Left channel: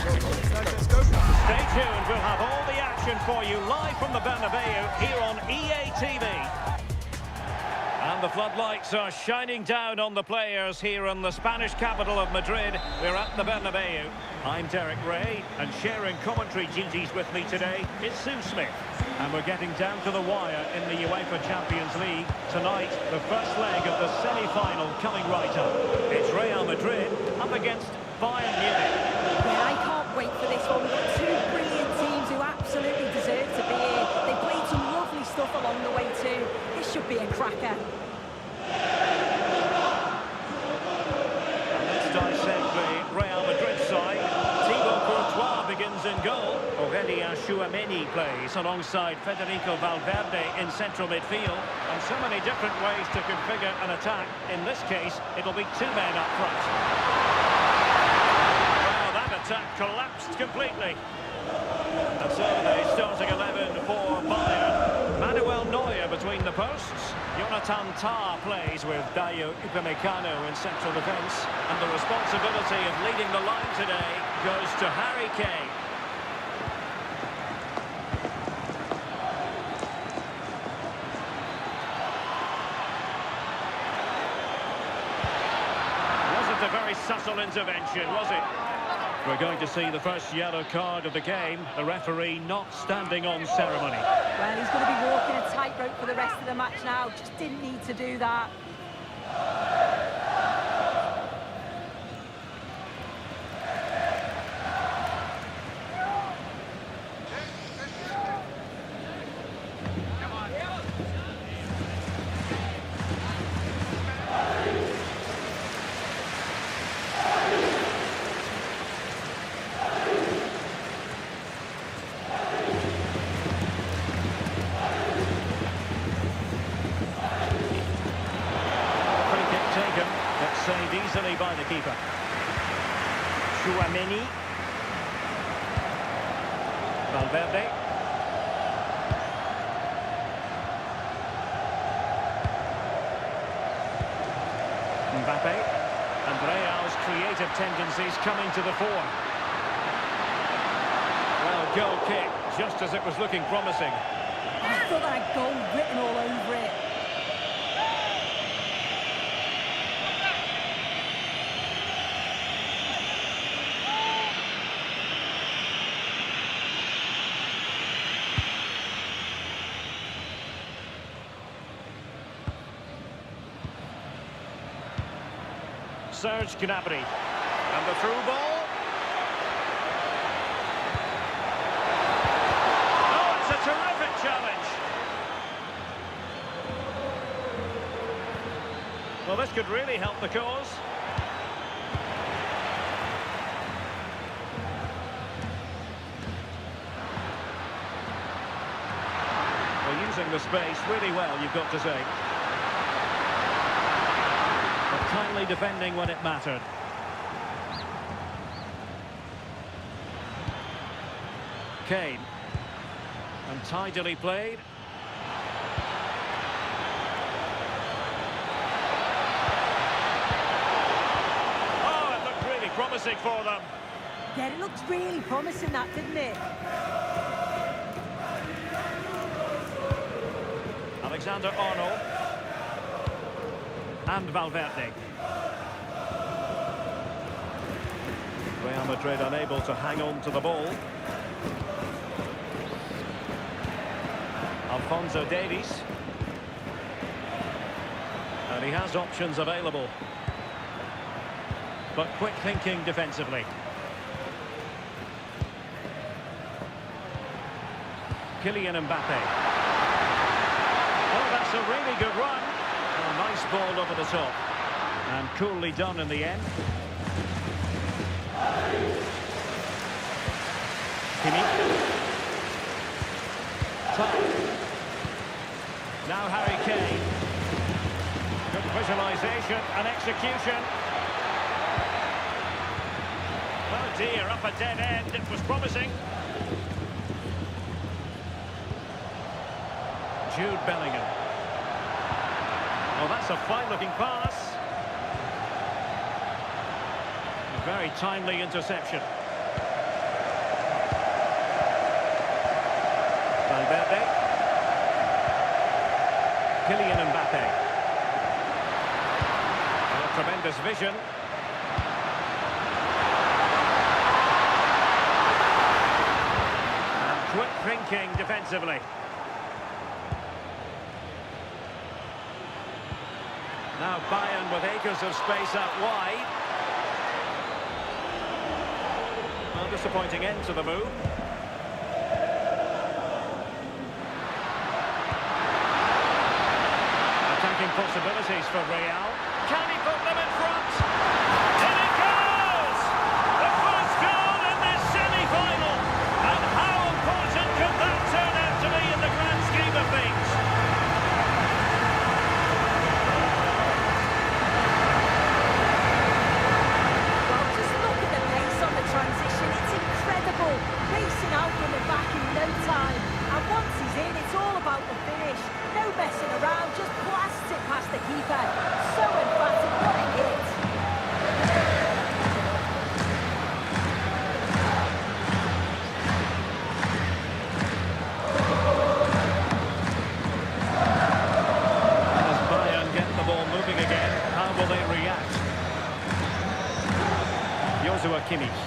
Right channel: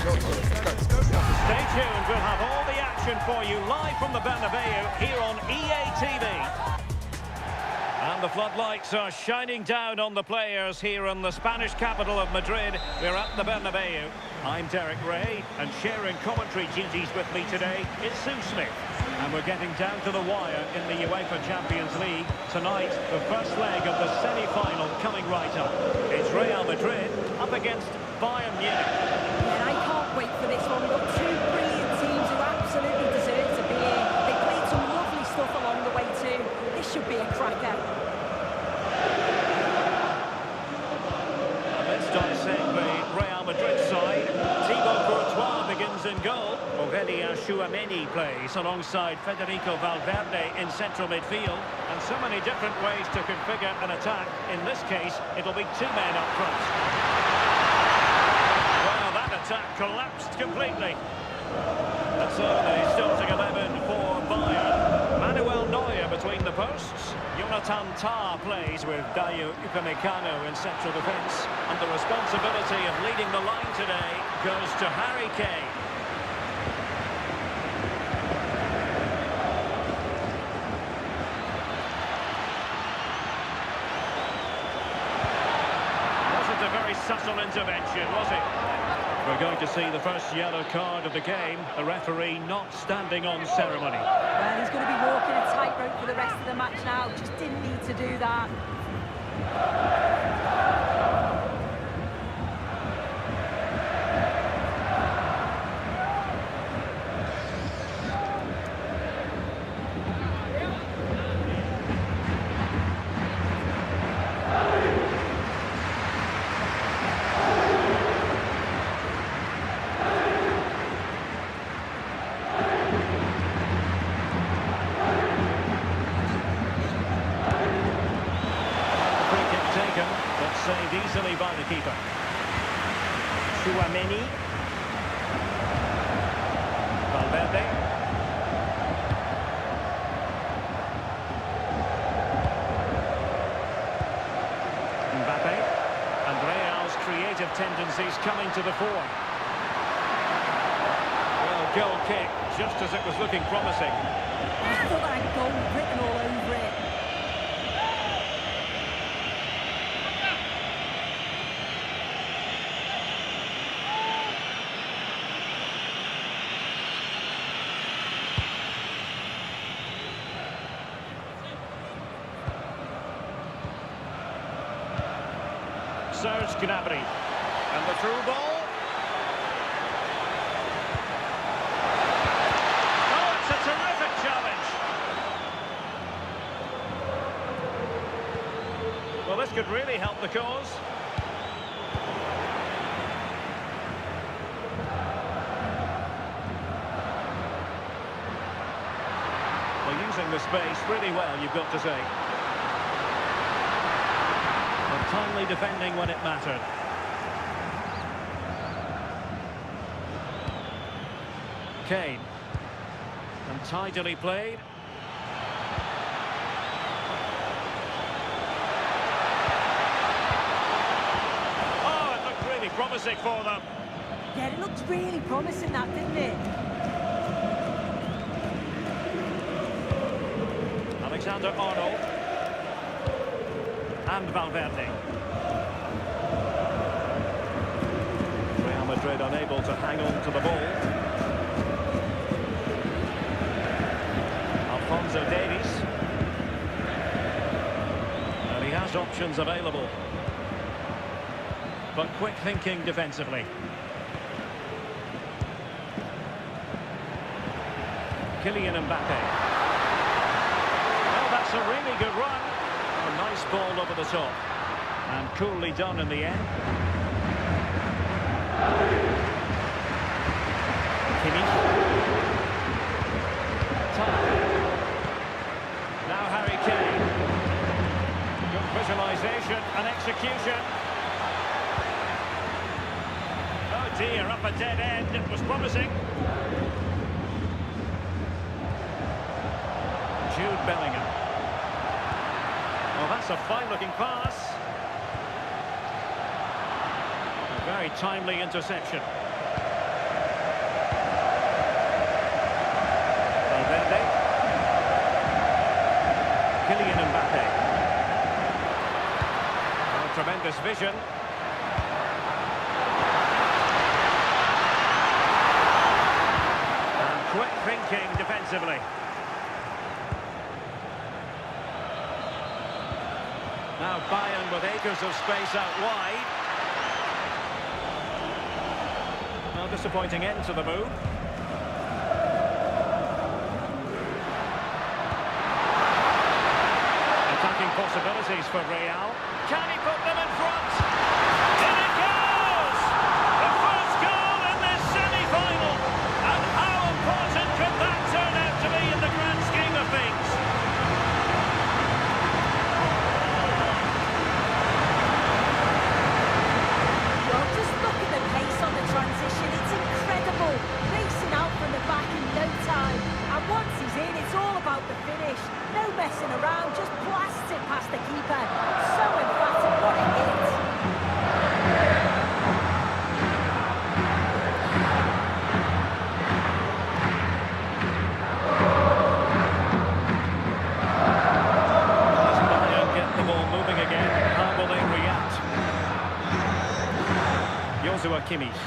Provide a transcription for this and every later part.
Stay tuned, we'll have all the action for you live from the Bernabeu here on EA TV. And the floodlights are shining down on the players here in the Spanish capital of Madrid. We're at the Bernabeu. I'm Derek Ray, and sharing commentary duties with me today is Sue Smith. And we're getting down to the wire in the UEFA Champions League. Tonight, the first leg of the semi-final coming right up. It's Real Madrid up against Bayern Munich. Yeah, I can't wait for this one. We've got two brilliant teams who absolutely deserve to be here. They played some lovely stuff along the way too. This should be a cracker. And let's dissect the Real Madrid side. Thibaut Courtois begins in goal. Aurelien Tchouameni plays alongside Federico Valverde in central midfield. And so many different ways to configure an attack. In this case, it'll be two men up front. Well, that attack collapsed completely. And so the starting 11 for Bayern. Manuel Neuer between the posts. Jonathan Tah plays with Dayo Upamecano in central defence. And the responsibility of leading the line today goes to Harry Kane. Wasn't a very subtle intervention, was it? We're going to see the first yellow card of the game. The referee not standing on ceremony. Well, he's going to be walking a tightrope for the rest of the match now. Just didn't need to do that. Taken, but saved easily by the keeper. Tchouameni. Valverde. Mbappé. And Real's creative tendencies coming to the fore. Well, goal kick, just as it was looking promising. I thought that had goal written all over it. Serge Gnabry. And the through ball. Oh, it's a terrific challenge. Well, this could really help the cause. Well, using the space really well, you've got to say. But timely defending when it mattered. Kane. And tidily played. Oh, it looked really promising for them. Yeah, it looked really promising, that, didn't it? Alexander-Arnold. And Valverde. Real Madrid unable to hang on to the ball. Alphonso Davies. And he has options available. But quick thinking defensively. Kylian Mbappé. Oh, that's a really good run. Oh, nice ball over the top. And coolly done in the end. Kimmich. Tah. Now Harry Kane. Good visualisation and execution. Oh dear, up a dead end. It was promising. Jude Bellingham. Well, that's a fine-looking pass. A very timely interception. Valverde. Kylian Mbappé. Well, a tremendous vision. And quick thinking defensively. Now Bayern with acres of space out wide. Well, disappointing end to the move. Attacking possibilities for Real. Can he put them in front? In it goes! The first goal in this semi-final. And how important could that turn out to be in the grand scheme of things? Well, just look at the pace on the transition. It's incredible. Racing out from the back in no time. And once he's in, it's all about the finish. No messing around, just blasts it past the keeper. So emphatic, what a hit. And as Bayern get the ball moving again, how will they react? Joshua Kimmich.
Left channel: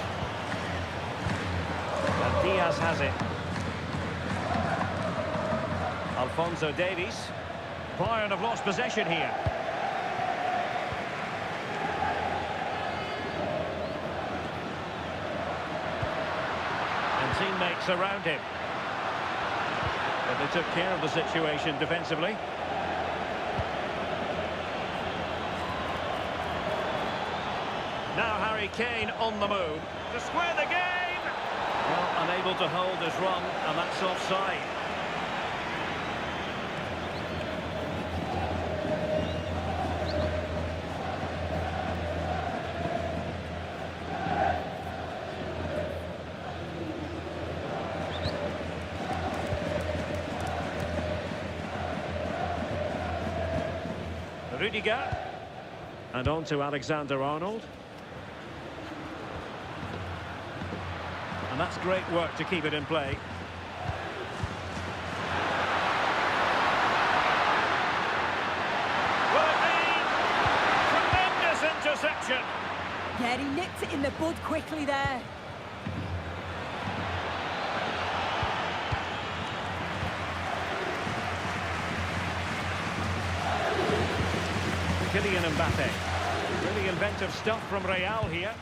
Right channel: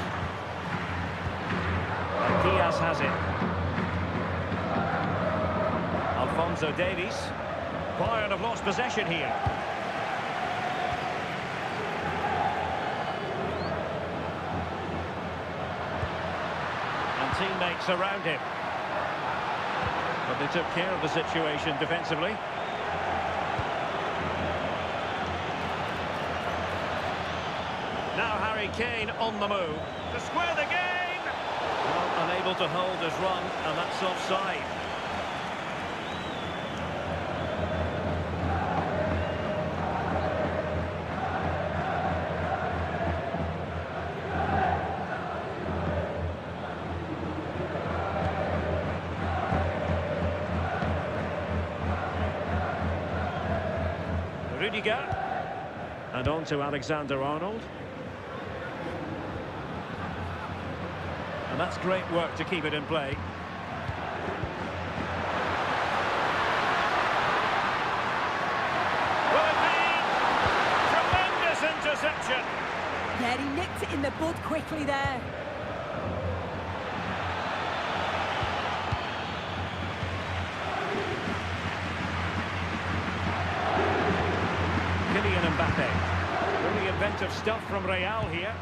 And Diaz has it. Alphonso Davies. Bayern have lost possession here. And teammates around him. But they took care of the situation defensively. Now Harry Kane on the move to square the game. Well, unable to hold his run, and that's offside. Rudiger. And on to Alexander-Arnold. And that's great work to keep it in play. Will it be? Tremendous interception. Yeah, he nipped it in the bud quickly there. Kylian Mbappé. Really inventive stuff from Real here.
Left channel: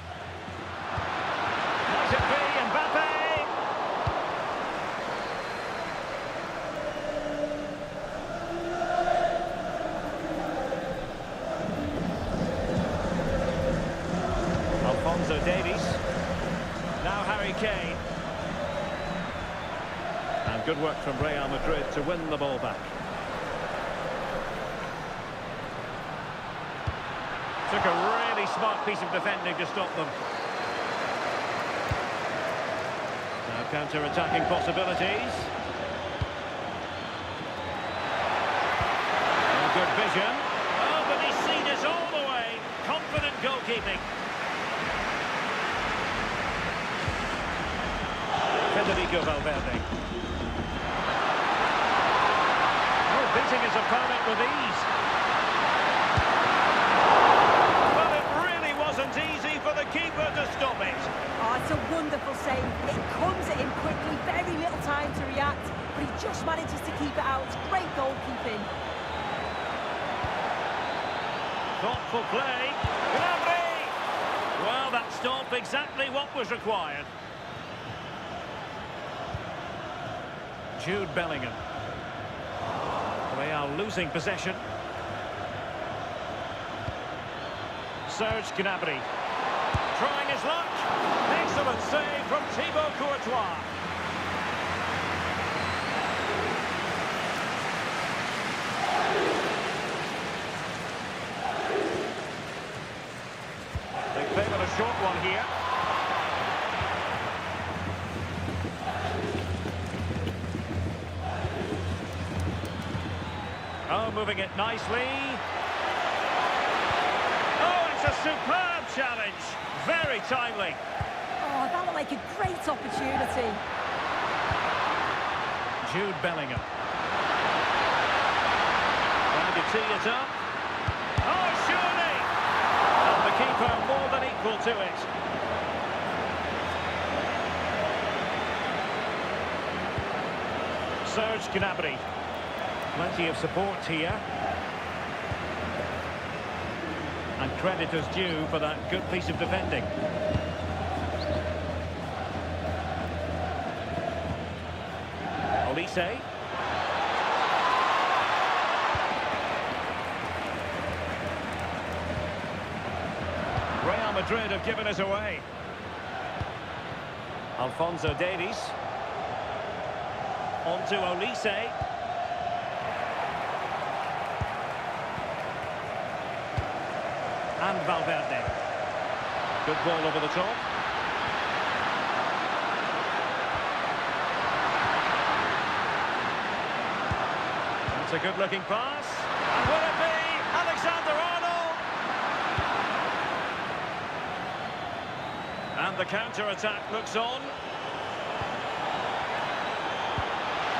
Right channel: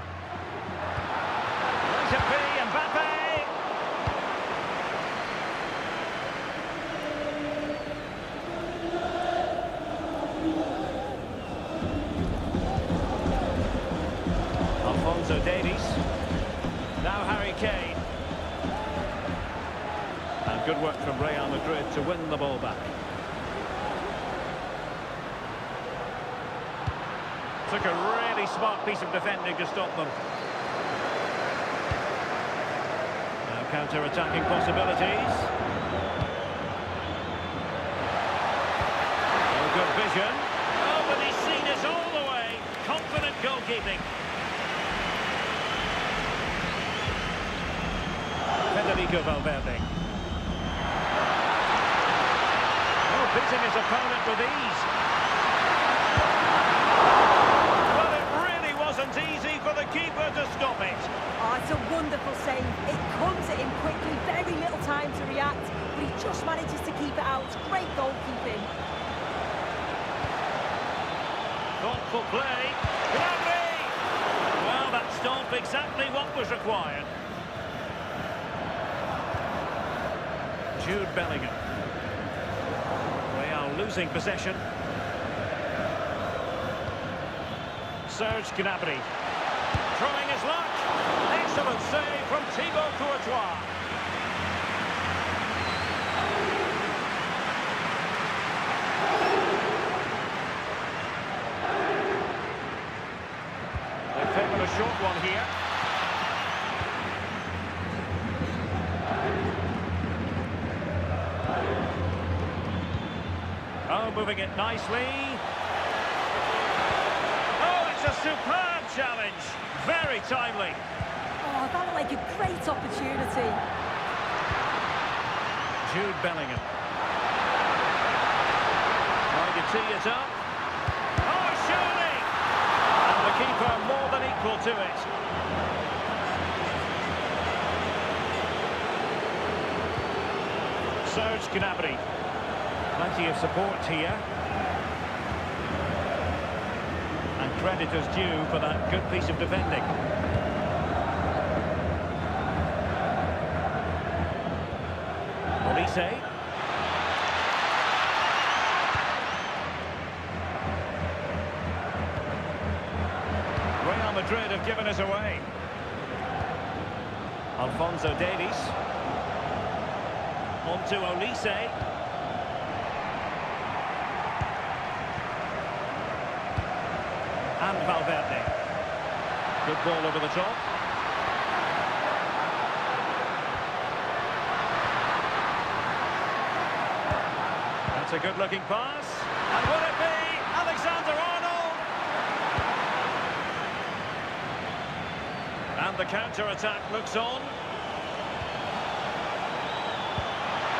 Might it be Mbappé? Alphonso Davies. Now Harry Kane. And good work from Real Madrid to win the ball back. Took a really smart piece of defending to stop them. Now counter-attacking possibilities. Oh, good vision. Oh, but he's seen it all the way. Confident goalkeeping. Federico Valverde. Oh, beating his opponent with ease. Well, it really wasn't easy for the keeper to stop it. Oh, it's a wonderful save. It comes at him quickly, very little time to react, but he just manages to keep it out. It's great goalkeeping. Thoughtful play. Gnabry! Well, that stop exactly what was required. Jude Bellingham. Real losing possession. Serge Gnabry. Trying his luck. Excellent save from Thibaut Courtois. They favoured a short one here. Oh, moving it nicely. Oh, it's a superb challenge. Very timely. Oh, that looked like a great opportunity. Jude Bellingham. Trying to tee it up. Oh, surely! And the keeper more than equal to it. Serge Gnabry. Plenty of support here. And credit is due for that good piece of defending. Olise. Real Madrid have given us away. Alphonso Davies. On to Olise. And Valverde. Good ball over the top. That's a good-looking pass. And will it be Alexander-Arnold? And the counter-attack looks on.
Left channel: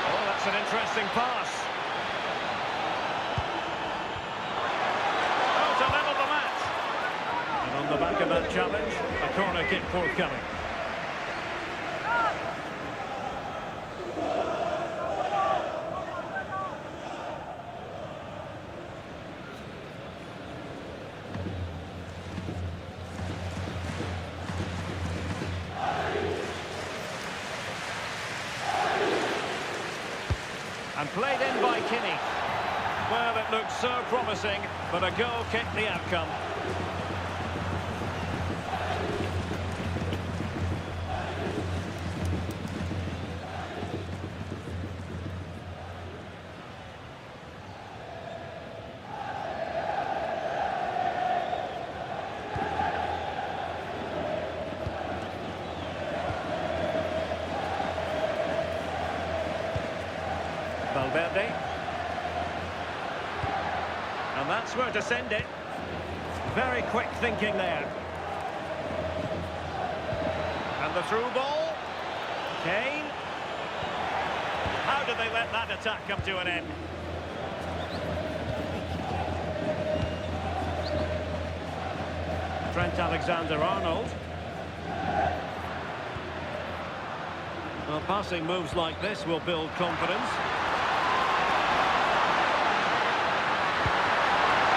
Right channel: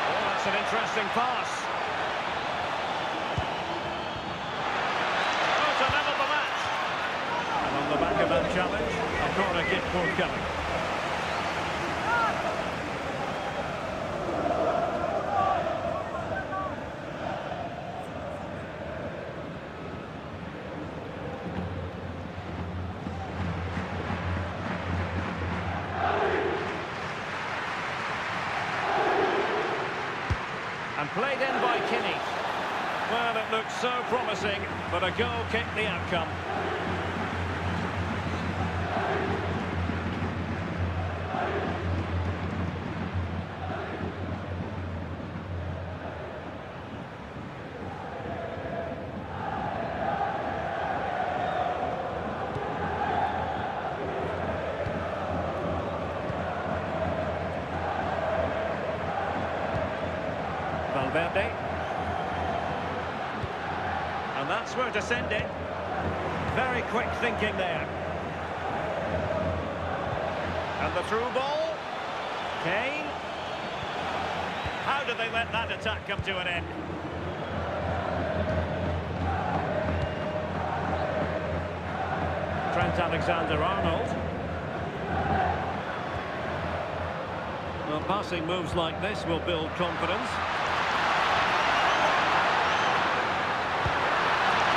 Oh, that's an interesting pass. Oh, to level the match. And on the back of that challenge, a corner kick forthcoming. And played in by Kimmich. Well, it looked so promising, but a goal kicked the outcome. Valverde. And that's where to send it. Very quick thinking there. And the through ball. Kane. How did they let that attack come to an end? Trent Alexander-Arnold. Well, passing moves like this will build confidence.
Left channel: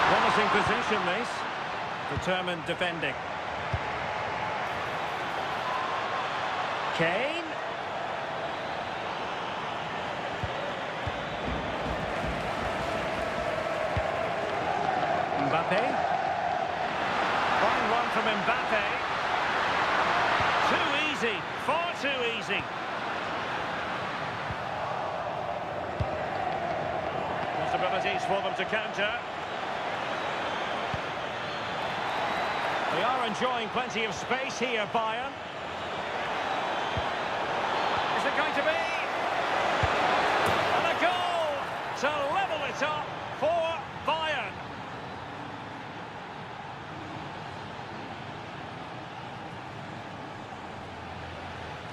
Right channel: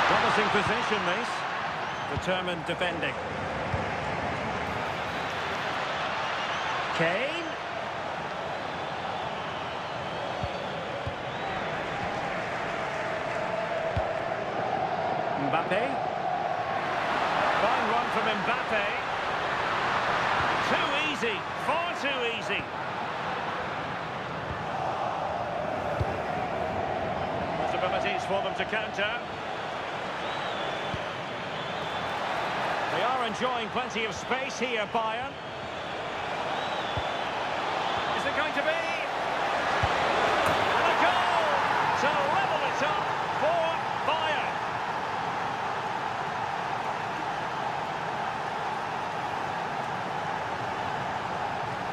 Promising position, this. Determined defending. Kane. Mbappé. Fine run from Mbappé. Too easy. Far too easy. Possibilities for them to counter. They are enjoying plenty of space here, Bayern. Is it going to be? And a goal to level it up for Bayern.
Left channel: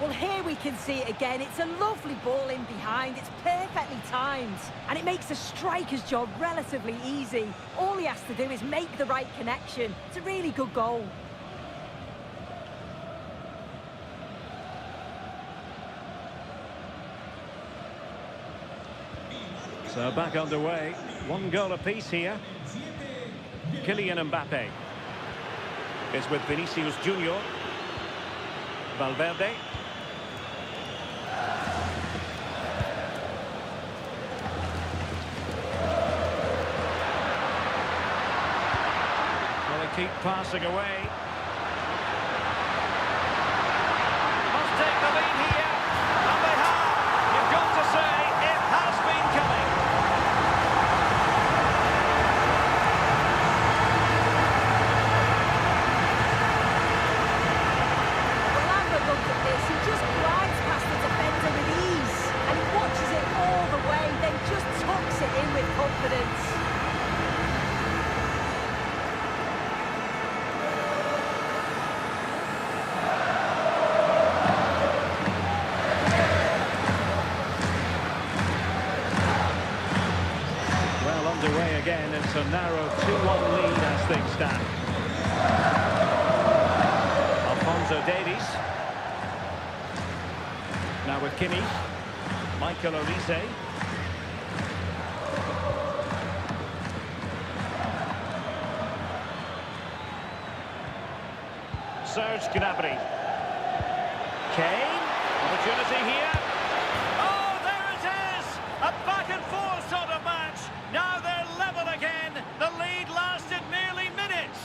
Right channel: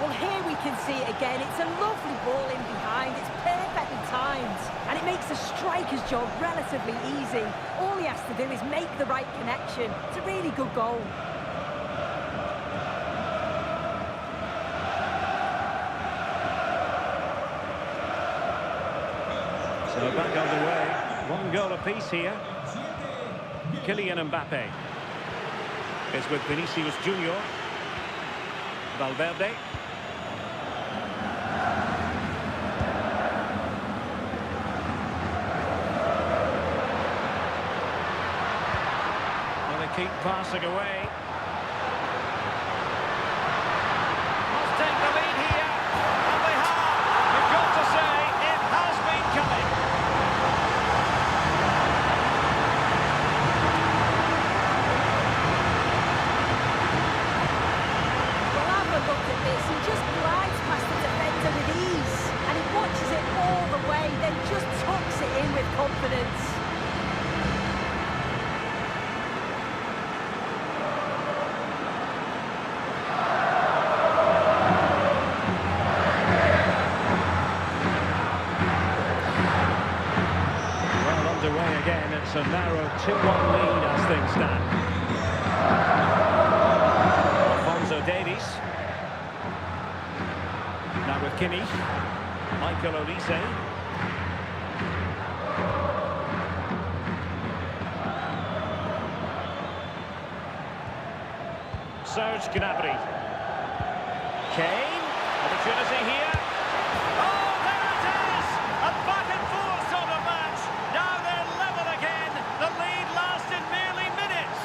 Well, here we can see it again. It's a lovely ball in behind. It's perfectly timed. And it makes the striker's job relatively easy. All he has to do is make the right connection. It's a really good goal. So back underway. One goal apiece here. Kylian Mbappé is with Vinicius Junior. Valverde. Well, they keep passing away. Must take the lead here. And they have. You've got to say, it has been coming. Well, have a look at this. He just glides past the defender with ease. And he watches it all the way, then just tucks it in with confidence. underway again. It's a narrow 2-1 lead as things stand. Alphonso Davies. Now with Kimmich. Michael Olise. Serge Gnabry. Kane. Opportunity here. Oh, there it is! A back-and-forth sort of match. Now they're level again. The lead lasted merely minutes.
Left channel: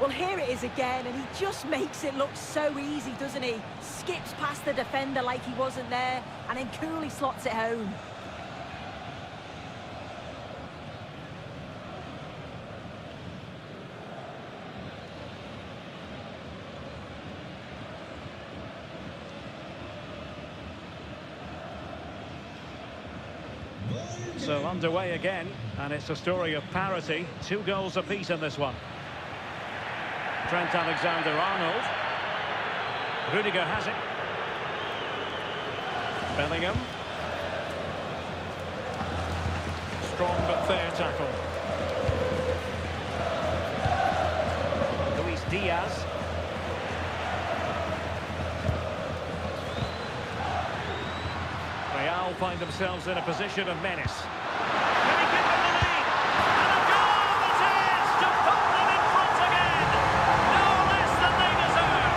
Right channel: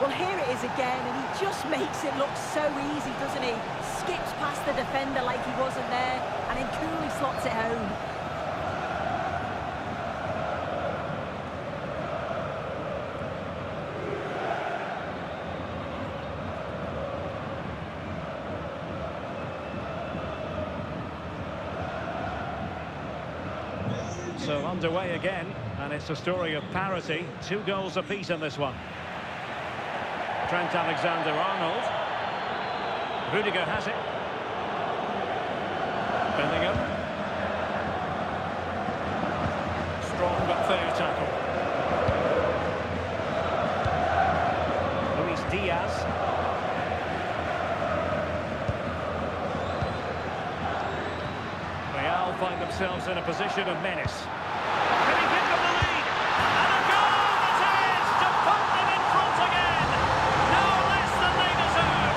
Well, here it is again, and he just makes it look so easy, doesn't he? Skips past the defender like he wasn't there, and then coolly slots it home. So underway again, and it's a story of parity. 2 goals apiece in this one. Trent Alexander-Arnold. Rudiger has it. Bellingham. Strong but fair tackle. Luis Diaz. Real find themselves in a position of menace. Can he give them the lead? And a goal it is to put them in front again. No less than they deserve.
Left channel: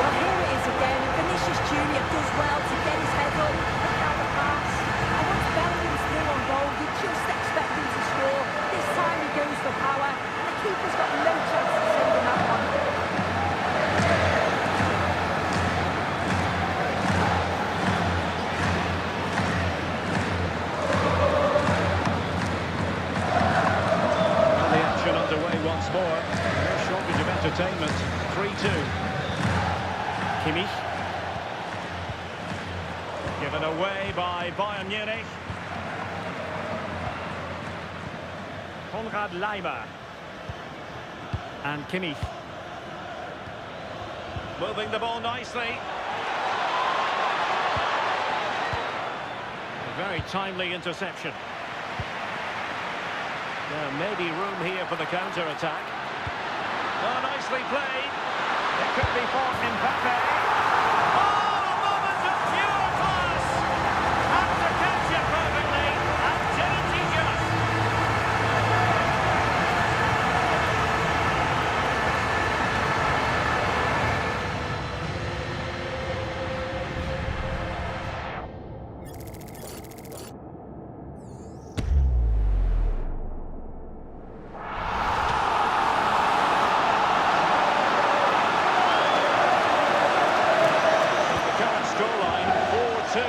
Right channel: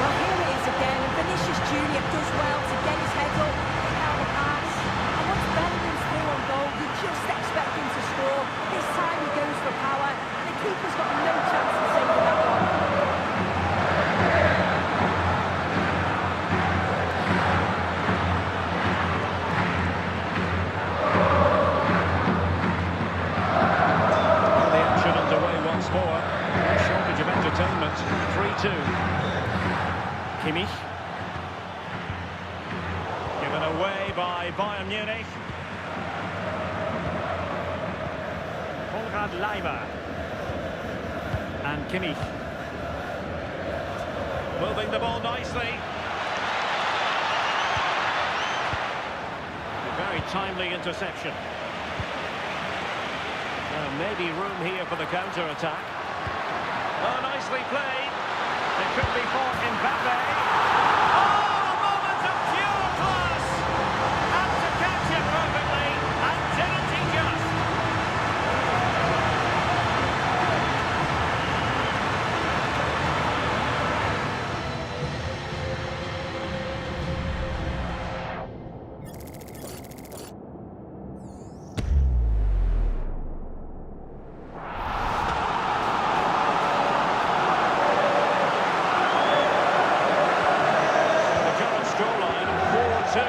Well, here it is again, and Vinicius Jr. does well to get his head up, pick out the pass. And once Bellingham's through on goal, you just expect him to score. This time he goes for power, and the keeper's got no chance of saving that one. Well, the action underway once more. No shortage of entertainment. 3-2. Kimmich. Given away by Bayern Munich. Konrad Leimer. And Kimmich. Moving the ball nicely. A very timely interception. Now maybe room here for the counter-attack. Oh, nicely played. It could be for Mbappé. Oh, a moment of pure class. Had to catch it perfectly, and didn't he just? Scoreline 4-2.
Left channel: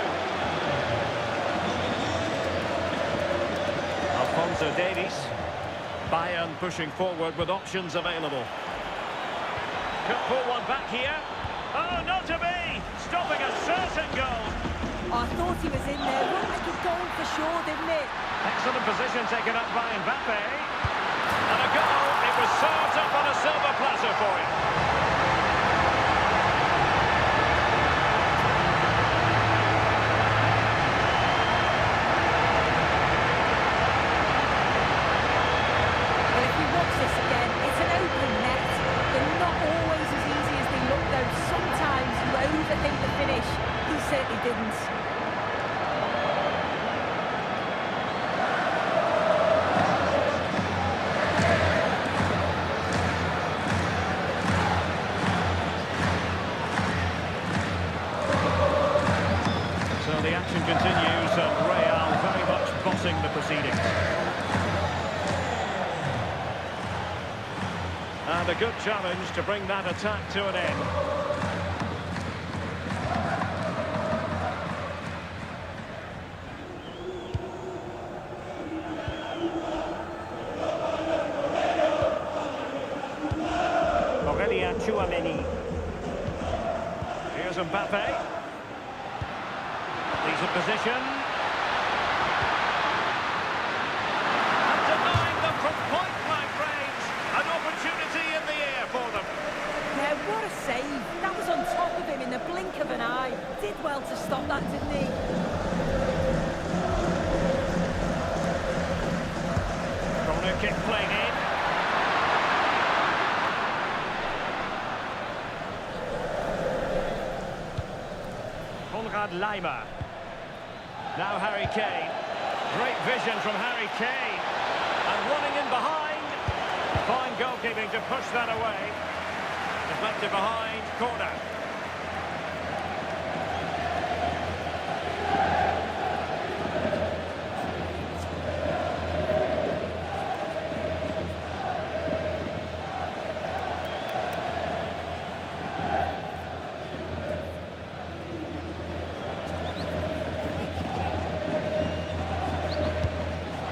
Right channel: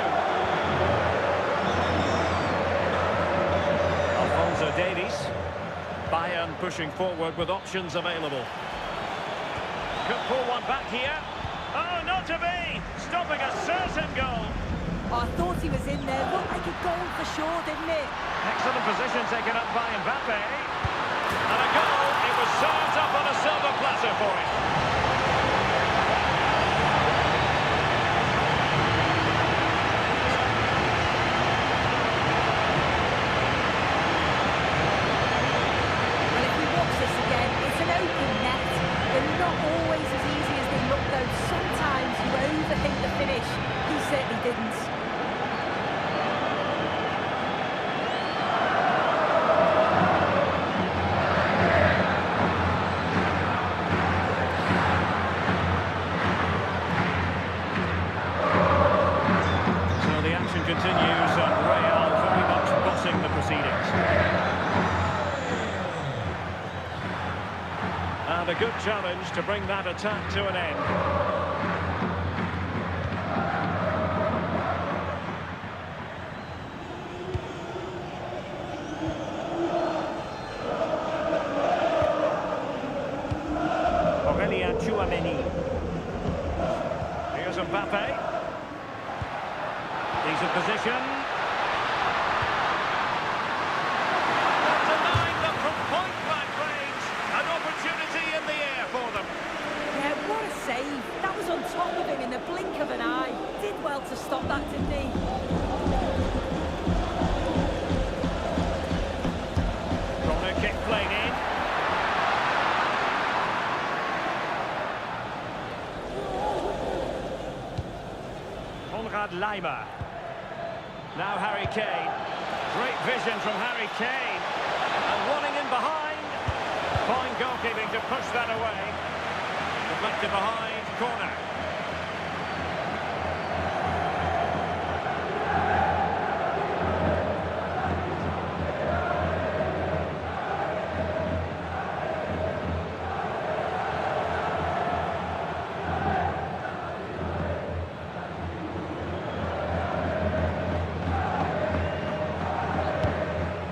Alphonso Davies. Bayern pushing forward with options available. Could pull one back here. Oh, not to be! Stopping a certain goal. Oh, I thought he was in there. Looked like a goal for sure, didn't it? Excellent position taken up by Mbappé. And a goal. It was served up on a silver platter for him. This again, it's an open net. They're not always as easy as they look, though. Sometimes you overthink the finish. He certainly didn't. So the action continues, and Real very much bossing the proceedings. And a good challenge to bring that attack to an end. Aurelien Tchouameni. Here's Mbappé. Decent position. And denying them from point-blank range. An opportunity. on top of him in the blink of an eye. Did well to stop that, didn't he? Corner kick played in. Konrad Laimer. Now Harry Kane. Great vision from Harry Kane. And running in behind. Fine goalkeeping to push that away. Deflected behind, corner.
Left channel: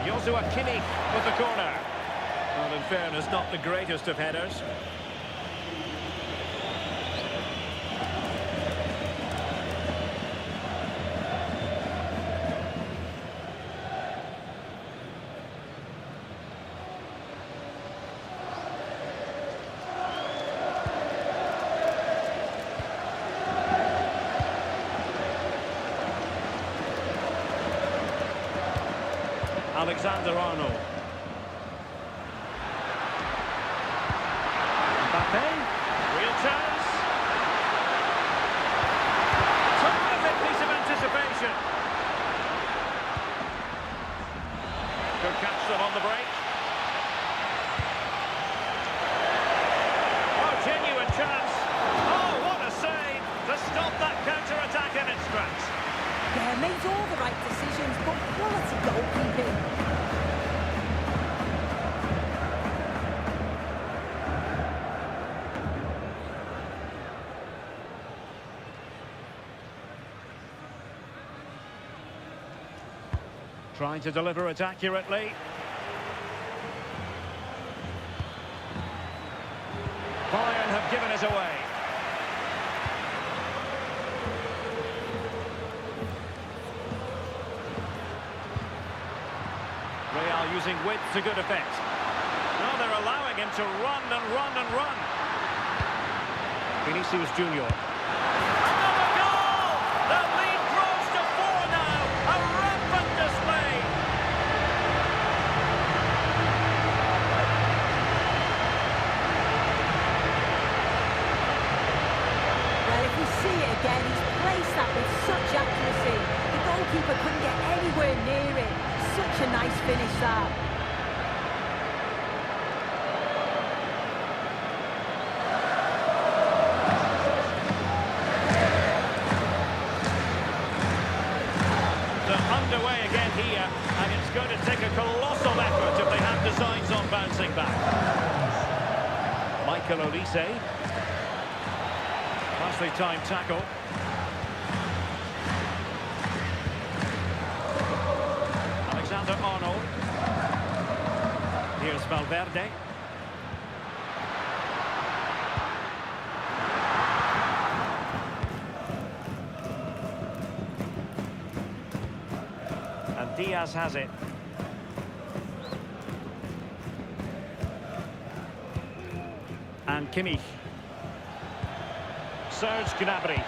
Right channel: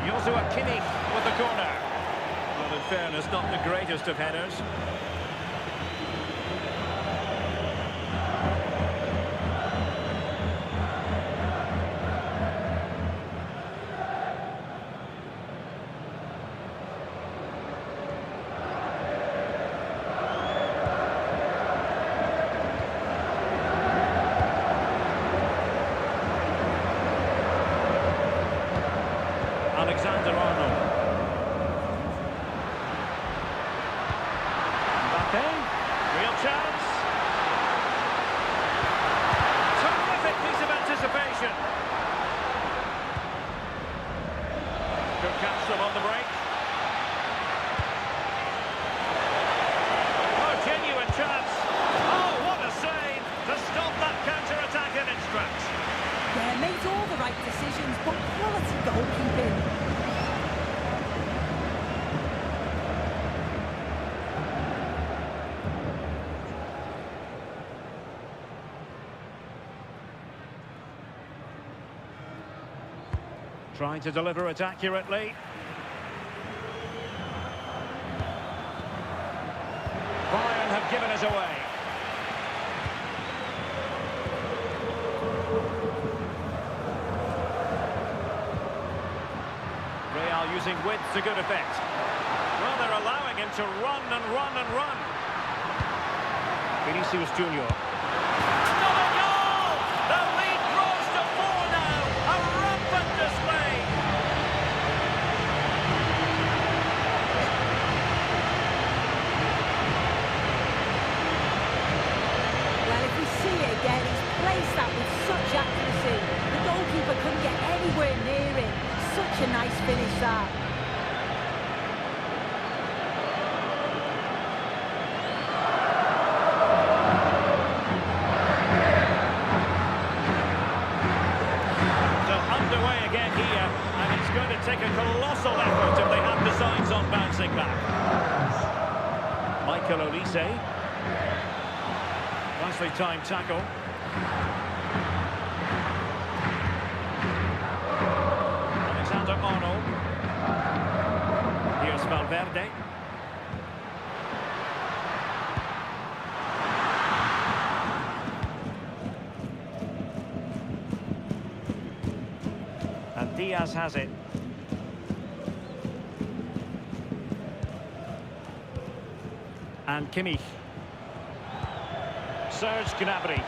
Joshua Kimmich with the corner. Well, in fairness, not the greatest of headers. Alexander-Arnold. Mbappé, real chance. Terrific piece of anticipation. Good catch them on the break. Oh, genuine chance. Oh, what a save to stop that counter-attack in its tracks. Yeah, made all the right decisions, but quality goalkeeping. Trying to deliver it accurately. Bayern have given it away. Real using width to good effect. Well, they're allowing him to run and run and run. Vinicius Junior. Another goal! The lead grows to 4 now. A rampant display. Well, if we see it again, he's placed that with such accuracy. The goalkeeper couldn't get anywhere near it. Such a nice finish, that. So underway again here, and it's going to take a colossal effort if they have designs on bouncing back. Michael Olise. Nicely timed tackle. Alexander-Arnold. Here's Valverde. And Diaz has it. And Kimmich. Serge Gnabry.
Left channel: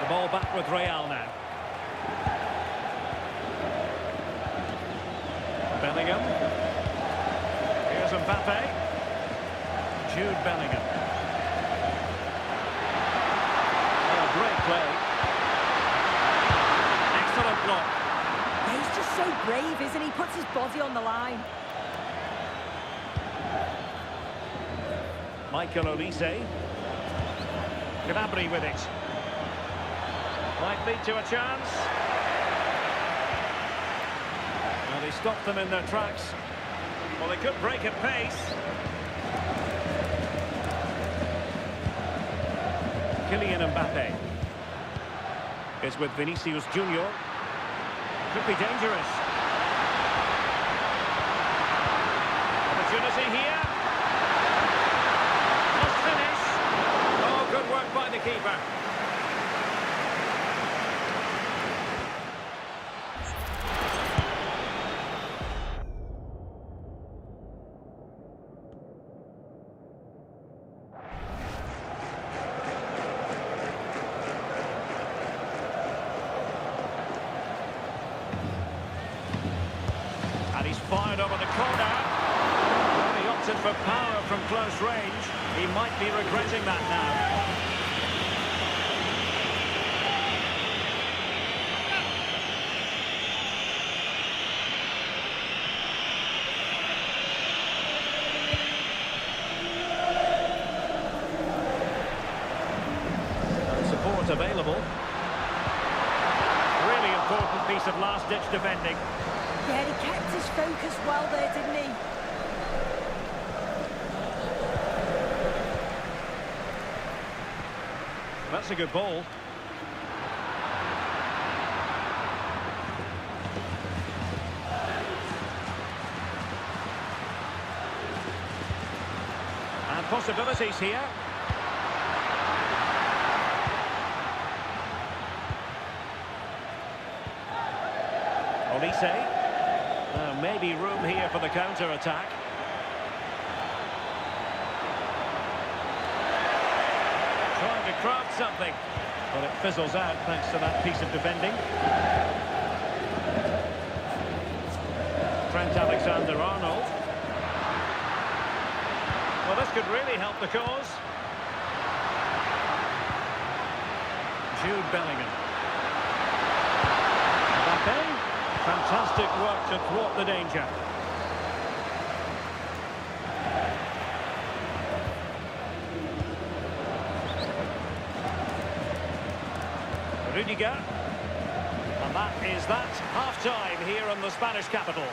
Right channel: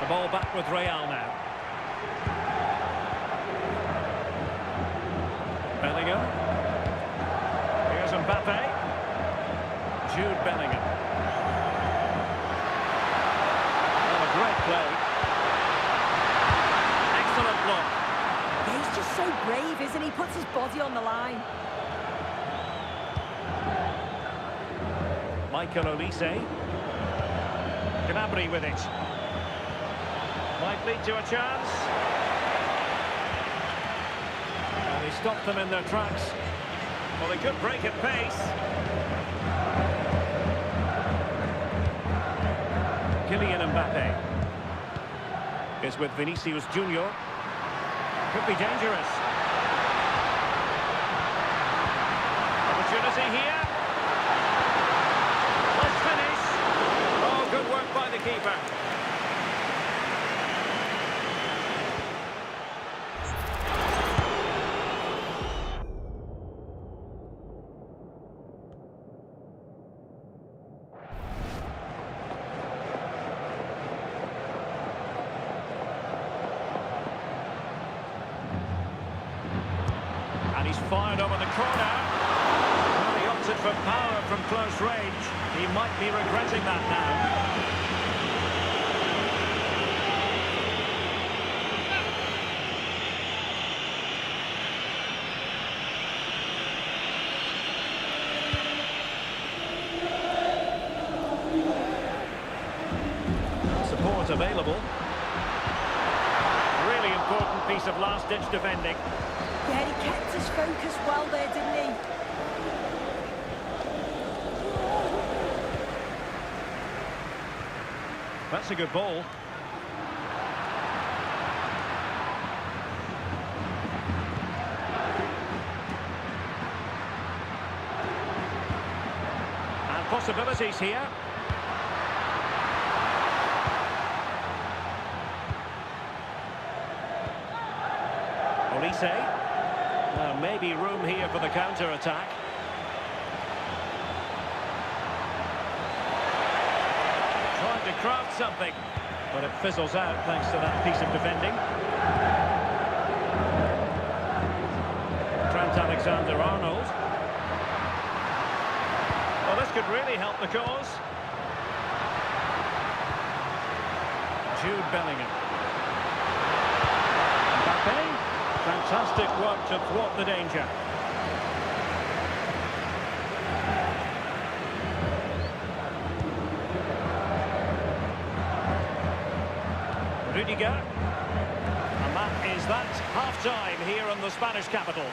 The ball back with Real now. Bellingham. Here's Mbappé. Jude Bellingham. Oh, great play. Excellent block. Yeah, he's just so brave, isn't he? Puts his body on the line. Michael Olise. Gnabry with it. Might lead to a chance. And he stopped them in their tracks. Well, they could break at pace. Kylian Mbappé is with Vinicius Junior. Could be dangerous. Opportunity here. Must finish. Oh, good work by the keeper. And he's fired over the corner. Well, he opted for power from close range. He might be regretting that now. And support available. Really important piece of last-ditch defending. Yeah, he kept his focus well there, didn't he? That's a good ball. And possibilities here. Olise. Maybe room here for the counter-attack. Trying to craft something, but it fizzles out thanks to that piece of defending. Trent Alexander-Arnold. Well, this could really help the cause. Jude Bellingham. Mbappé. Fantastic work to thwart the danger. Rudiger. And that is that. Half-time here in the Spanish capital.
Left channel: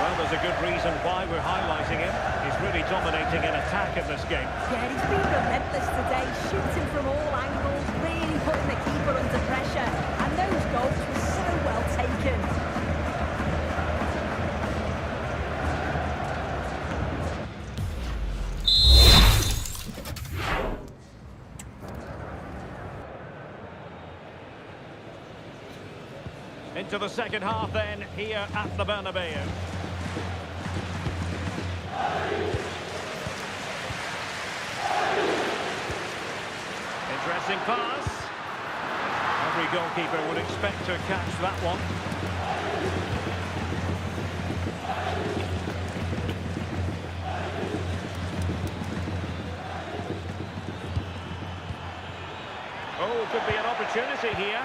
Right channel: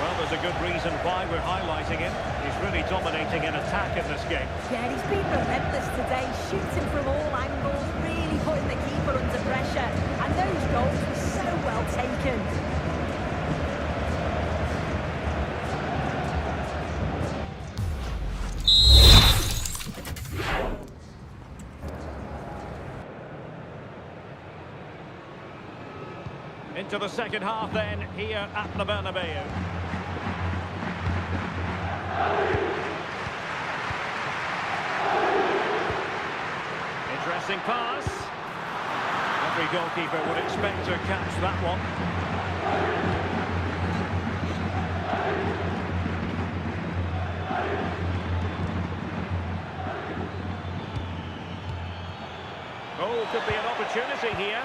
Well, there's a good reason why we're highlighting him. He's really dominating in attack in this game. Yeah, he's been relentless today, shooting from all angles, really putting the keeper under pressure. And those goals were so well taken. Into the second half then, here at the Bernabeu. Interesting pass. Every goalkeeper would expect to catch that one. Oh, could be an opportunity here.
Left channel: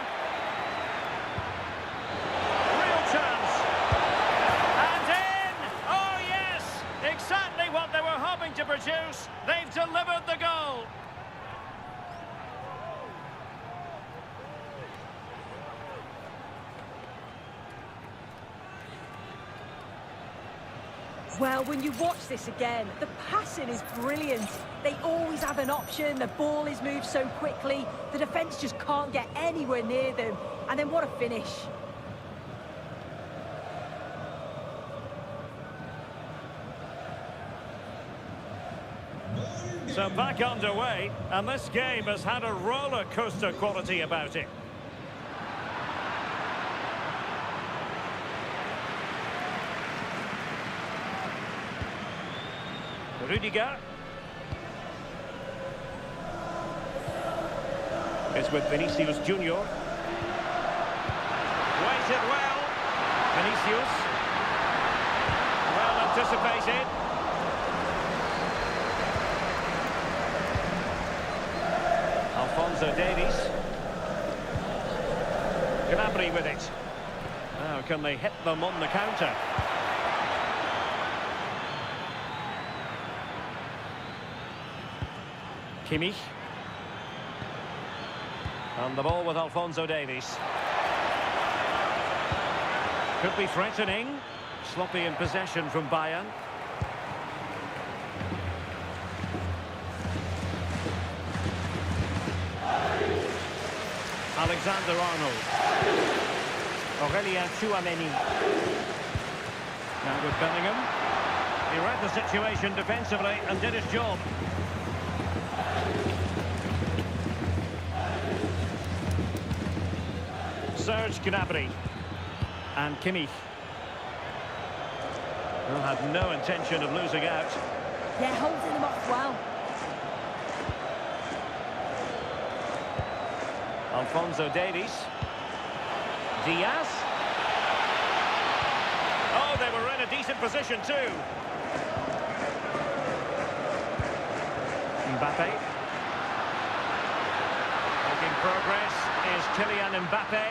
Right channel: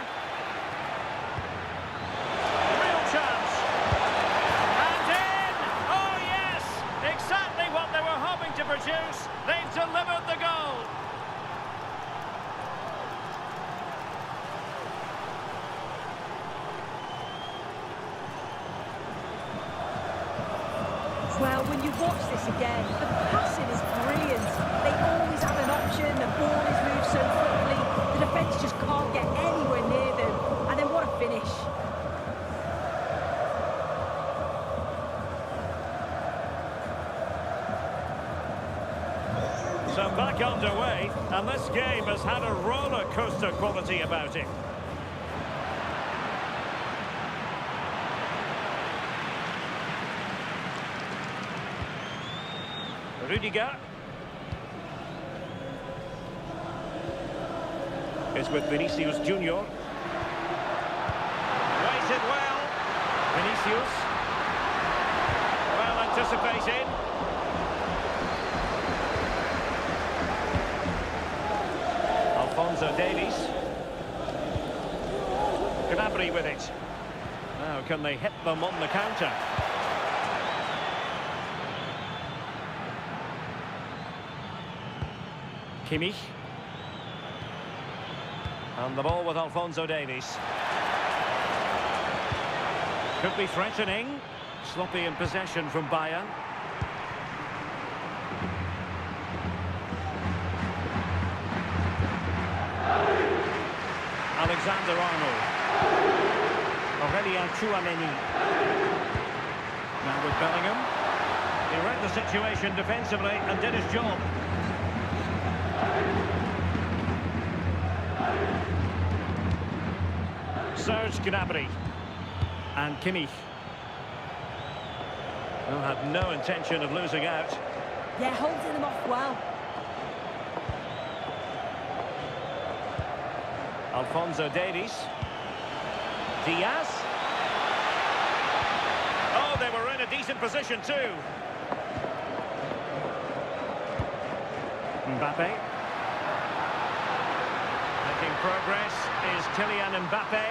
Real chance. And in! Oh, yes! Exactly what they were hoping to produce. They've delivered the goal. Well, when you watch this again, the passing is brilliant. They always have an option, the ball is moved so quickly, the defence just can't get anywhere near them. And then what a finish. So back underway, and this game has had a roller coaster quality about it. Rudiger is with Vinicius Junior. Waited well. Vinicius. Well anticipated. Alphonso Davies. Gnabry with it. Now can they hit them on the counter? Kimmich. And the ball with Alphonso Davies. Could be threatening. Sloppy in possession from Bayern. Alexander-Arnold. Aurelien Tchouameni. Now with Bellingham. He read the situation defensively and did his job. Serge Gnabry and Kimmich. Well, had no intention of losing out. Yeah, holding them off well. Alphonso Davies. Diaz. Oh, they were in a decent position too. Mbappé. Making progress is Kylian Mbappé.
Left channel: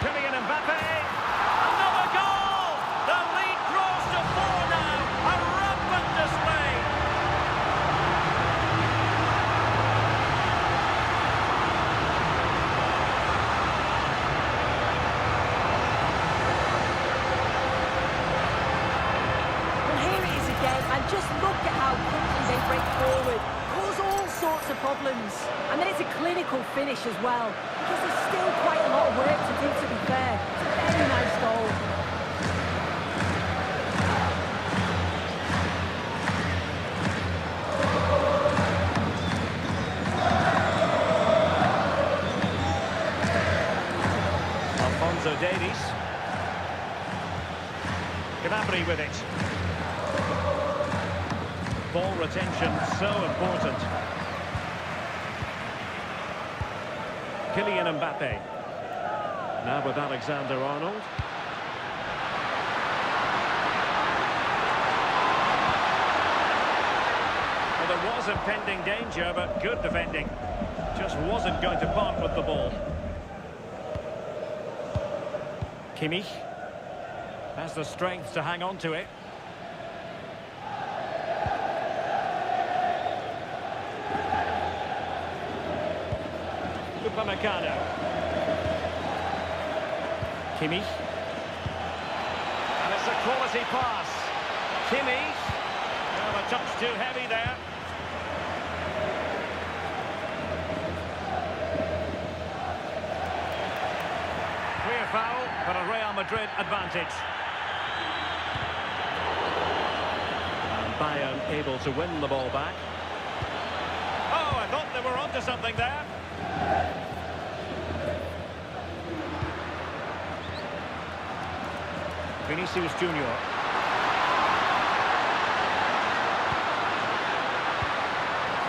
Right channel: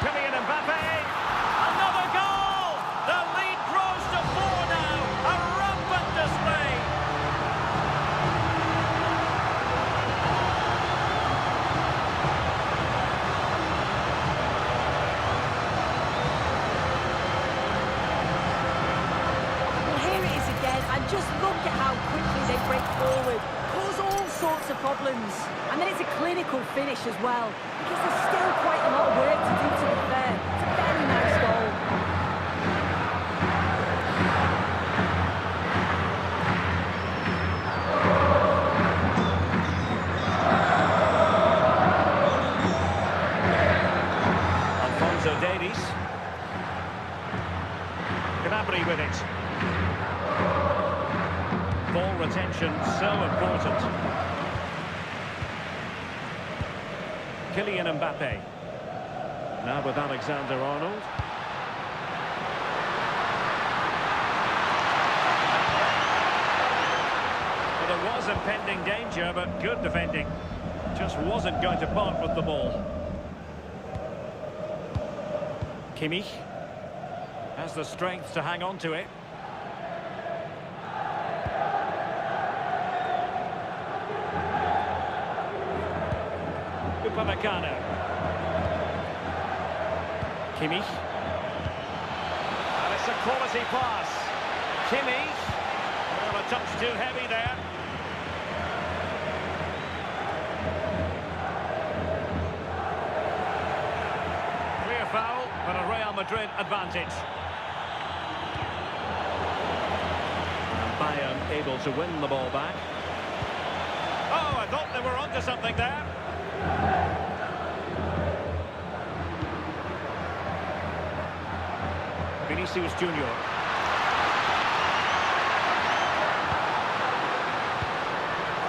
Kylian Mbappé! Another goal! The lead grows to 4 now. A rampant display. Well, here it is again, and just look at how quickly they break forward. Cause all sorts of problems. And then it's a clinical finish as well, because there's still quite a lot of work to do, to be fair. It's a very nice goal. Alphonso Davies. Gnabry with it. Ball retention, so important. Kylian Mbappé. Now with Alexander-Arnold. Well, there was impending danger, but good defending. Just wasn't going to part with the ball. Kimmich has the strength to hang on to it. Upamecano. Kimmich. And it's a quality pass. Kimmich. Well, a touch too heavy there. Clear foul, but a Real Madrid advantage. And Bayern able to win the ball back. Oh, I thought they were onto something there. Vinicius Junior.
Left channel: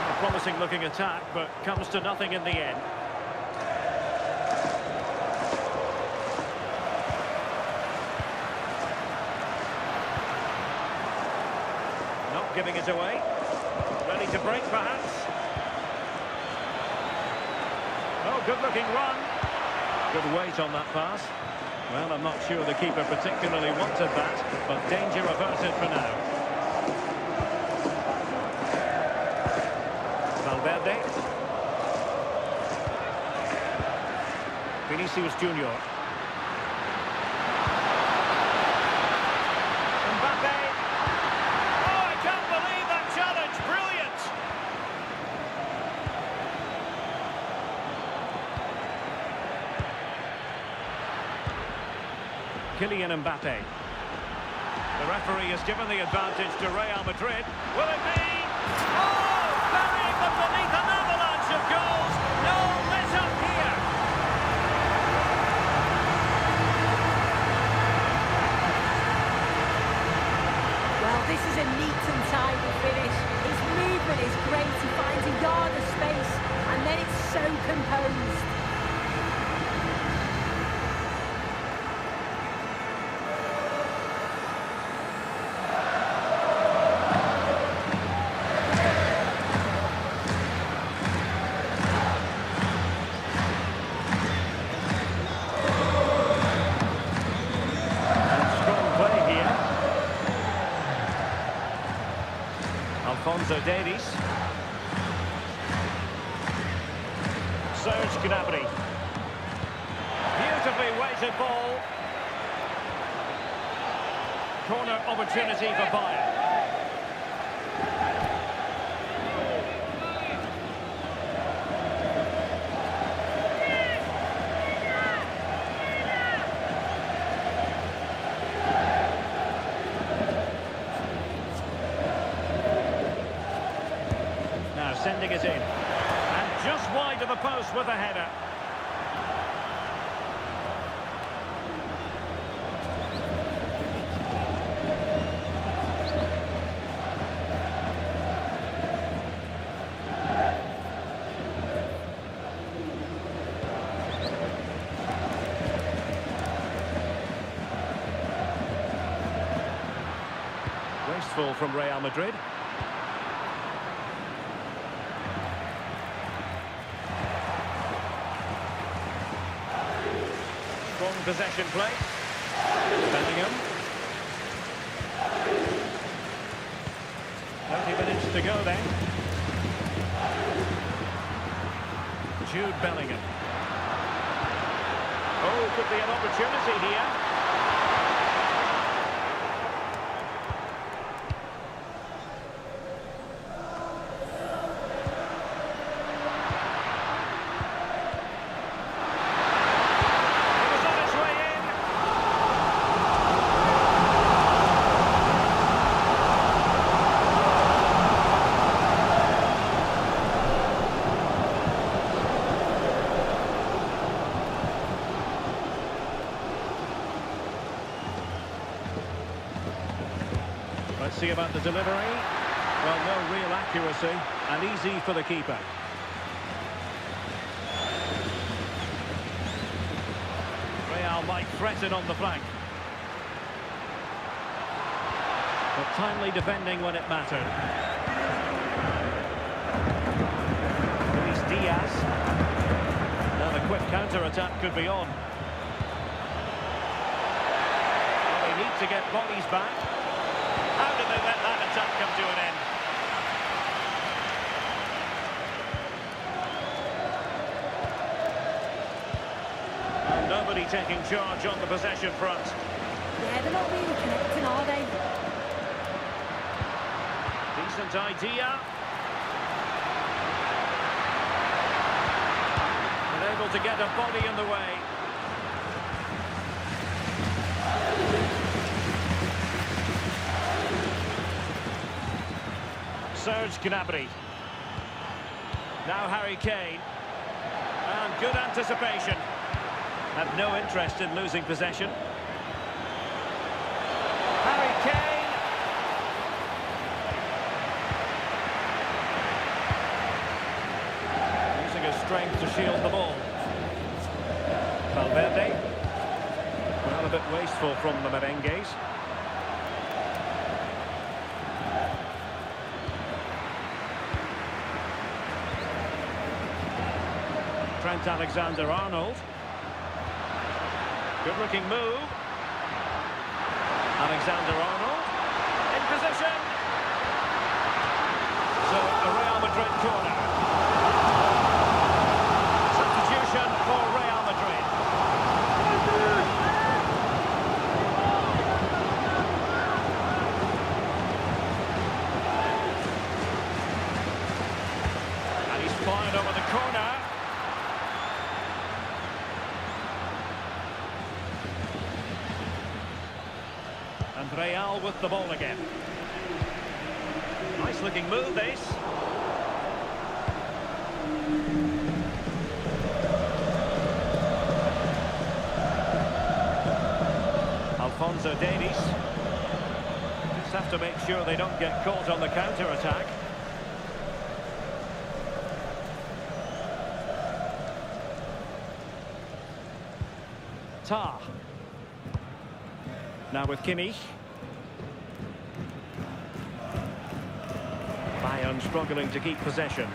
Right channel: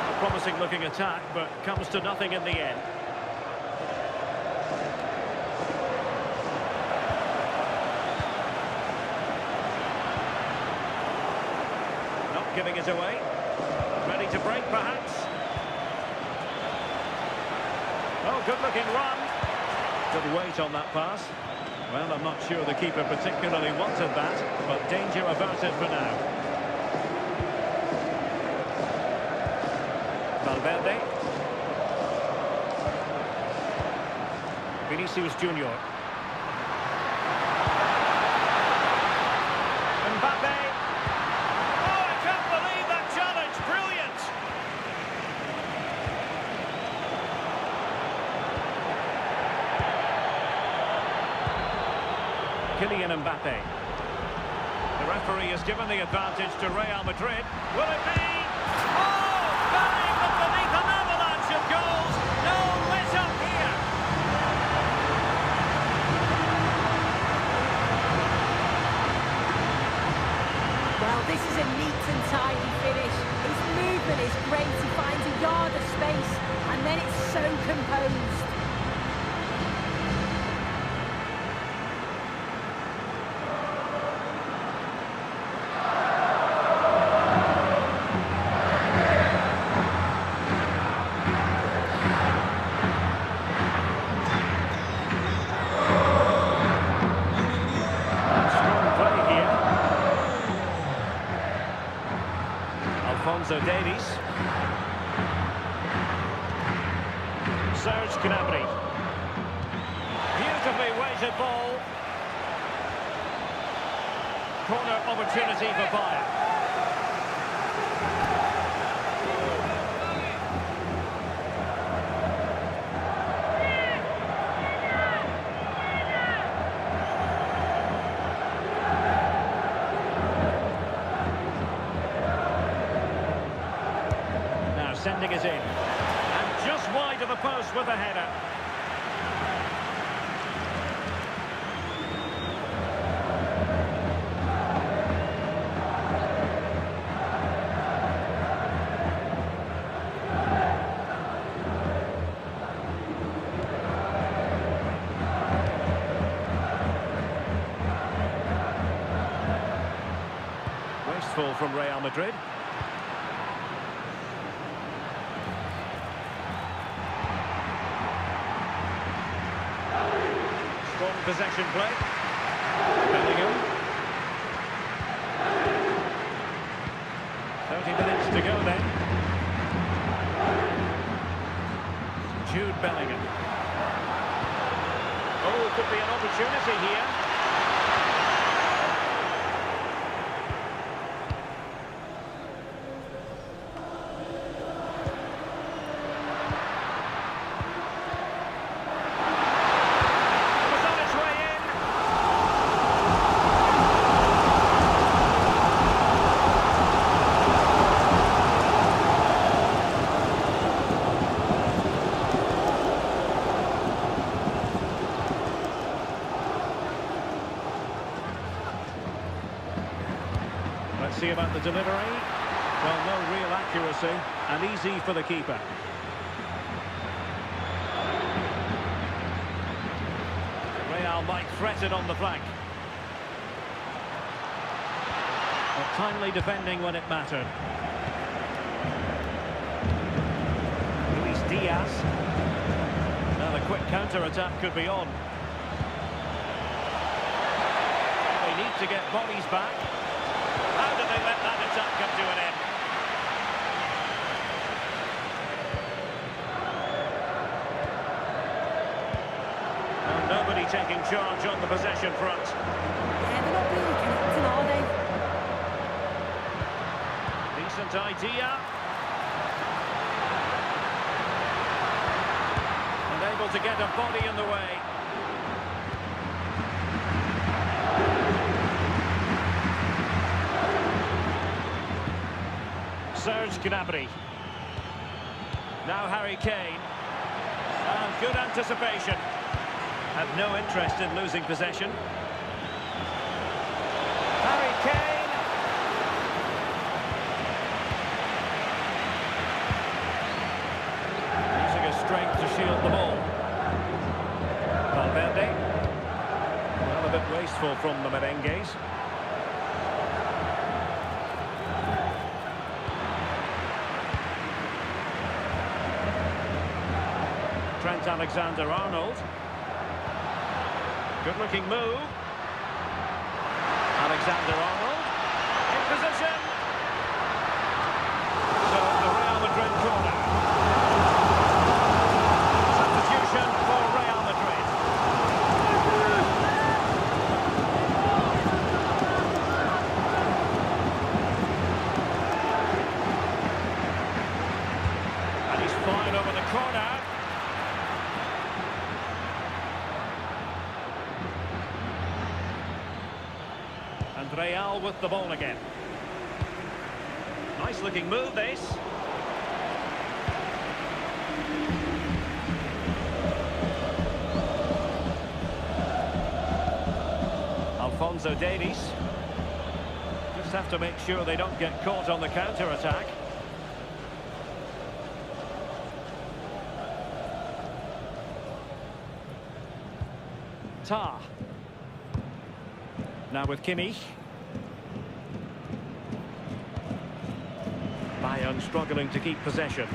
A promising looking attack, but comes to nothing in the end. Not giving it away. Ready to break, perhaps. Oh, good-looking run. Good weight on that pass. Well, I'm not sure the keeper particularly wanted that, but danger averted for now. Valverde. Vinicius Junior. Mbappé. Oh, I can't believe that challenge. Brilliant. Kylian Mbappé. The referee has given the advantage to Real Madrid. Will it be? Oh, burying them beneath an avalanche of goals. No let up here. Well, this is a neat and tidy finish. His movement is great. He finds a yard of space, and then it's so composed. Alphonso Davies. Serge Gnabry. Beautifully weighted ball. Corner opportunity for Bayern. Now sending it in. And just wide of the post with a header. wasteful from Real Madrid. Strong possession play. Bellingham. 30 minutes to go then. Jude Bellingham. Oh, could be an opportunity here. It was on its way in. Let's see about the delivery. Well, no real accuracy, and easy for the keeper. Real might threaten on the flank. But timely defending when it mattered. Luis Diaz. Now the quick counter-attack could be on. They need to get bodies back. How did they let that attack come to an end? And nobody taking charge on the possession front. Yeah, they're not really connecting, are they? Decent idea. Unable to get a body in the way. Serge Gnabry. Now Harry Kane. And good anticipation. Have no interest in losing possession. Harry Kane. Using his strength to shield the ball. Valverde. Well, a bit wasteful from the merengues. Trent Alexander-Arnold. Good-looking move. Alexander-Arnold. In position. So, the Real Madrid corner. Substitution for Real Madrid. And he's fired over the corner. And Real with the ball again. Nice looking move, this. Alphonso Davies. Just have to make sure they don't get caught on the counter-attack. Tah. Now with Kimmich. Bayern struggling to keep possession.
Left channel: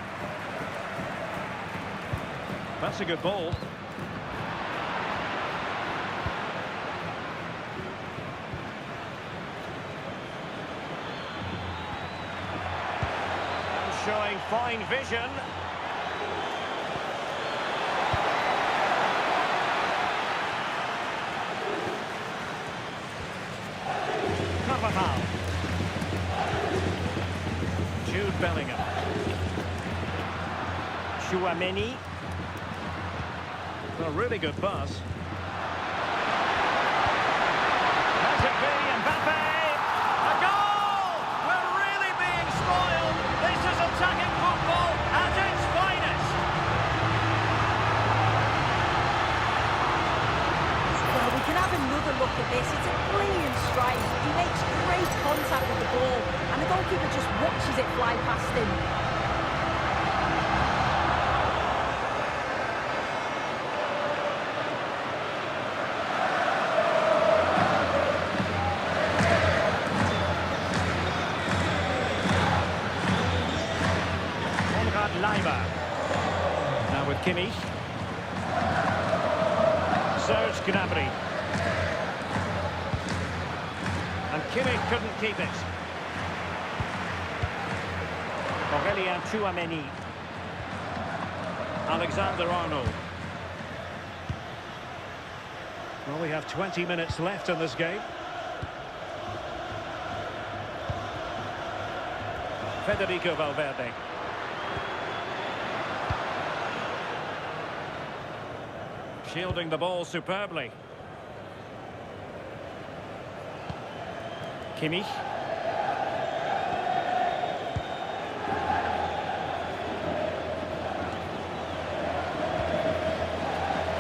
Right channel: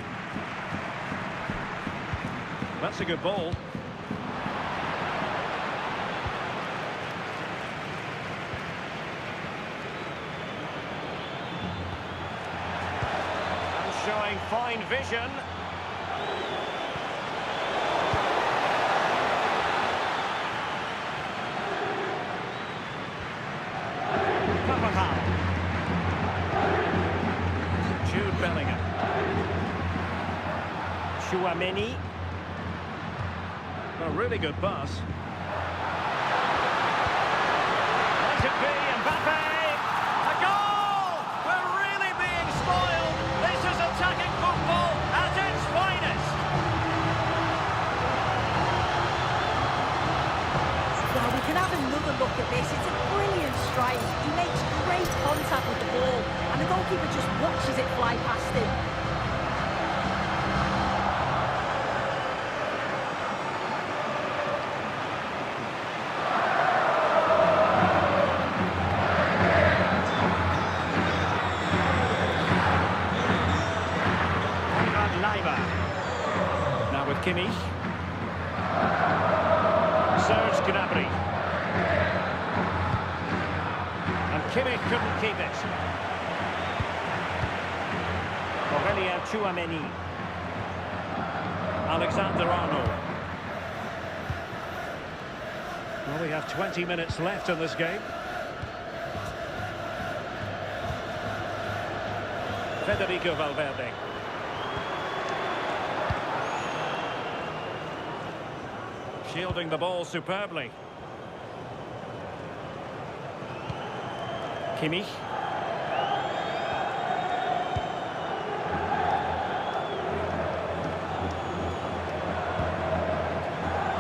That's a good ball. And showing fine vision. Jude Bellingham. Chouameni. A really good pass. Might it be Mbappé? A goal! We're really being spoiled. This is attacking football at its finest. Well, we can have another look at this. It's a brilliant strike. He makes great contact with the ball, and the goalkeeper just watches it fly past him. Lima. Now with Kimmich. Serge Gnabry. And Kimmich couldn't keep it. Aurélien Tchouameni. Alexander-Arnold. Well, we have 20 minutes left in this game. Federico Valverde. Shielding the ball superbly. Kimmich.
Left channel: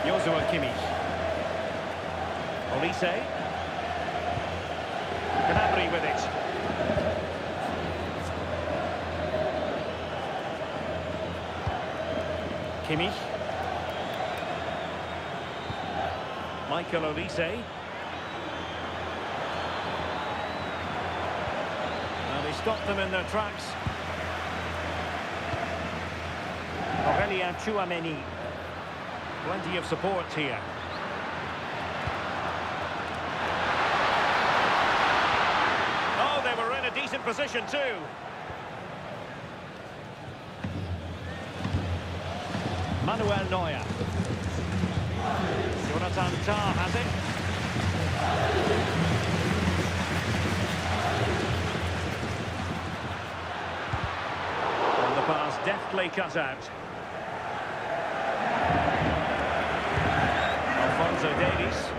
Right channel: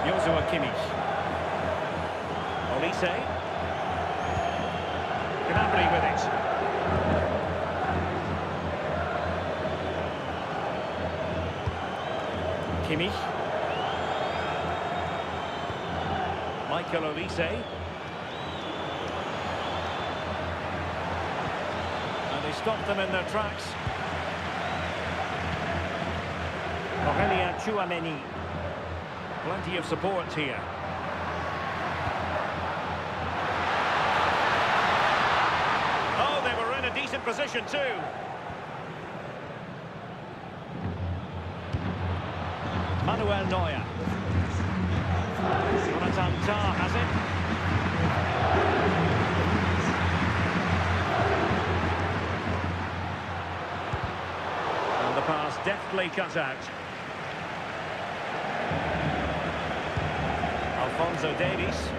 Joshua Kimmich. Olise. Gnabry with it. Kimmich. Michael Olise. And they stopped them in their tracks. Aurélien Tchouameni. Plenty of support here. Oh, they were in a decent position too. Manuel Neuer. Jonathan Tah has it. And the pass deftly cut out. Alphonso Davies.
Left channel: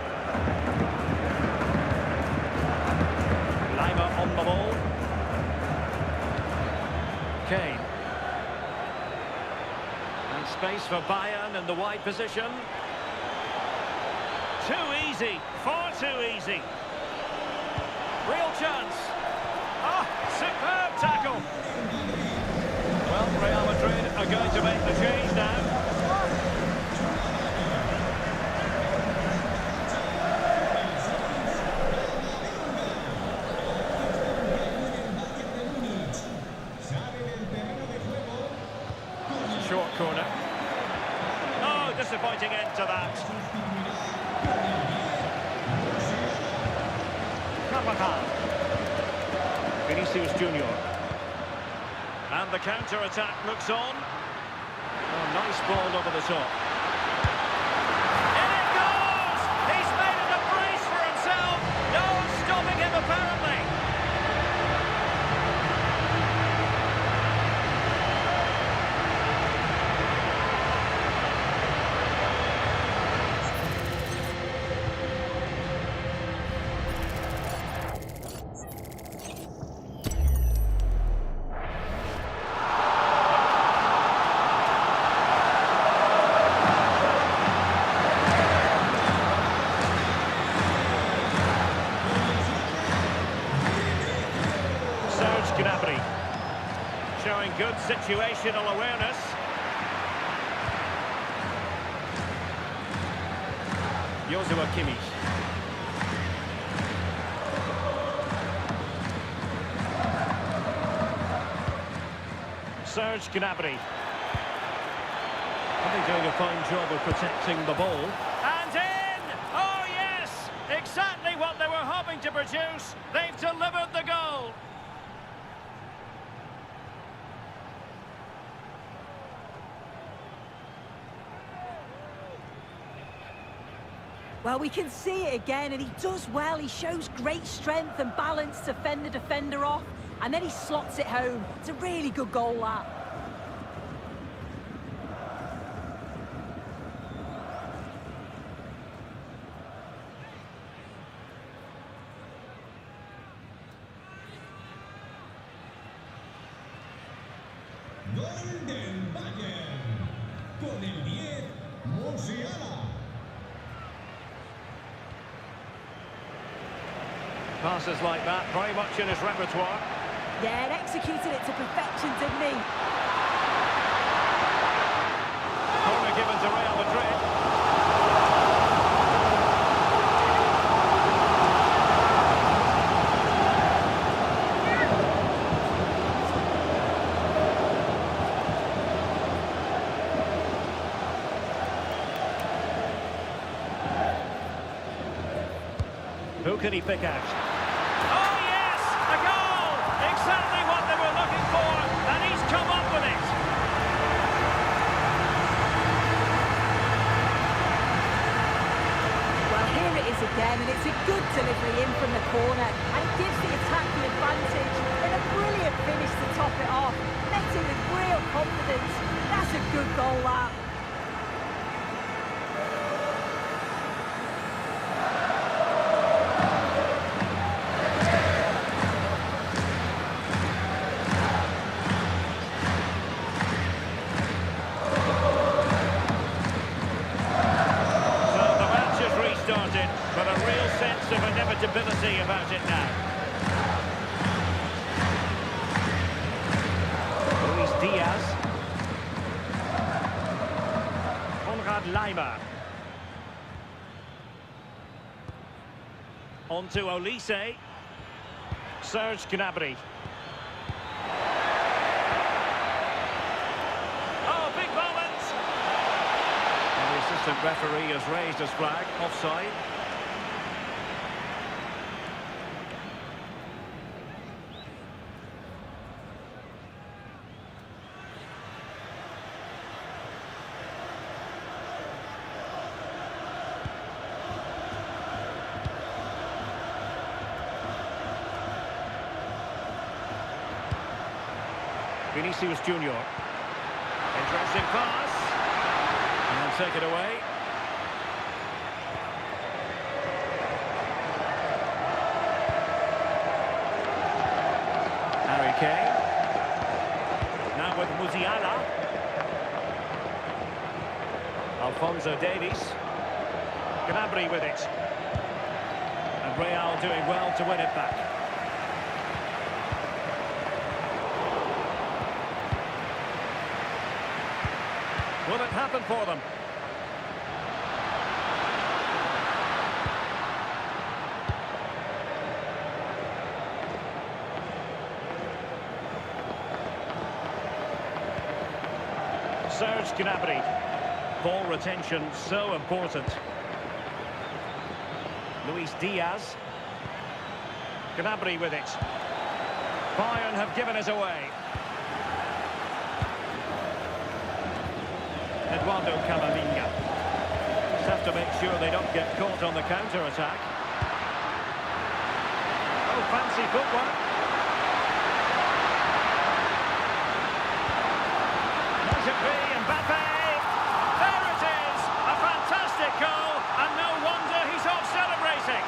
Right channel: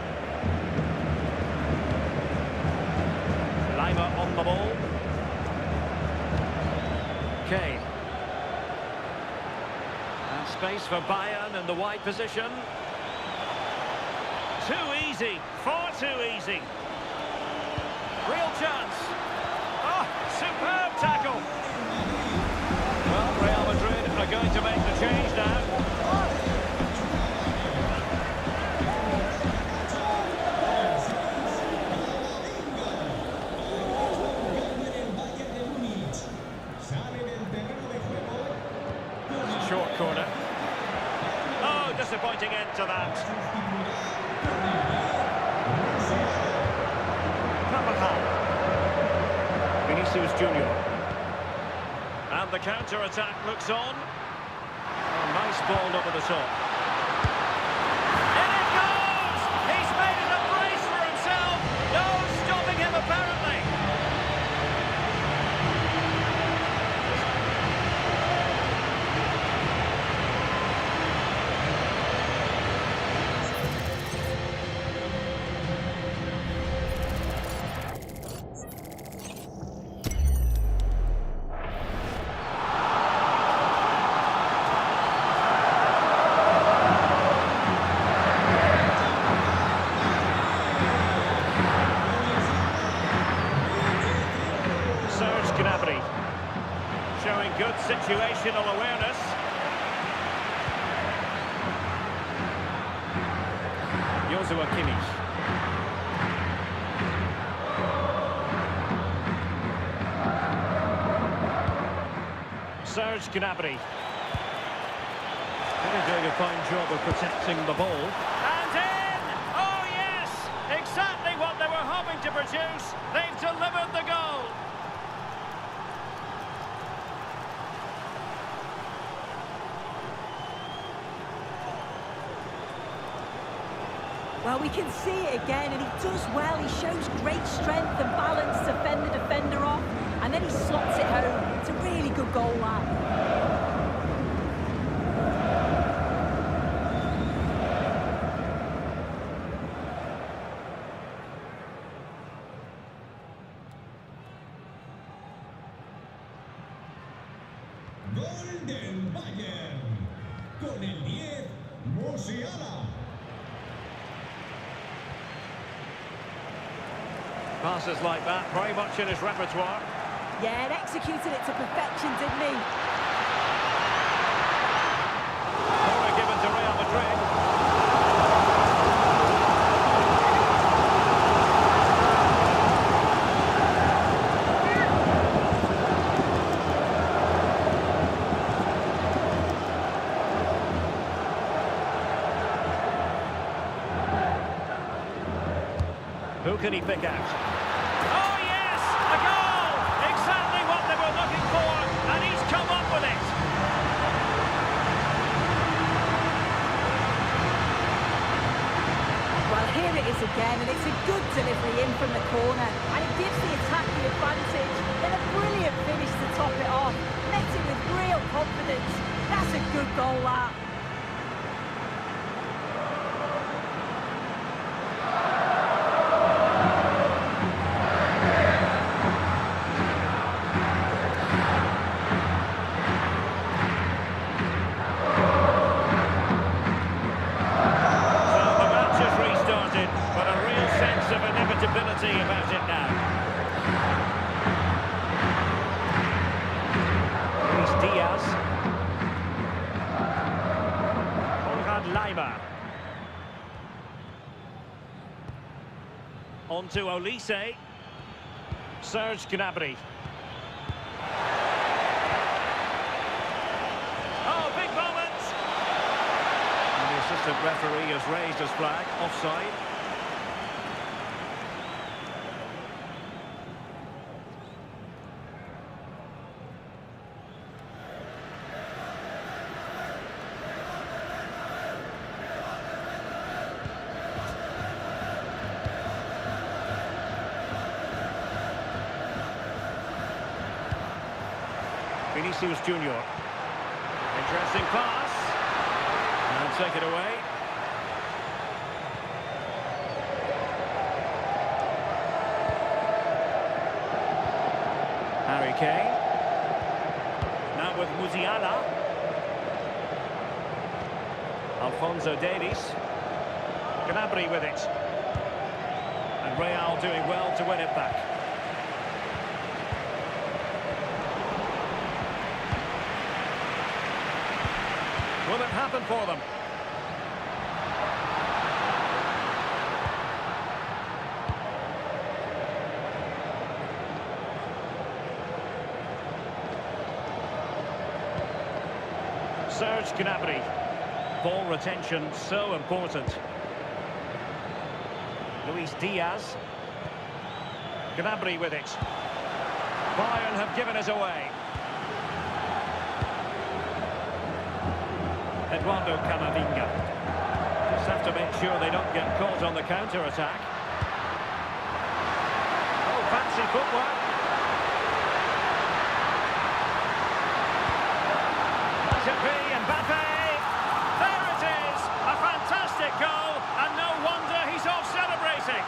Lima on the ball. Kane. And space for Bayern in the wide position. Too easy, far too easy. Real chance. Oh, superb tackle. Well, Real Madrid are going to make the change now. Short corner. Oh, disappointing end to that. Carvajal. Vinicius Junior. And the counter-attack looks on. Oh, nice ball over the top. In it goes! He's made it a brace for himself. No stopping him, apparently. Serge Gnabry showing good situational awareness. Joshua Kimmich. Serge Gnabry. Are they doing a fine job of protecting the ball? And in! Oh yes! Exactly what they were hoping to produce. They've delivered the goal. Well, we can see it again, and he does well. He shows great strength and balance to fend the defender off, and then he slots it home. It's a really good goal, that. Gol del Bayern. Con el 10, Musiala. Passes like that, very much in his repertoire. Yeah, and executed it to perfection, didn't he? Corner given to Real Madrid. Who can he pick out? Oh, yes! A goal! Exactly what they were looking for, and he's come up with it. Well, here it is again, and it's a good delivery in from the corner, and it gives the attack the advantage. Then a brilliant finish to top it off, met it with real confidence. That's a good goal, that. Restarted, but a real sense of inevitability about it now. Luis Diaz. Konrad Laimer. On to Olise. Serge Gnabry. Oh, big moment! And the assistant referee has raised his flag, offside. Vinicius Junior. Interesting pass. And take it away. Harry Kane. Now with Musiala. Alphonso Davies. Gnabry with it. And Real doing well to win it back. Will it happen for them? Serge Gnabry. Ball retention so important. Luis Diaz. Gnabry with it. Bayern have given it away. Eduardo Camavinga. Just have to make sure they don't get caught on the counter-attack. Oh, fancy footwork. Might it be Mbappé? There it is! A fantastic goal, and no wonder he's off celebrating.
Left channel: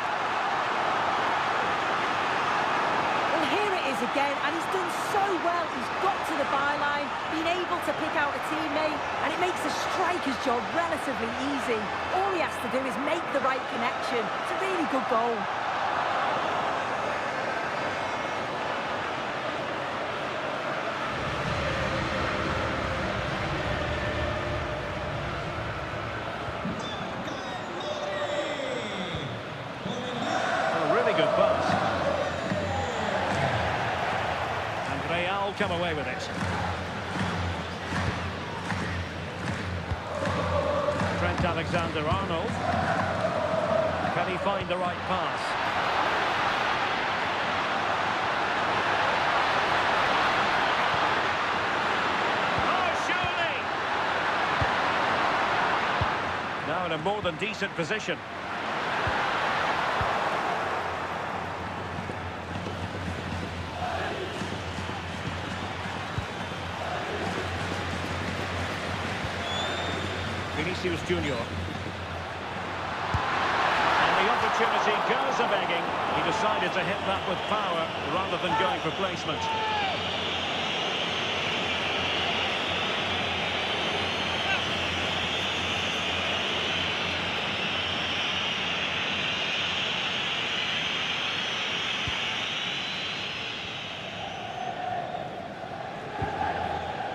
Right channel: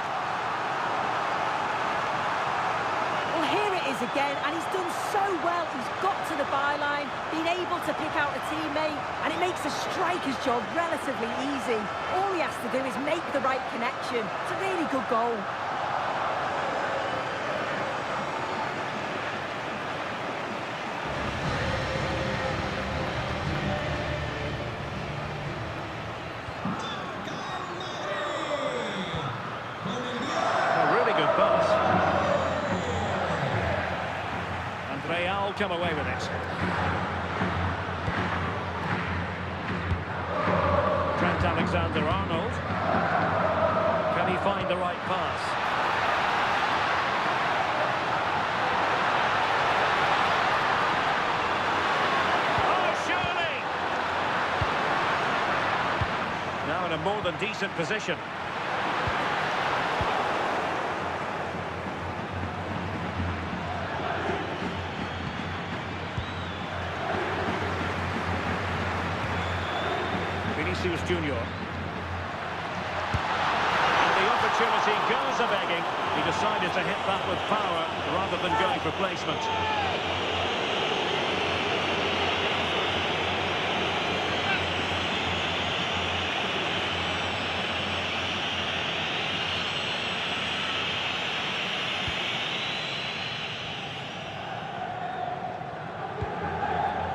Well, here it is again, and he's done so well. He's got to the byline, been able to pick out a teammate, and it makes the striker's job relatively easy. All he has to do is make the right connection. It's a really good goal. A really good pass. Real come away with it. Trent Alexander-Arnold. Can he find the right pass? Oh, surely! Now in a more than decent position. Vinicius Junior. And the opportunity goes a-begging. He decided to hit that with power rather than going for placement.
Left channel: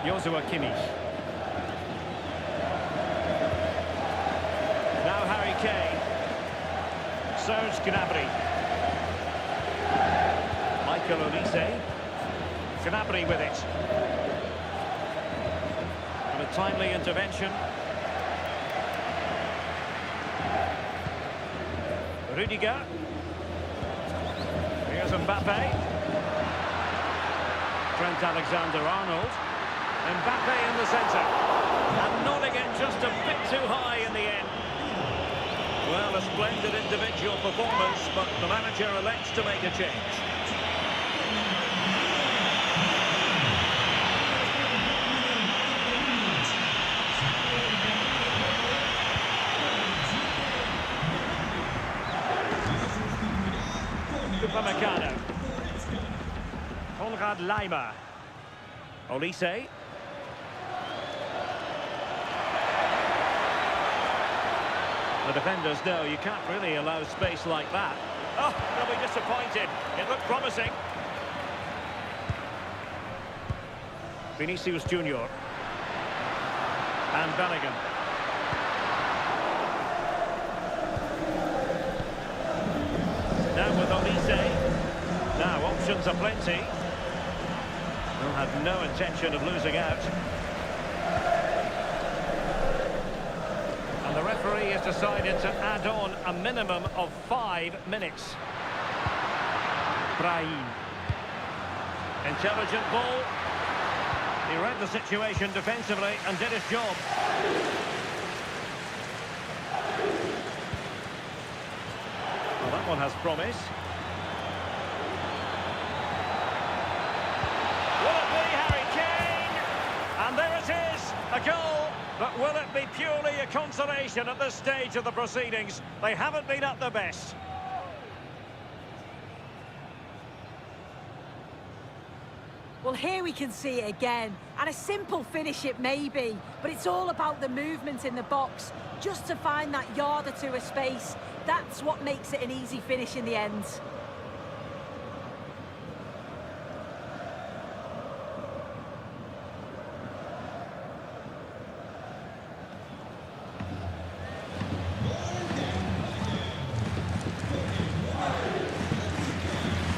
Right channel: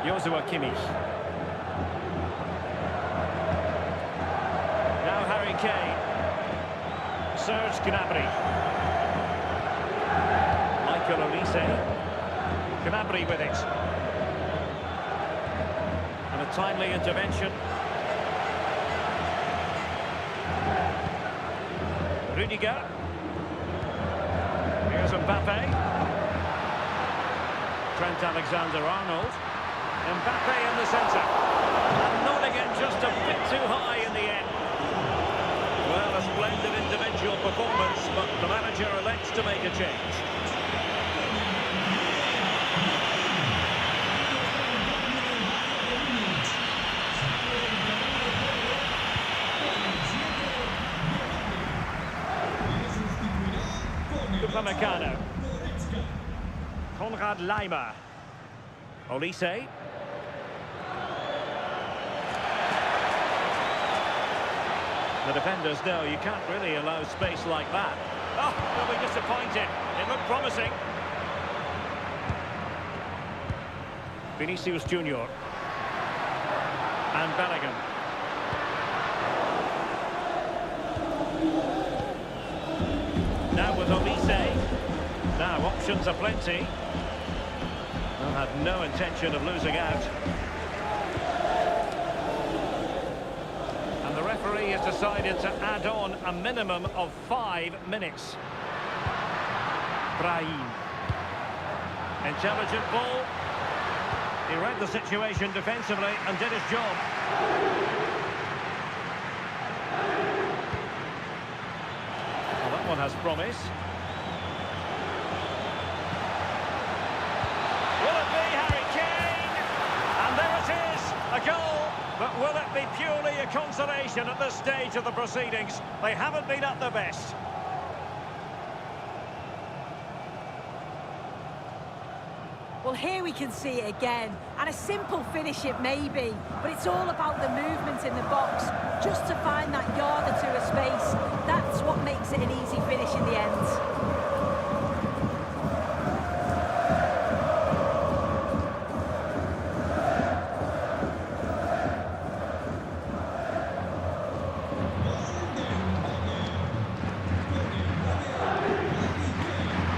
Joshua Kimmich. Now Harry Kane. Serge Gnabry. Michael Olise. Gnabry with it. And a timely intervention. Rudiger. Here's Mbappé. Trent Alexander-Arnold. Mbappé in the centre. And nodding it just a bit too high in the end. Well, a splendid individual performance, but the manager elects to make a change. Upamecano. Konrad Laimer. Olise. The defenders know you can't really allow space like that. Oh, they'll be disappointed. It looked promising. Vinicius Junior. And Bellingham. Now with Olise. Now options are plenty. They'll have no intention of losing out. And the referee has decided to add on a minimum of 5 minutes. Brahim. Intelligent ball. He read the situation defensively and did his job. Well, that one has promise. Will it be Harry Kane? And there it is, a goal. But will it be purely a consolation at this stage of the proceedings? They haven't been at their best. Well, here we can see it again. And a simple finish it may be, but it's all about the movement in the box. Just to find that yard or two of space. That's what makes it an easy finish in the end.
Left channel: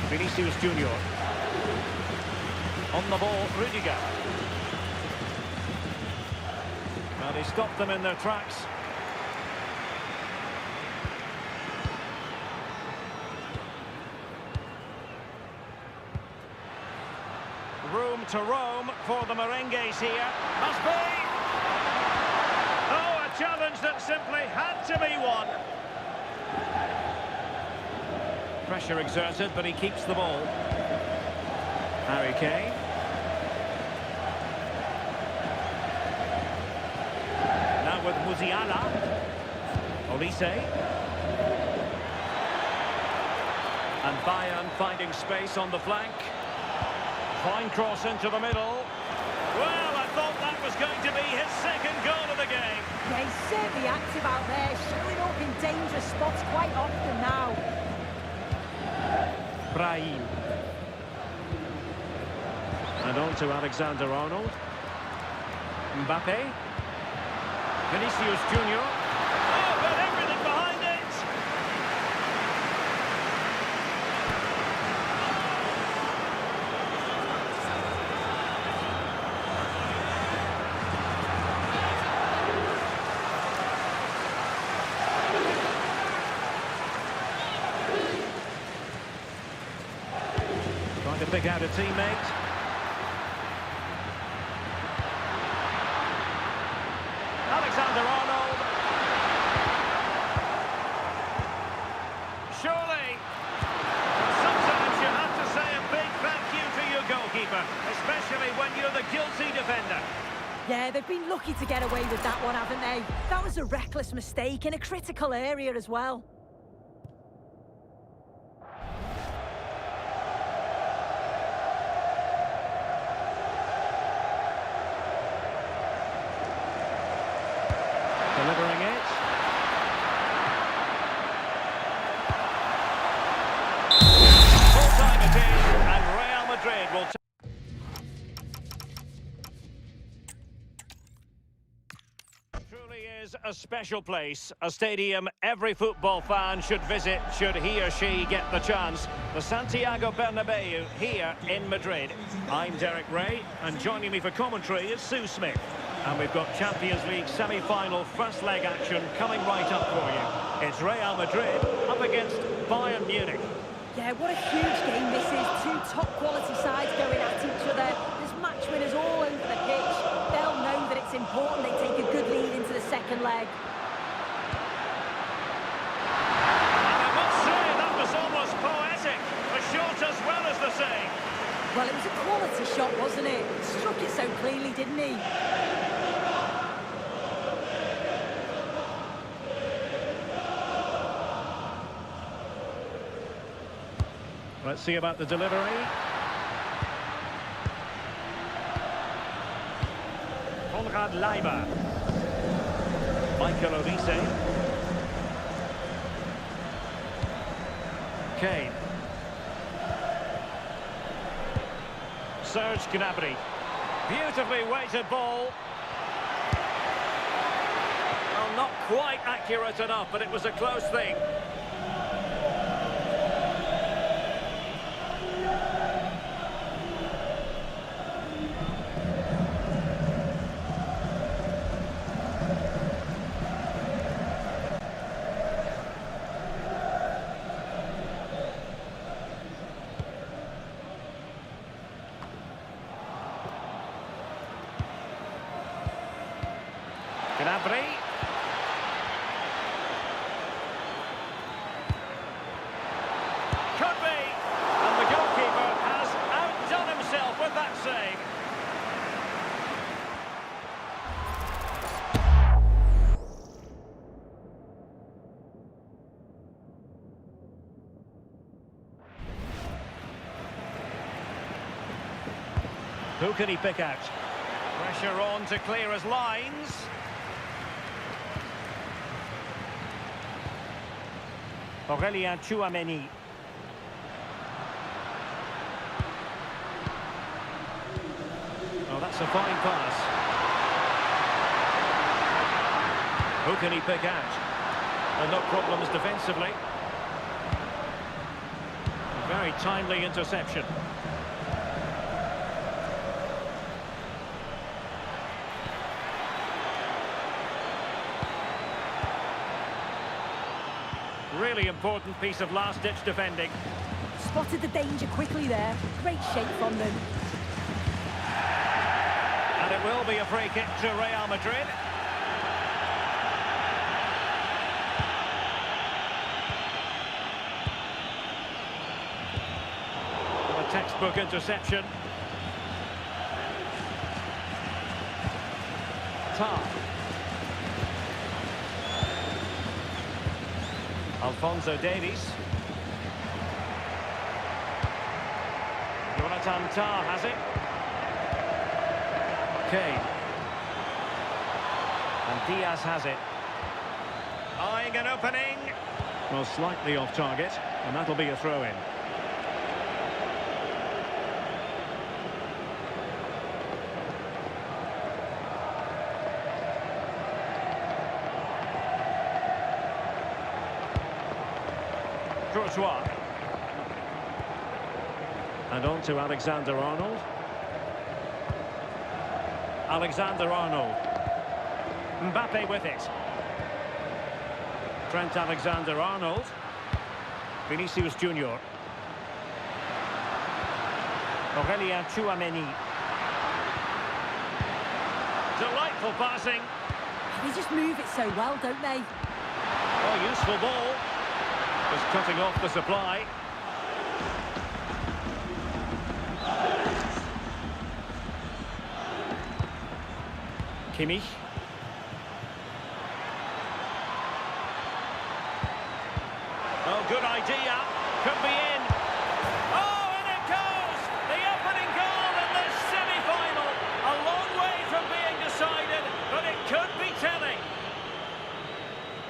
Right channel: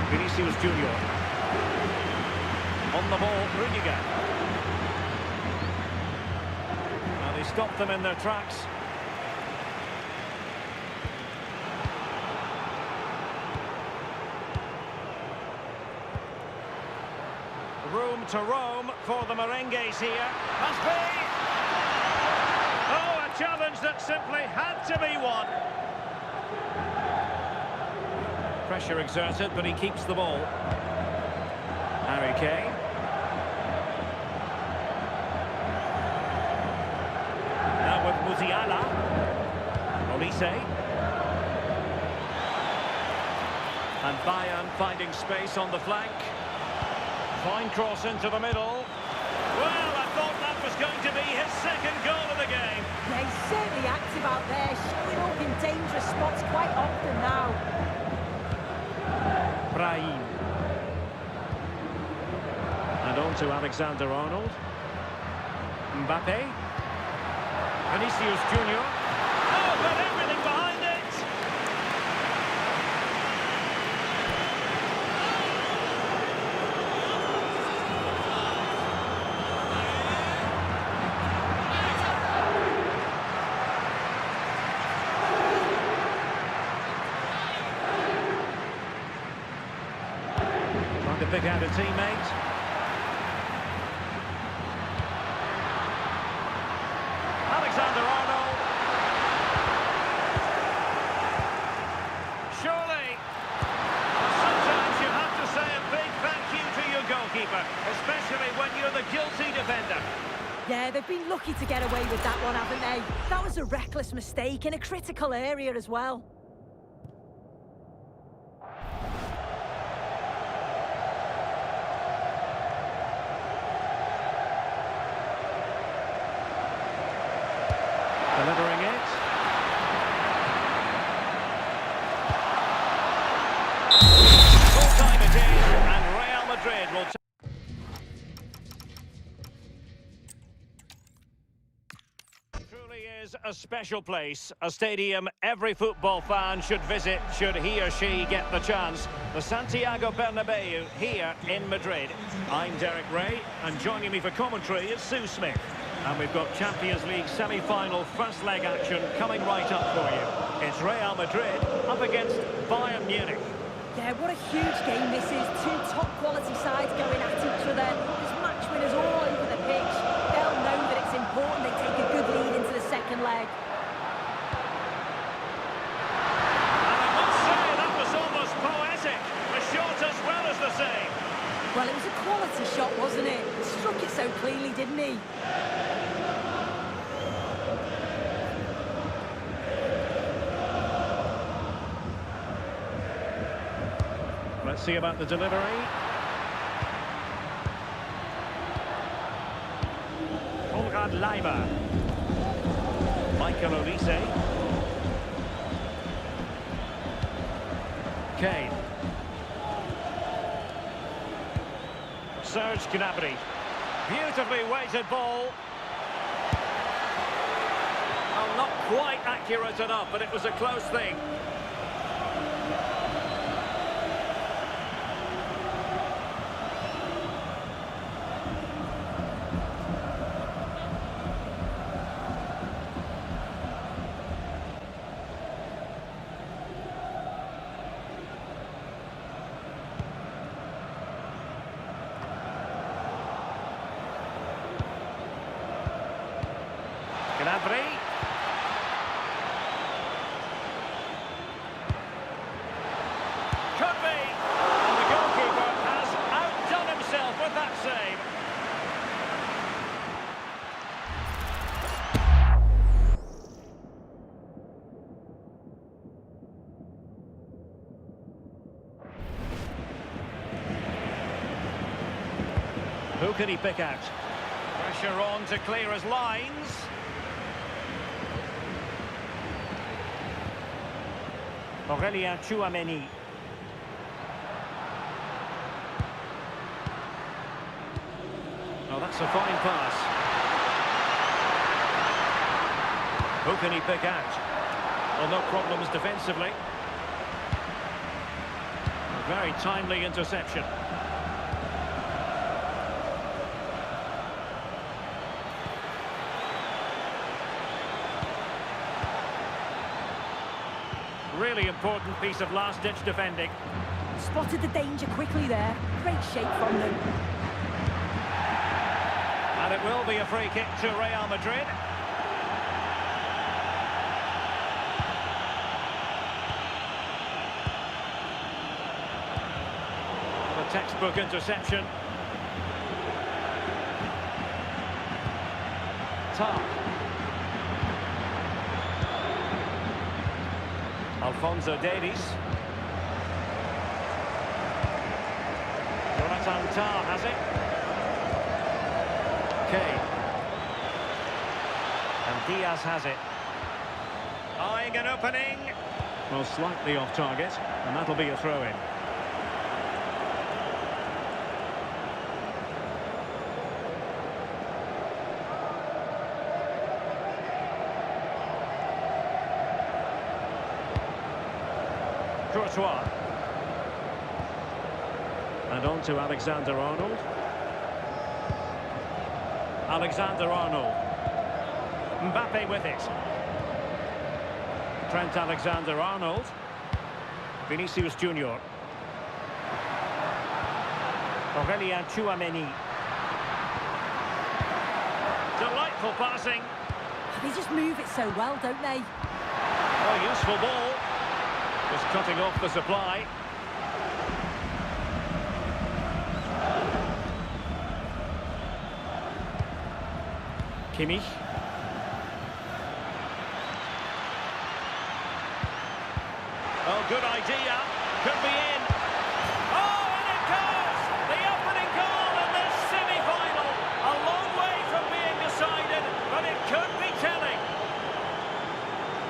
Vinicius Junior. On the ball, Rudiger. Well, he stopped them in their tracks. Room to roam for the merengues here. Must be! Oh, a challenge that simply had to be won. Pressure exerted, but he keeps the ball. Harry Kane. Now with Musiala. Olise. And Bayern finding space on the flank. Fine cross into the middle. Well, I thought that was going to be his second goal of the game. Yeah, he's certainly active out there, showing up in dangerous spots quite often now. Brahim. And on to Alexander-Arnold. Mbappé. Vinicius Junior. Oh, but everything behind it! Trying to pick out a teammate. Alexander-Arnold. Surely. Well, sometimes you have to say a big thank you to your goalkeeper, especially when you're the guilty defender. Yeah, they've been lucky to get away with that one, haven't they? That was a reckless mistake in a critical area as well. Delivering it. Full time it is, and Real Madrid will truly is a special place, a stadium every football fan should visit should he or she get the chance. The Santiago Bernabeu here in Madrid. I'm Derek Ray, and joining me for commentary is Sue Smith. And we've got Champions League semi-final first leg action coming right up for you. It's Real Madrid up against Bayern Munich. Yeah, what a huge game this is. Two top-quality sides going at each other. There's match winners all over the pitch. They'll know that it's important they take a good lead into the second leg. And I must say, that was almost poetic. The shot as well as the save. Well, it was a quality shot, wasn't it? Struck it so cleanly, didn't he? Let's see about the delivery. Konrad Leimer. Michael Olise. Kane. Serge Gnabry. Beautifully weighted ball. Well, not quite accurate enough, but it was a close thing. Gnabry. Could be. And the goalkeeper has outdone himself with that save. Who can he pick out? Pressure on to clear his lines. Aurélien Tchouaméni. Oh, that's a fine pass. Who can he pick out? Well, no problems defensively. A very timely interception. Really important piece of last-ditch defending. Spotted the danger quickly there. Great shape from them. And it will be a free kick to Real Madrid. Well, a textbook interception. Tar. Alphonso Davies. Jonathan Tah has it. Kane. And Diaz has it. Eyeing an opening. Well, slightly off target, and that'll be a throw-in. Courtois. And on to Alexander-Arnold. Alexander-Arnold. Mbappé with it. Trent Alexander-Arnold. Vinicius Junior. Aurélien Tchouaméni. Delightful passing. They just move it so well, don't they? Oh, useful ball. Just cutting off the supply. Kimmich. Oh, good idea. Could be in. Oh, and it goes! The opening goal in this semi-final. A long way from being decided, but it could be telling.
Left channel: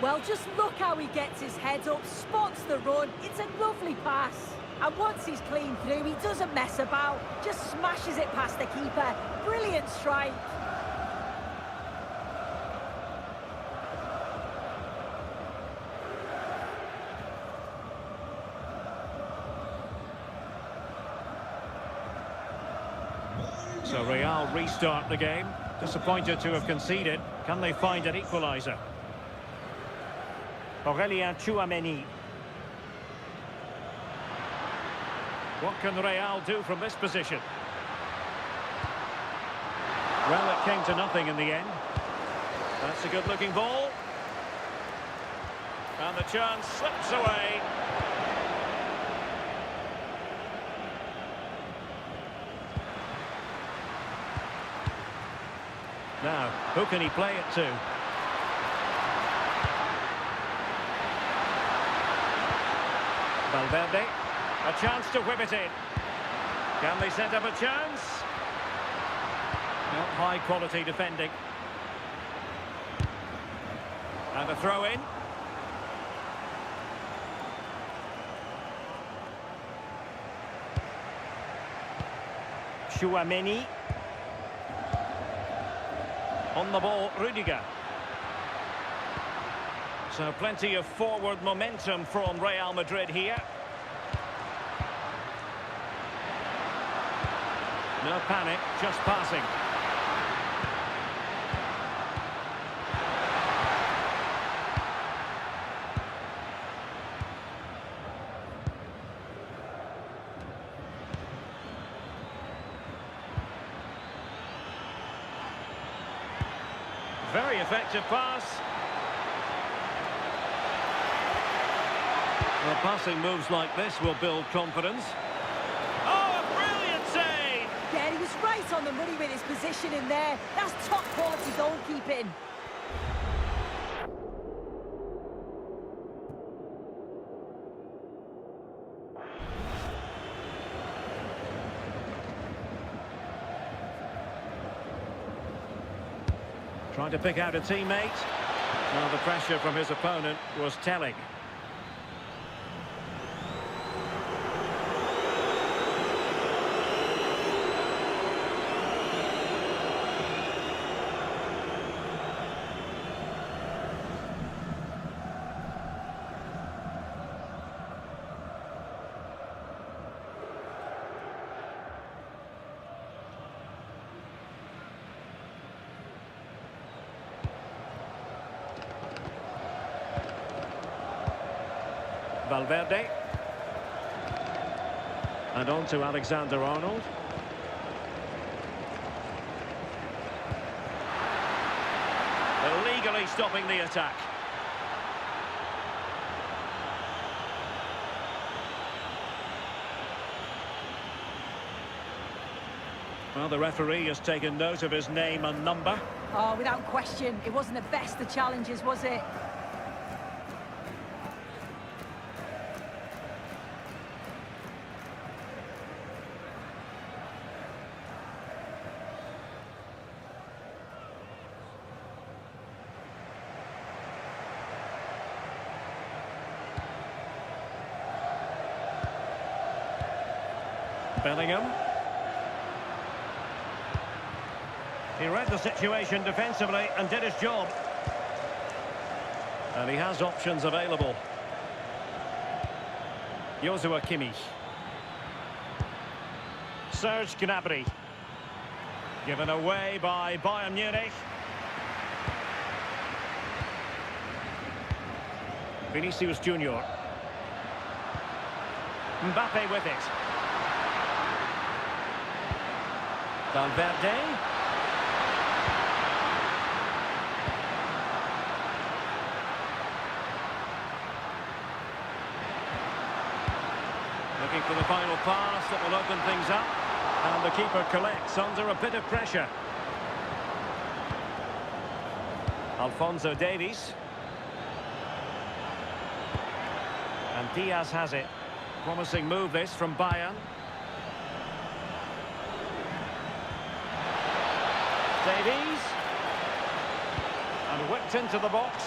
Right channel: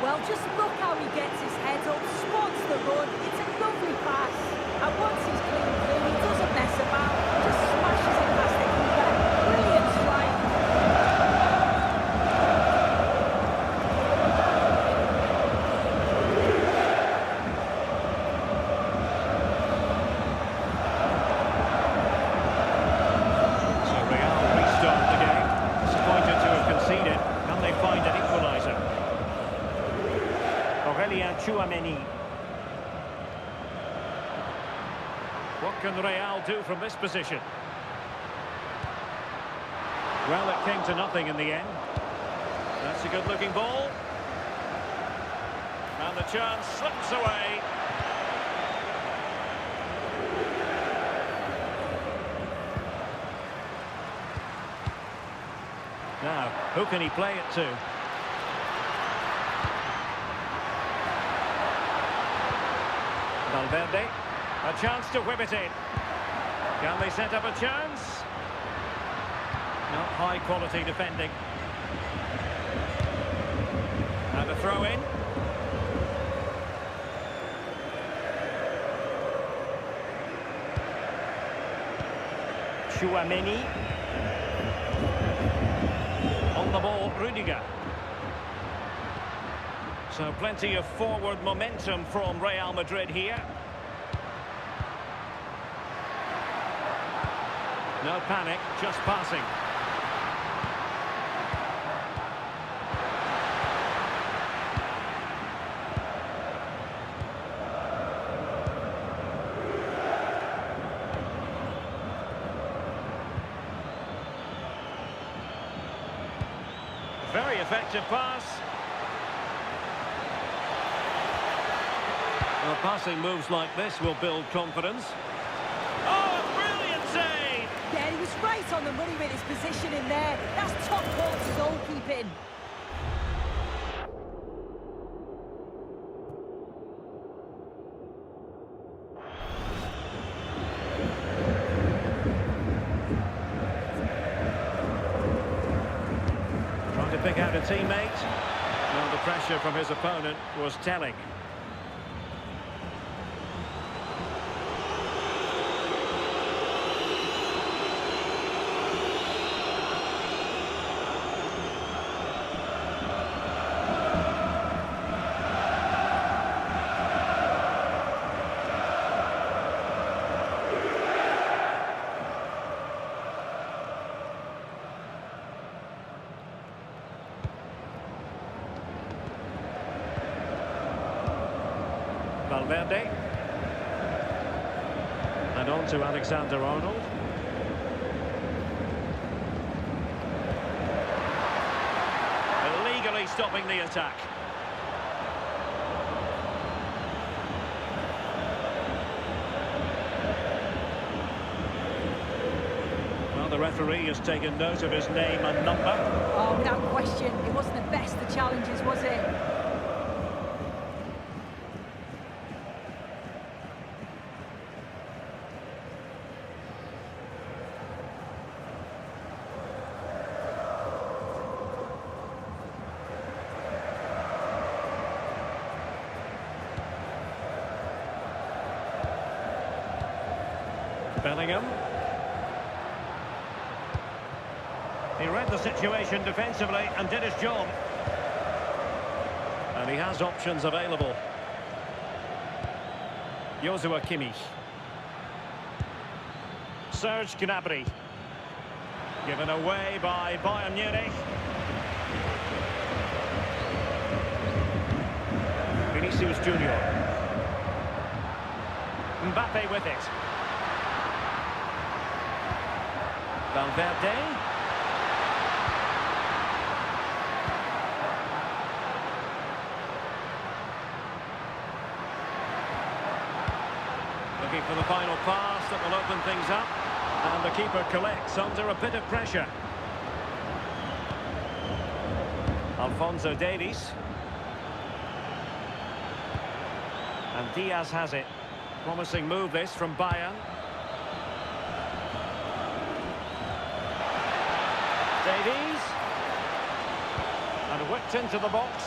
Well, just look how he gets his head up, spots the run. It's a lovely pass. And once he's clean through, he doesn't mess about. Just smashes it past the keeper. Brilliant strike. So Real restart the game. Disappointed to have conceded. Can they find an equaliser? Aurélien Tchouaméni. What can Real do from this position? Well, it came to nothing in the end. That's a good-looking ball. And the chance slips away. Now, who can he play it to? Valverde. A chance to whip it in. Can they set up a chance? No, high-quality defending. And a throw-in. Chouameni. On the ball, Rudiger. So plenty of forward momentum from Real Madrid here. No panic, just passing. Very effective pass. Well, passing moves like this will build confidence. Oh, a brilliant save! Yeah, he was right on the money with his position in there. That's top quality goalkeeping. Trying to pick out a teammate. Now the pressure from his opponent was telling. Valverde. And on to Alexander-Arnold. Illegally stopping the attack. Well, the referee has taken note of his name and number. Oh, without question, it wasn't the best of challenges, was it? Bellingham. He read the situation defensively and did his job. And he has options available. Joshua Kimmich. Serge Gnabry. Given away by Bayern Munich. Vinicius Junior. Mbappé with it. Valverde. Looking for the final pass that will open things up. And the keeper collects under a bit of pressure. Alphonso Davies. And Diaz has it. Promising move this from Bayern. Davies. And whipped into the box.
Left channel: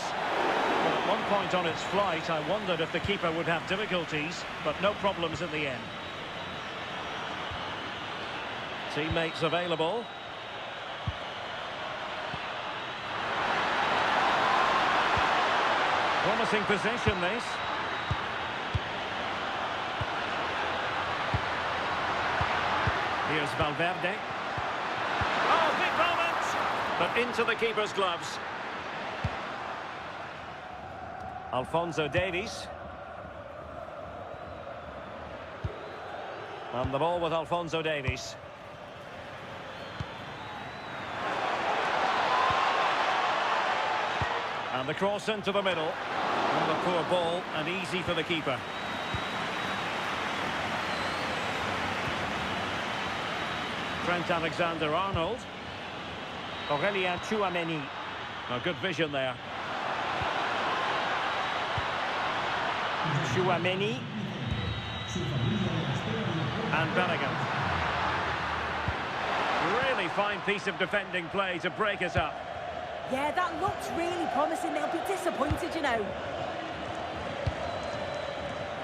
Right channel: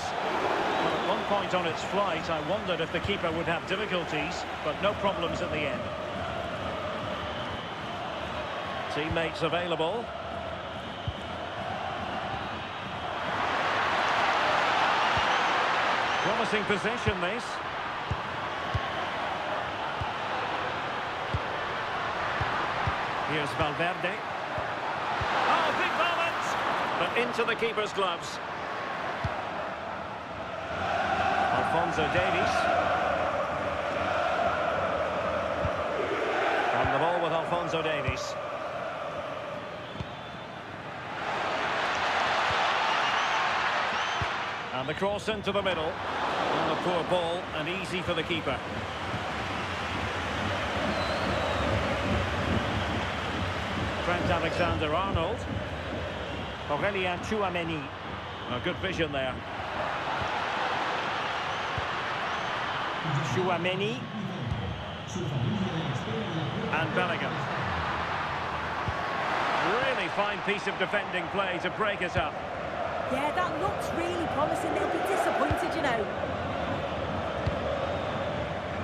Well, at one point on its flight, I wondered if the keeper would have difficulties, but no problems at the end. Teammates available. Promising position, this. Here's Valverde. Oh, big moment! But into the keeper's gloves. Alphonso Davies. And the ball with Alphonso Davies. And the cross into the middle. And a poor ball and easy for the keeper. Trent Alexander-Arnold. Aurélien Tchouameni. A good vision there. Tchouameni. And Bellingham. Really fine piece of defending play to break it up. Yeah, that looks really promising. They'll be disappointed, you know.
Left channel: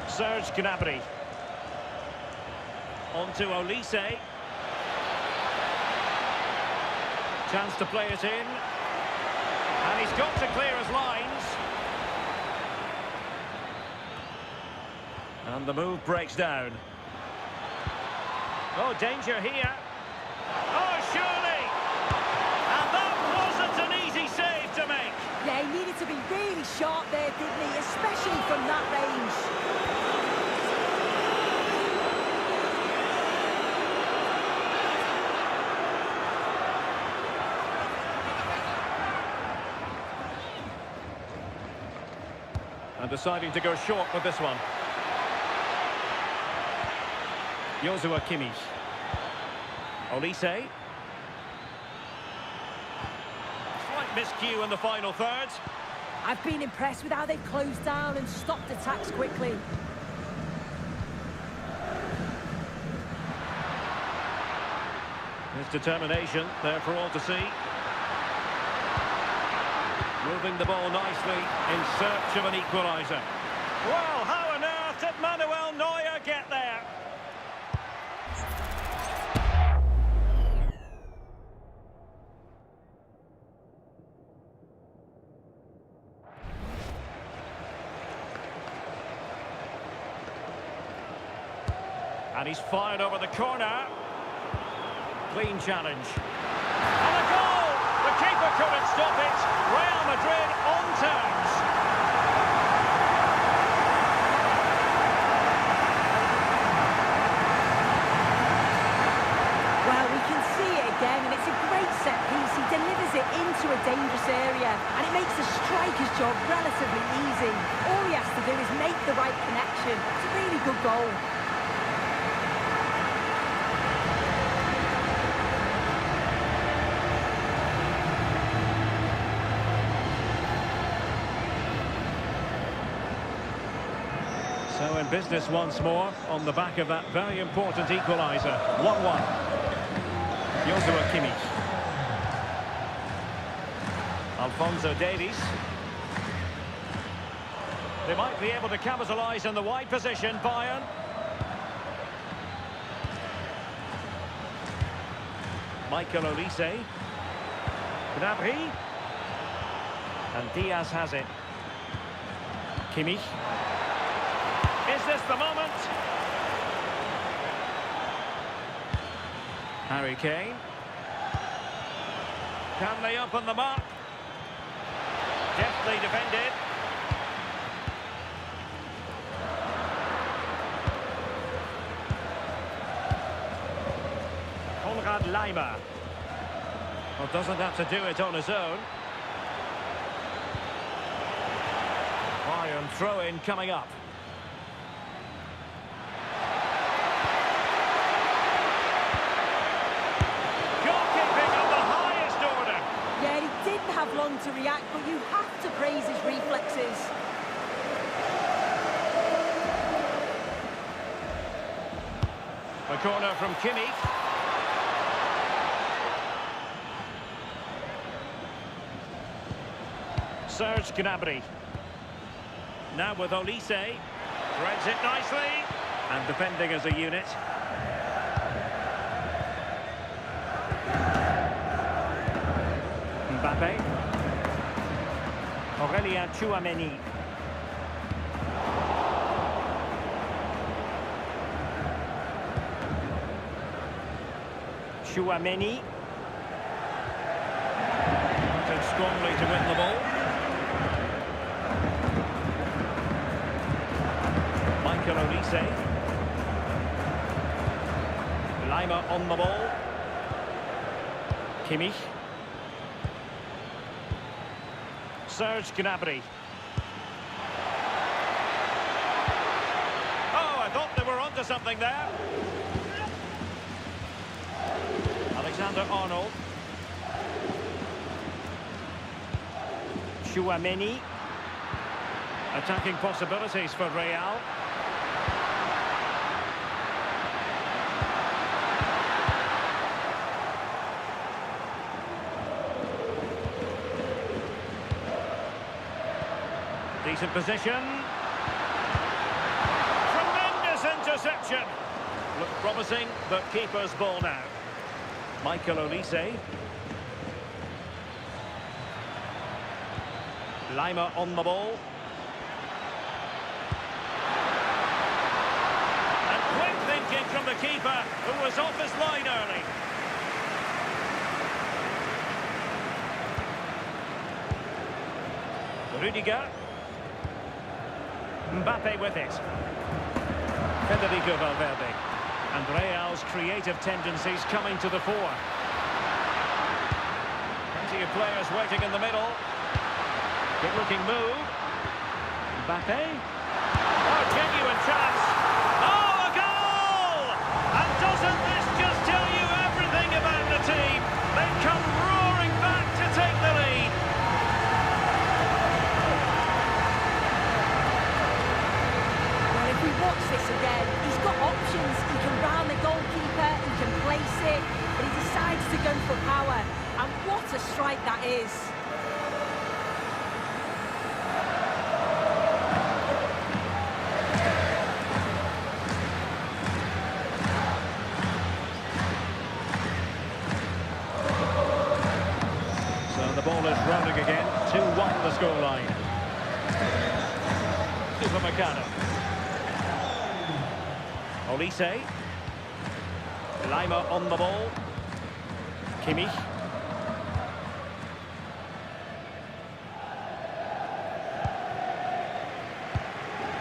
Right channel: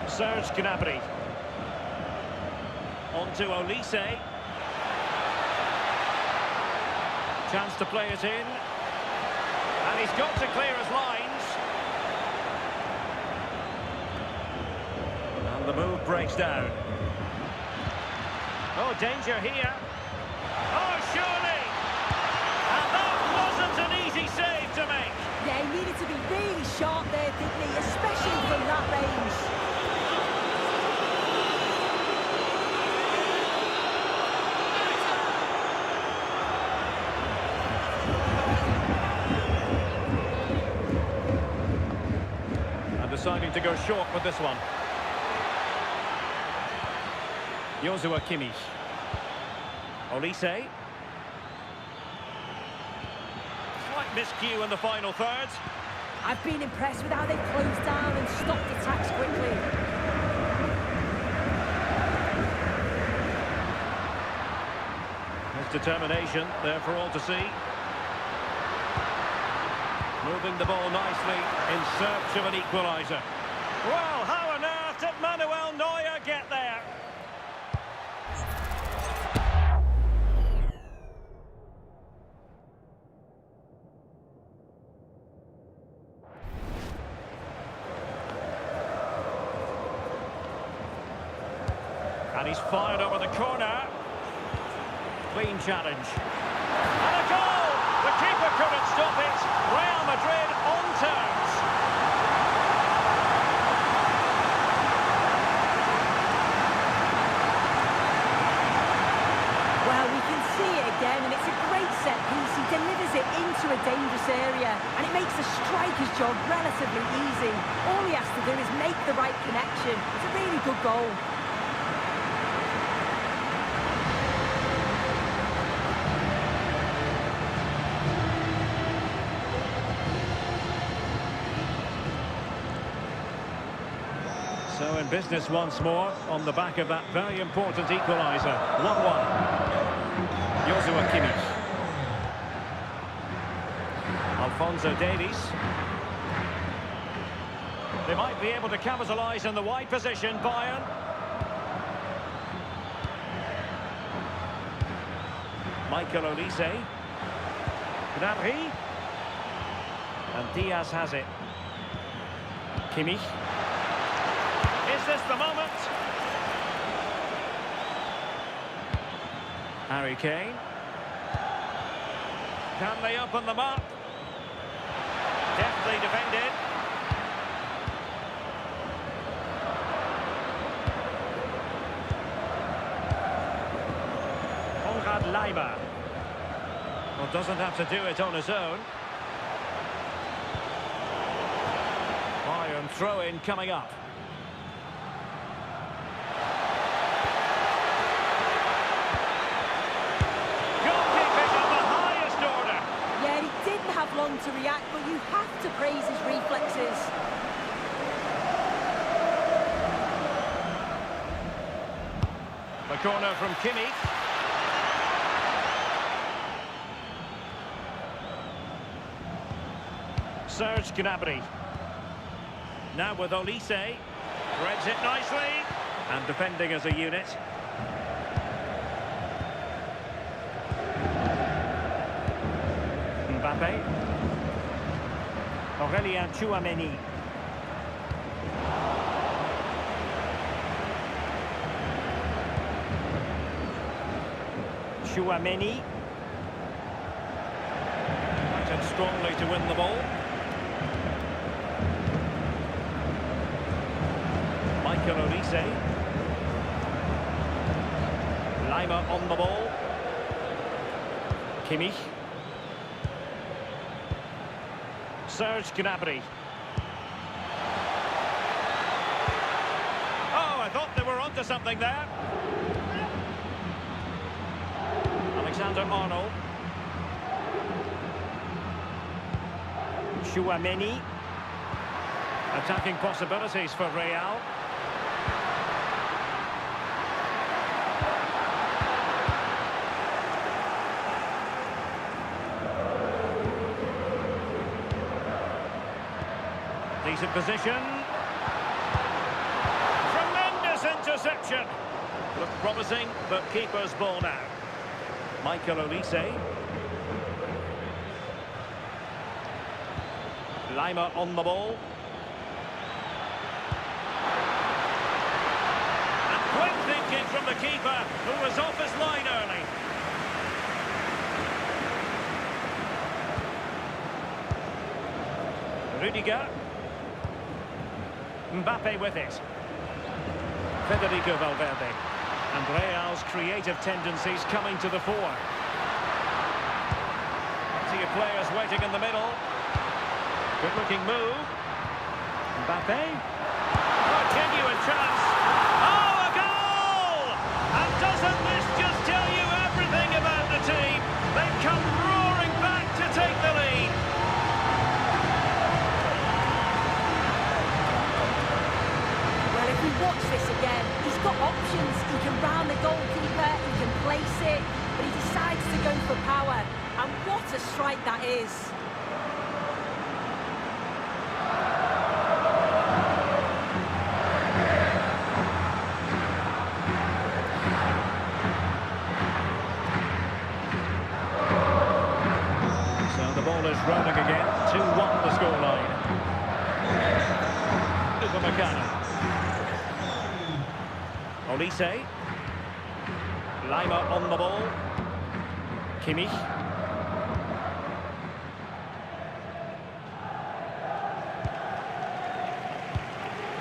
Serge Gnabry. On to Olise. Chance to play it in. And he's got to clear his lines. And the move breaks down. Oh, danger here. Oh, surely! And that wasn't an easy save to make. Yeah, he needed to be really sharp there, didn't he? Especially from that range. And deciding to go short with this one. Joshua Kimmich. Olise. Slight miscue in the final third. I've been impressed with how they've closed down and stopped attacks quickly. His determination there for all to see. Moving the ball nicely in search of an equaliser. Well, how on earth did Manuel Neuer get there? And he's fired over the corner. Clean challenge. And a goal! The keeper couldn't stop it. Real Madrid on terms. Well, we can see it again, and it's a great set piece. He delivers it into a dangerous area, and it makes the striker's job relatively easy. All he has to do is make the right connection. It's a really good goal. So in business once more on the back of that very important equaliser. 1-1. Joshua Kimmich. Alphonso Davies. They might be able to capitalise in the wide position, Bayern. Michael Olise. Gnabry. And Diaz has it. Kimmich. Is this the moment? Harry Kane. Can they open them up? Deftly defended. Konrad Laimer. Well, doesn't have to do it on his own. Bayern throw-in coming up. Yeah, he didn't have long to react, but you have to praise his reflexes. The corner from Kimmich. Serge Gnabry. Now with Olise. Threads it nicely. And defending as a unit. Mbappé. Aurélien Tchouameni. Tchouameni. Fighting strongly to win the ball. Michael Olise. Lima on the ball. Kimmich. Serge Gnabry. Oh, I thought they were onto something there. Alexander-Arnold. Tchouaméni. Attacking possibilities for Real. Decent position. Tremendous interception. Look promising, but keeper's ball now. Michael Olise. Lima on the ball. And quick thinking from the keeper, who was off his line early. Rudiger. Mbappé with it. Federico Valverde. And Real's creative tendencies coming to the fore. Plenty of players waiting in the middle. Good-looking move. Mbappé. Oh, genuine chance. Oh, a goal! And doesn't this just tell you everything about the team? They've come roaring back to take the lead. Well, if we watch this again, he's got options. He can round the goalkeeper, he can place it, but he decides to go for power. And what a strike that is. So the ball is rolling again. 2-1 the scoreline. Upamecano. Olise. Lima on the ball. Kimmich.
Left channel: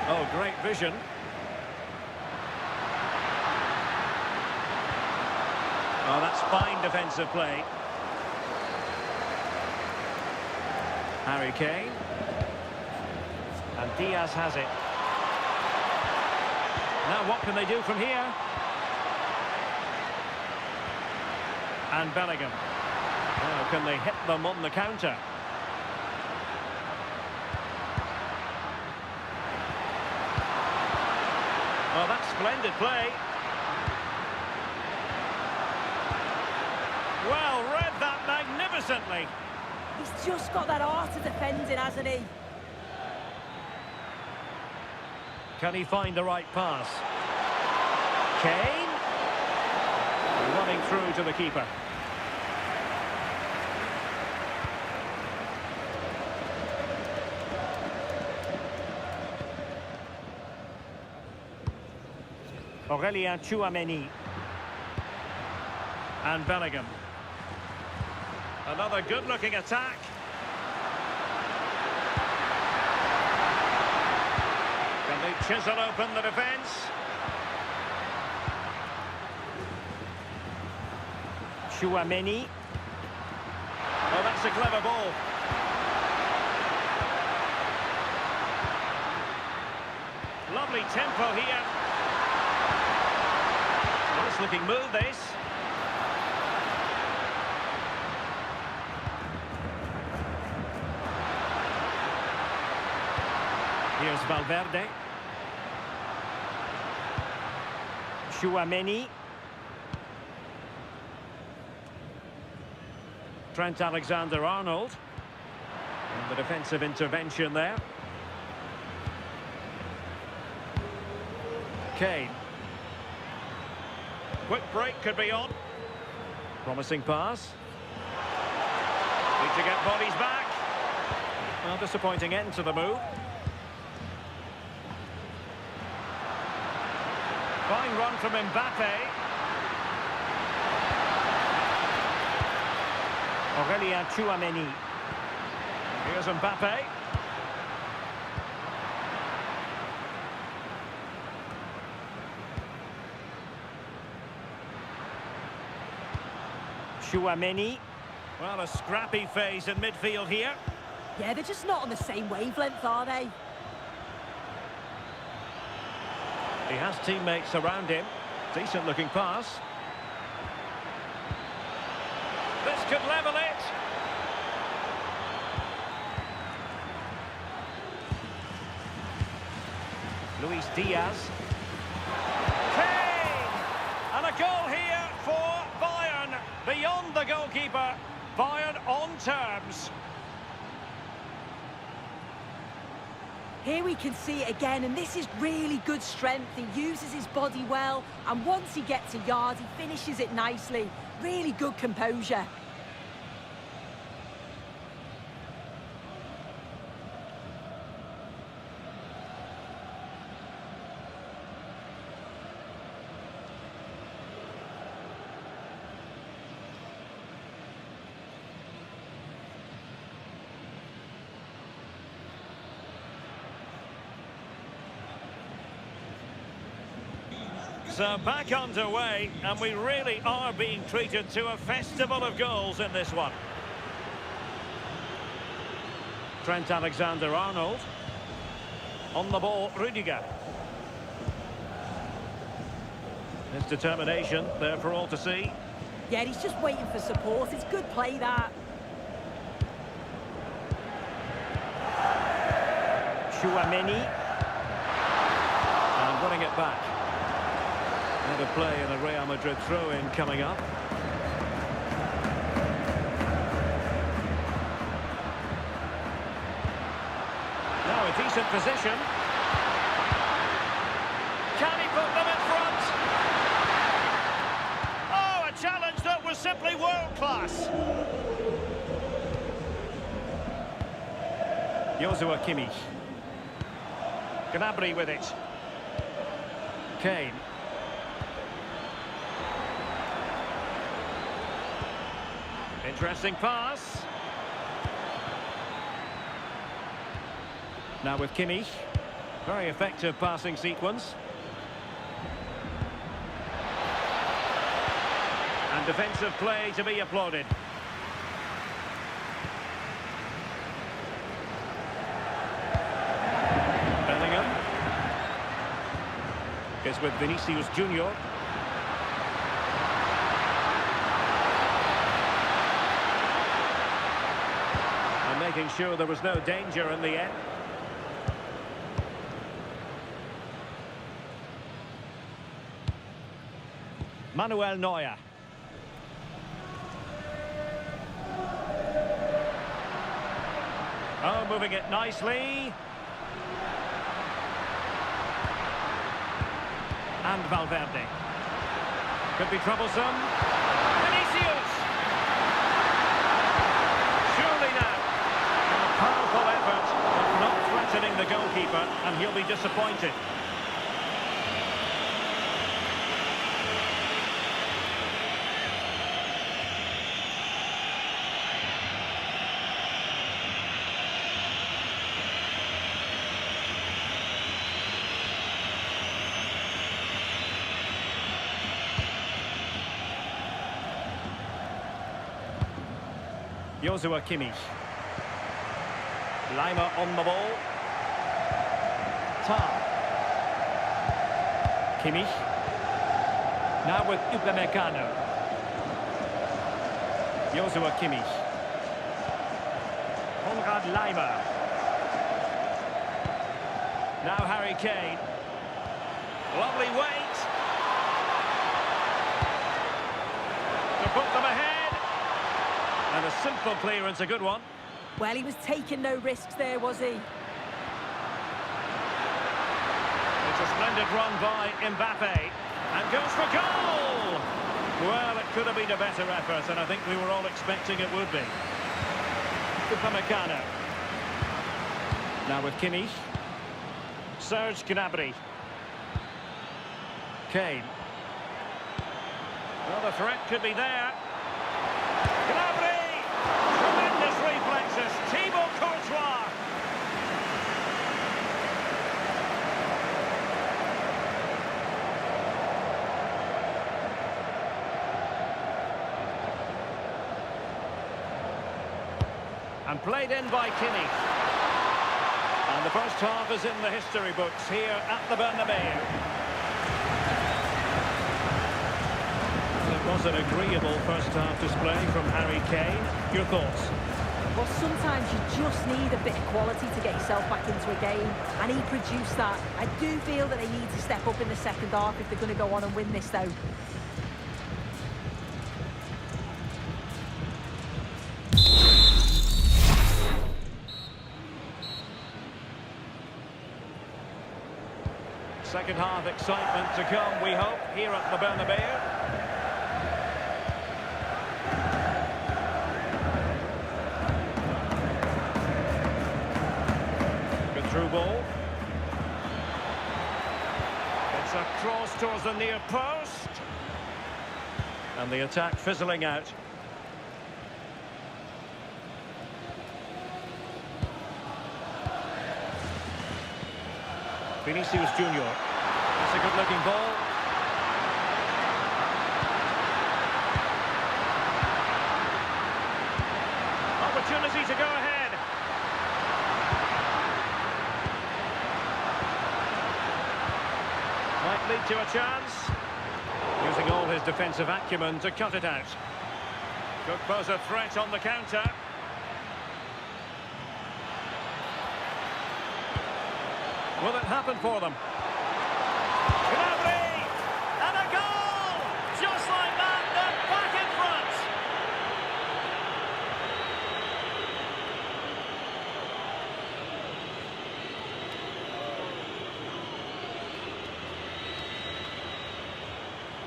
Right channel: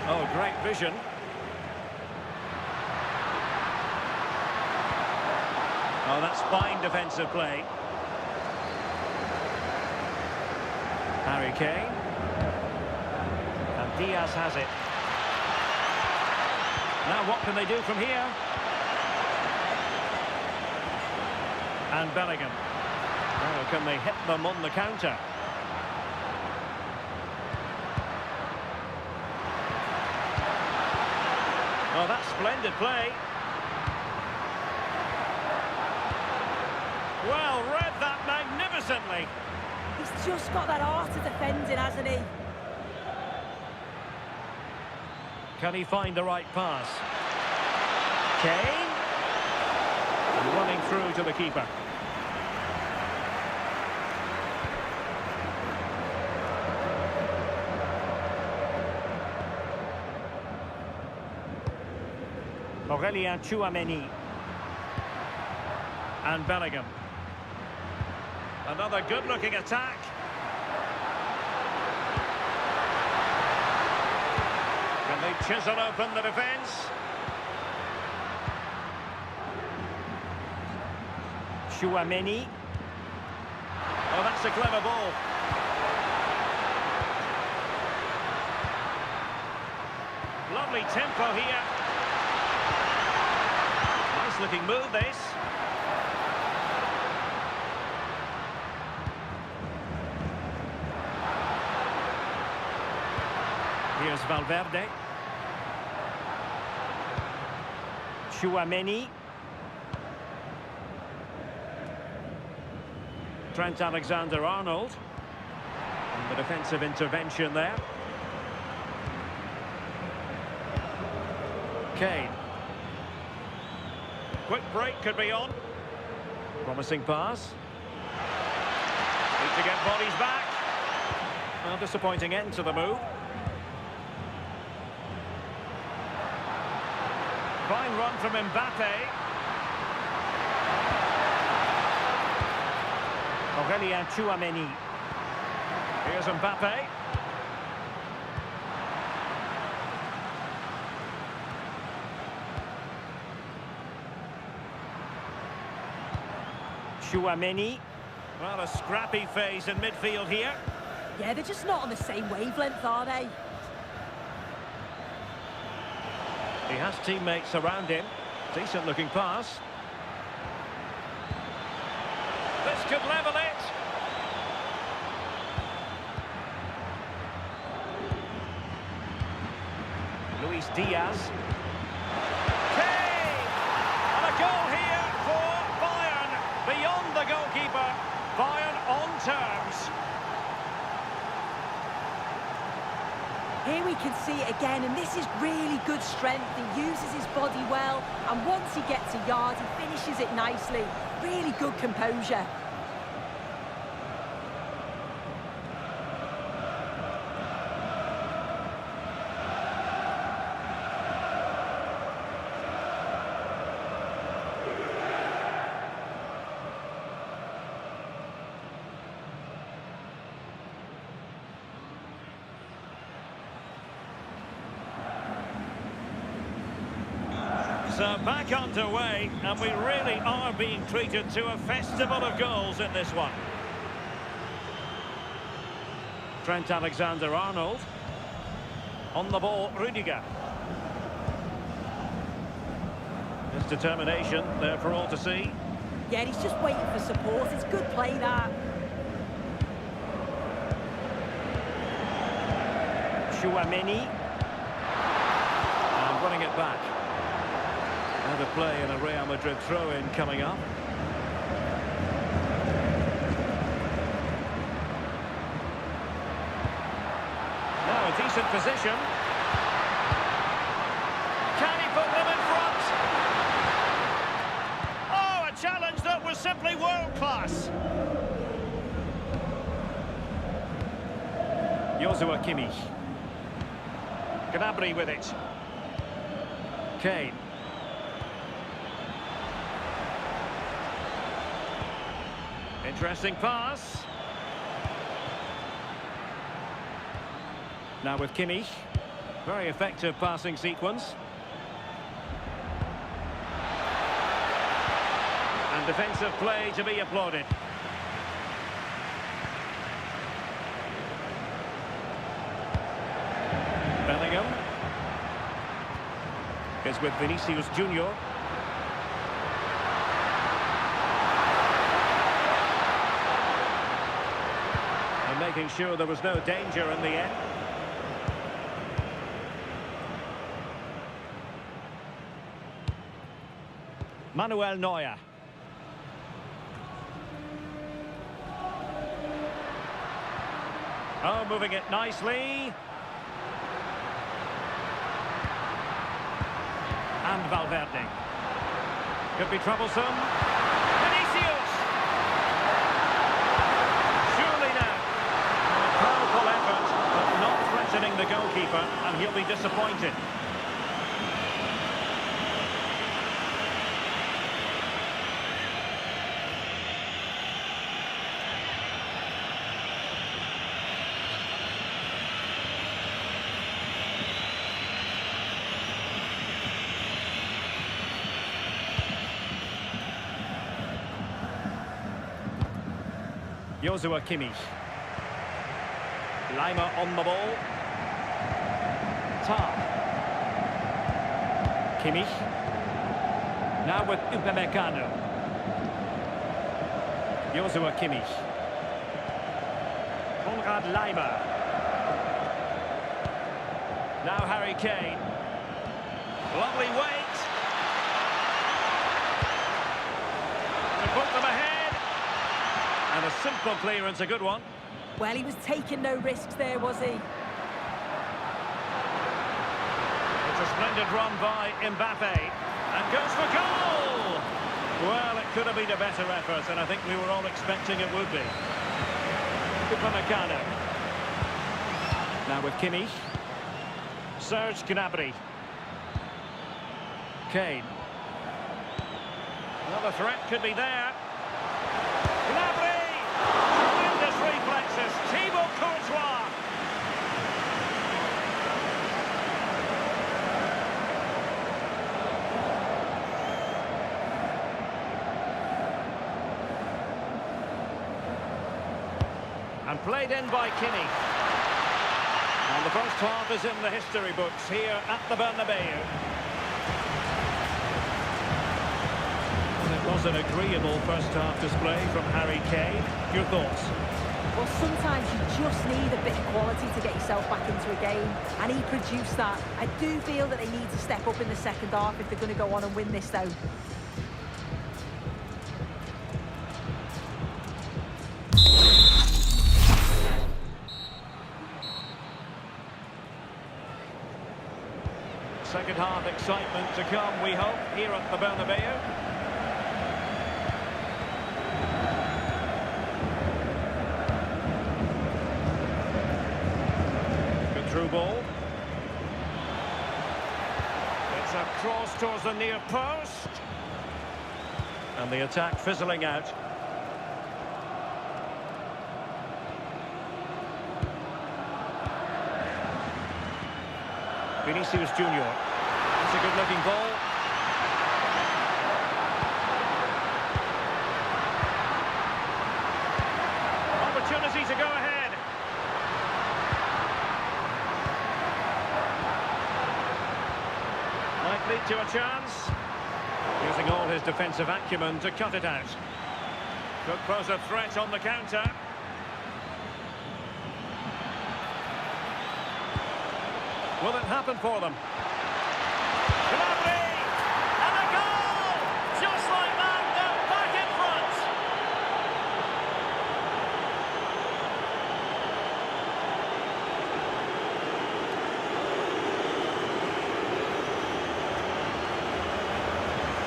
Oh, great vision. Oh, that's fine defensive play. Harry Kane. And Diaz has it. Now what can they do from here? And Bellingham. Now can they hit them on the counter? Well, that's splendid play. Well, read that magnificently. He's just got that art of defending, hasn't he? Can he find the right pass? Kane. And running through to the keeper. Aurélien Tchouaméni. And Bellingham. Another good-looking attack. Can they chisel open the defence? Tchouaméni. Oh, that's a clever ball. Lovely tempo here. Nice looking move, this. Here's Valverde. Tchouaméni. Trent Alexander-Arnold. And the defensive intervention there. Kane. Quick break could be on. Promising pass. Need to get bodies back. Well, disappointing end to the move. Fine run from Mbappé. Aurélien Tchouaméni. Here's Mbappé. Chouameni. Well, a scrappy phase in midfield here. Yeah, they're just not on the same wavelength, are they? He has teammates around him. Decent looking pass. This could level it. Luis Diaz. Kane! And a goal here for Bayern. Beyond the goalkeeper. Bayern on terms. Here we can see it again, and this is really good strength. He uses his body well, and once he gets a yard, he finishes it nicely. Really good composure. So back underway, and we really are being treated to a festival of goals in this one. Trent Alexander-Arnold. On the ball, Rudiger. His determination there for all to see. Yeah, he's just waiting for support. It's good play, that. Chouameni. And running it back. And a play and a Real Madrid throw-in coming up. Now a decent position. Can he put them in front? Oh, a challenge that was simply world-class. Joshua Kimmich. Gnabry with it. Kane. Interesting pass. Now with Kimmich. Very effective passing sequence. And defensive play to be applauded. Bellingham. Is with Vinicius Junior. And making sure there was no danger in the end. Manuel Neuer. Oh, moving it nicely. And Valverde. Could be troublesome. Vinicius! Surely now. A powerful effort, but not threatening the goalkeeper, and he'll be disappointed. Joshua Kimmich. Lima on the ball. Tar. Kimmich. Now with Upamecano. Joshua Kimmich. Konrad Lima. Now Harry Kane. Lovely weight. To put them ahead. And a simple clearance, a good one. Well, he was taking no risks there, was he? It's a splendid run by Mbappé. And goes for goal! Well, it could have been a better effort, and I think we were all expecting it would be. Upamecano. Now with Kimmich. Serge Gnabry. Kane. Well, the threat could be there. Gnabry! Tremendous reflexes. Thibaut Courtois. And played in by Kimmich. And the first half is in the history books here at the Bernabeu. Well, it was an agreeable first half display from Harry Kane. Your thoughts? Well, sometimes you just need a bit of quality to get yourself back into a game, and he produced that. I do feel that they need to step up in the second half if they're going to go on and win this, though. Second half excitement to come, we hope, here at the Bernabeu. Good through ball. It's a cross towards the near post. And the attack fizzling out. Vinicius Junior. That's a good-looking ball. Opportunity to go ahead. Might lead to a chance. Using all his defensive acumen to cut it out. Could pose a threat on the counter. Will it happen for them? Gnabry! And a goal! Just like that, they're back in front!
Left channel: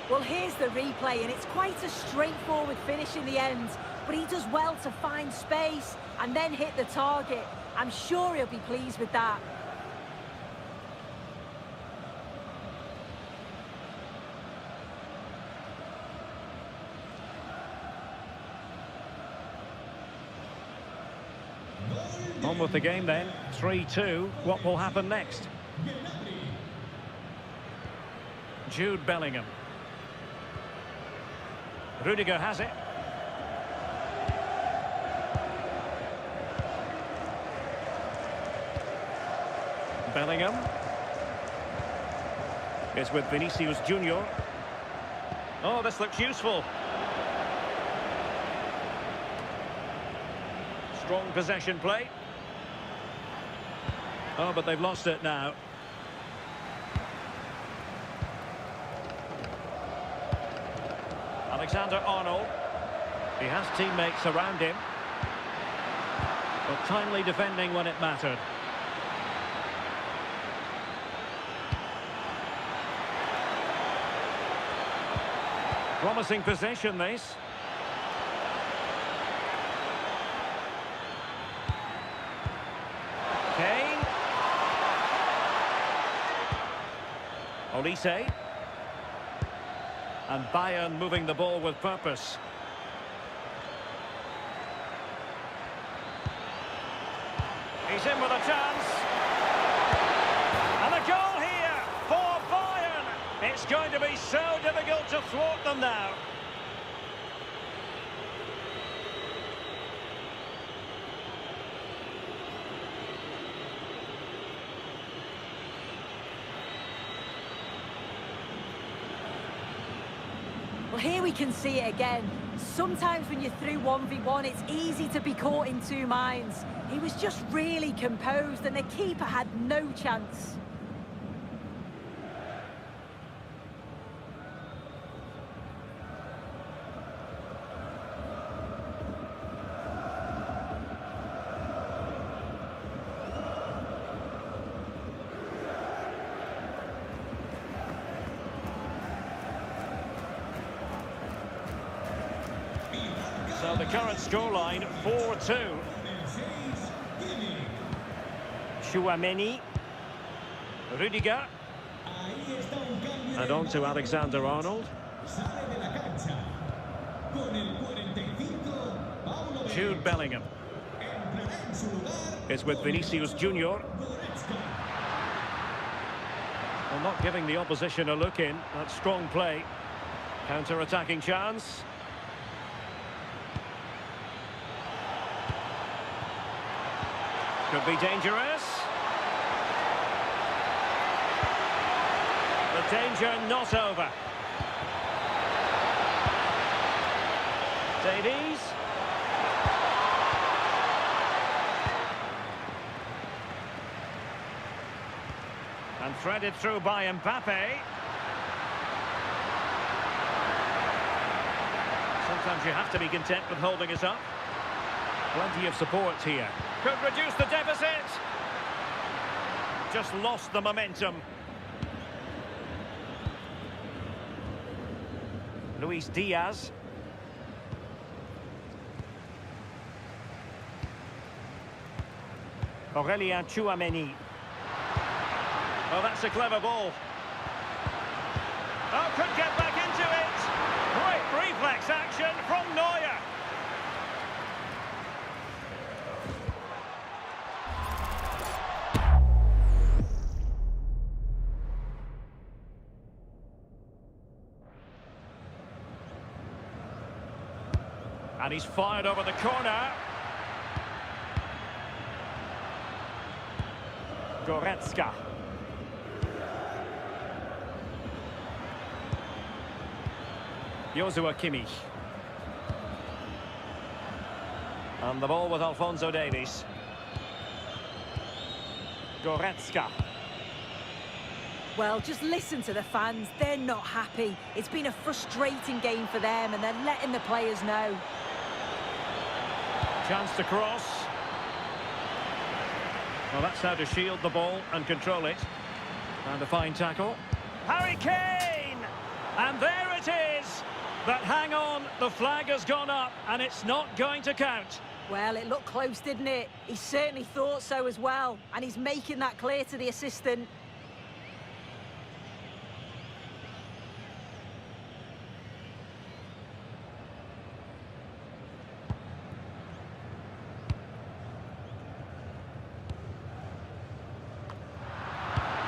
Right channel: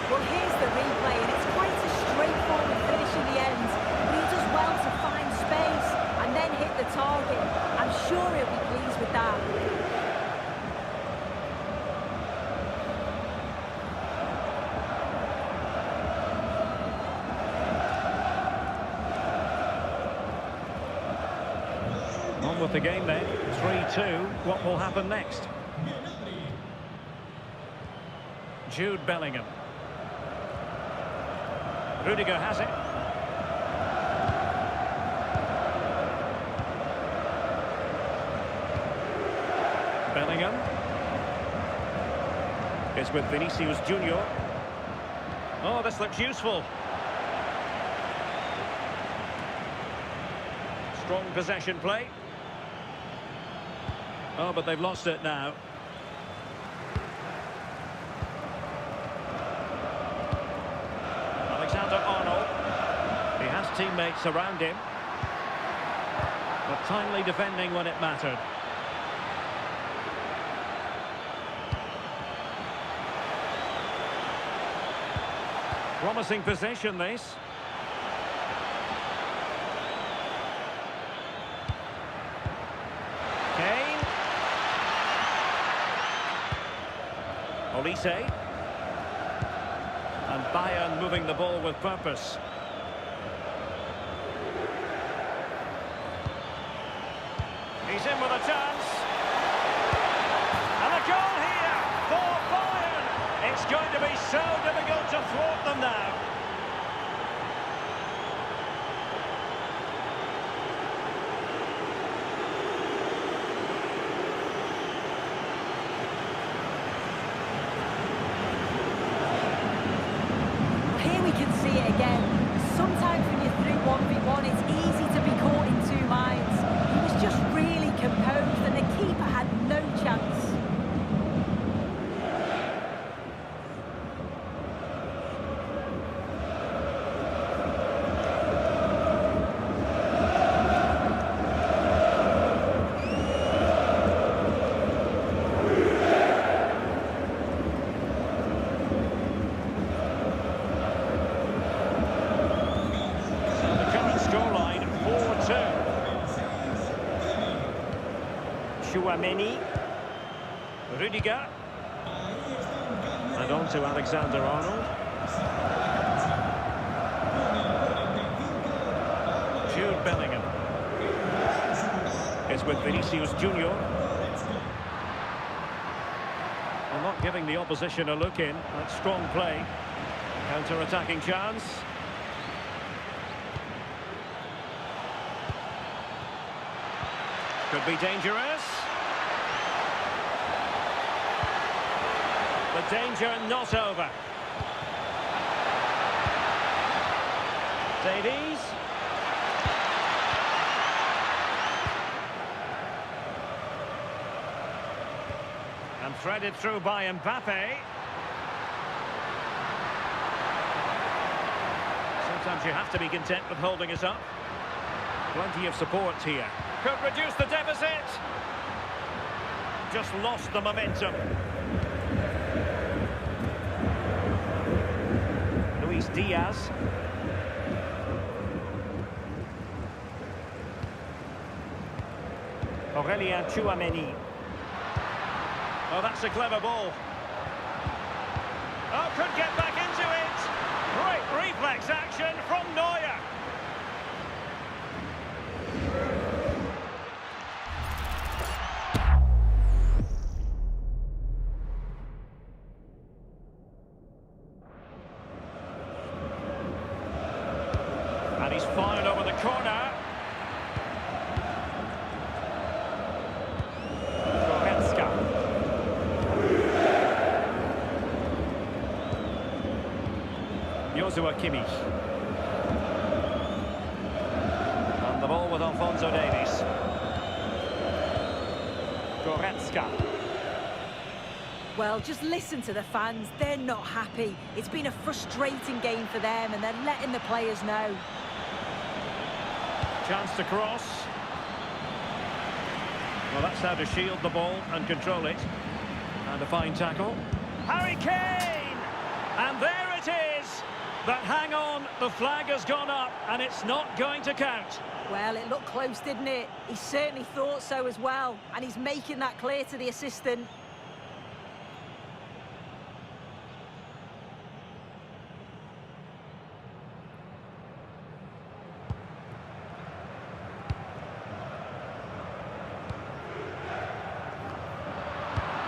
Well, here's the replay, and it's quite a straightforward finish in the end. But he does well to find space and then hit the target. I'm sure he'll be pleased with that. On with the game then, 3-2. What will happen next? Jude Bellingham. Rudiger has it. Bellingham. It's with Vinicius Junior. Oh, this looks useful. Strong possession play. Oh, but they've lost it now. Alexander-Arnold. He has teammates around him. But timely defending when it mattered. Promising possession, this. Kane. Olise. And Bayern moving the ball with purpose. He's in with a chance. And a goal here for Bayern. It's going to be so difficult to thwart them now. Here we can see it again. Sometimes when you're through 1v1, it's easy to be caught in two minds. He was just really composed and the keeper had no chance. Current scoreline 4-2. Chouameni. Rudiger. And on to Alexander-Arnold. Jude Bellingham. It's with Vinicius Junior. Well, not giving the opposition a look in. That's strong play. Counter-attacking chance. Could be dangerous. The danger not over. Davies. And threaded through by Mbappé. Sometimes you have to be content with holding it up. Plenty of support here. Could reduce the deficit. Just lost the momentum. Luis Diaz. Aurelien Tchouameni. Oh, that's a clever ball. Oh, could get back into it. Great reflex action from Neuer. And he's fired over the corner. Goretzka. Joshua Kimmich. And the ball with Alphonso Davies. Goretzka. Well, just listen to the fans. They're not happy. It's been a frustrating game for them, and they're letting the players know. Chance to cross. Well, that's how to shield the ball and control it. And a fine tackle. Harry Kane! And there it is! But hang on, the flag has gone up, and it's not going to count. Well, it looked close, didn't it? He certainly thought so as well, and he's making that clear to the assistant.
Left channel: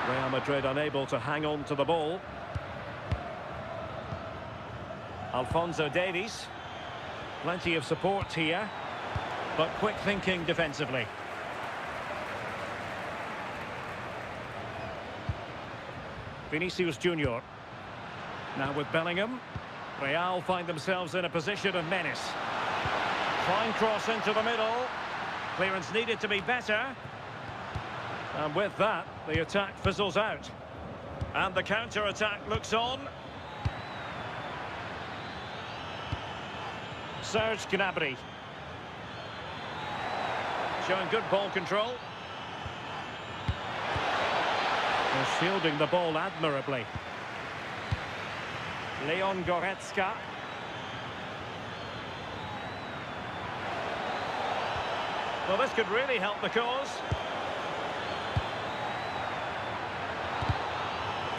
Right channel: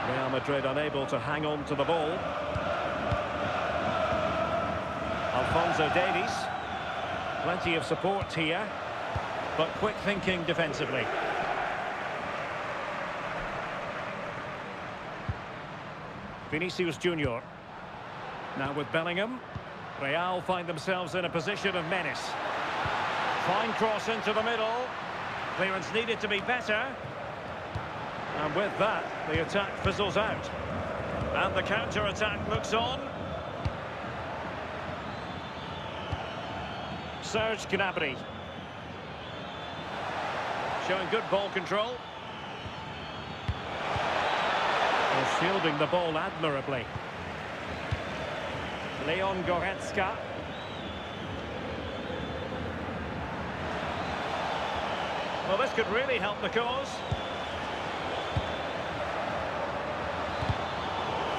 Real Madrid unable to hang on to the ball. Alphonso Davies. Plenty of support here, but quick thinking defensively. Vinicius Junior. Now with Bellingham. Real find themselves in a position of menace. Fine cross into the middle. Clearance needed to be better. And with that, the attack fizzles out. And the counter-attack looks on. Serge Gnabry. Showing good ball control. Well, shielding the ball admirably. Leon Goretzka. Well, this could really help the cause.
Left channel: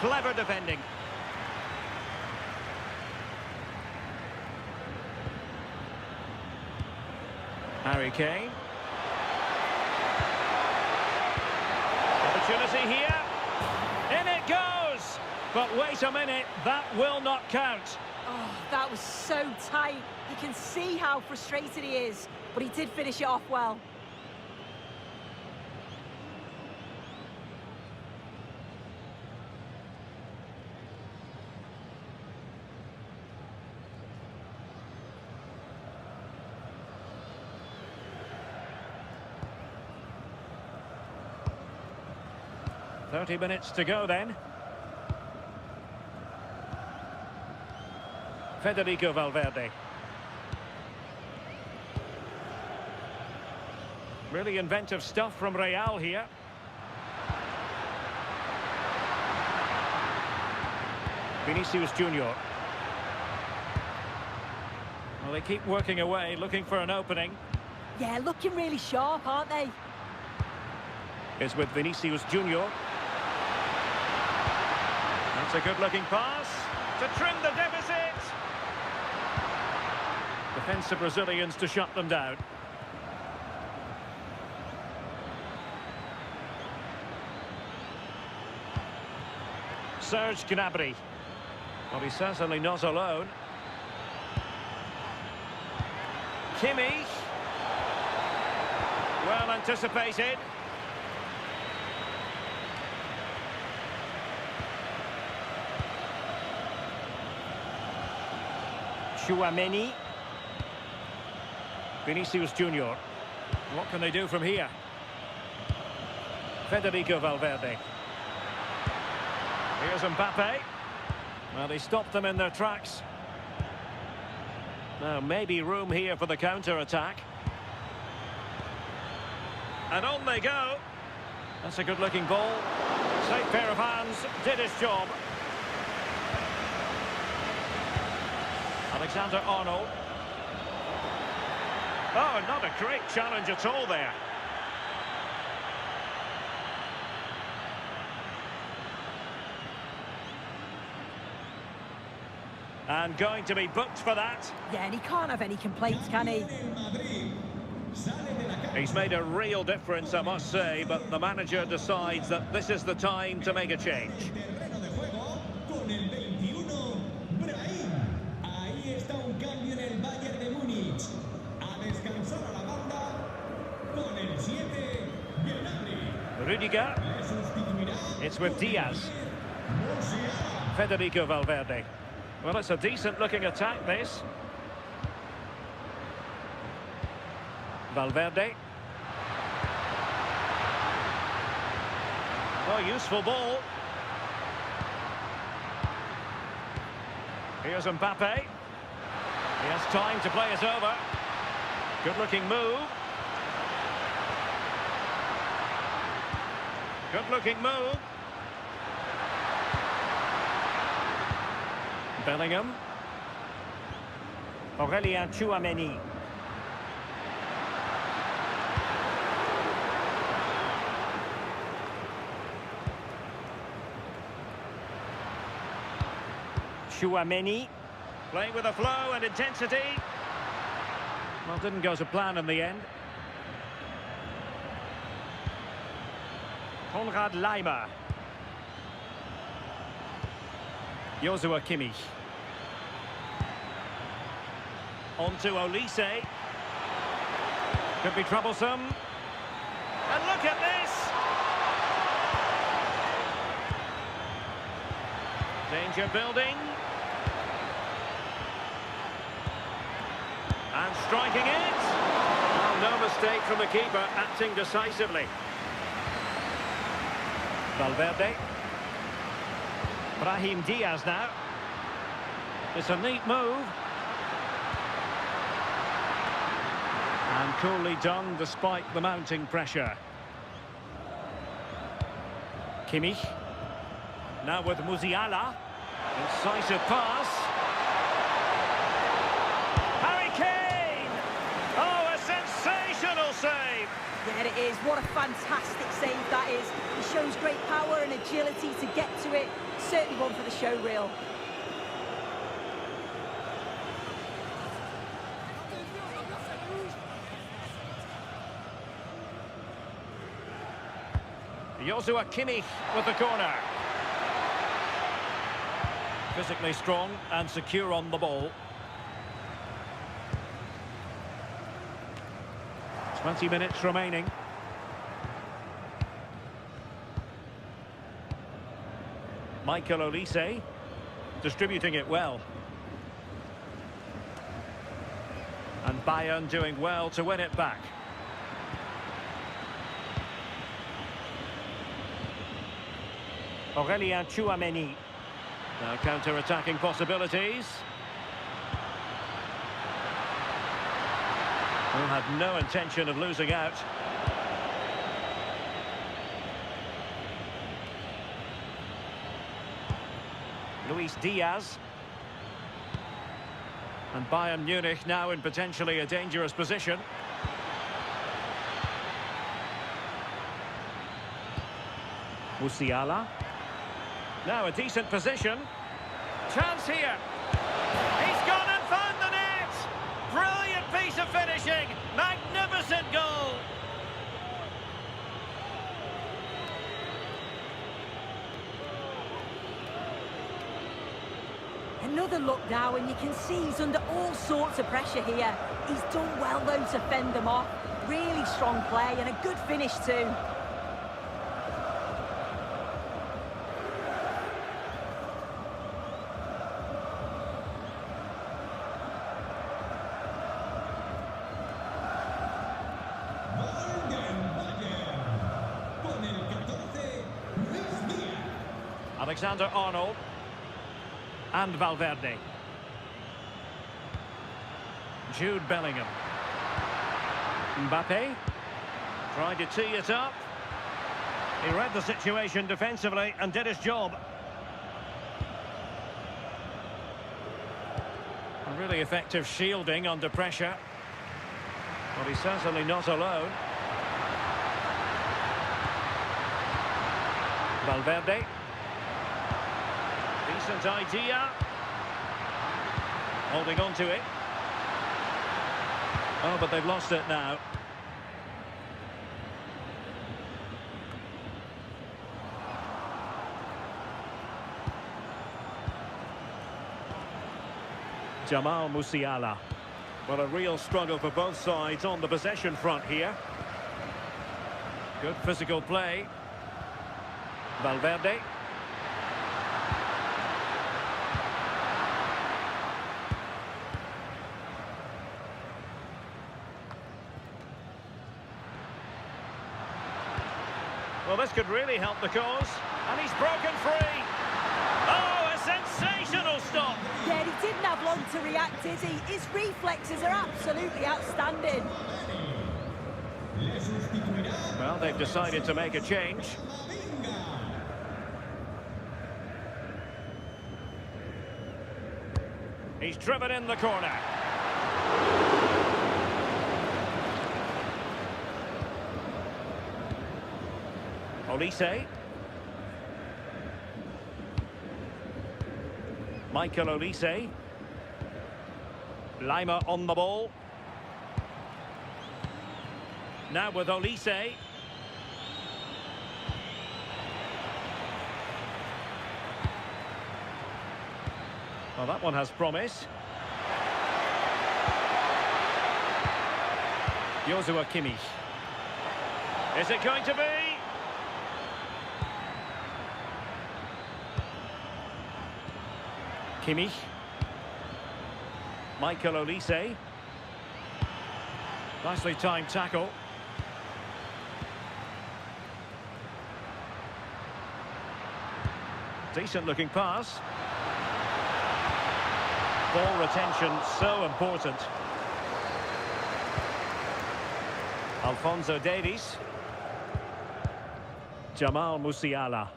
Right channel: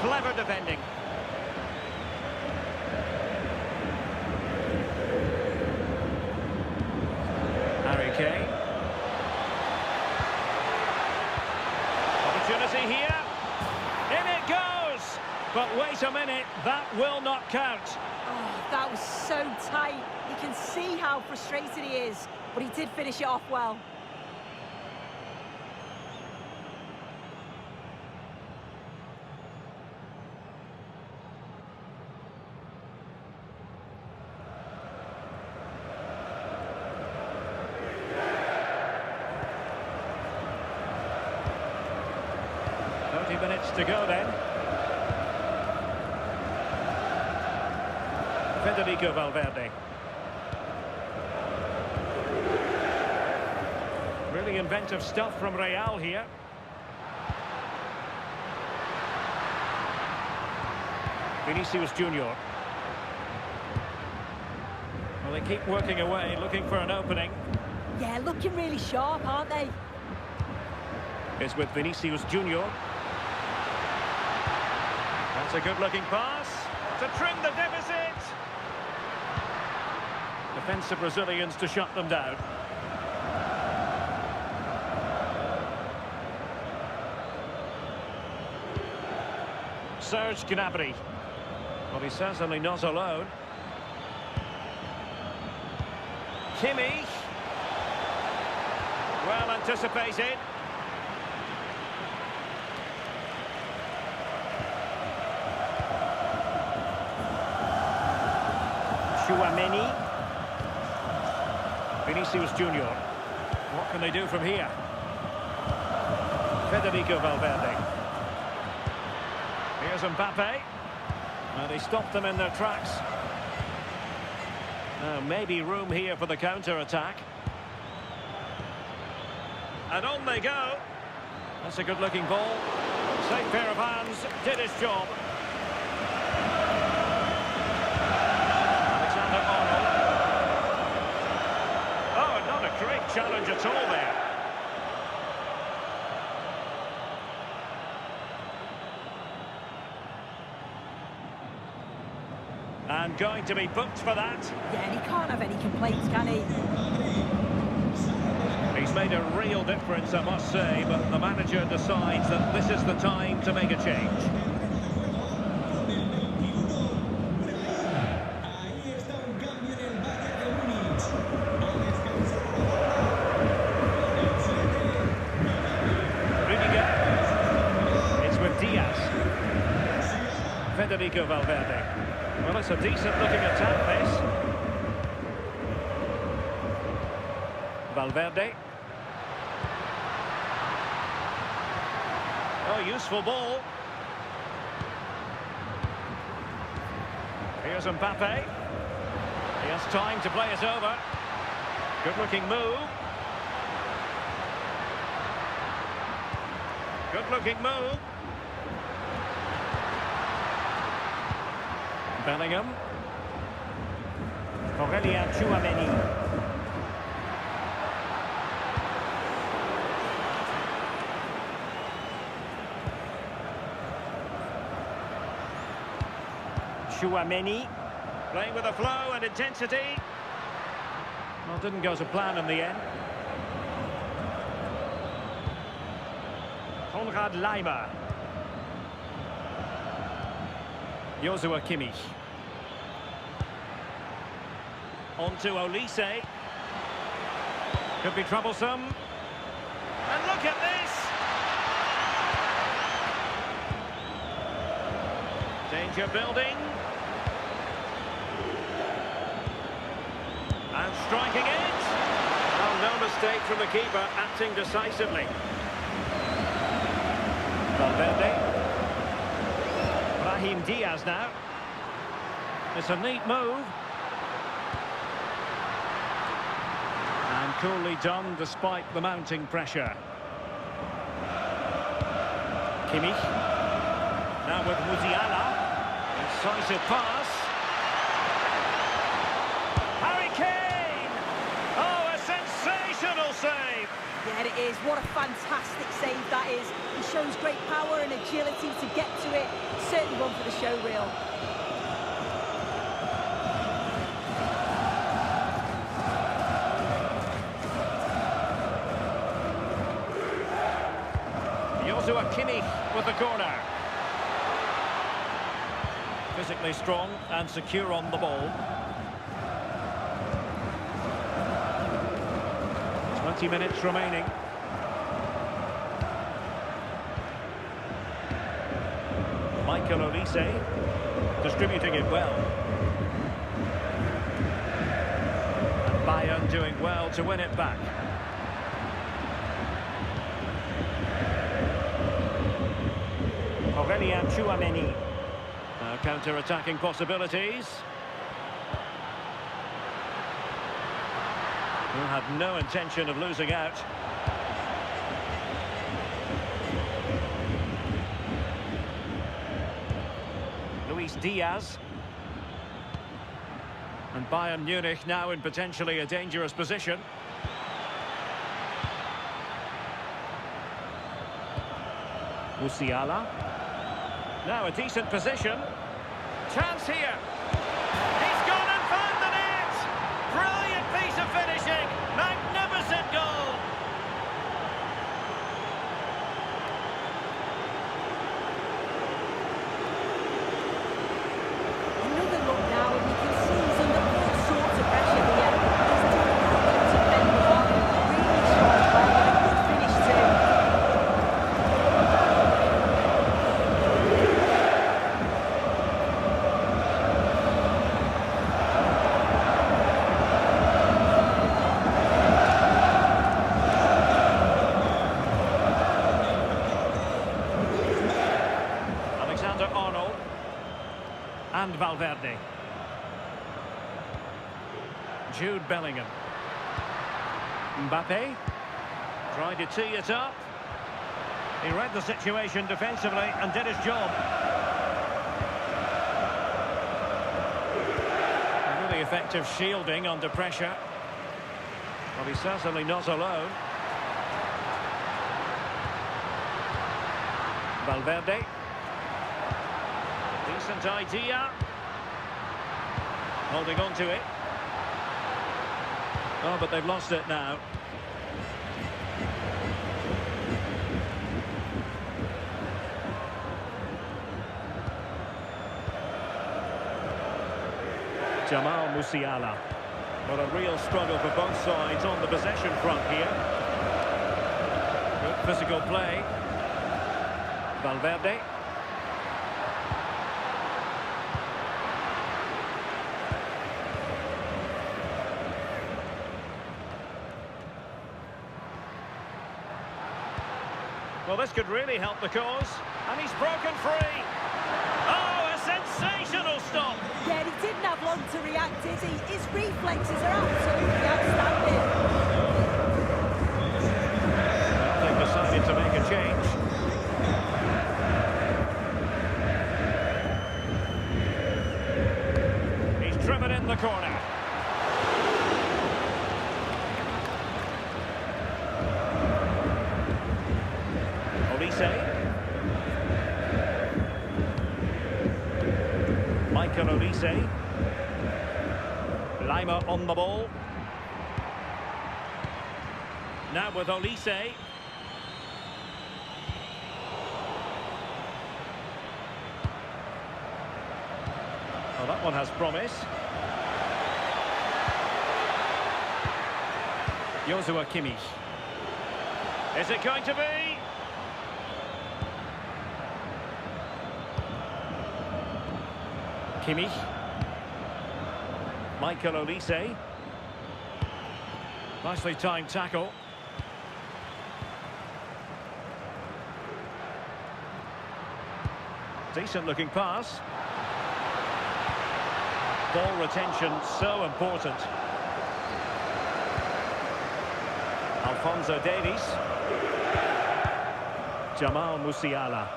Clever defending. Harry Kane. Opportunity here. In it goes! But wait a minute, that will not count. Oh, that was so tight. You can see how frustrated he is, but he did finish it off well. "30 minutes to go then." Federico Valverde. Really inventive stuff from Real here. Vinicius Junior. Well, they keep working away, looking for an opening. Yeah, looking really sharp, aren't they? Is with Vinicius Junior. That's a good-looking pass to trim the deficit. Defensive Brazilians to shut them down. Serge Gnabry. Well, he's certainly not alone. Kimmich. Well anticipated. Tchouaméni. Vinicius Junior. What can they do from here? Federico Valverde. Here's Mbappé. Well, they stopped them in their tracks. Now, maybe room here for the counter-attack. And on they go. That's a good-looking ball. Safe pair of hands, did his job. Alexander-Arnold. Oh, not a great challenge at all there. And going to be booked for that. Yeah, and he can't have any complaints, can he? He's made a real difference, I must say, but the manager decides that this is the time to make a change. Rudiger. It's with Diaz. Federico Valverde. Well, it's a decent-looking attack, this. Valverde. Oh, useful ball. Here's Mbappé. He has time to play it over. Good-looking move. Good-looking move. Bellingham. Tchouaméni. Tchouaméni. Playing with a flow and intensity. Well, didn't go to plan in the end. Konrad Laimer. Joshua Kimmich. On to Olise. Could be troublesome. And look at this! Danger building. And striking it. Well, no mistake from the keeper, acting decisively. Valverde. Brahim Diaz now. It's a neat move. And coolly done despite the mounting pressure. Kimmich. Now with Musiala. Incisive pass. Harry Kane! Oh, a sensational save! Yeah, it is. What a fantastic save that is. He shows great power and agility to get to it. Certainly one for the show reel. Joshua Kimmich with the corner. Physically strong and secure on the ball. 20 minutes remaining. Michael Olise distributing it well. And Bayern doing well to win it back. Tchouaméni. Now counter-attacking possibilities. Who had no intention of losing out. Luis Diaz. And Bayern Munich now in potentially a dangerous position. Musiala. Now a decent position. Chance here. He's gone and found the net. Brilliant piece of finishing. Magnificent goal. Another look now, and you can see he's under all sorts of pressure here. He's done well though to fend them off. Really strong play and a good finish too. Alexander-Arnold. And Valverde. Jude Bellingham. Mbappé. Tried to tee it up. He read the situation defensively and did his job. A really effective shielding under pressure. Well, he's certainly not alone. Valverde. Decent idea. Holding on to it. Oh, but they've lost it now. Jamal Musiala. Well, a real struggle for both sides on the possession front here. Good physical play. Valverde. Well, this could really help the cause. And he's broken free. Oh, a sensational stop. Yeah, he didn't have long to react, did he? His reflexes are absolutely outstanding. Well, they've decided to make a change. He's driven in the corner. Olise. Michael Olise. Lima on the ball. Now with Olise. Well, that one has promise. Joshua Kimmich. Is it going to be? Kimmich. Michael Olise. Nicely timed tackle. Decent looking pass. Ball retention so important. Alphonso Davies. Jamal Musiala.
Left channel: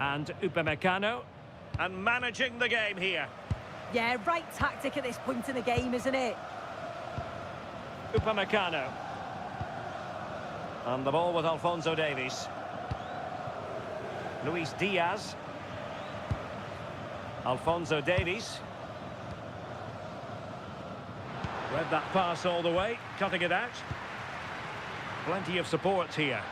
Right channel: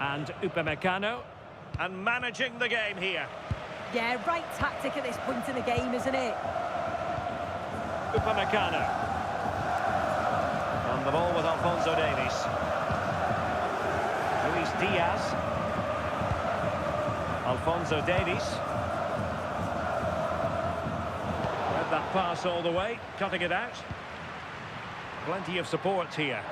And Upamecano. And managing the game here. Yeah, right tactic at this point in the game, isn't it? Upamecano. On the ball with Alphonso Davies. Luis Diaz. Alphonso Davies. Read that pass all the way, cutting it out. Plenty of support here.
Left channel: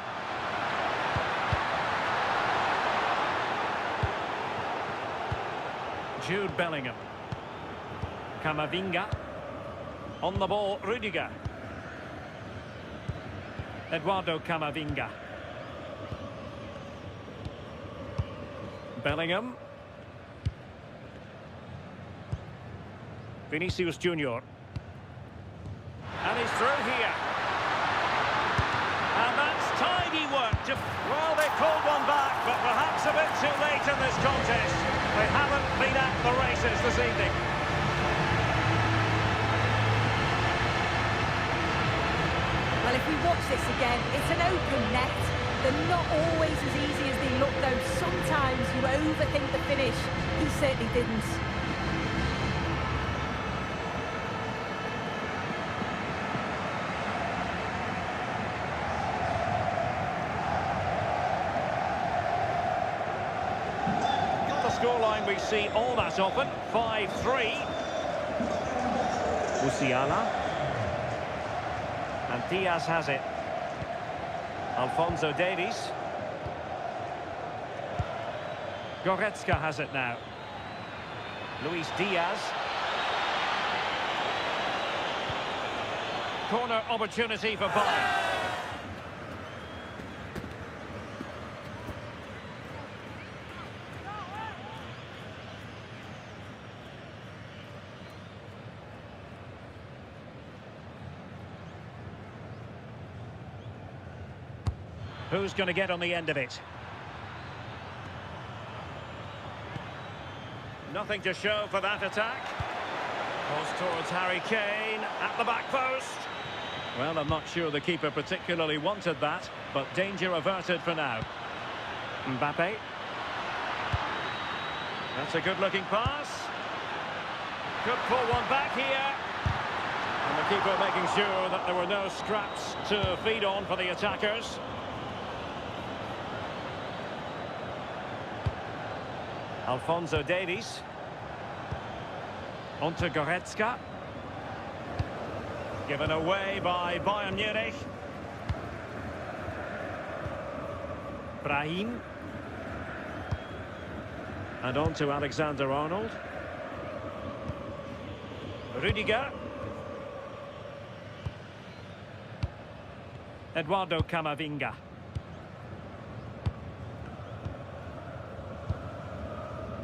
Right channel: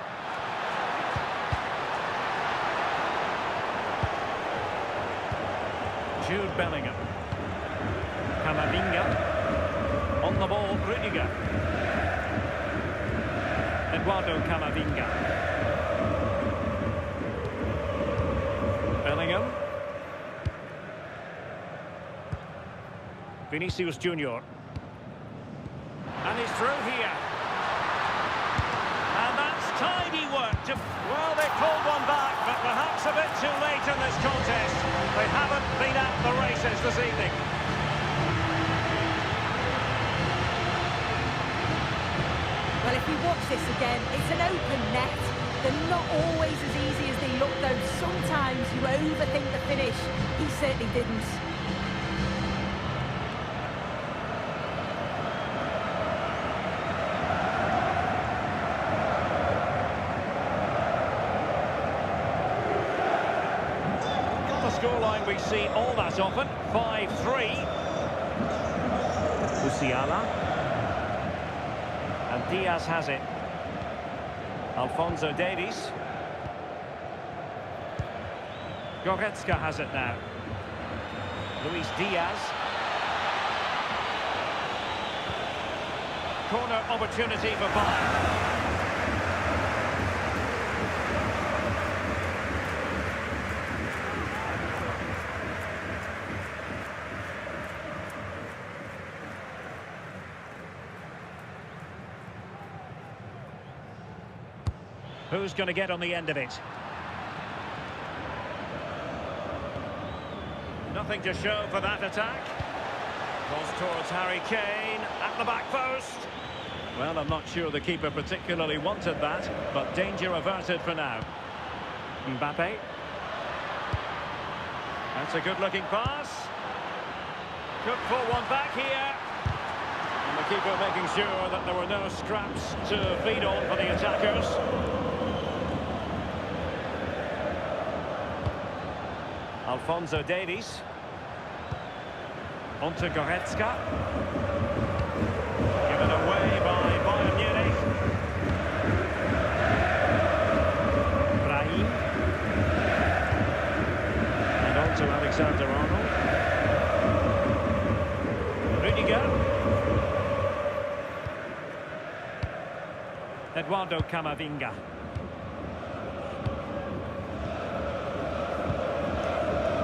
Jude Bellingham. Camavinga. On the ball, Rudiger. Eduardo Camavinga. Bellingham. Vinicius Junior. And he's through here. And that's tidy work. Well, they pulled one back, but perhaps a bit too late in this contest. They haven't been at the races this evening. Well, if we watch this again, it's an open net. They're not always as easy as they look, though. Sometimes you overthink the finish. He certainly didn't. The scoreline we see all that often, 5-3. Musiala. And Diaz has it. Alphonso Davies. Goretzka has it now. Luis Diaz. Corner opportunity for Bayern. Who's going to get on the end of it? Nothing to show for that attack. Goes towards Harry Kane at the back post. Well, I'm not sure the keeper particularly wanted that, but danger averted for now. Mbappé. That's a good-looking pass. Could pull one back here. And the keeper making sure that there were no scraps to feed on for the attackers. Alphonso Davies. Onto Goretzka. Given away by Bayern Munich. Brahim. And on to Alexander-Arnold. Rudiger. Eduardo Camavinga.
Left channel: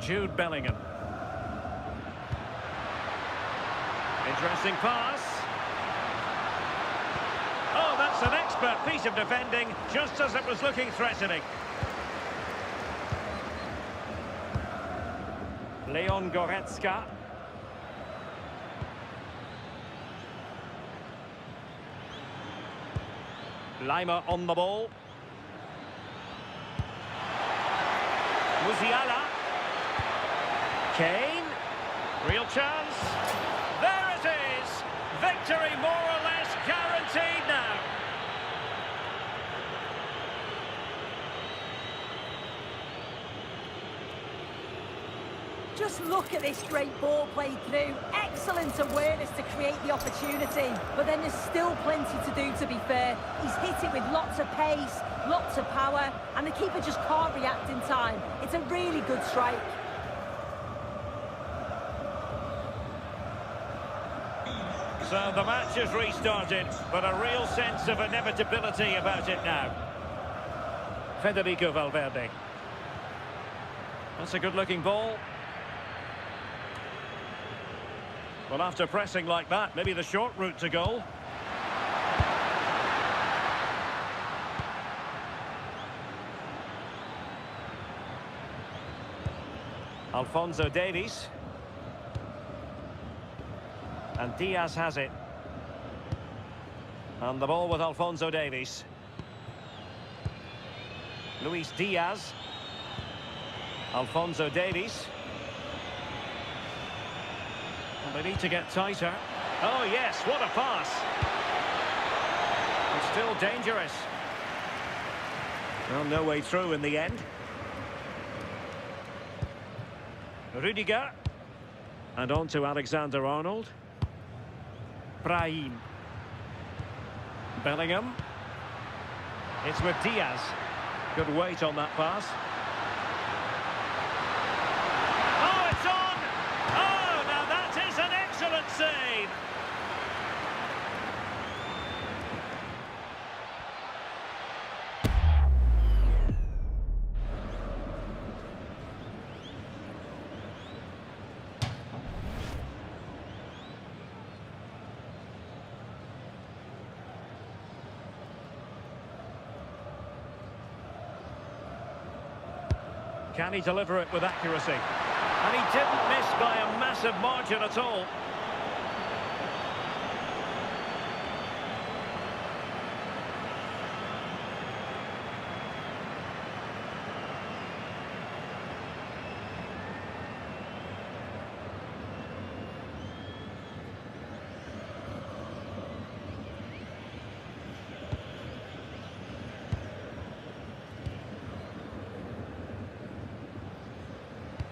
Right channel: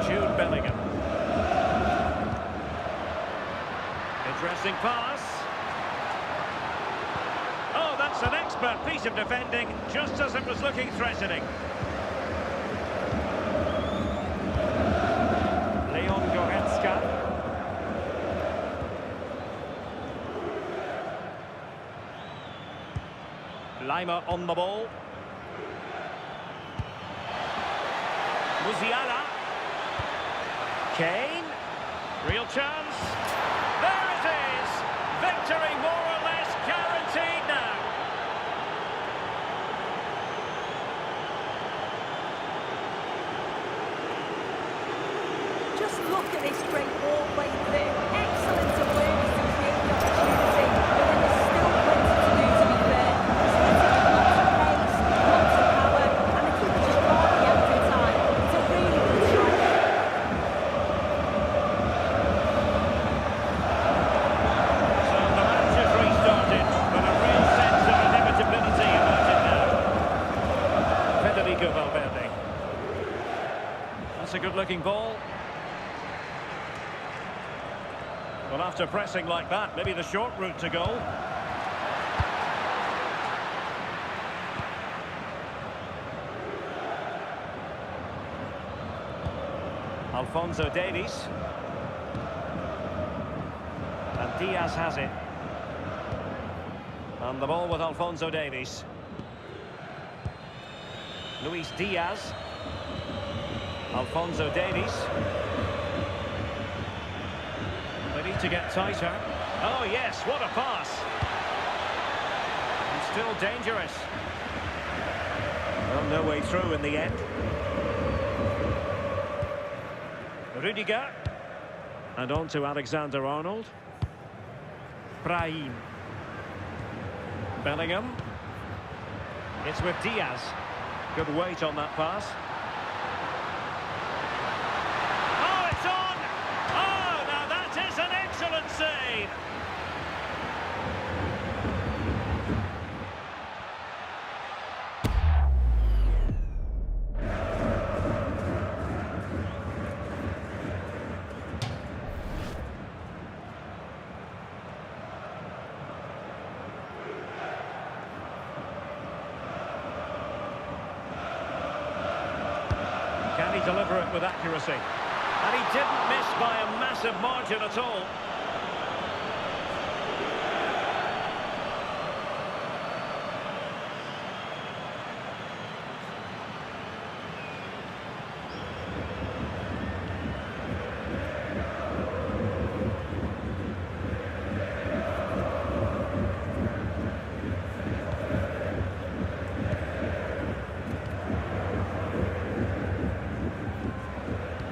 Jude Bellingham. Interesting pass. Oh, that's an expert piece of defending, just as it was looking threatening. Leon Goretzka. Lima on the ball. Musiala. Kane. Real chance. There it is. Victory more or less guaranteed now. Just look at this great ball played through. Excellent awareness to create the opportunity. But then there's still plenty to do, to be fair. He's hitting with lots of pace, lots of power, and the keeper just can't react in time. It's a really good strike. So the match has restarted, but a real sense of inevitability about it now. Federico Valverde. That's a good-looking ball. Well, after pressing like that, maybe the short route to goal. Alphonso Davies. And Diaz has it. And the ball with Alphonso Davies. Luis Diaz. Alphonso Davies. They need to get tighter. Oh, yes, what a pass. And still dangerous. Well, no way through in the end. Rudiger. And on to Alexander-Arnold. Brahim. Bellingham. It's with Diaz. Good weight on that pass. Oh, it's on! Oh, now that is an excellent save! Can he deliver it with accuracy? And he didn't miss by a massive margin at all.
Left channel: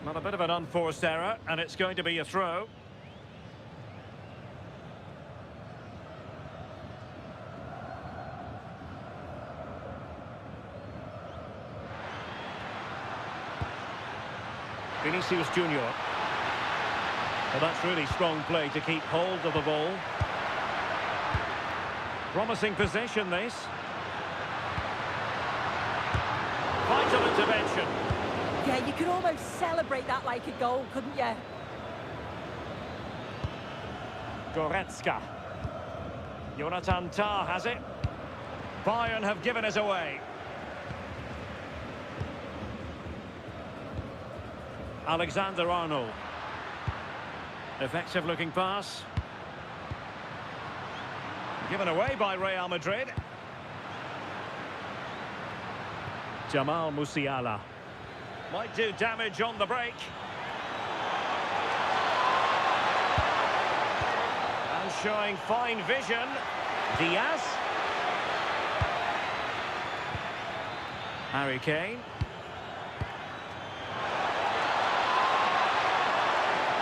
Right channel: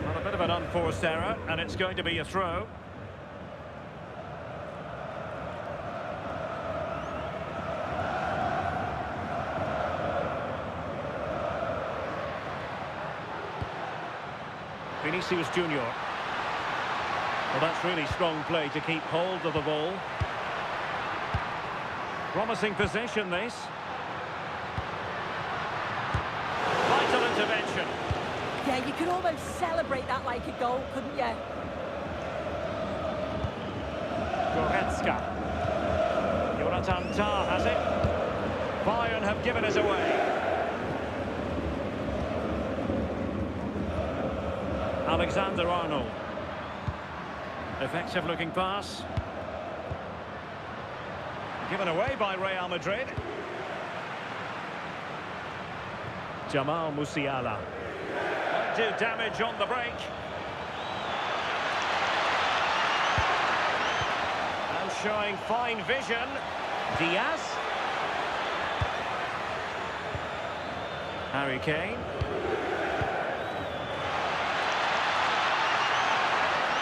Well, a bit of an unforced error, and it's going to be a throw. Vinicius Junior. Well, that's really strong play to keep hold of the ball. Promising possession, this. Vital intervention. Yeah, you could almost celebrate that like a goal, couldn't you? Goretzka. Jonathan Tah has it. Bayern have given us away. Alexander-Arnold. Effective looking pass. Given away by Real Madrid. Jamal Musiala. Might do damage on the break. And showing fine vision. Diaz. Harry Kane.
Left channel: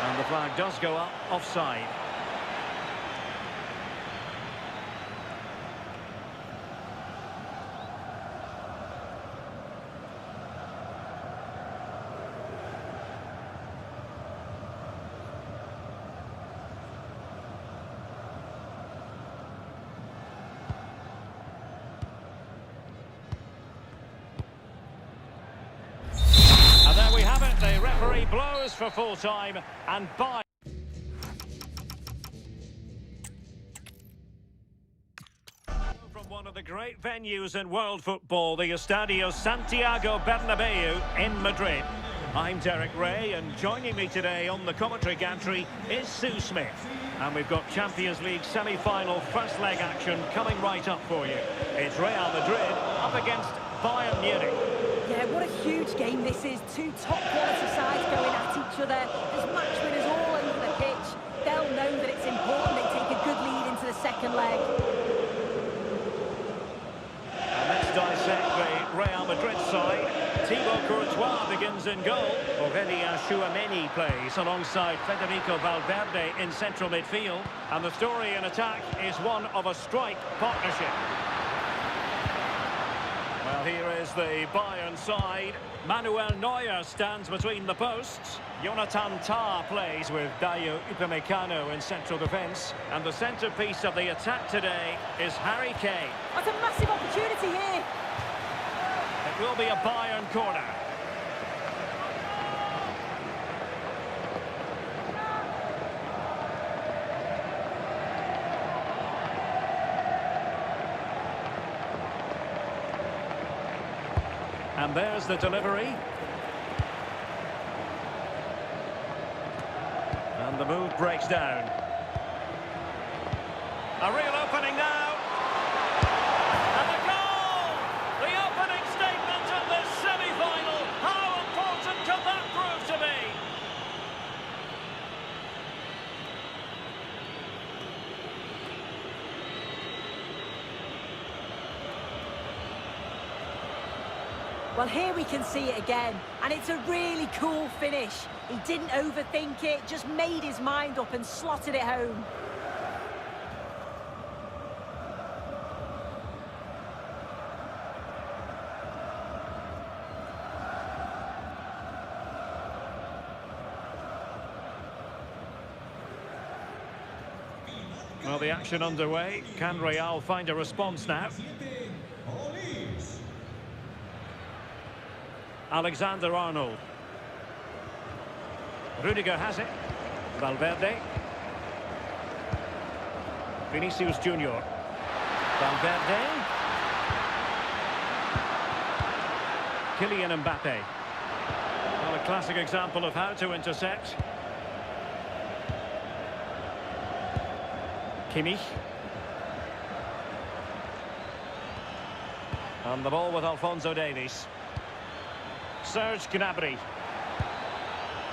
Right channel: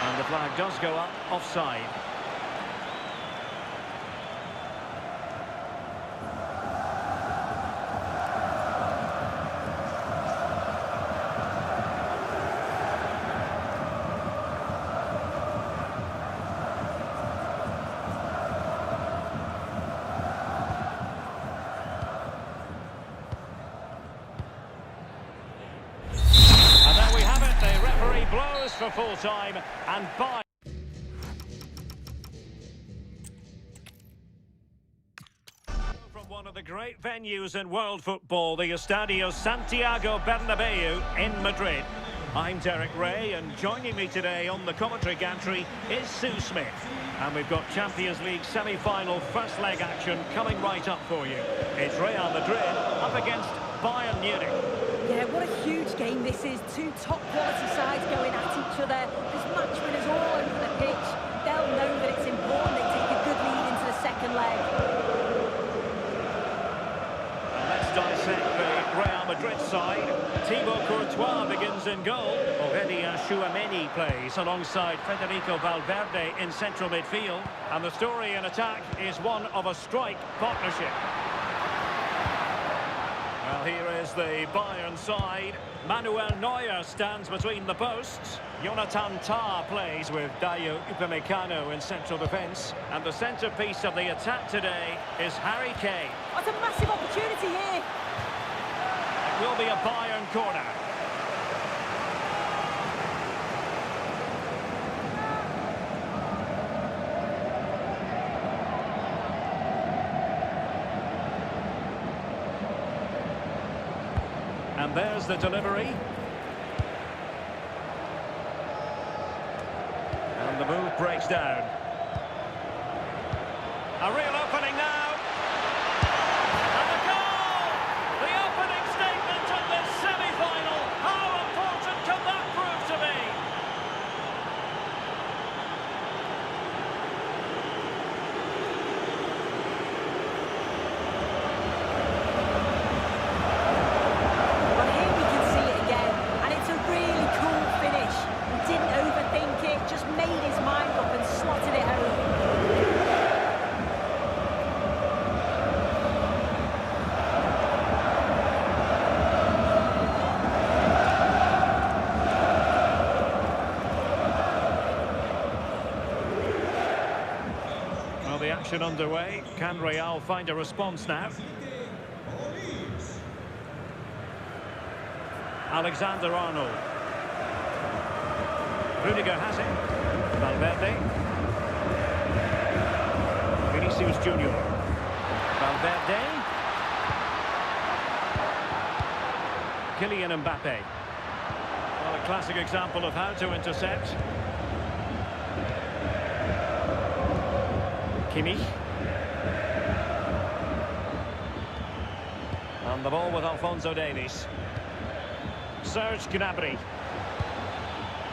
And the flag does go up offside. The referee blows for full time and by from one of the great venues in world football, the Estadio Santiago Bernabéu in Madrid. I'm Derek Ray, and joining me today on the commentary gantry is Sue Smith. And we've got Champions League semi-final first leg action coming right up for you. It's Real Madrid up against Bayern Munich. Yeah, what a huge game this is. Two top-quality sides going at each other. There's match winners all over the pitch. They'll know that it's important they take a good lead into the second leg. And let's dissect the Real Madrid side. Thibaut Courtois begins in goal. Aurelien Tchouameni plays alongside Federico Valverde in central midfield. And the story in attack is one of a strike partnership. Well, here is the Bayern side. Manuel Neuer stands between the posts. Jonathan Tah plays with Dayo Upamecano in central defence. And the centrepiece of the attack today is Harry Kane. That's a massive opportunity here. It will be a Bayern corner. And there's the delivery. And the move breaks down. A real opening now. And a goal! The opening statement of this semi-final. How important can that prove to be? Well, here we can see it again, and it's a really cool finish. He didn't overthink it, just made his mind up and slotted it home. Well, the action underway. Can Real find a response now? Alexander-Arnold. Rudiger has it. Valverde. Vinicius Junior. Valverde. Kylian Mbappé. Well, a classic example of how to intercept. Kimmich. And the ball with Alphonso Davies. Serge Gnabry.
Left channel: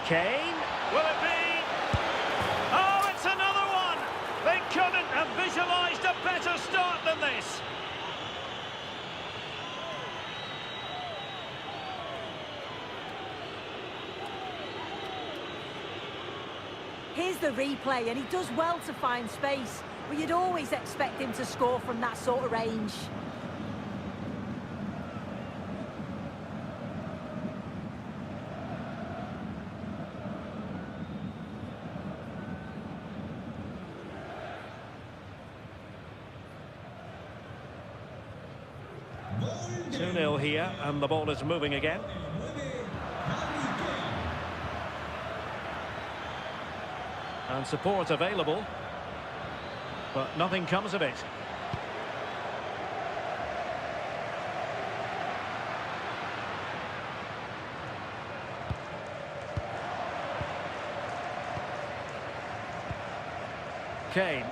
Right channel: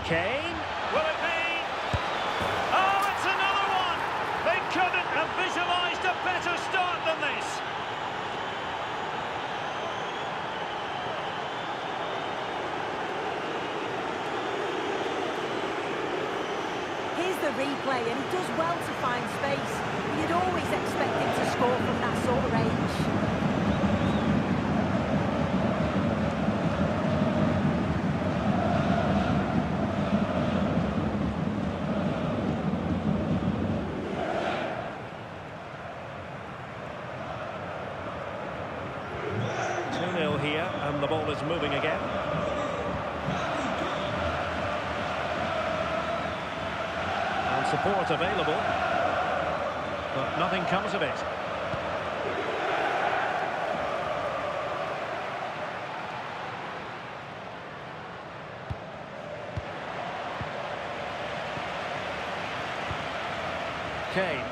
Kane. Will it be? Oh, it's another one! They couldn't have visualised a better start than this. Here's the replay, and he does well to find space, but you'd always expect him to score from that sort of range. Here, and the ball is moving again. And support available, but nothing comes of it. Kane.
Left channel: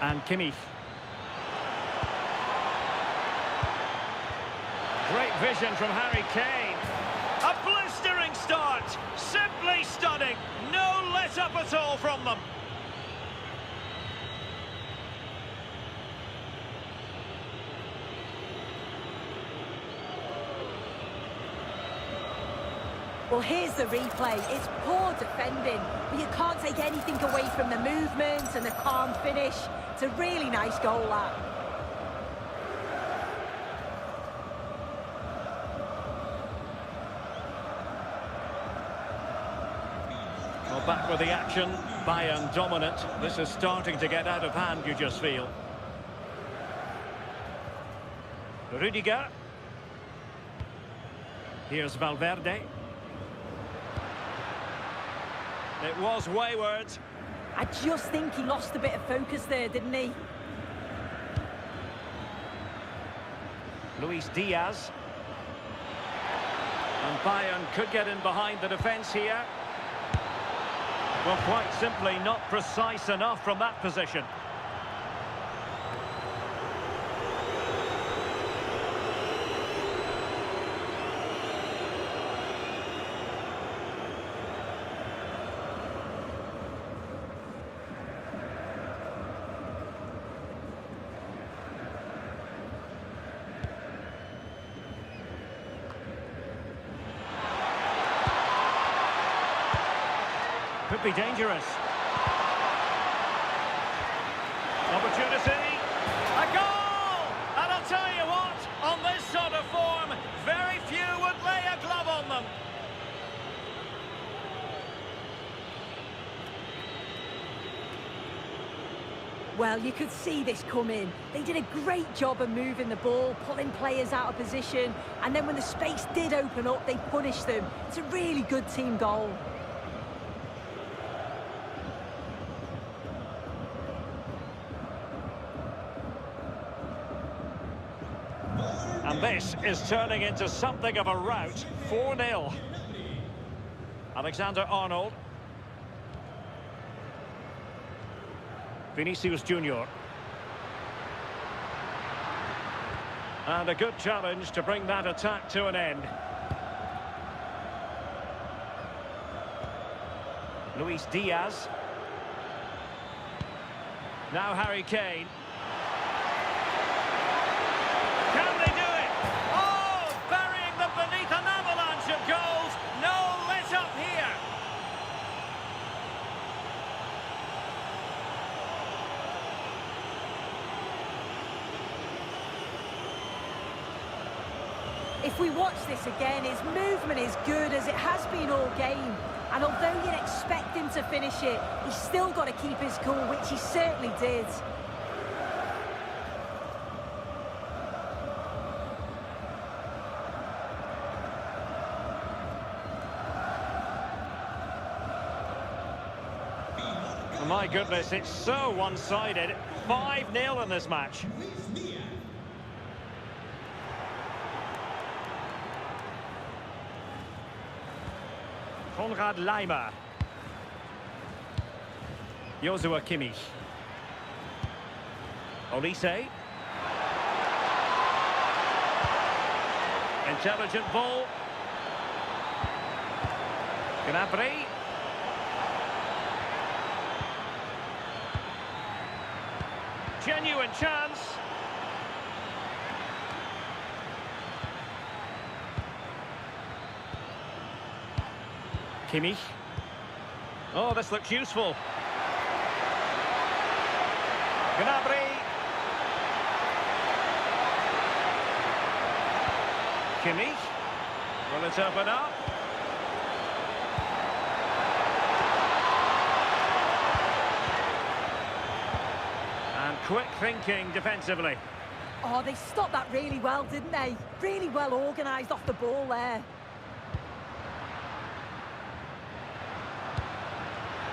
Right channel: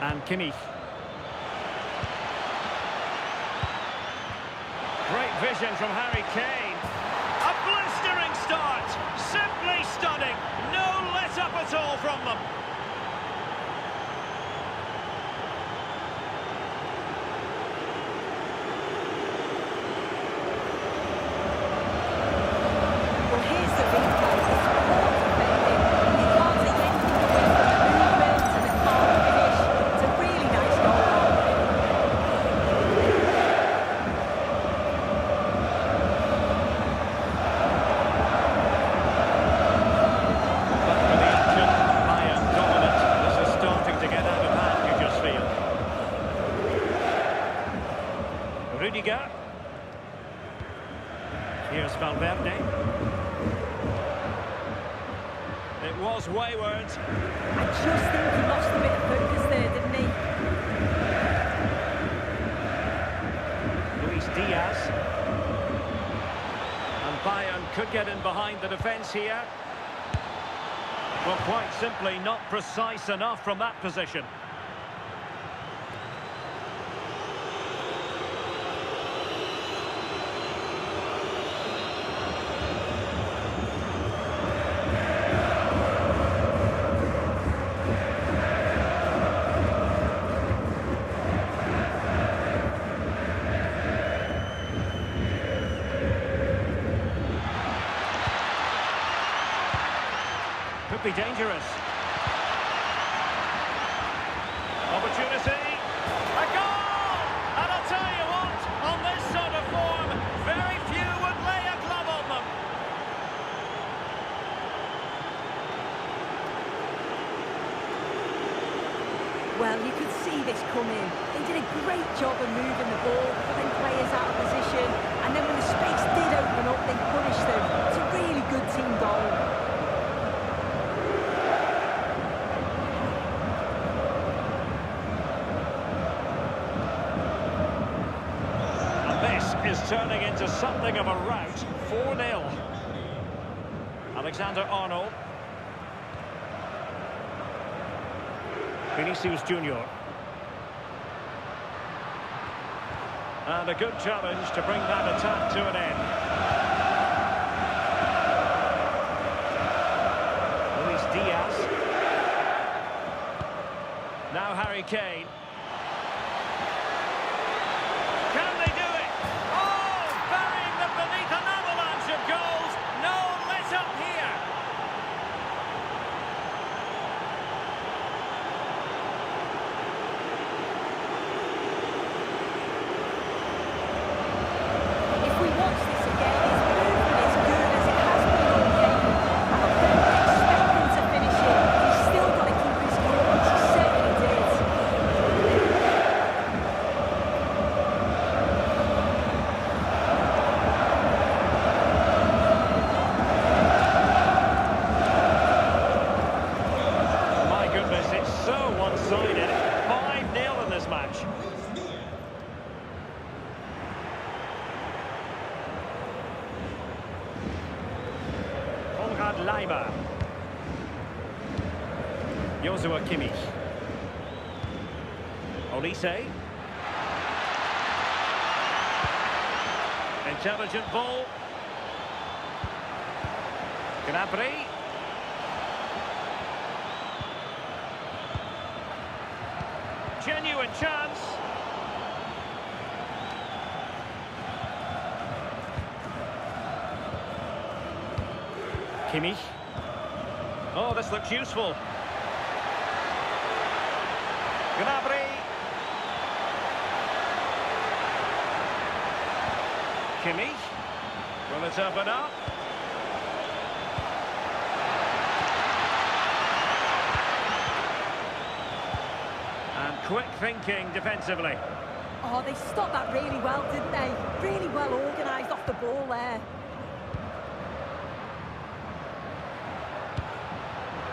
And Kimmich. Great vision from Harry Kane. A blistering start. Simply stunning. No let-up at all from them. Well, here's the replay. It's poor defending. You can't take anything away from the movement and the calm finish. It's a really nice goal, that. Well, back with the action. Bayern dominant. This is starting to get out of hand, you just feel. Rudiger. Here's Valverde. It was wayward. I just think he lost a bit of focus there, didn't he? Luis Diaz. And Bayern could get in behind the defence here. Well, quite simply not precise enough from that position. Could be dangerous. Opportunity. A goal! And I'll tell you what, on this sort of form, very few would lay a glove on them. Well, you could see this coming. They did a great job of moving the ball, pulling players out of position, and then when the space did open up, they punished them. It's a really good team goal. And this is turning into something of a rout. 4-0. Alexander-Arnold. Vinicius Junior. And a good challenge to bring that attack to an end. Luis Diaz. Now Harry Kane. Can they do it? Oh, burying them beneath an avalanche of goals. No let up here. If we watch this again, his movement is good as it has been all game. And although we expect him to finish it, he's still got to keep his cool, which he certainly did. My goodness, it's so one-sided. 5-0 in this match. Konrad Laimer. Joshua Kimmich. Olise. Intelligent ball. Gnabry. Genuine chance. Kimmich. Oh, this looks useful. Gnabry. Kimmich. Will it open up? And quick thinking defensively. Oh, they stopped that really well, didn't they? Really well organised off the ball there.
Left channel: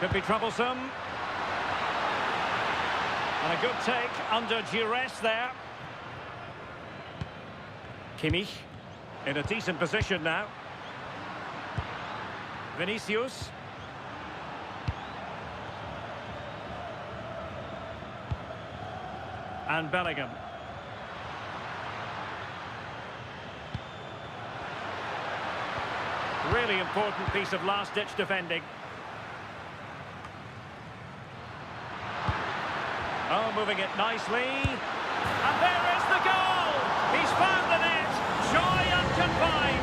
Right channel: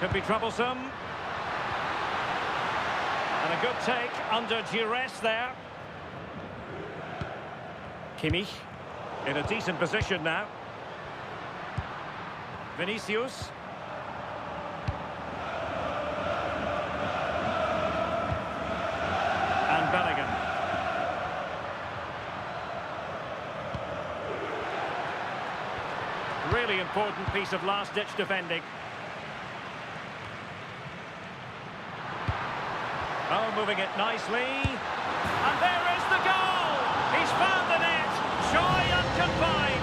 Could be troublesome. And a good take under duress there. Kimmich in a decent position now. Vinicius. And Bellingham. Really important piece of last-ditch defending. Oh, moving it nicely. And there is the goal! He's found the net. Joy unconfined.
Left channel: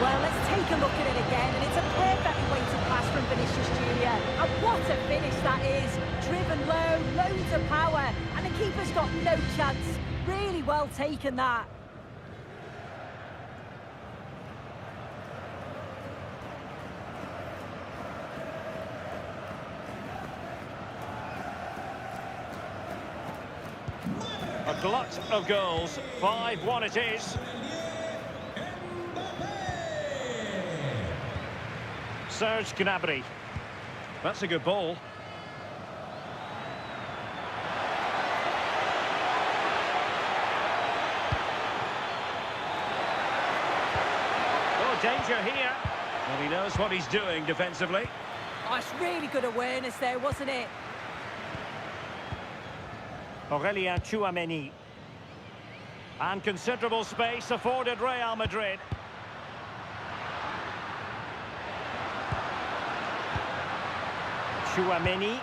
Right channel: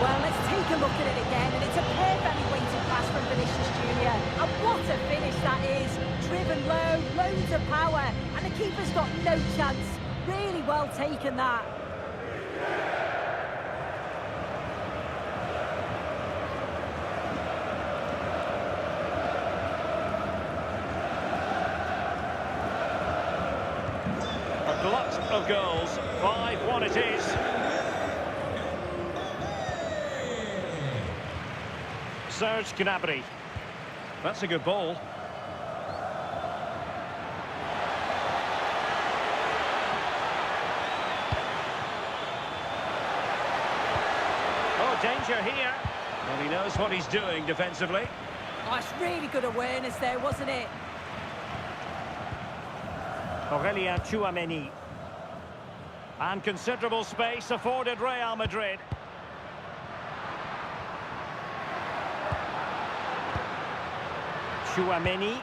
Well, let's take a look at it again, and it's a perfectly weighted pass from Vinicius Jr. And what a finish that is. Driven low, loads of power, and the keeper's got no chance. Really well taken, that. A glut of goals. 5-1 it is. Serge Gnabry. That's a good ball. Oh, danger here. Well, he knows what he's doing defensively. Oh, it's really good awareness there, wasn't it? Aurelien Tchouameni. And considerable space afforded Real Madrid. Tchouameni.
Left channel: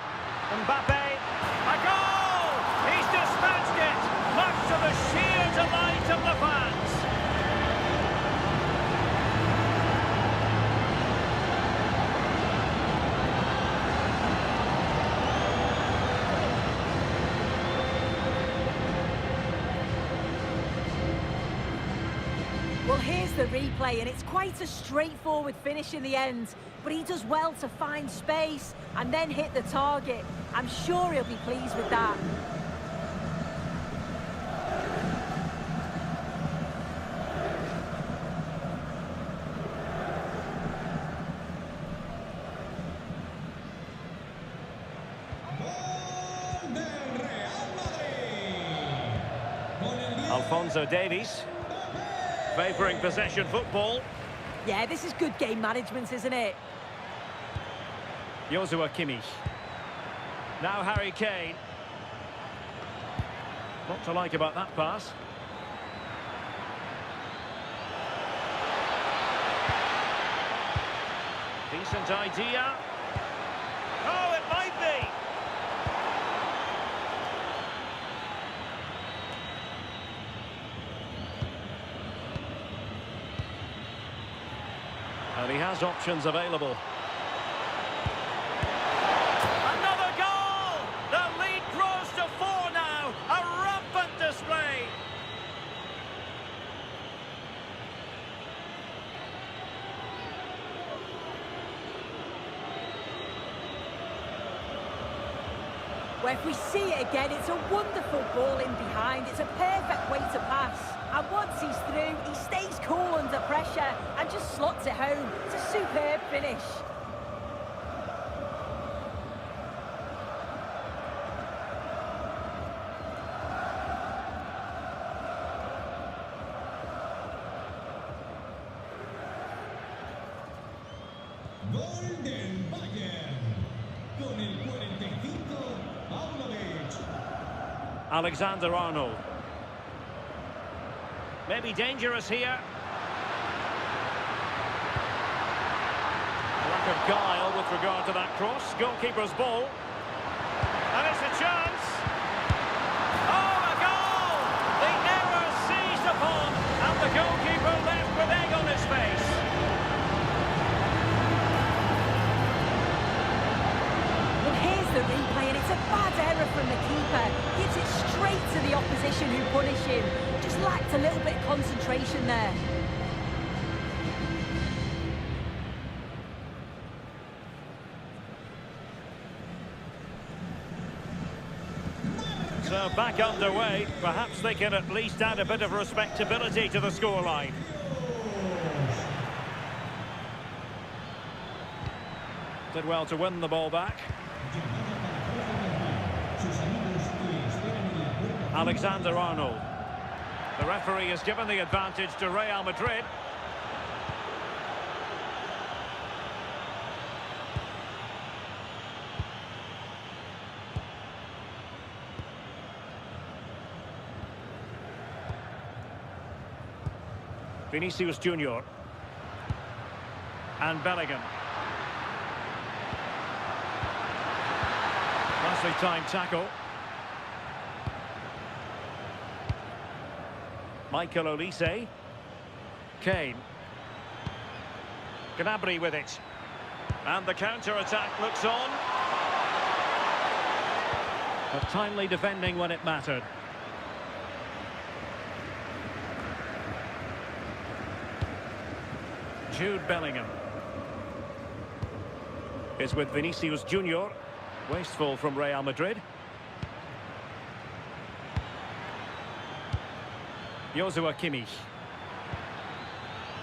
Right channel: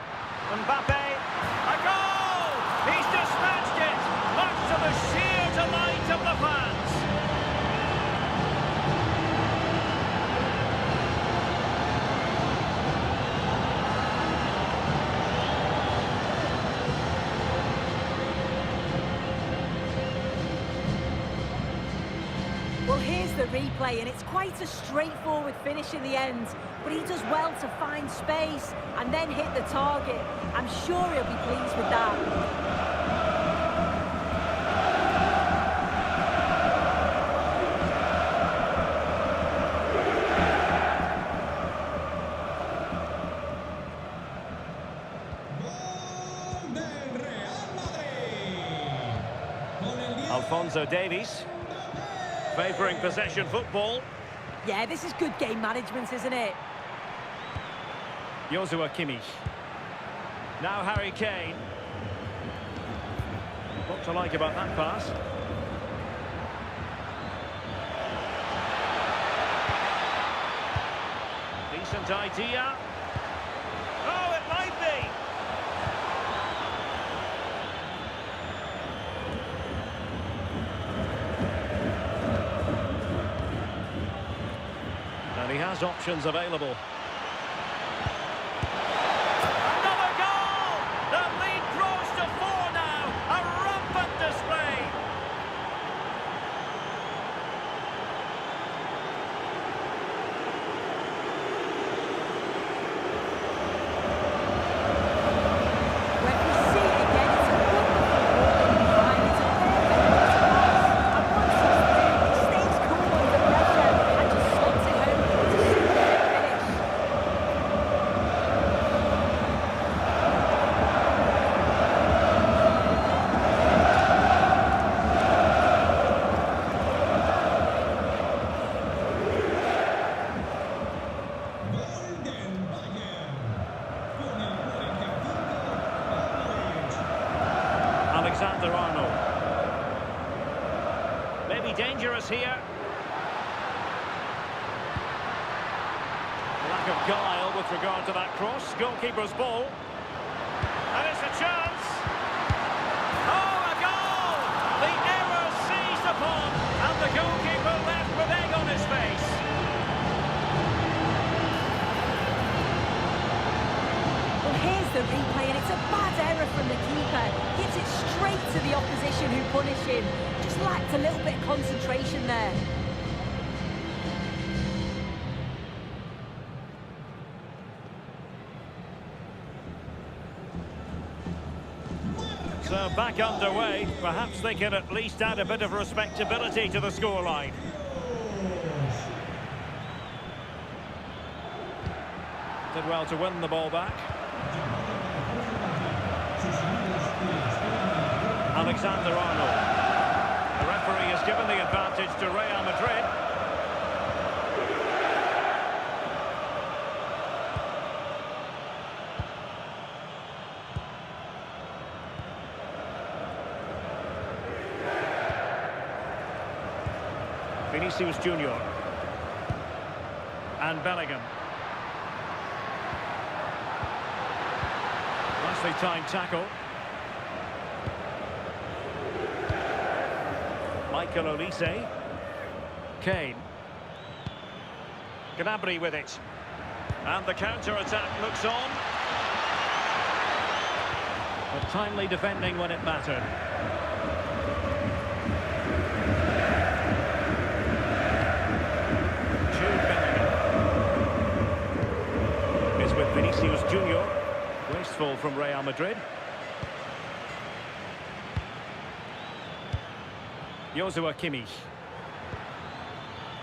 Mbappé. A goal! He's dispatched it, much to the sheer delight of the fans. Well, here's the replay, and it's quite a straightforward finish in the end. But he does well to find space and then hit the target. I'm sure he'll be pleased with that. Gol del Real Madrid. Con el 10. Alphonso Davies. Favouring possession football. Yeah, this is good game management, isn't it? Joshua Kimmich. Now Harry Kane. What to like about that pass? Decent idea. Oh, it might be. And he has options available. Another goal! The lead grows to 4 now. A rampant display. Well, if we see it again, it's a wonderful ball in behind. It's a perfect way to pass. And once he's through, he stays cool under pressure and just slots it home. It's a superb finish. Gol del Bayern. Con el 45, Pavlovic. Alexander-Arnold. Maybe dangerous here. Lack of guile with regard to that cross. Goalkeeper's ball. And it's a chance. Oh, a goal! The error seized upon, and the goalkeeper left with egg on his face. Well, here's the replay, and it's a bad error from the keeper. Gives it straight to the opposition who punish him. Just lacked a little bit of concentration there. So back underway. Perhaps they can at least add a bit of respectability to the scoreline. Did well to win the ball back. Alexander-Arnold. The referee has given the advantage to Real Madrid. Vinicius Junior. And Bellingham. Nicely timed tackle. Michael Olise. Kane. Gnabry with it. And the counter-attack looks on. But timely defending when it mattered. Jude Bellingham is with Vinicius Junior. Wasteful from Real Madrid. Joshua Kimmich.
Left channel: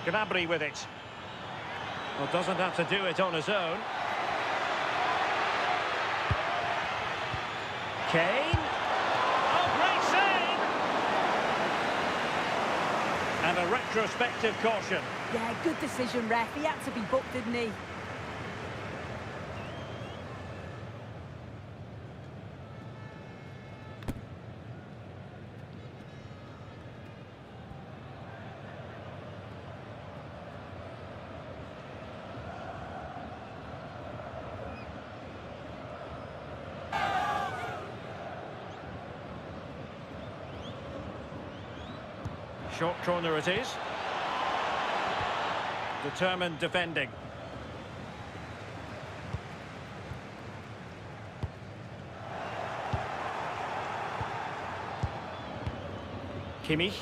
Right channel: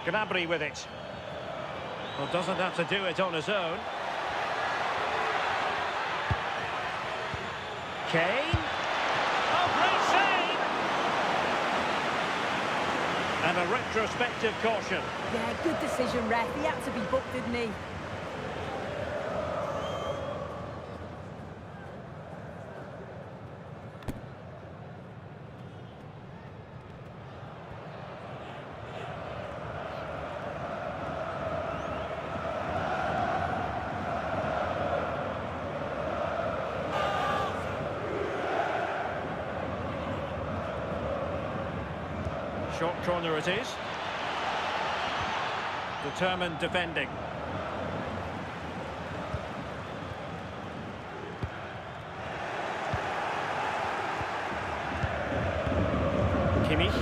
Gnabry with it. Well, doesn't have to do it on his own. Kane. Oh, great save! And a retrospective caution. Yeah, good decision, ref. He had to be booked, didn't he? Short corner it is. Determined defending. Kimmich.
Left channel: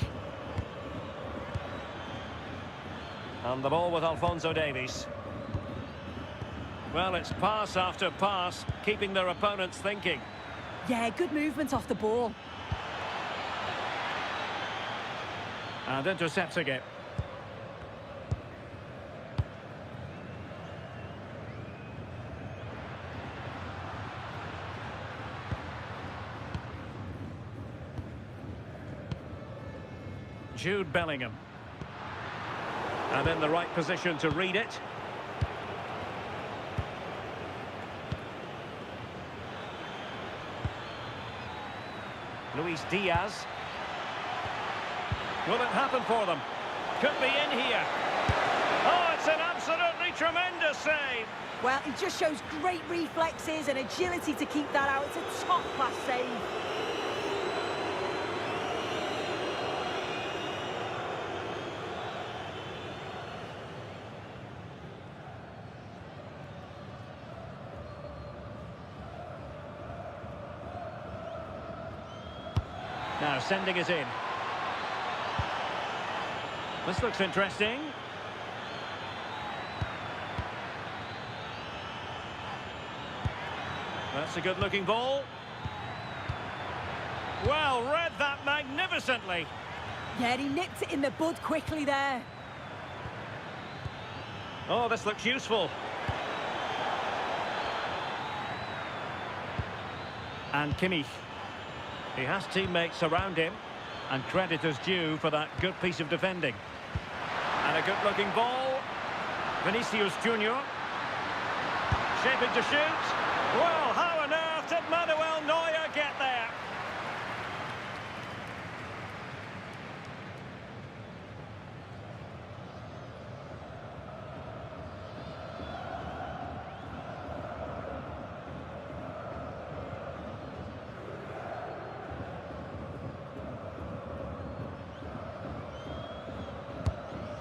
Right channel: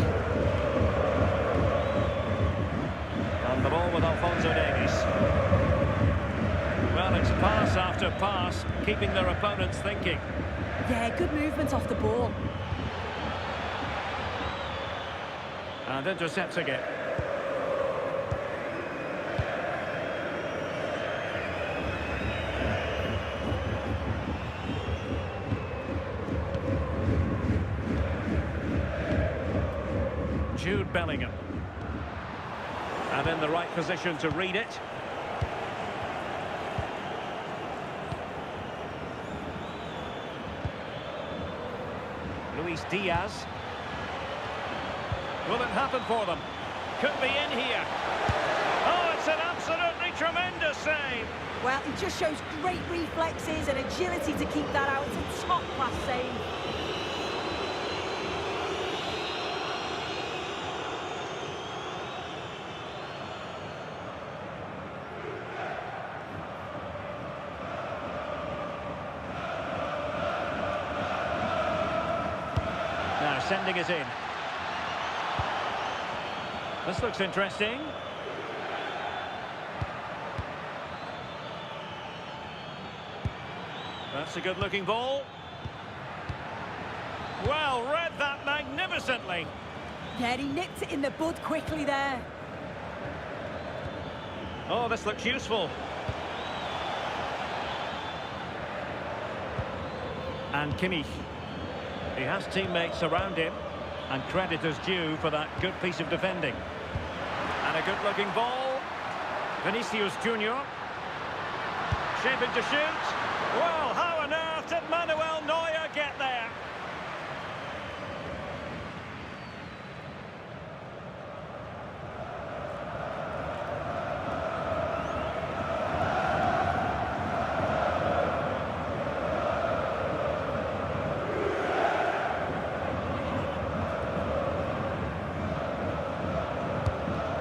And the ball with Alphonso Davies. Well, it's pass after pass, keeping their opponents thinking. Yeah, good movement off the ball. And intercepting it. Jude Bellingham. And in the right position to read it. Luis Diaz. Will it happen for them? Could be in here. Oh, it's an absolutely tremendous save. Well, he just shows great reflexes and agility to keep that out. It's a top-class save. Now sending it in. This looks interesting. That's a good-looking ball. Well, read that magnificently. Yeah, he nipped it in the bud quickly there. Oh, this looks useful. And Kimmich. He has teammates around him, and credit is due for that good piece of defending. And a good-looking ball. Vinicius Junior. Shaping to shoot. Well, how on earth did Manuel Neuer get there?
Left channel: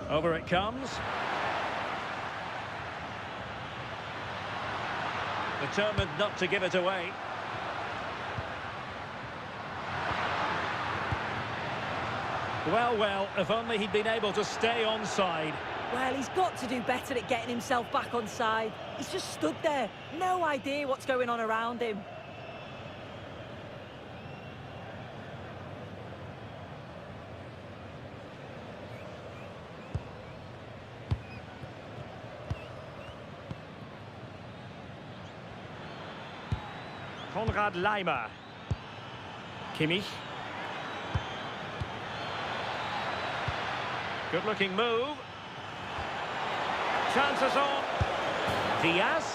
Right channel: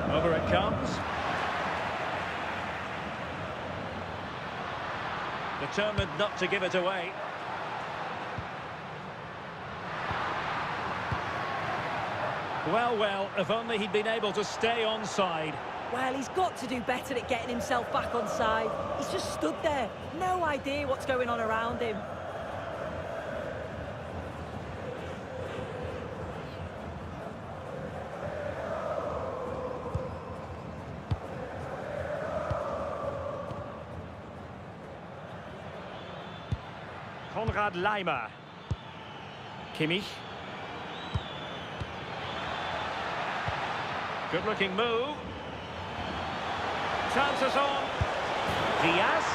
Over it comes. Determined not to give it away. Well, well, if only he'd been able to stay onside. Well, he's got to do better at getting himself back on side. He's just stood there. No idea what's going on around him. Konrad Laimer. Kimmich. Good-looking move. Chances on. Diaz.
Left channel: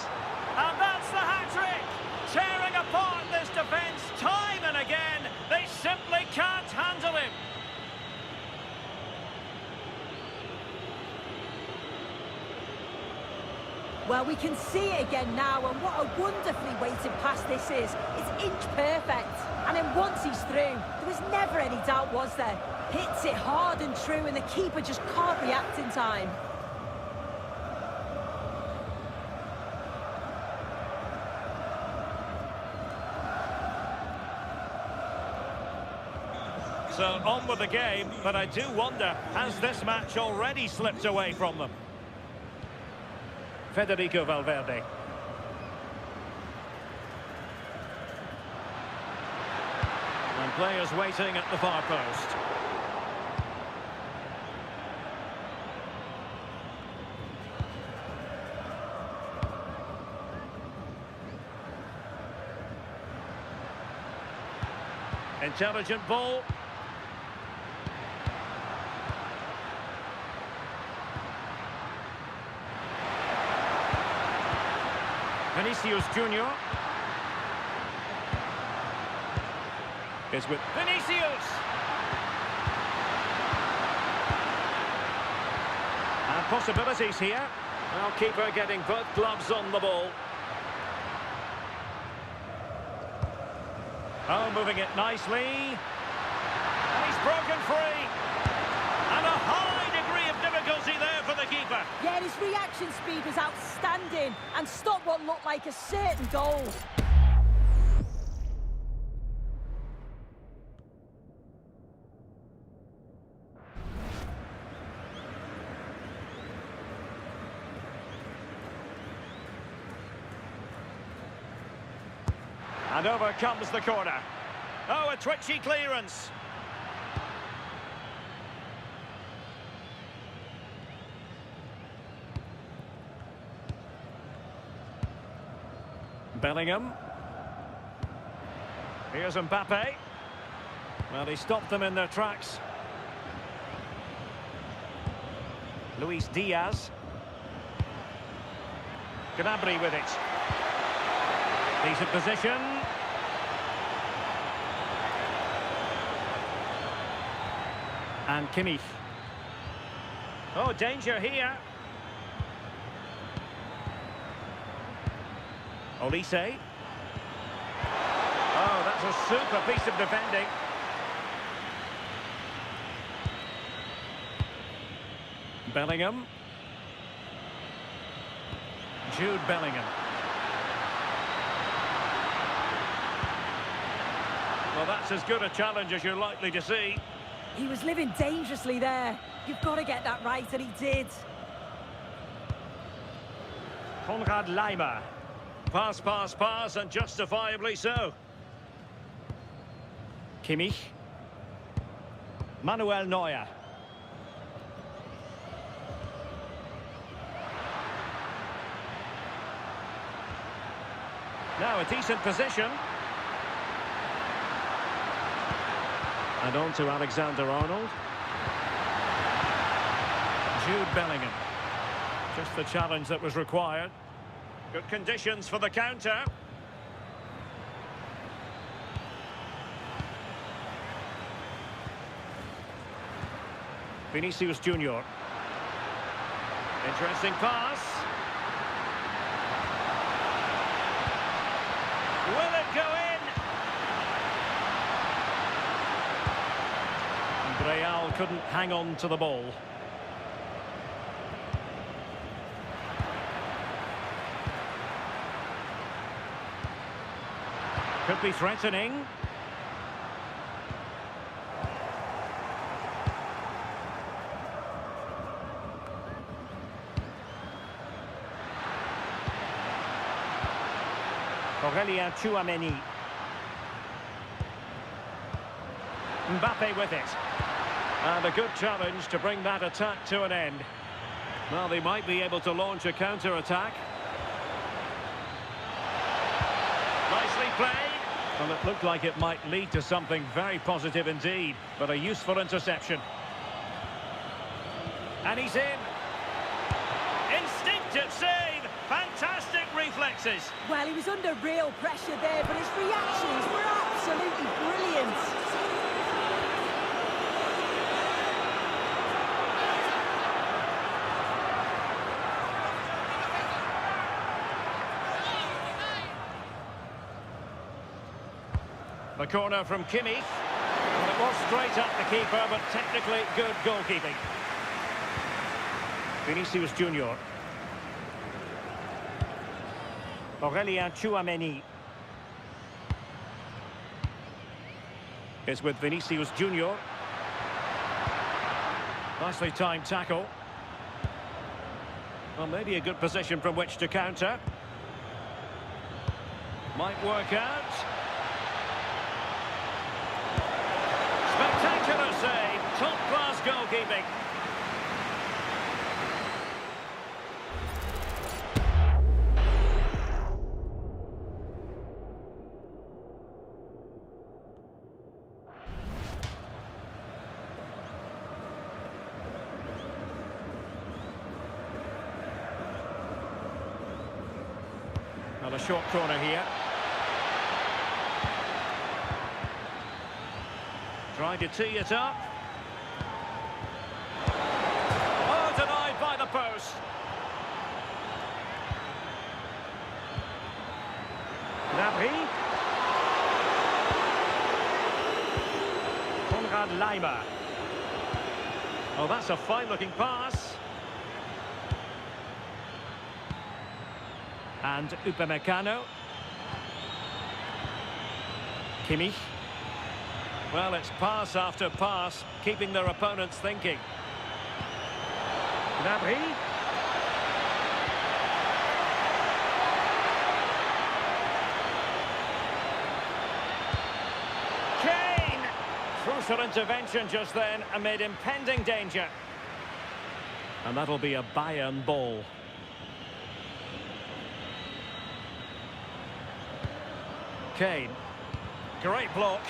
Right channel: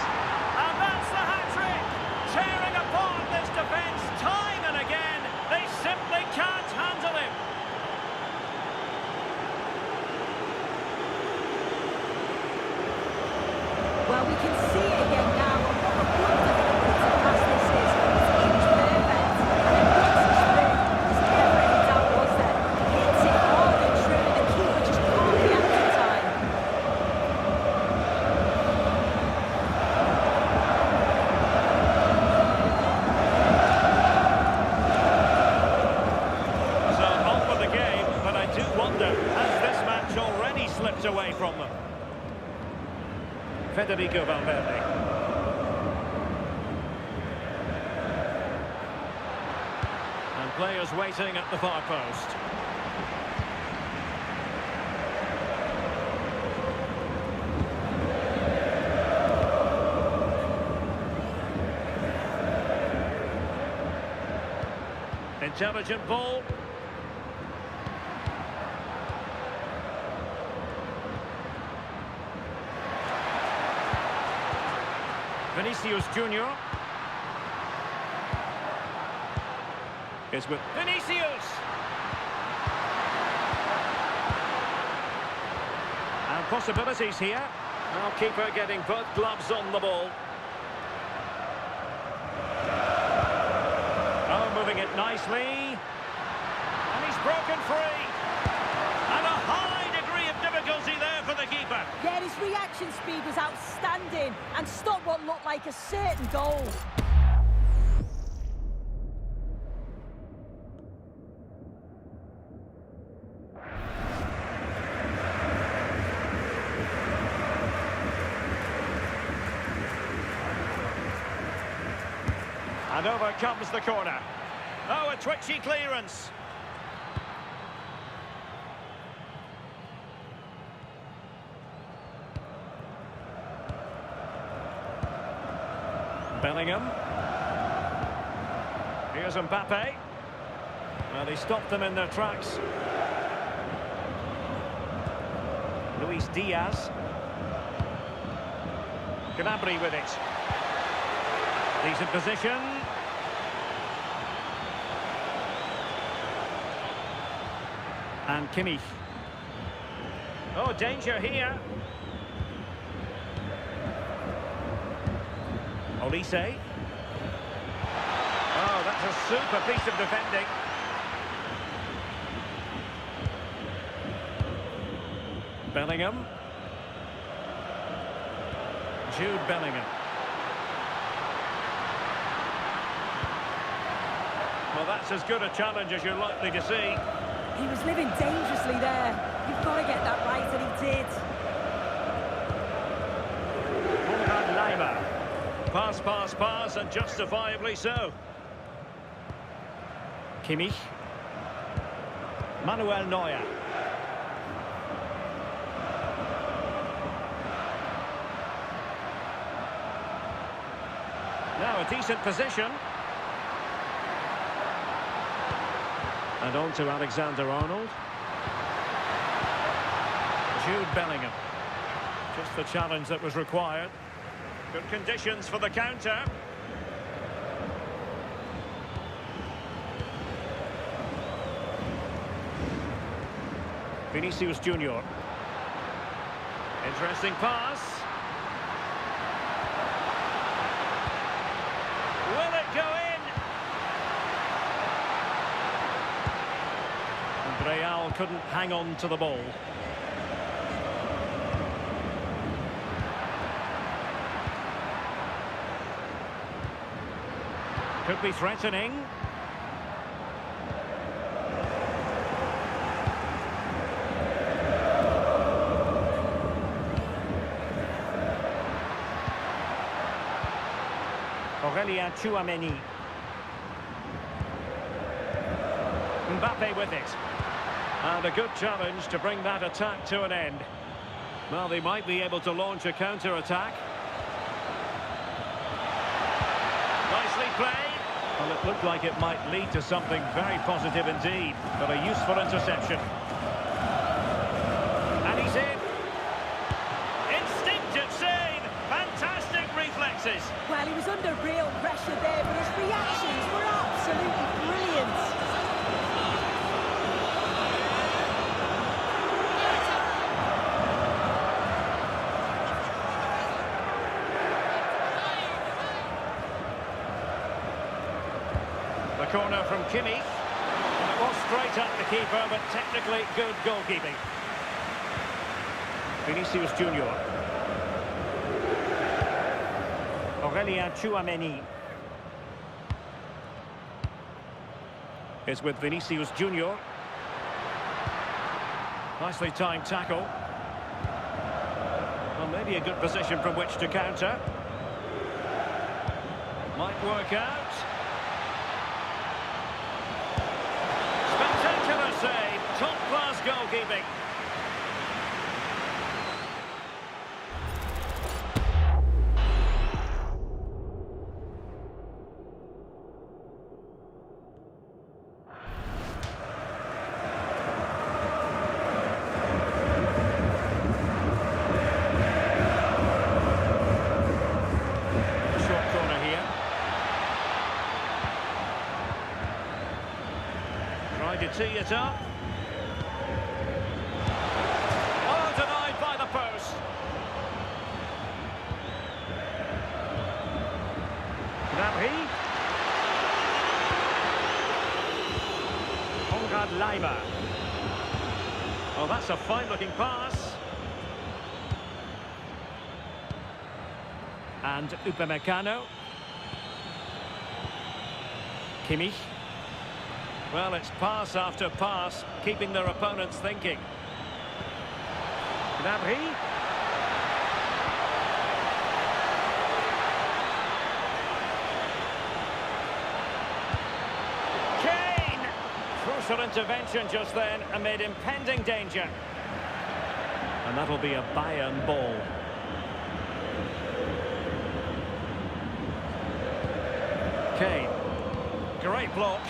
And that's the hat-trick! Tearing apart this defence time and again. They simply can't handle him. Well, we can see it again now, and what a wonderfully weighted pass this is. It's inch perfect. And then once he's through, there was never any doubt, was there? Hits it hard and true, and the keeper just can't react in time. So on with the game, but I do wonder, has this match already slipped away from them? Federico Valverde. And players waiting at the far post. Intelligent ball. Vinicius Junior is with Vinicius. And possibilities here. Well, keeper getting both gloves on the ball. Oh, moving it nicely. And he's broken free. And a high degree of difficulty there for the keeper. Yeah, his reaction speed was outstanding and stopped what looked like a certain goal. And over comes the corner. Oh, a twitchy clearance. Bellingham. Here's Mbappé. Well, he stopped them in their tracks. Luis Diaz. Gnabry with it. Decent position. And Kimmich. Oh, danger here. Olise. Oh, that's a super piece of defending. Bellingham. Jude Bellingham. Well, that's as good a challenge as you're likely to see. He was living dangerously there. You've got to get that right, and he did. Konrad Laimer. Pass, pass, pass, and justifiably so. Kimmich. Manuel Neuer. Now a decent position. And on to Alexander-Arnold. Jude Bellingham. Just the challenge that was required. Good conditions for the counter. Vinicius Junior. Interesting pass. Will it go in? And Real couldn't hang on to the ball. Could be threatening. Aurelien Tchouameni. Mbappé with it. And a good challenge to bring that attack to an end. Well, they might be able to launch a counter-attack. Nicely played. Well, it looked like it might lead to something very positive indeed, but a useful interception. And he's in. Instinctive save. Fantastic reflexes. Well, he was under real pressure there, but his reactions were absolutely brilliant. The corner from Kimmich. Well, it was straight at the keeper, but technically good goalkeeping. Vinicius Junior. Aurelien Tchouameni is with Vinicius Junior. Nicely timed tackle. Well, maybe a good position from which to counter. Might work out. Spectacular save. Top-class goalkeeping. Short corner here. Trying to tee it up. Oh, denied by the post. Gnabry. Konrad Laimer. Oh, that's a fine-looking pass. And Upamecano. Kimmich. Well, it's pass after pass, keeping their opponents thinking. Gnabry. Kane! Crucial intervention just then amid impending danger. And that'll be a Bayern ball. Kane. Great block.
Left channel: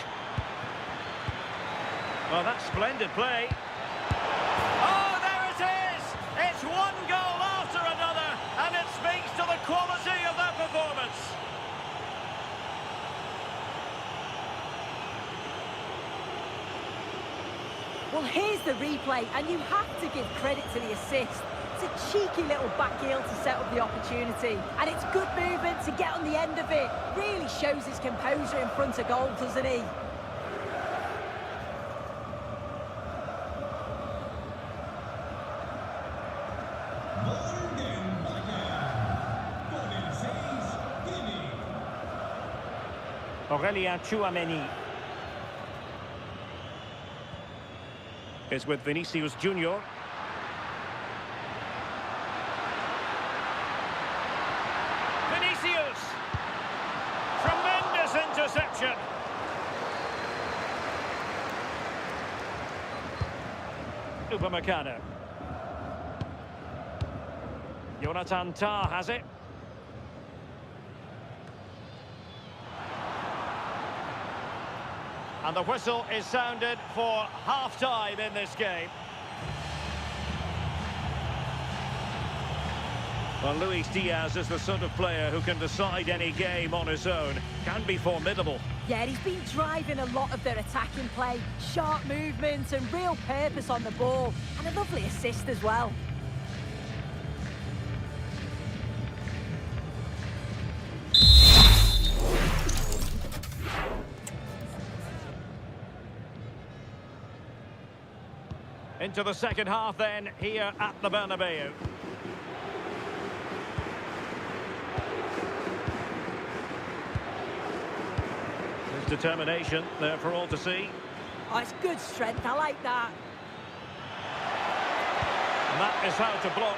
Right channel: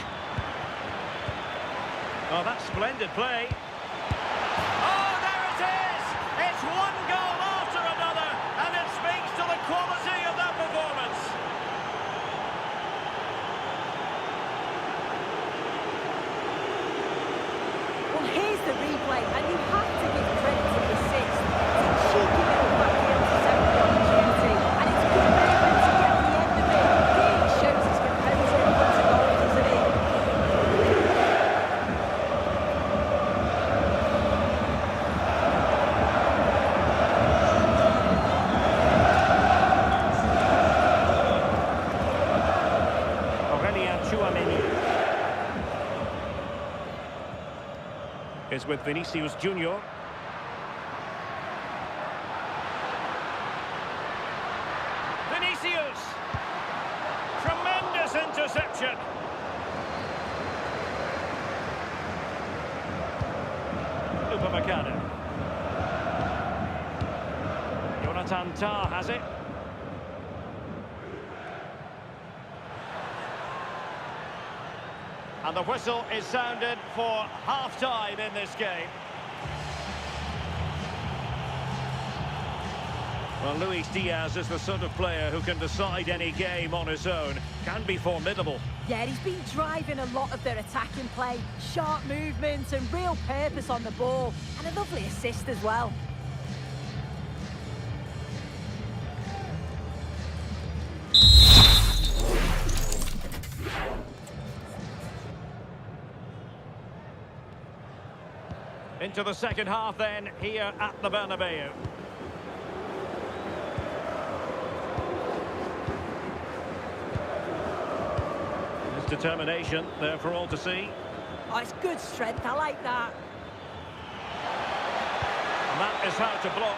Oh, that's splendid play. Oh, there it is! It's one goal after another, and it speaks to the quality of their performance. Well, here's the replay, and you have to give credit to the assist. It's a cheeky little backheel to set up the opportunity, and it's good movement to get on the end of it. Really shows his composure in front of goal, doesn't he? Aurelien Tchouameni is with Vinicius Junior. Vinicius! Tremendous interception! Upamecano. Jonathan Tah has it. And the whistle is sounded for half-time in this game. Well, Luis Diaz is the sort of player who can decide any game on his own. Can be formidable. Yeah, he's been driving a lot of their attacking play. Sharp movements and real purpose on the ball. And a lovely assist as well. Into the second half then, here at the Bernabeu. His determination there for all to see. Oh, it's good strength, I like that. And that is how to block.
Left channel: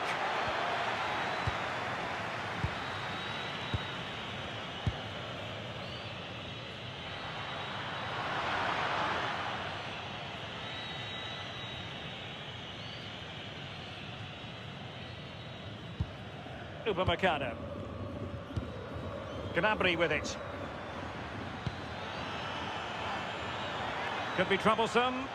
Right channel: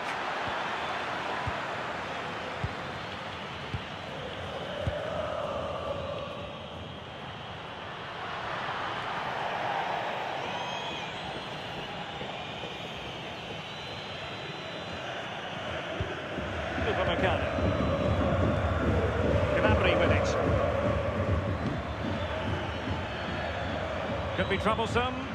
Upamecano. Gnabry with it. Could be troublesome.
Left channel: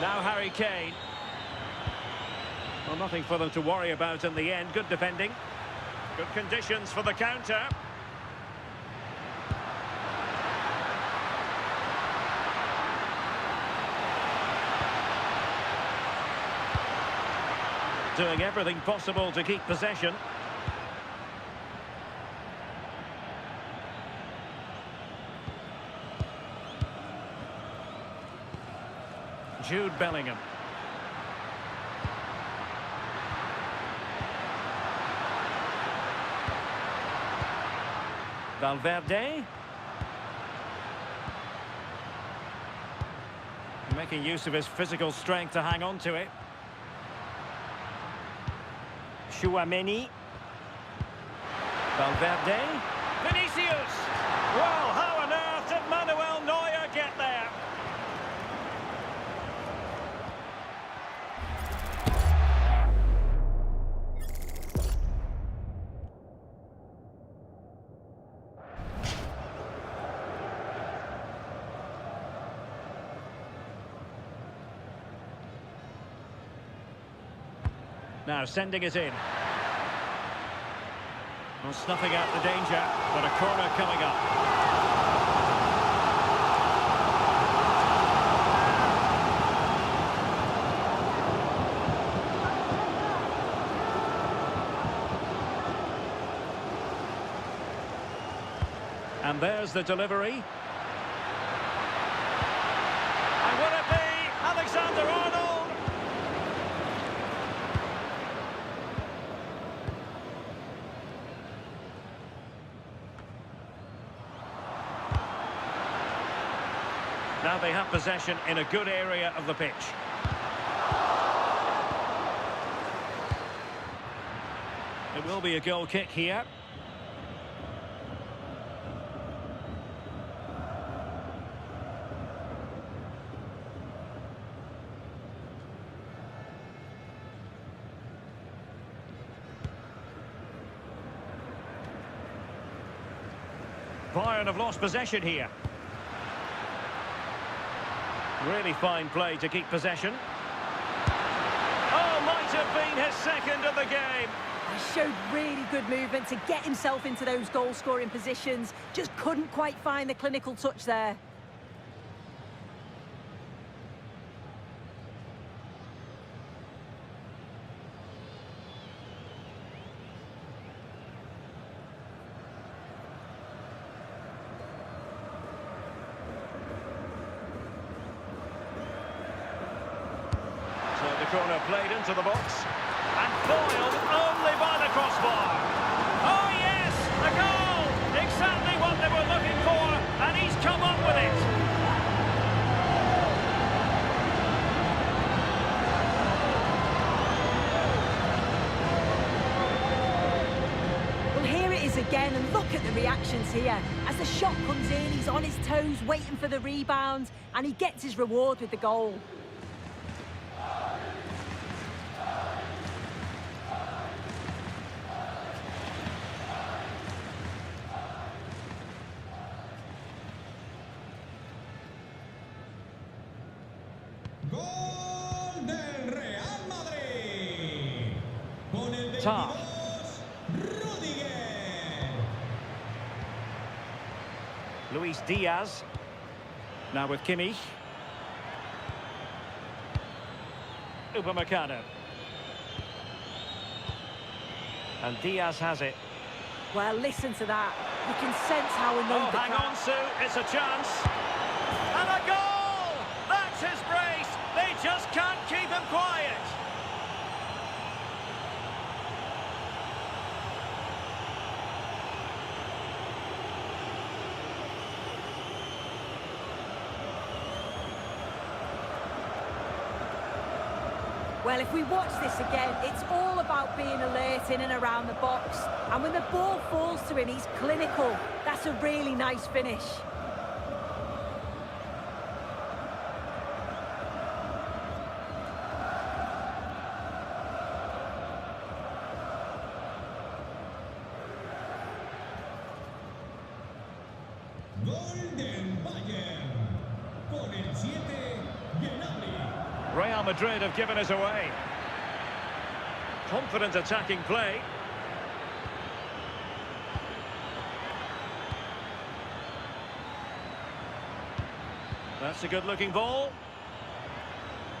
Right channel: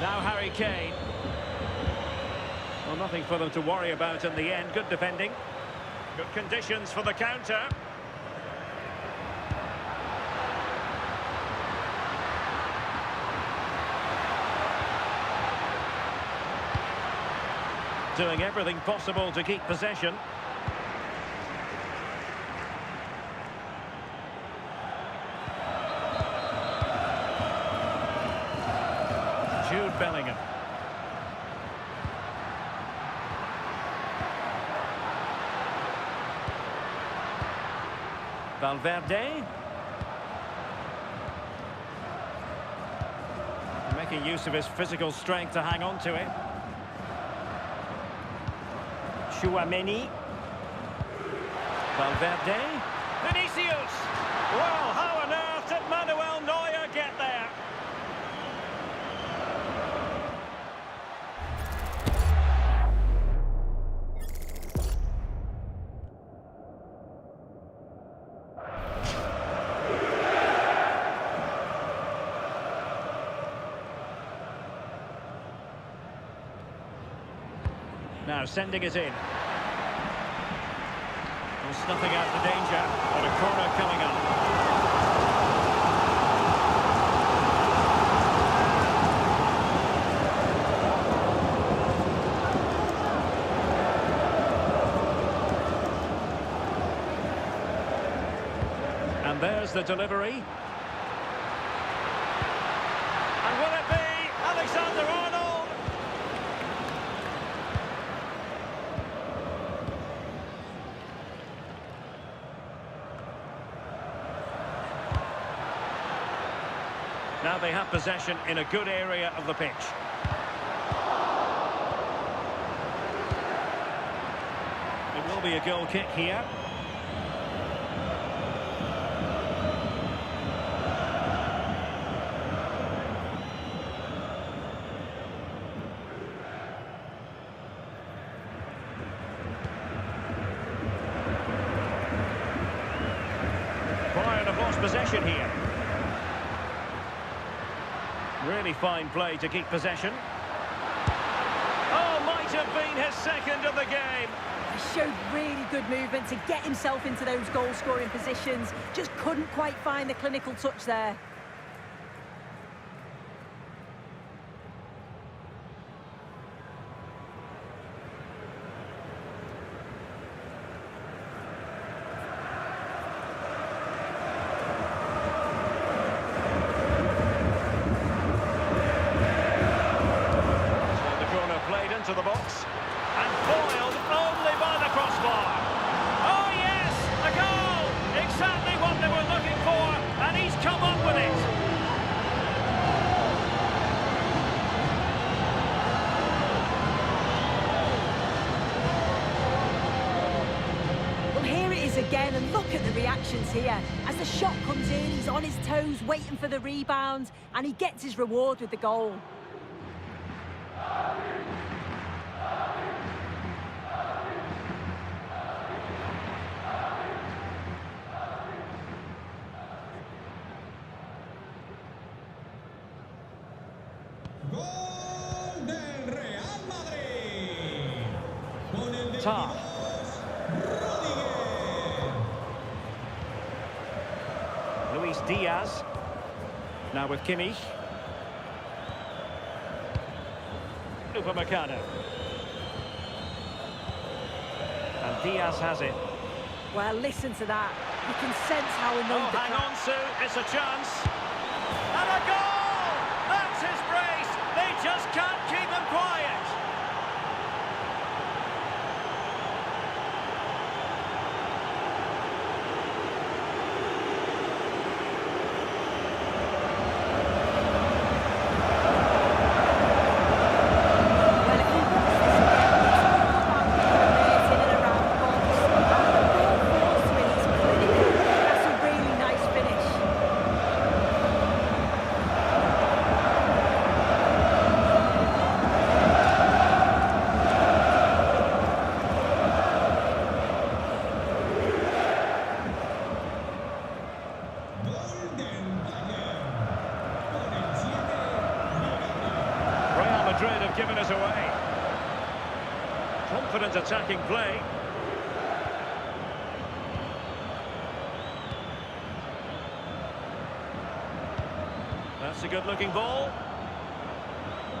Now Harry Kane. Well, nothing for them to worry about in the end. Good defending. Good conditions for the counter. Doing everything possible to keep possession. Jude Bellingham. Valverde. Making use of his physical strength to hang on to it. Chouameni. Valverde. Vinicius. Well, how on earth did Manuel Neuer get there? Now sending it in. Well, snuffing out the danger, but a corner coming up. And there's the delivery. And will it be Alexander-Arnold? Now they have possession in a good area of the pitch. It will be a goal kick here. Bayern have lost possession here. Really fine play to keep possession. Oh, might have been his second of the game. He showed really good movement to get himself into those goal-scoring positions. Just couldn't quite find the clinical touch there. Corner played into the box and foiled only by the crossbar. Oh yes, a goal! Exactly what they were looking for, and he's come up with it. Well, here it is again, and look at the reactions here. As the shot comes in, he's on his toes waiting for the rebound, and he gets his reward with the goal. Gol del Real Madrid. Con el 22, Rudiger. Luis Diaz. Now with Kimmich. Upamecano. And Diaz has it. Well, listen to that. You can sense how annoyed the hang crowd. on, Sue. It's a chance. And a goal! That's his brace. They just can't keep him quiet. Well, if we watch this again, it's all about being alert in and around the box. And when the ball falls to him, he's clinical. That's a really nice finish. Gol del Bayern. Con el 7, Gnabry. Real Madrid have given us away. Confident attacking play. That's a good-looking ball.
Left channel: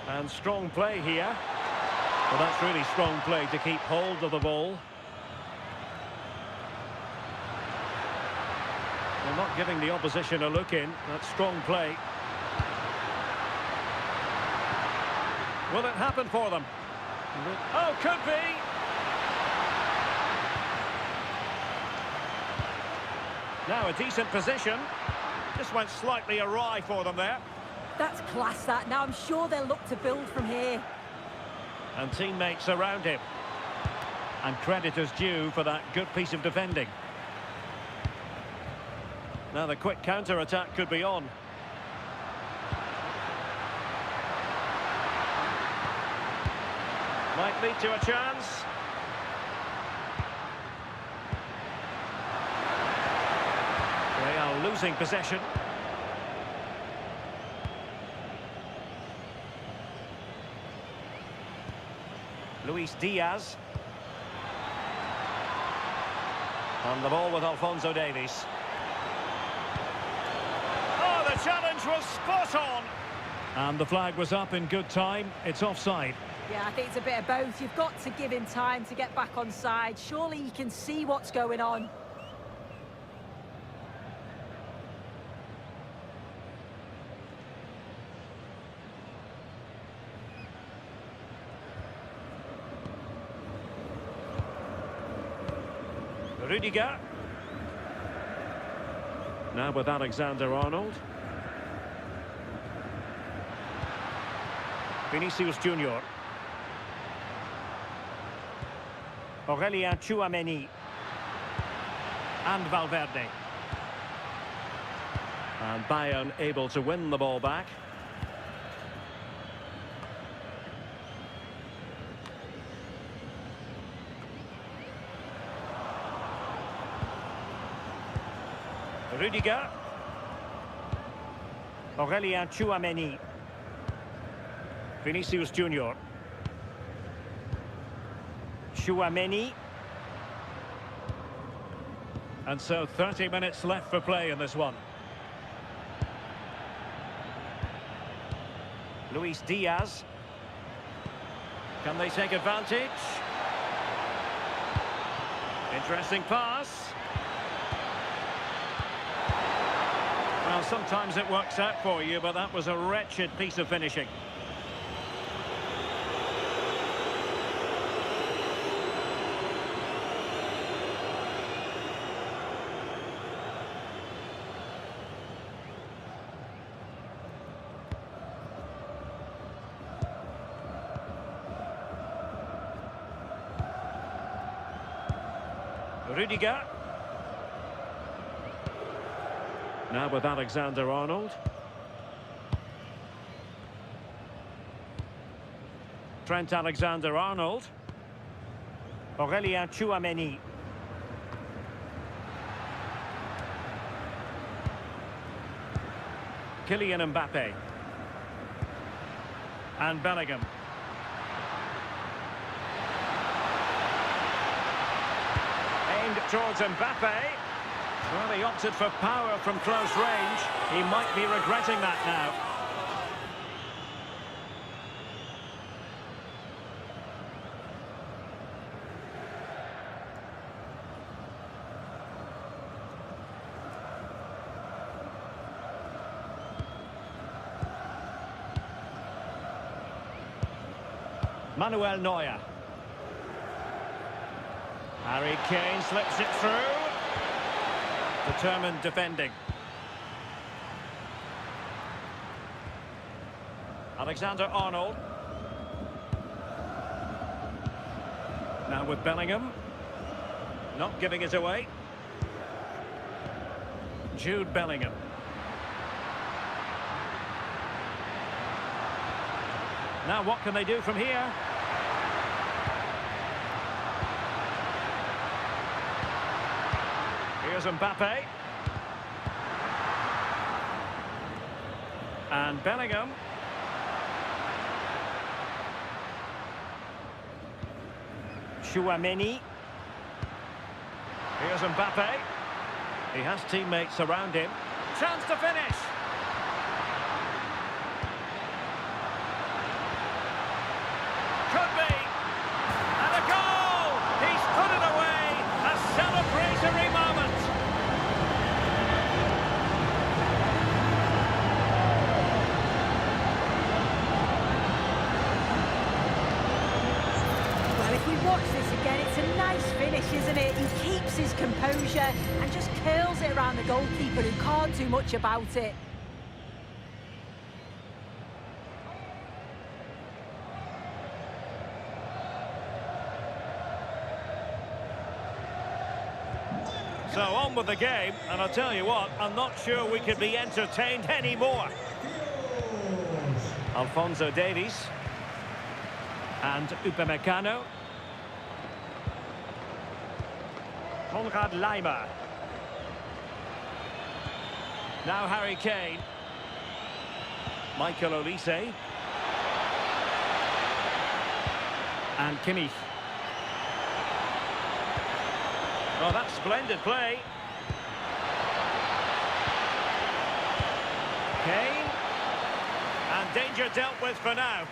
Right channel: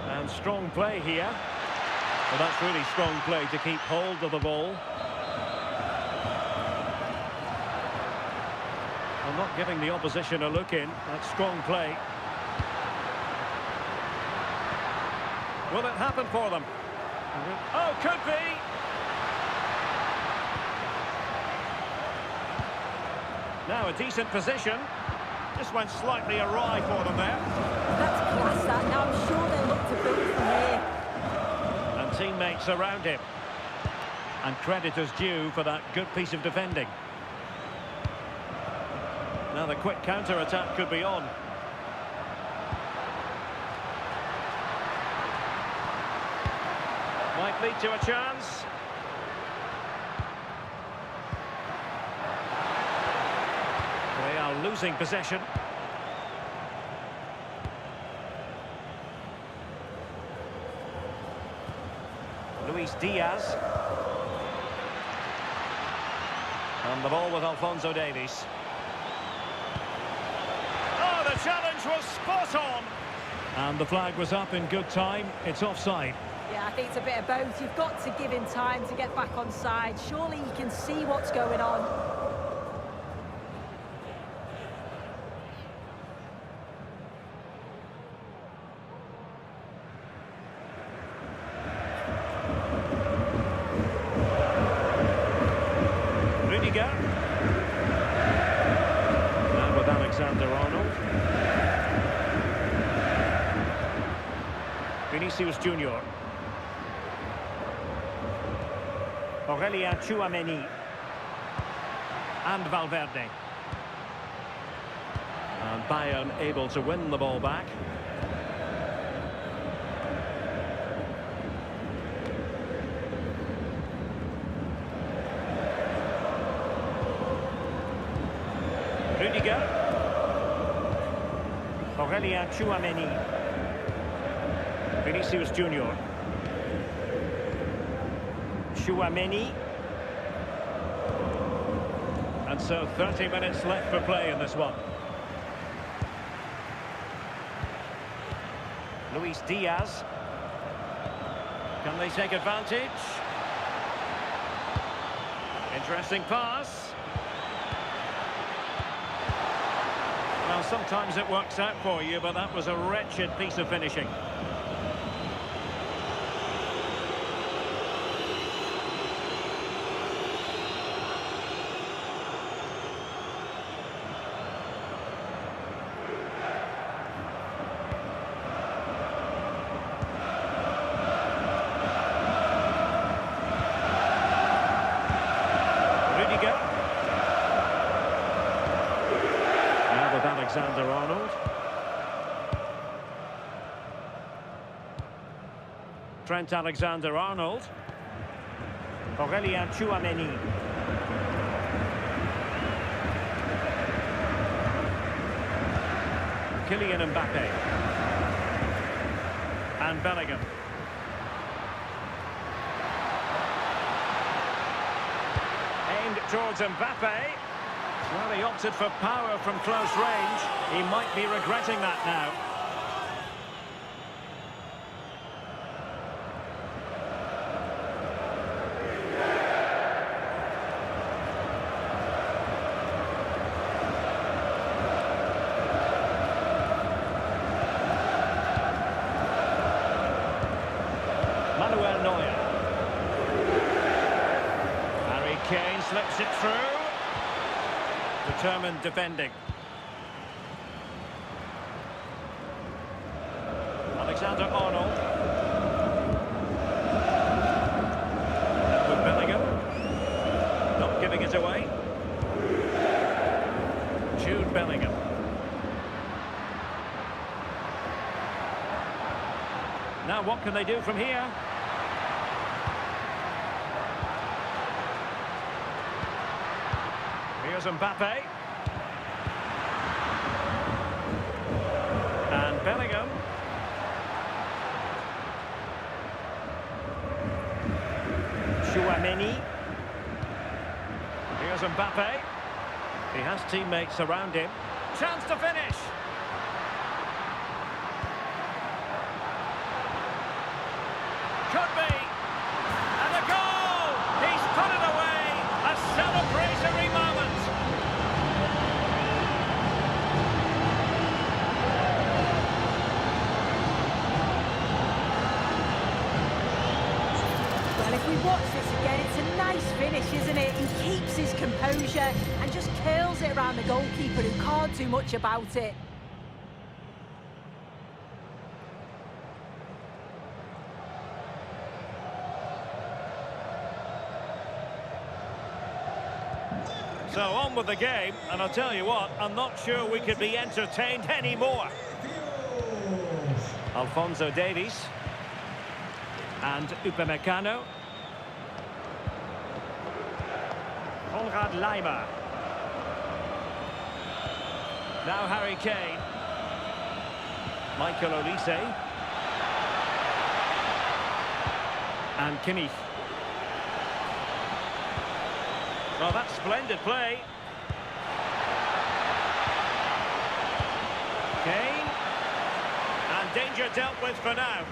And strong play here. Well, that's really strong play to keep hold of the ball. Well, not giving the opposition a look in. That's strong play. Will it happen for them? Oh, could be. Now a decent position. Just went slightly awry for them there. That's class, that. Now I'm sure they'll look to build from here. And teammates around him. And credit is due for that good piece of defending. Now the quick counter-attack could be on. Might lead to a chance. They are losing possession. Luis Diaz. And the ball with Alphonso Davies. Oh, the challenge was spot on. And the flag was up in good time. It's offside. Yeah, I think it's a bit of both. You've got to give him time to get back on side. Surely he can see what's going on. Rudiger. Now with Alexander-Arnold. Vinicius Junior. Aurelien Tchouameni. And Valverde. And Bayern able to win the ball back. Rudiger. Aurelien Tchouameni. Vinicius Junior. Tchouameni. And so 30 minutes left for play in this one. Luis Diaz. Can they take advantage? Interesting pass. Well, sometimes it works out for you, but that was a wretched piece of finishing. Rudiger. Now with Alexander-Arnold. Trent Alexander-Arnold. Aurelien Tchouameni. Kylian Mbappé. And Bellingham. Aimed towards Mbappé. Well, he opted for power from close range. He might be regretting that now. Manuel Neuer. Harry Kane slips it through. Determined defending. Alexander-Arnold. Now with Bellingham. Not giving it away. Jude Bellingham. Now what can they do from here? Here's Mbappé. And Bellingham. Tchouameni. Here's Mbappé. He has teammates around him. Chance to finish. Could be. And a goal! He's put it away. A celebratory moment. Well, if we watch this again, it's a nice finish, isn't it? He keeps his composure and just curls it around the goalkeeper who can't do much about it. So on with the game, and I'll tell you what, I'm not sure we could be entertained anymore. Alphonso Davies. And Upamecano. Konrad Laimer. Now Harry Kane. Michael Olise. And Kimmich. Oh, that's splendid play. Kane. And danger dealt with for now.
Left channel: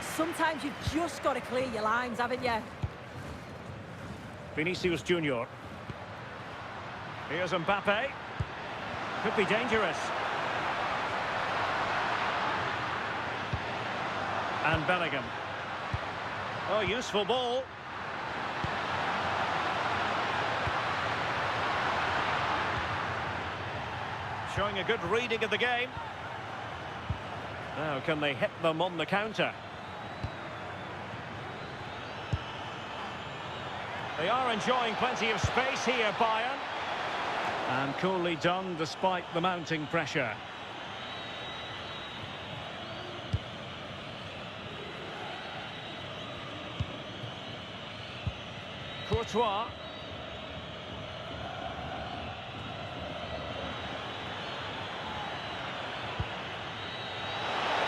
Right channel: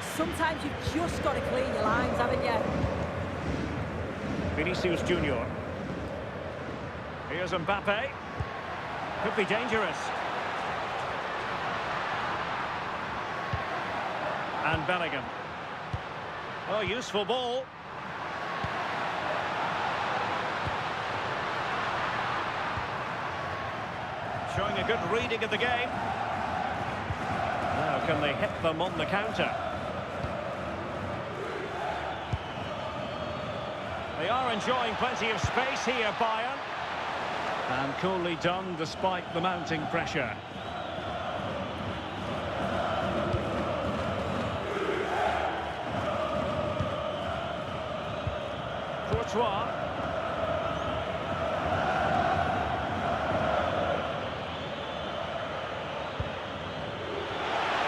Sometimes you've just got to clear your lines, haven't you? Vinicius Junior. Here's Mbappé. Could be dangerous. And Bellingham. Oh, useful ball. Showing a good reading of the game. Now, can they hit them on the counter? They are enjoying plenty of space here, Bayern. And coolly done despite the mounting pressure. Courtois.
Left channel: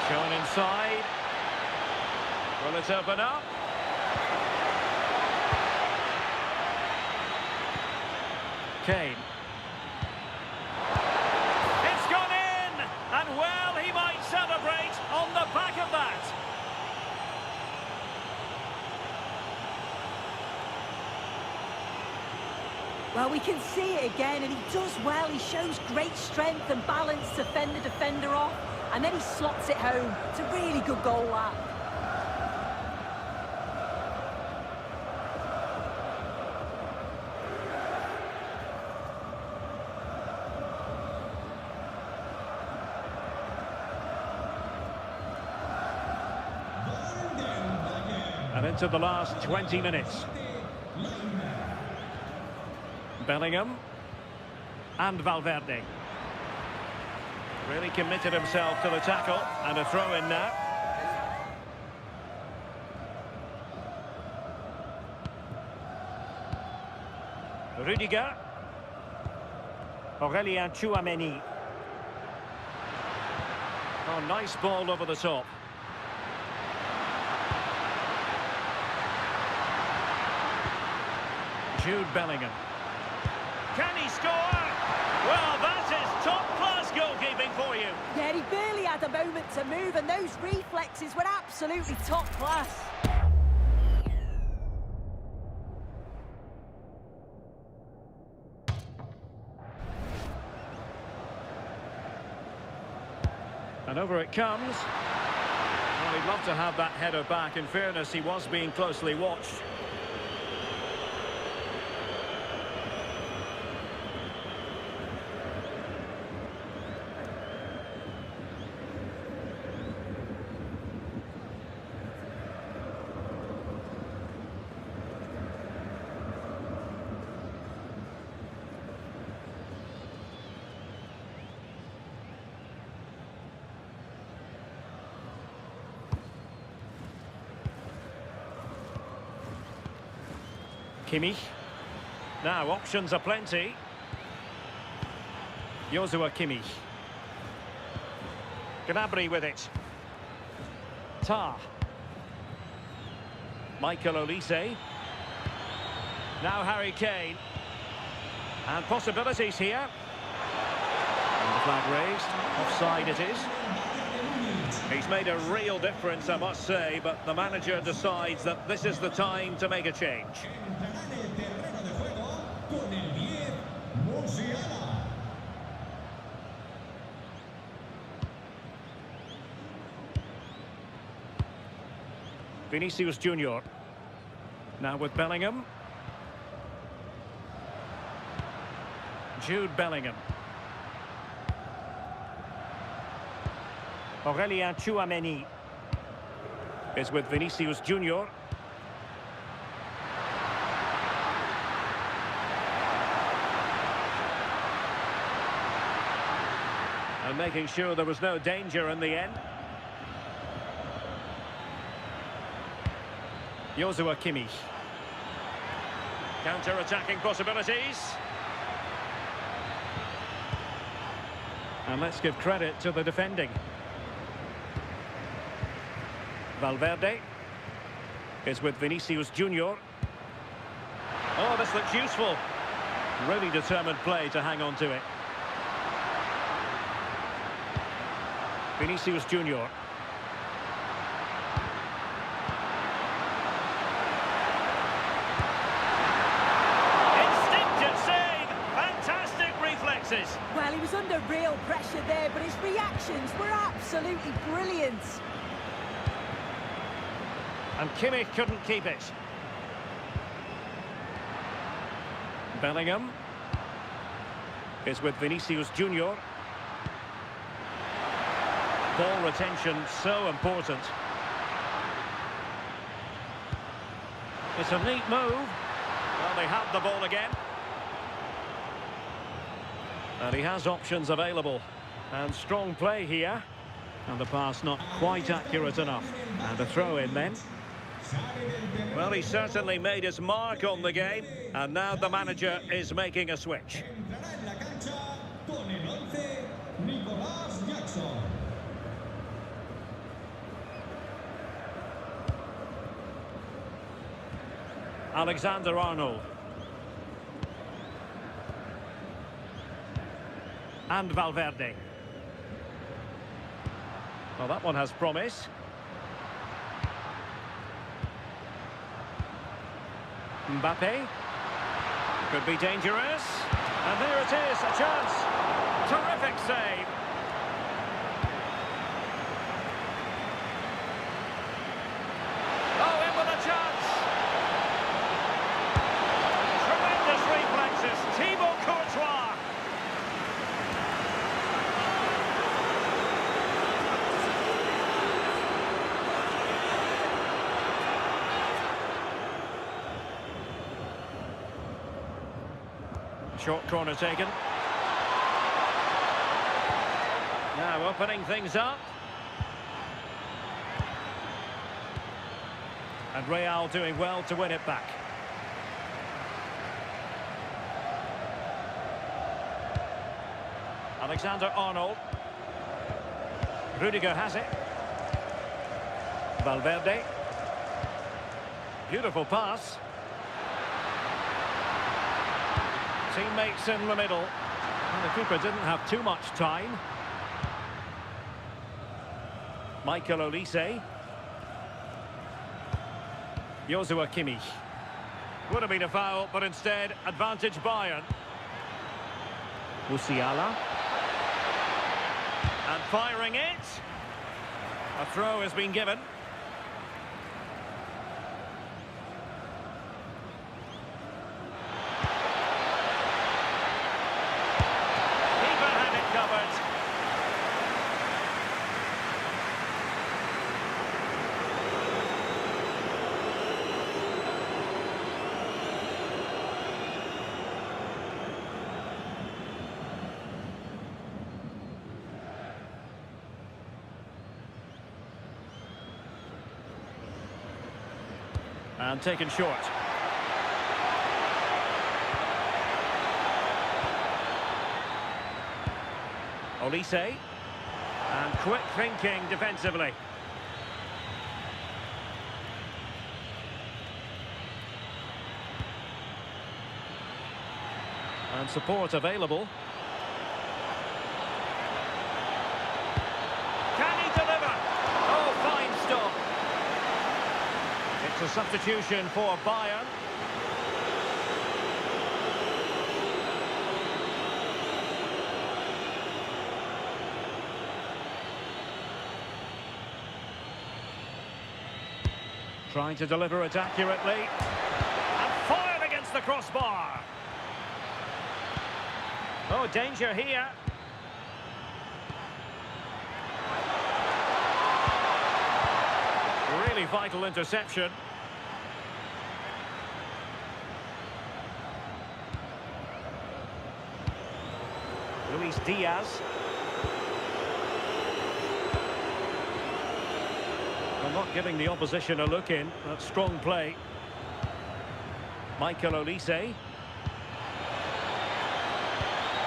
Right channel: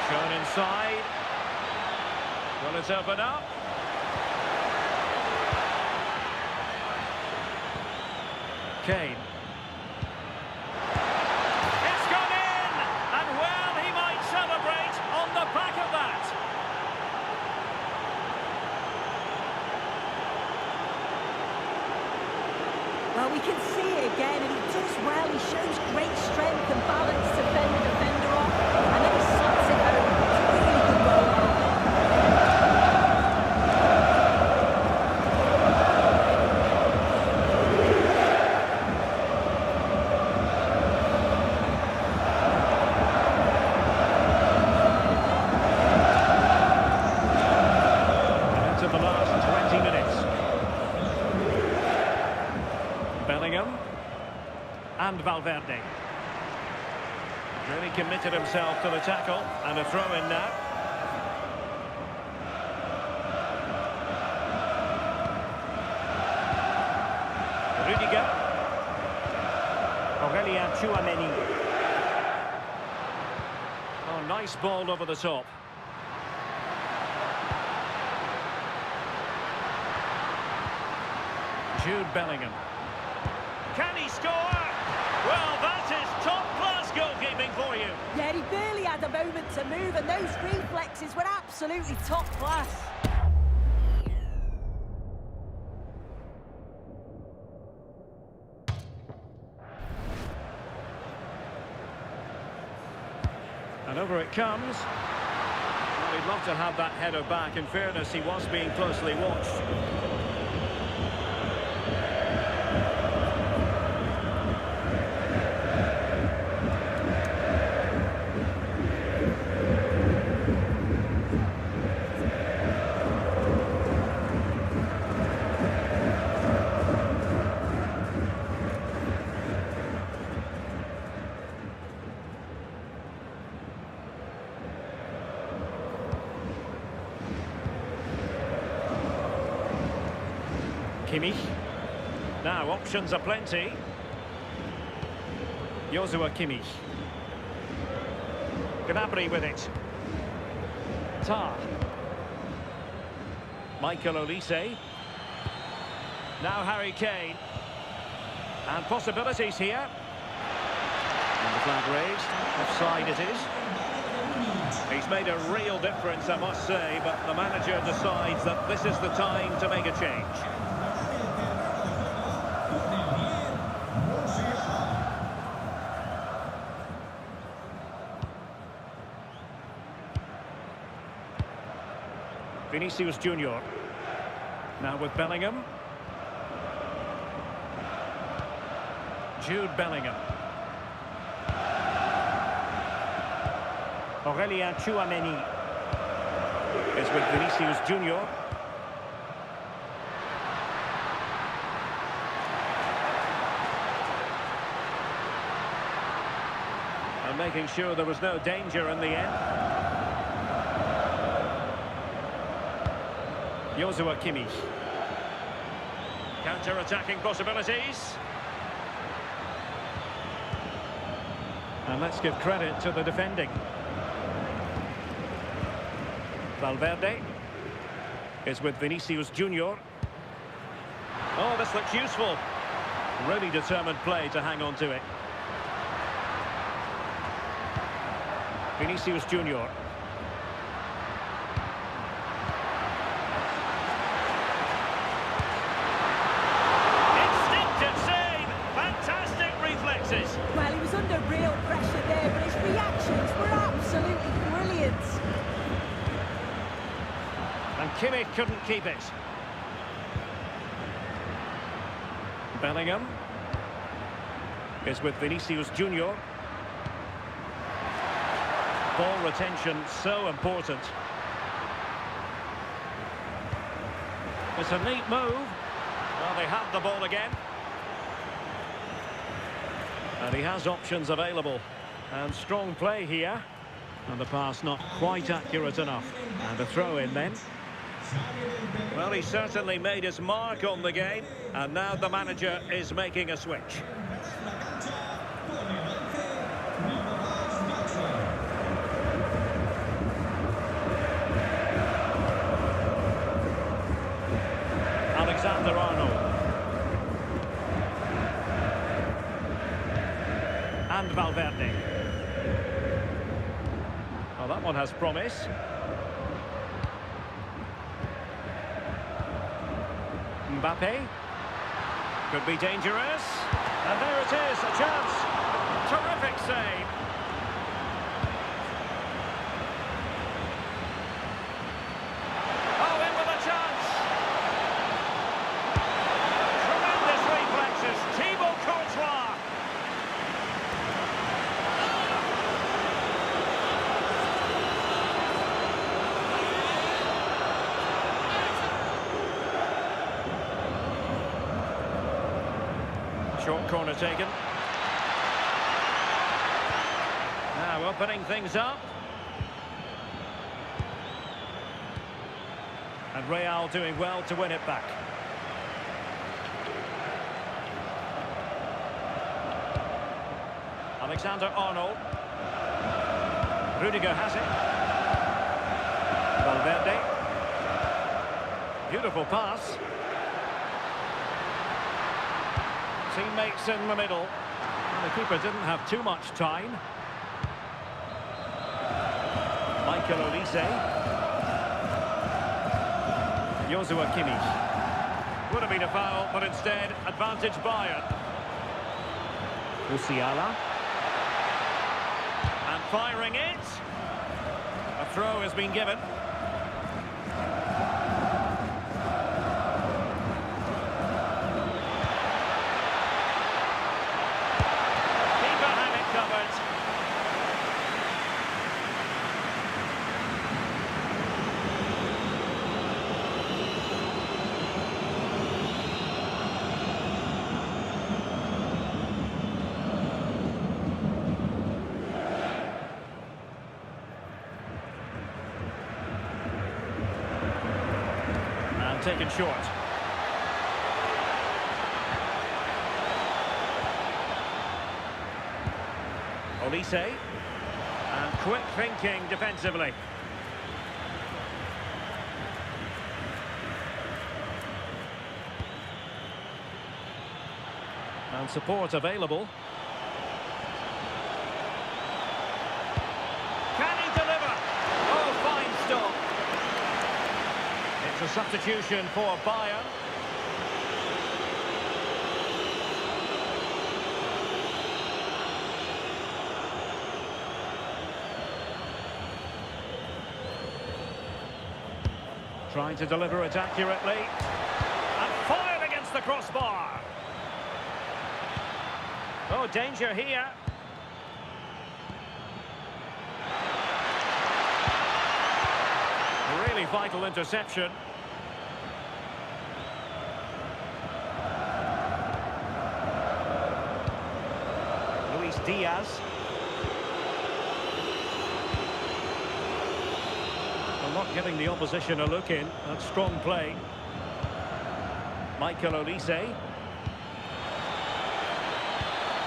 Shown inside. Will it open up? Kane. It's gone in! And well, he might celebrate on the back of that. Well, we can see it again, and he does well. He shows great strength and balance to fend the defender off, and then he slots it home. It's a really good goal, that. And into the last 20 minutes. Bellingham and Valverde. Really committed himself to the tackle, and a throw-in now. Rudiger. Aurelien Tchouameni. Oh, nice ball over the top. Jude Bellingham. Can he score? Well, that is top-class goalkeeping for you. Yeah, he barely had a moment to move, and those reflexes were absolutely top class. And over it comes. Well, he'd love to have that header back. In fairness, he was being closely watched. Kimmich. Now, options are plenty. Joshua Kimmich. Gnabry with it. Tar. Michael Olise. Now Harry Kane. And possibilities here. And the flag raised. Offside it is. He's made a real difference, I must say, but the manager decides that this is the time to make a change. Vinicius Junior. Now with Bellingham. Jude Bellingham. Aurelien Tchouameni is with Vinicius Junior. And making sure there was no danger in the end. Joshua Kimmich. Counter-attacking possibilities. And let's give credit to the defending. Valverde is with Vinicius Junior. Oh, this looks useful. Really determined play to hang on to it. Vinicius Junior. Instinctive save. Fantastic reflexes. Well, he was under real pressure there, but his reactions were absolutely brilliant. And Kimmich couldn't keep it. Bellingham is with Vinicius Junior. Ball retention so important. It's a neat move. Well, they have the ball again. And he has options available. And strong play here. And the pass not quite accurate enough. And a throw in then. Well, he certainly made his mark on the game. And now the manager is making a switch. Alexander-Arnold. And Valverde. Well, that one has promise. Mbappé. Could be dangerous. And there it is, a chance. Terrific save. Oh, in with a chance. Tremendous reflexes. Thibaut Courtois. Short corner taken. Now opening things up. And Real doing well to win it back. Alexander-Arnold. Rudiger has it. Valverde. Beautiful pass. Teammates in the middle. Well, the keeper didn't have too much time. Michael Olise. Joshua Kimmich. Would have been a foul, but instead, advantage Bayern. Musiala. And firing it. A throw has been given. Covered. And taken short. Olise. And quick thinking defensively. And support available. Can he deliver? Oh, fine stop. It's a substitution for Bayern. Trying to deliver it accurately. crossbar. Oh, danger here. Really vital interception. Luis Diaz. Well, not giving the opposition a look in. That's strong play. Michael Olise.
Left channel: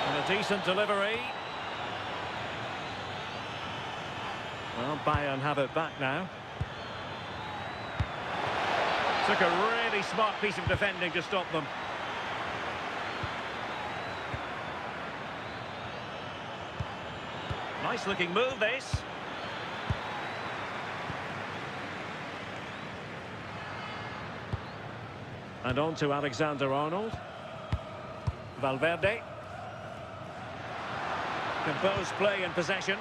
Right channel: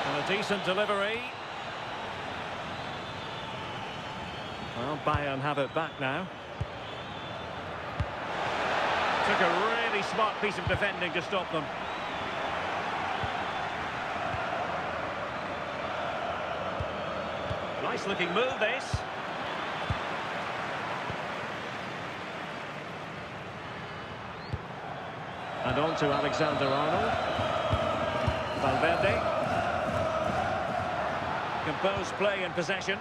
And a decent delivery. Well, Bayern have it back now. Took a really smart piece of defending to stop them. Nice looking move, this. And on to Alexander-Arnold. Valverde. Composed play in possession.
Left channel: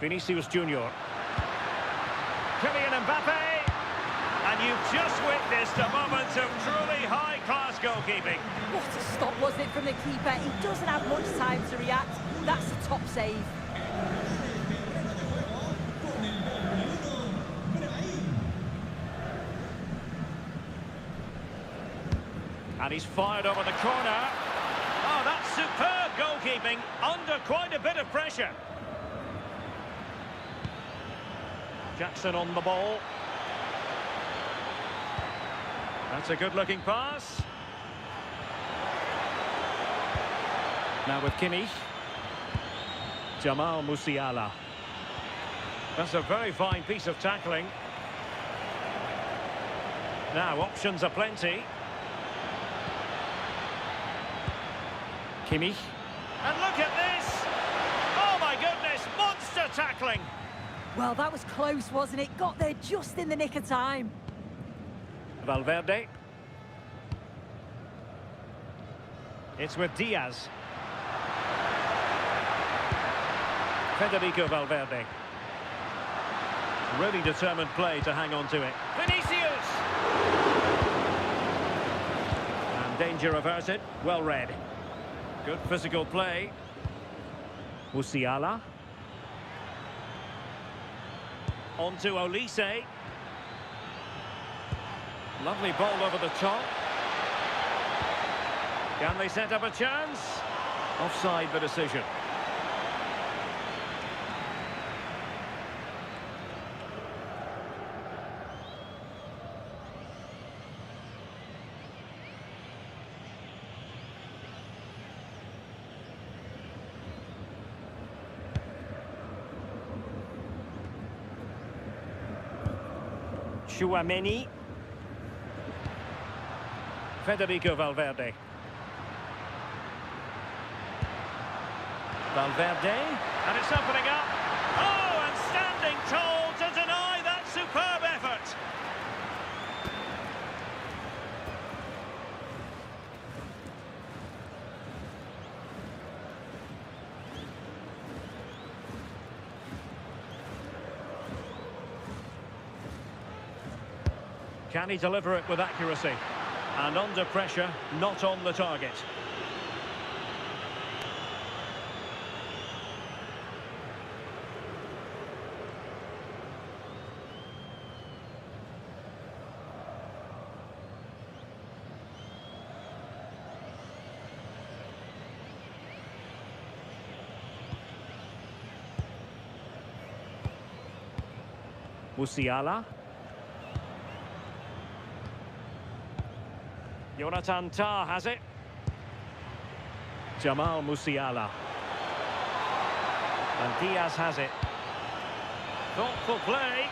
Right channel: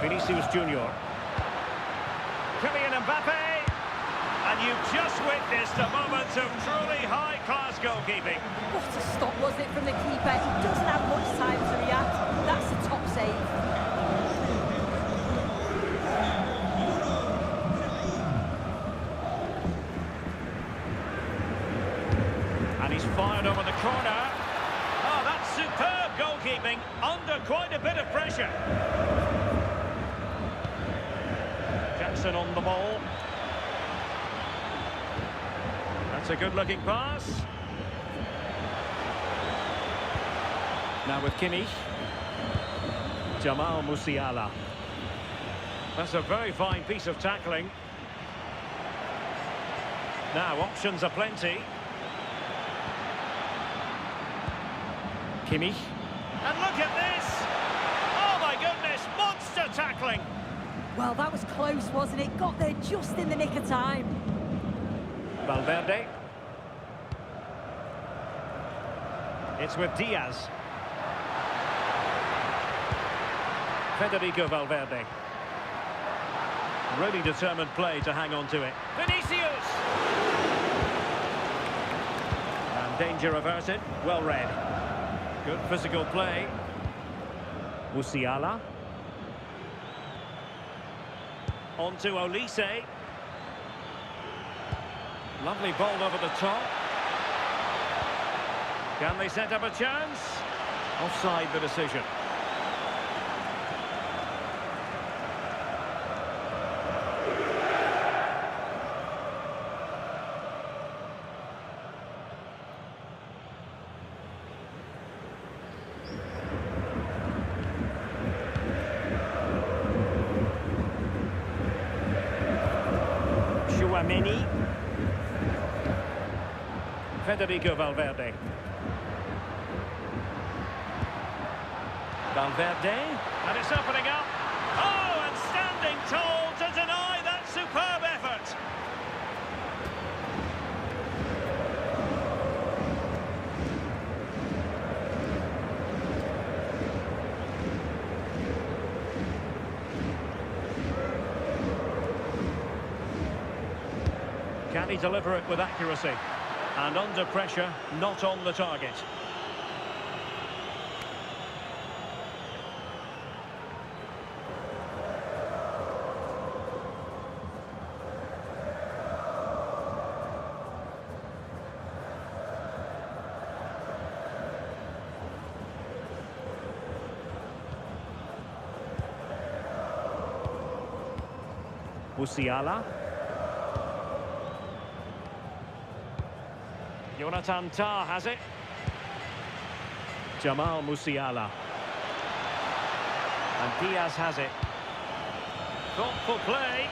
Vinicius Junior. Kylian Mbappé. And you've just witnessed a moment of truly high-class goalkeeping. What a stop was it from the keeper. He doesn't have much time to react. That's a top save. And he's fired over the corner. Oh, that's superb goalkeeping under quite a bit of pressure. Jackson on the ball. That's a good-looking pass. Now with Kimmich. Jamal Musiala. That's a very fine piece of tackling. Now, options are plenty. Kimmich. And look at this! Oh my goodness, monster tackling! Well, that was close, wasn't it? Got there just in the nick of time. Valverde. It's with Diaz. Federico Valverde. Really determined play to hang on to it. Vinicius! And danger averted. Well read. Good physical play. Musiala. On to Olise. Lovely ball over the top. Can they set up a chance? Offside the decision. Chouameni. Federico Valverde. Valverde. And it's opening up. Oh, and standing tall to deny that superb effort. Can he deliver it with accuracy? And under pressure, not on the target. Musiala. Jonathan Tah has it. Jamal Musiala. And Diaz has it. Thoughtful play.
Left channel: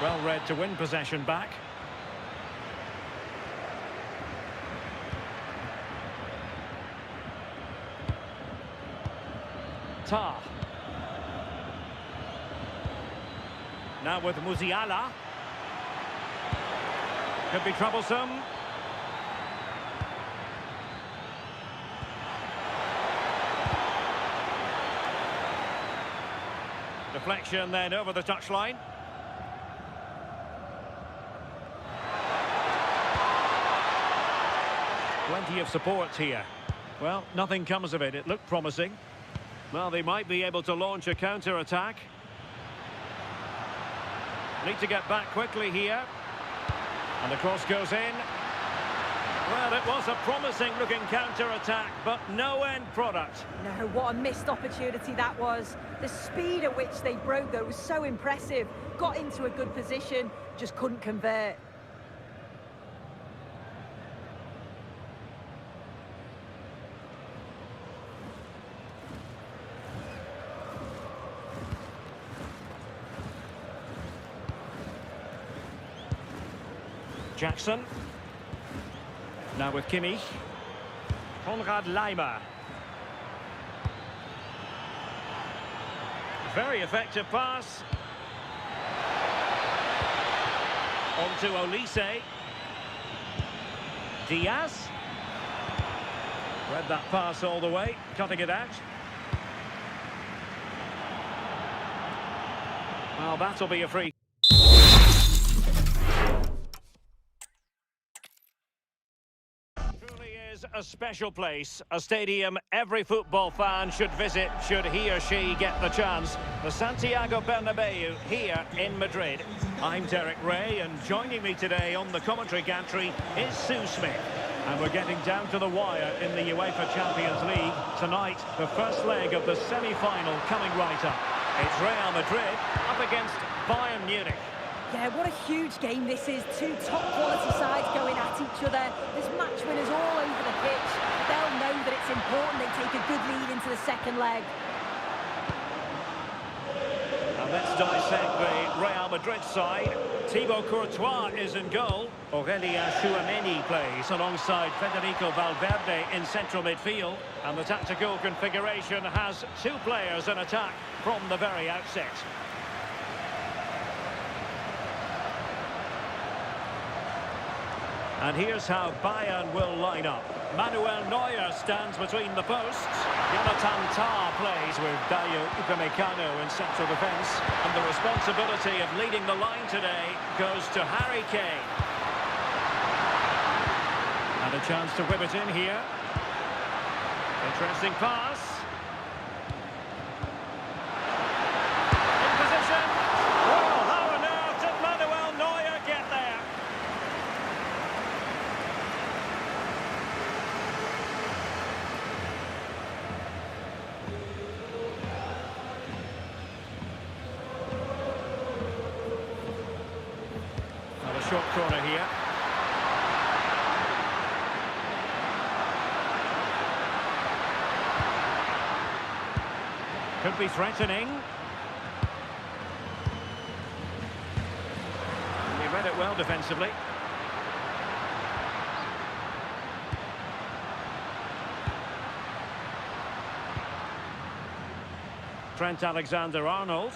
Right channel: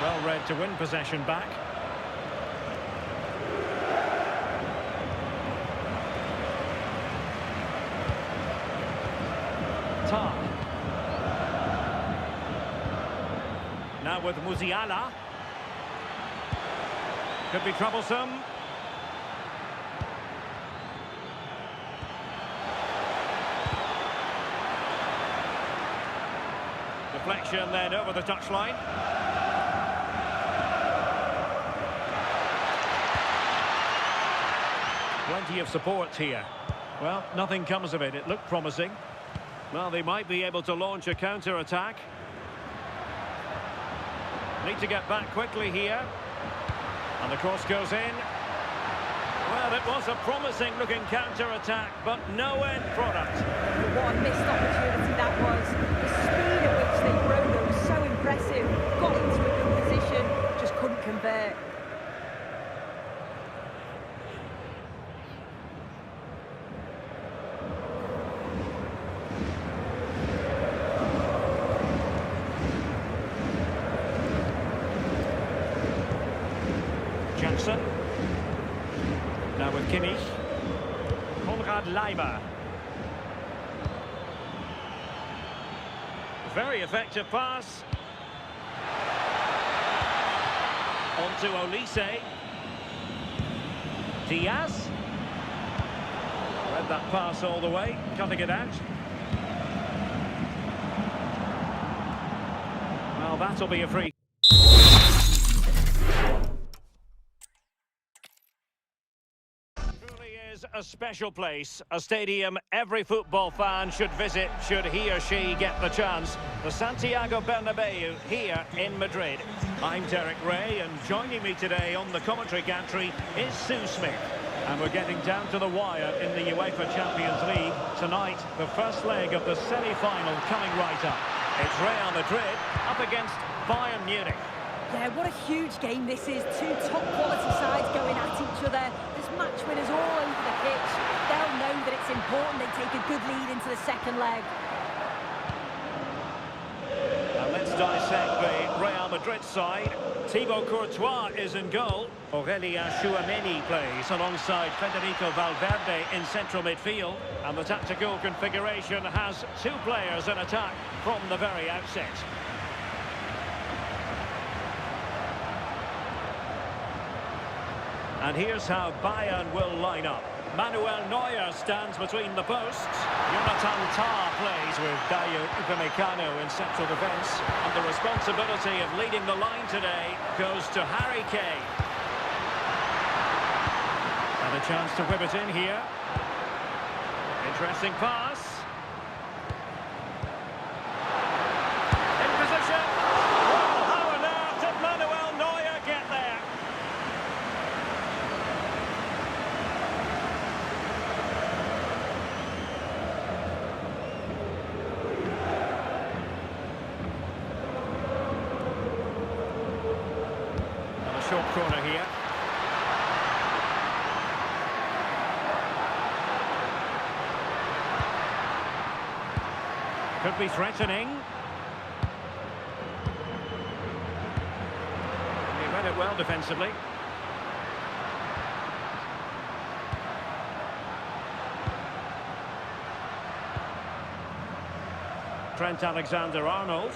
Well read to win possession back. Tah. Now with Musiala. Could be troublesome. Deflection then over the touchline. Plenty of support here. Well, nothing comes of it. It looked promising. Well, they might be able to launch a counter-attack. Need to get back quickly here. And the cross goes in. Well, it was a promising-looking counter-attack, but no end product. No, what a missed opportunity that was. The speed at which they broke them was so impressive. Got into a good position, just couldn't convert. Jackson. Now with Kimmich. Konrad Laimer. Very effective pass. On to Olise. Diaz. Read that pass all the way, cutting it out. Well, that'll be a free. A special place, a stadium every football fan should visit should he or she get the chance. The Santiago Bernabeu here in Madrid. I'm Derek Ray, and joining me today on the commentary gantry is Sue Smith. And we're getting down to the wire in the UEFA Champions League. Tonight, the first leg of the semi-final coming right up. It's Real Madrid up against Bayern Munich. Yeah, what a huge game this is. Two top-quality sides going at each other. There's match winners all over the pitch. They'll know that it's important they take a good lead into the second leg. And let's dissect the Real Madrid side. Thibaut Courtois is in goal. Aurélien Tchouameni plays alongside Federico Valverde in central midfield. And the tactical configuration has two players in attack from the very outset. And here's how Bayern will line up. Manuel Neuer stands between the posts. Jonathan Tah plays with Dayo Upamecano in central defence. And the responsibility of leading the line today goes to Harry Kane. And a chance to whip it in here. Interesting pass. In position. Well, how on earth did Manuel Neuer get there? A short corner here. Could be threatening. And he read it well defensively. Trent Alexander-Arnold.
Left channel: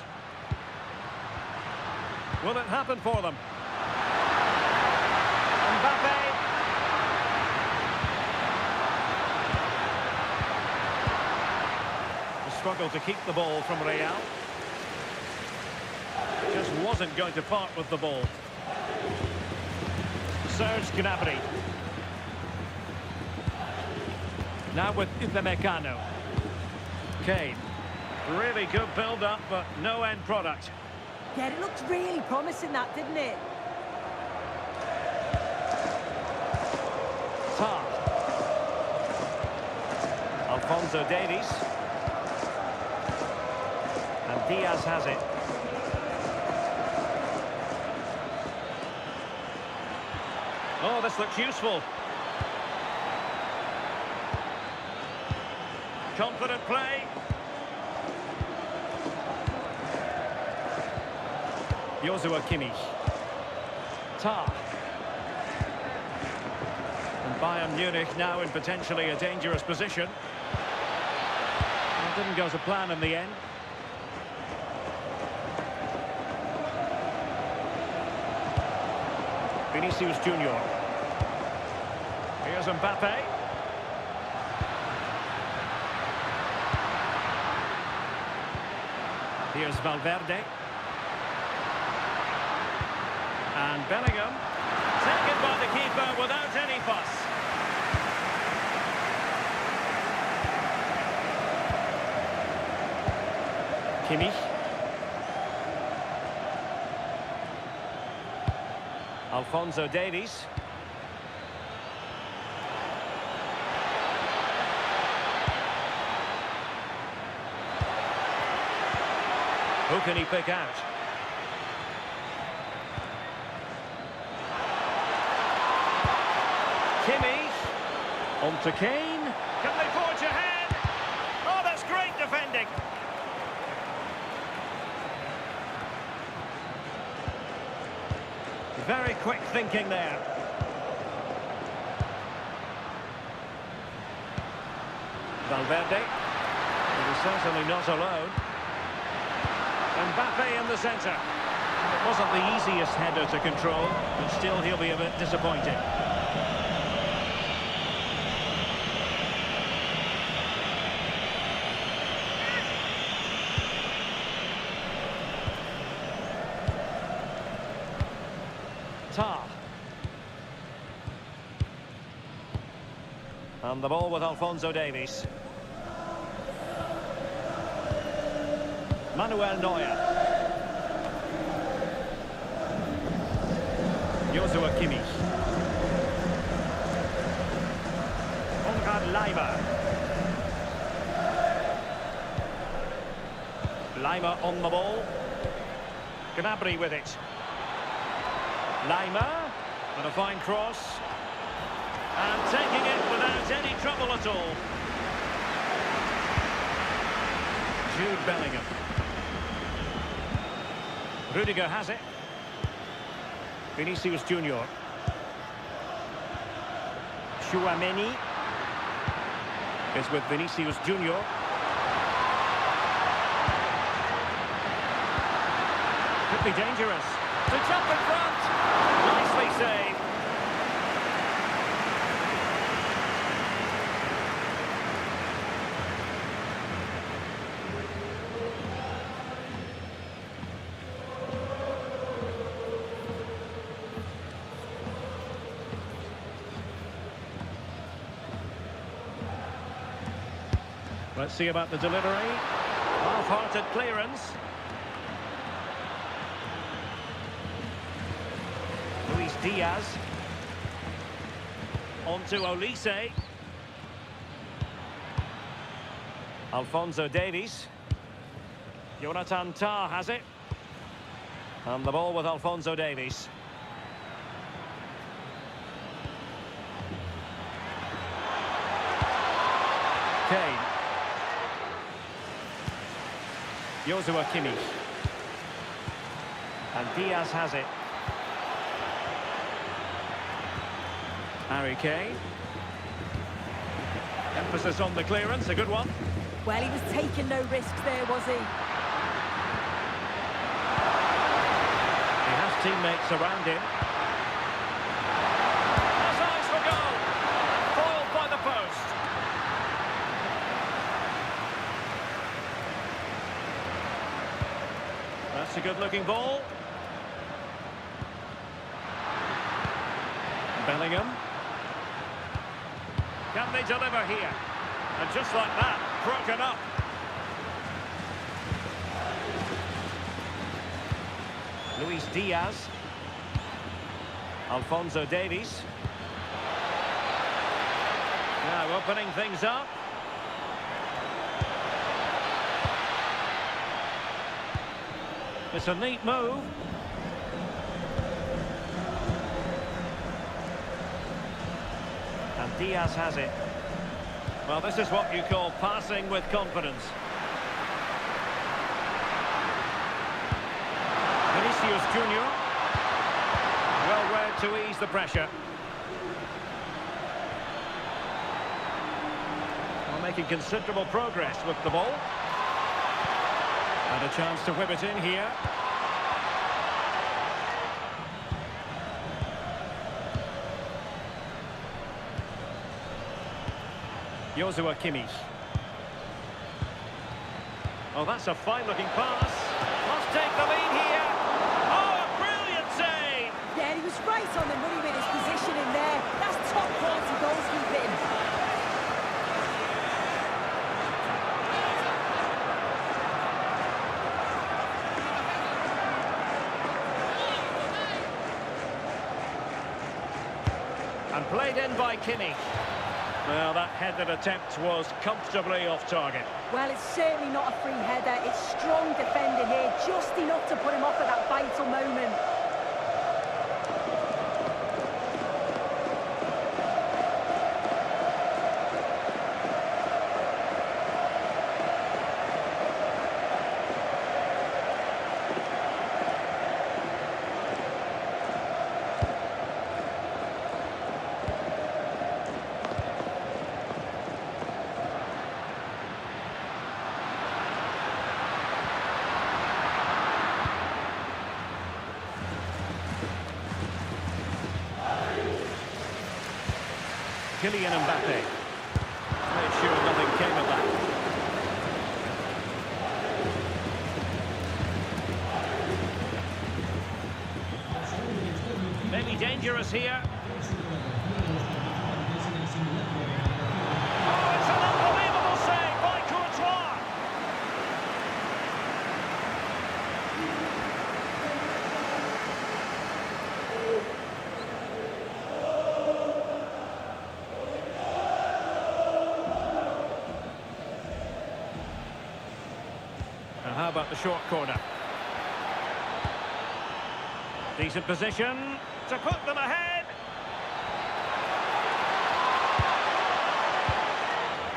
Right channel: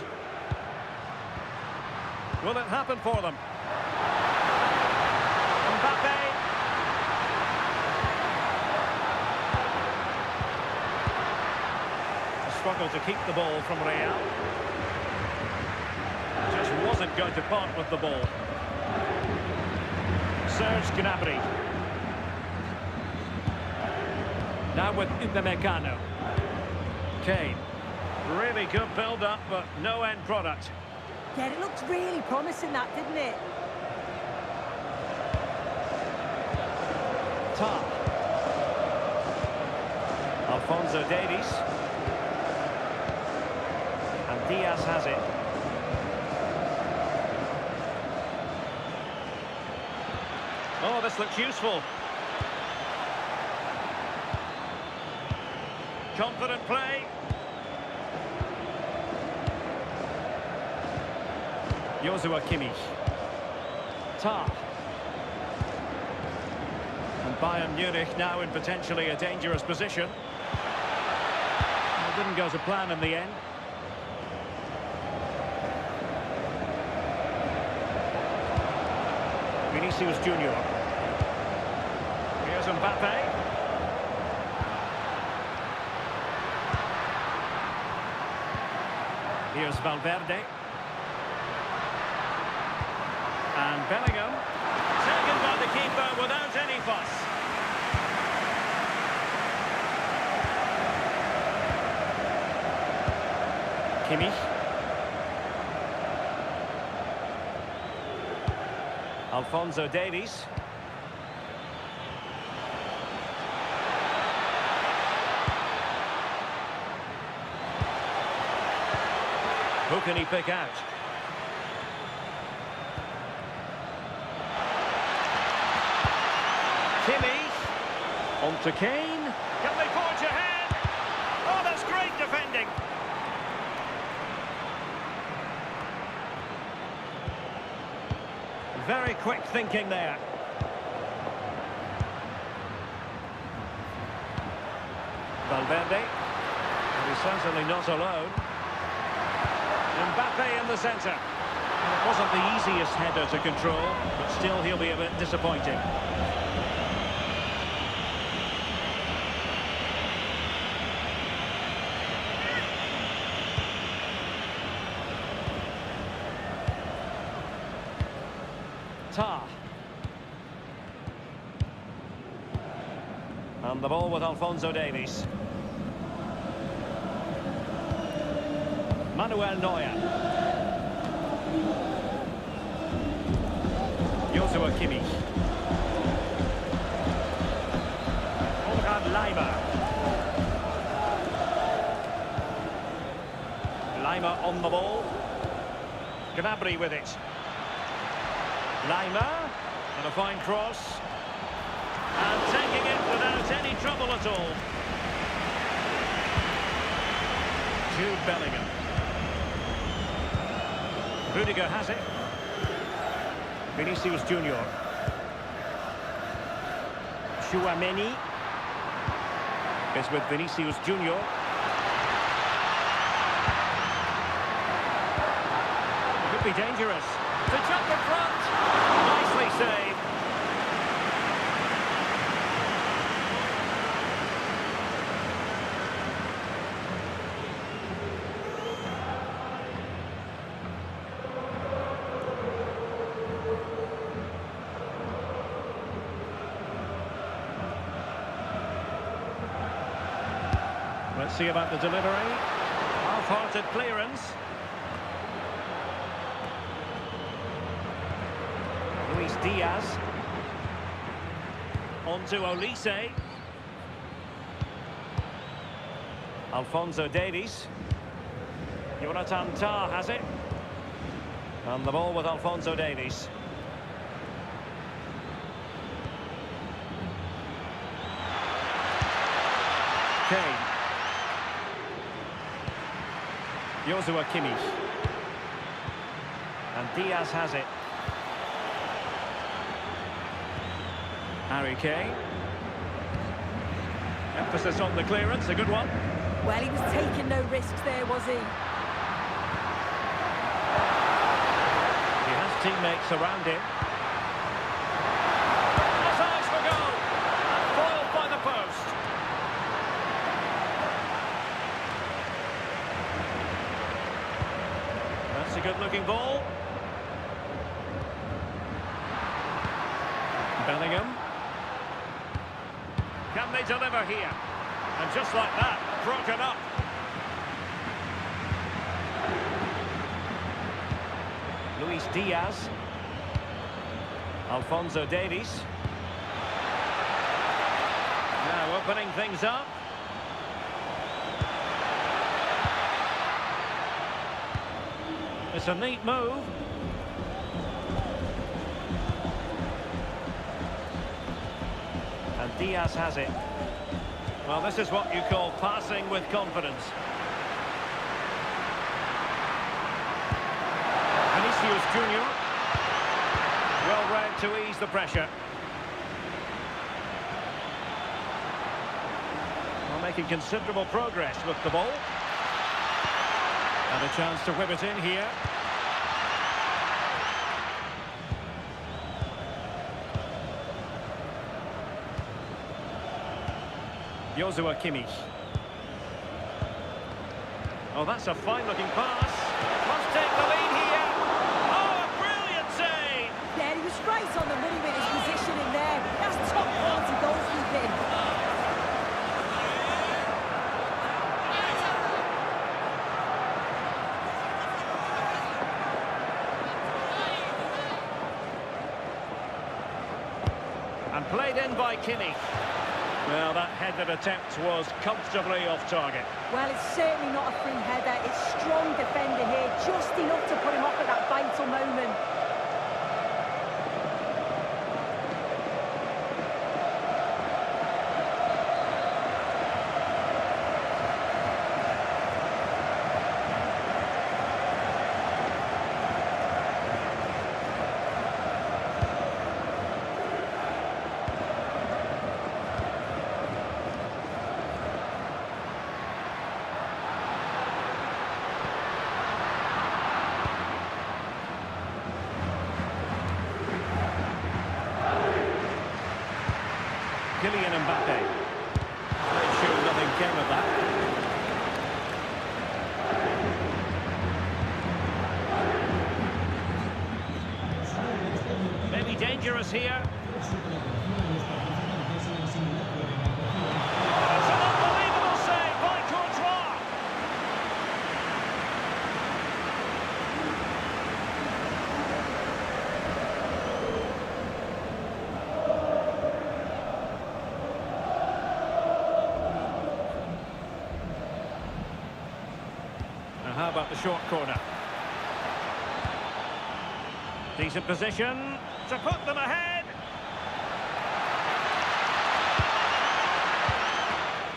Will it happen for them? Mbappé. A struggle to keep the ball from Real. Just wasn't going to part with the ball. Serge Gnabry. Now with Upamecano. Kane. Really good build-up, but no end product. Yeah, it looked really promising, that, didn't it? Tah. Alphonso Davies. And Diaz has it. Oh, this looks useful. Confident play. Joshua Kimmich. Tah. And Bayern Munich now in potentially a dangerous position. Well, didn't go to plan in the end. Vinicius Junior. Here's Mbappé. Here's Valverde. And Bellingham. Taken by the keeper without any fuss. Kimmich. Alphonso Davies. Who can he pick out? Kimmich. On to Kane. Can they forge ahead? Oh, that's great defending. Very quick thinking there. Valverde. But he's certainly not alone. Mbappé in the centre. And it wasn't the easiest header to control, but still he'll be a bit disappointed. Tar. And the ball with Alphonso Davies. Manuel Neuer. Joshua Kimmich. Konrad Laimer. Laimer on the ball. Gnabry with it. Laimer, and a fine cross. And taking it without any trouble at all. Jude Bellingham. Rudiger has it. Vinicius Junior. Chouameni is with Vinicius Junior. Could be dangerous. To jump in front. Nicely saved. Let's see about the delivery. Half-hearted clearance. Luis Diaz. On to Olise. Alphonso Davies. Jonathan Tah has it. And the ball with Alphonso Davies. Kane. Joshua Kimmich. And Diaz has it. Harry Kane. Emphasis on the clearance, a good one. Well, he was taking no risks there, was he? He has teammates around him. Has eyes for goal. And foiled by the post. That's a good-looking ball. Bellingham. Can they deliver here? And just like that, broken up. Luis Diaz. Alphonso Davies. Now opening things up. It's a neat move. And Diaz has it. Well, this is what you call passing with confidence. Vinicius Junior. Well read to ease the pressure. Well, making considerable progress with the ball. And a chance to whip it in here. Joshua Kimmich. Oh, that's a fine-looking pass. Must take the lead here. Oh, a brilliant save! Yeah, he was right on the money with his position in there. That's top-quality goalkeeping. And played in by Kimmich. Well, that headed attempt was comfortably off target. Well, it's certainly not a free header. It's strong defending here, just enough to put him off at that vital moment. Kylian Mbappé. Made sure nothing came of that. Maybe dangerous here. Oh, it's an unbelievable save by Courtois. Now, how about the short corner? Decent position to put them ahead.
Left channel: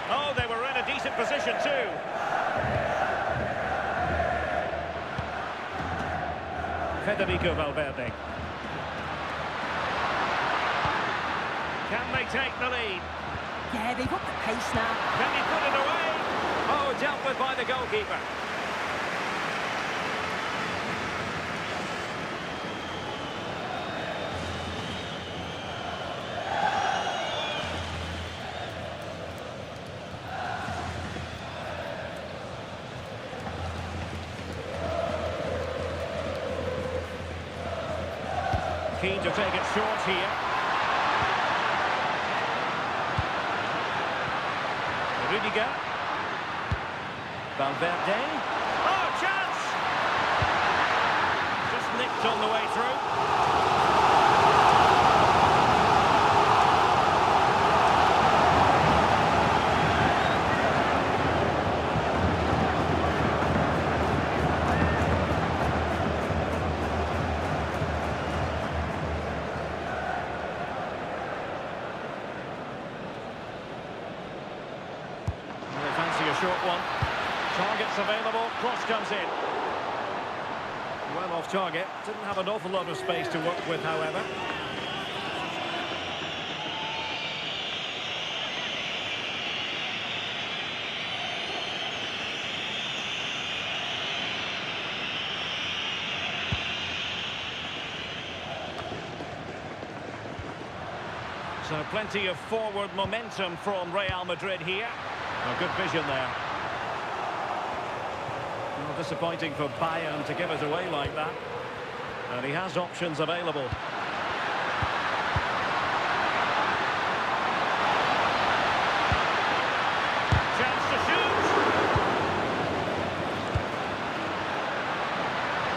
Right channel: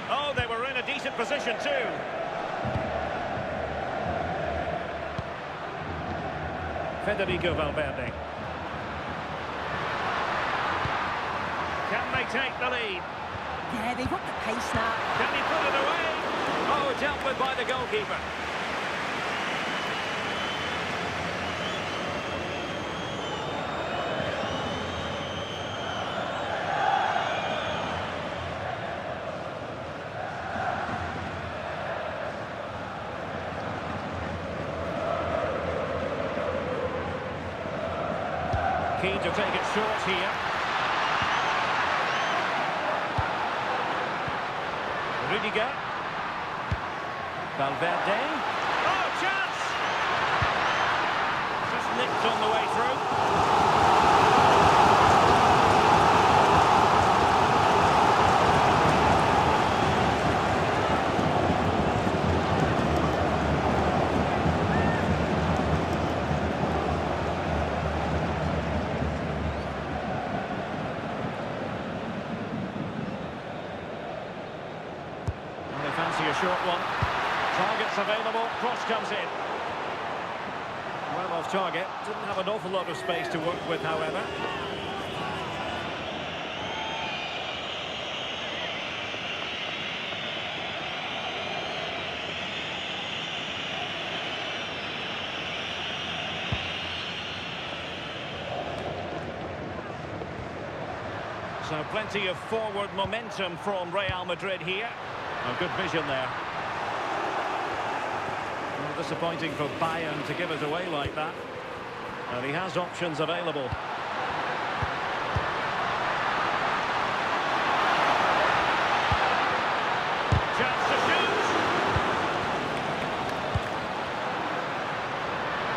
Oh, they were in a decent position too. Federico Valverde. Can they take the lead? Yeah, they've upped the pace now. Can he put it away? Oh, dealt with by the goalkeeper. Keen to take it short here. Rudiger. Valverde. Oh, chance! Just nicked on the way through. Well, they fancy a short one. Targets available, cross comes in. Well off target, didn't have an awful lot of space to work with, however. So plenty of forward momentum from Real Madrid here. Oh, good vision there. Well, disappointing for Bayern to give it away like that. And he has options available. Chance to shoot.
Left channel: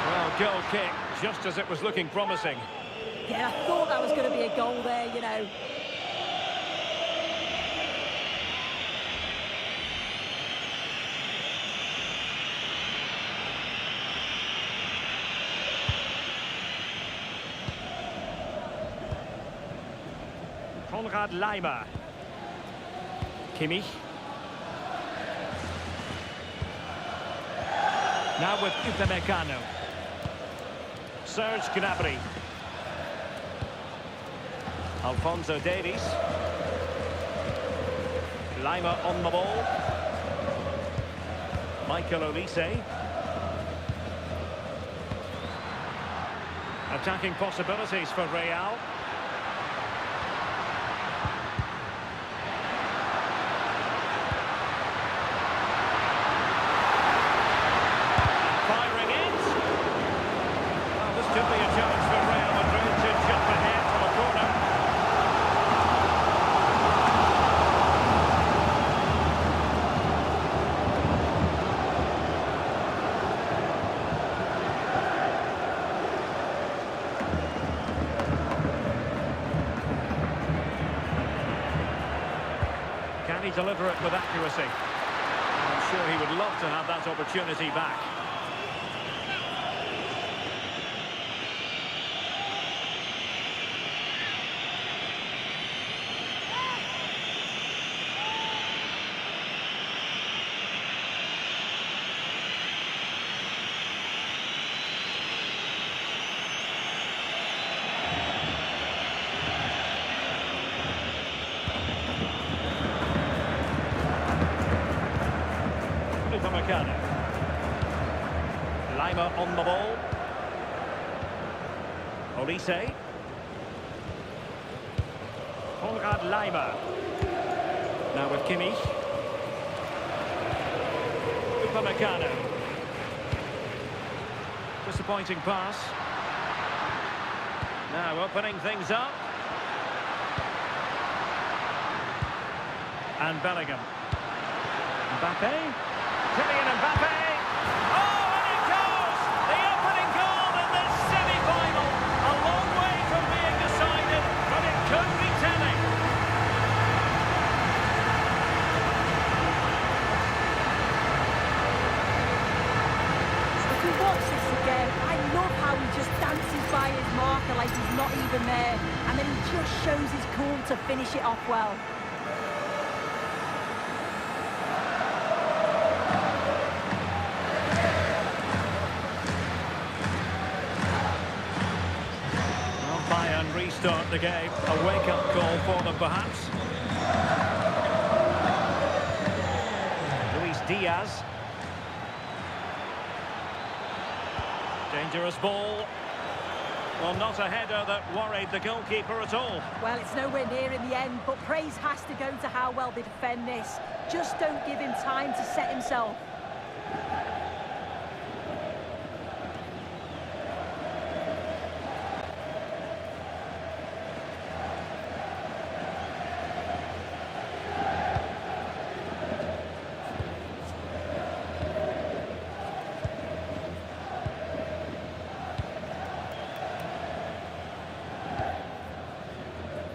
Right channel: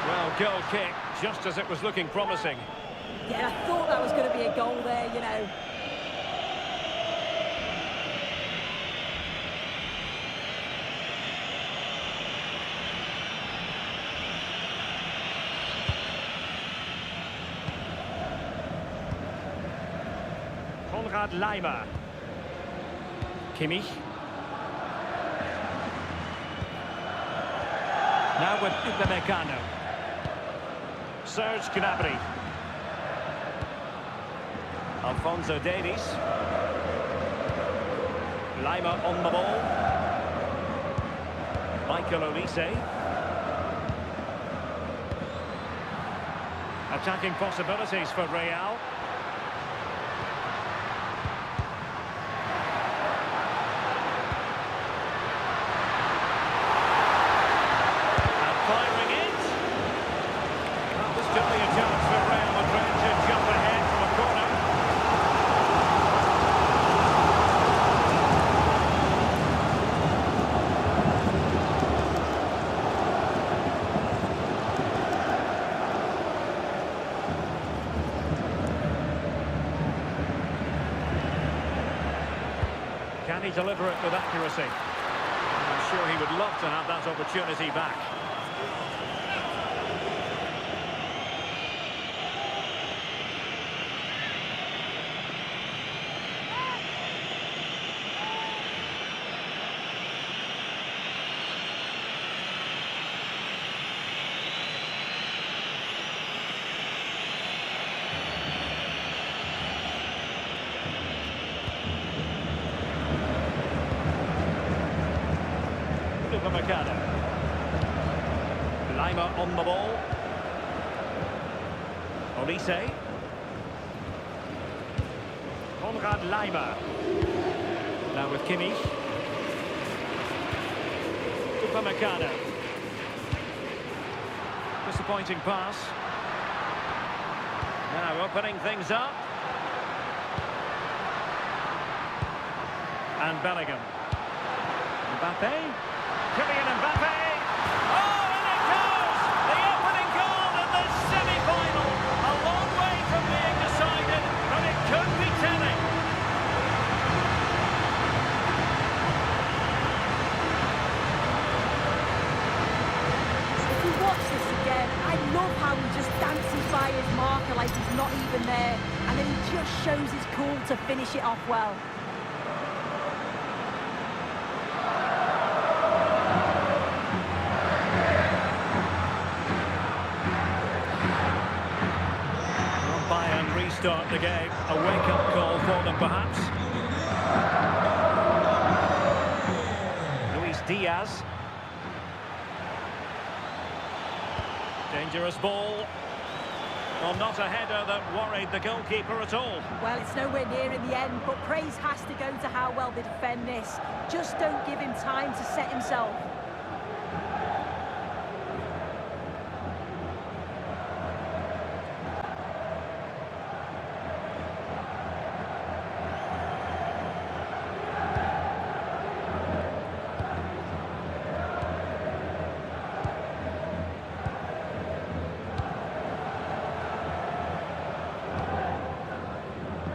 Well, goal kick, just as it was looking promising. Yeah, I thought that was going to be a goal there, you know. Konrad Laimer. Kimmich. Now with Upamecano. Serge Gnabry. Alphonso Davies. Laimer on the ball. Michael Olise. Attacking possibilities for Real. Firing it. Well, this could be a chance for Real Madrid to jump ahead from a corner. Can he deliver it with accuracy? I'm sure he would love to have that opportunity back. Upamecano. Lima on the ball. Olise. Konrad Lima. Now with Kimmich. Upamecano. Disappointing pass. Now opening things up. And Bellingham. Mbappé. Kylian Mbappé. Oh, and it goes! The opening goal in the semi-final. A long way from being decided, but it could be telling. If we watch this again, I love how he just dances by his marker like he's not even there, and then he just shows his cool to finish it off well. Bayern restart the game. A wake-up call for them, perhaps. Luis Diaz. Dangerous ball. Well, not a header that worried the goalkeeper at all. Well, it's nowhere near in the end, but praise has to go to how well they defend this. Just don't give him time to set himself.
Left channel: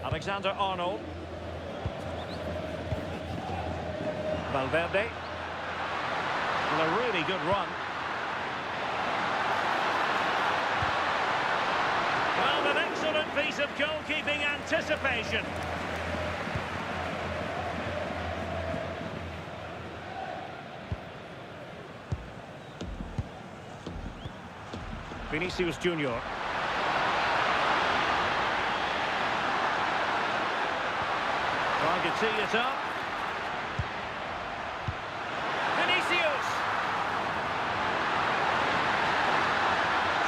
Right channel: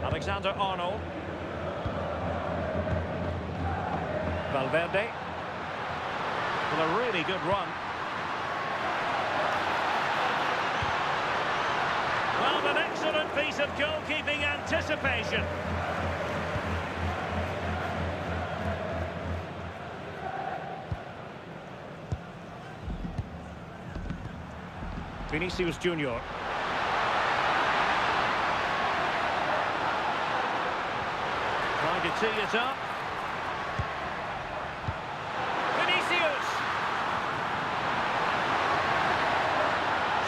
Alexander-Arnold. Valverde. Well, a really good run. Well, an excellent piece of goalkeeping anticipation. Vinicius Junior. Trying to tee it up. Vinicius.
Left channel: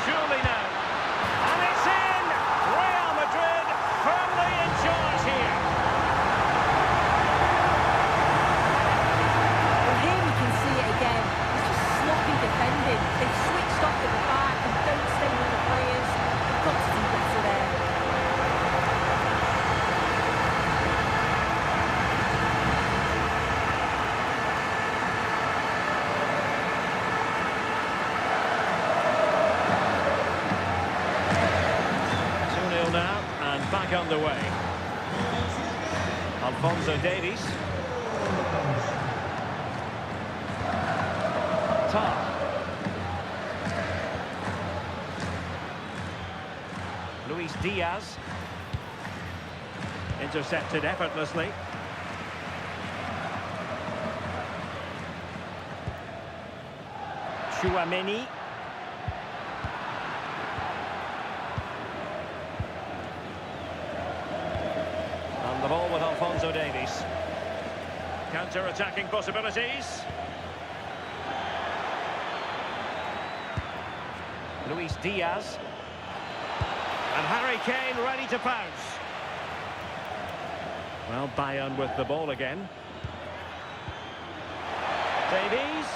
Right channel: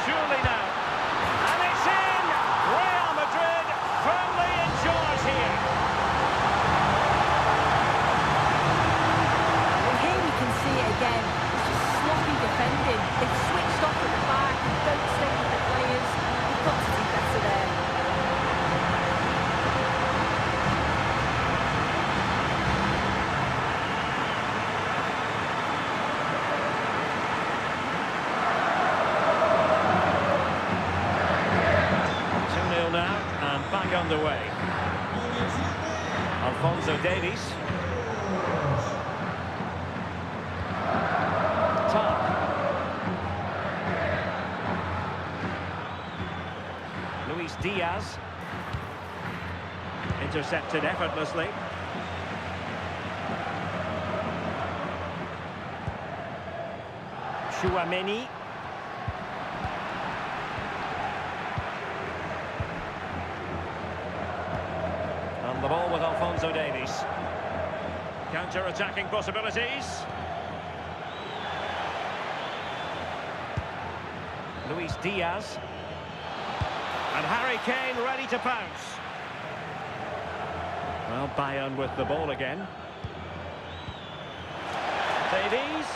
Surely now. And it's in! Real Madrid firmly in charge here. Well, here we can see it again. It's just sloppy defending. They've switched off at the back and don't stay with the players. They've got to do better there. Now and back underway. Alphonso Davies. Luis Diaz. Intercepted effortlessly. Chouameni. And the ball with Alphonso Davies. Counter-attacking possibilities. Luis Diaz. And Harry Kane ready to pounce. Well, Bayern with the ball again. Davies.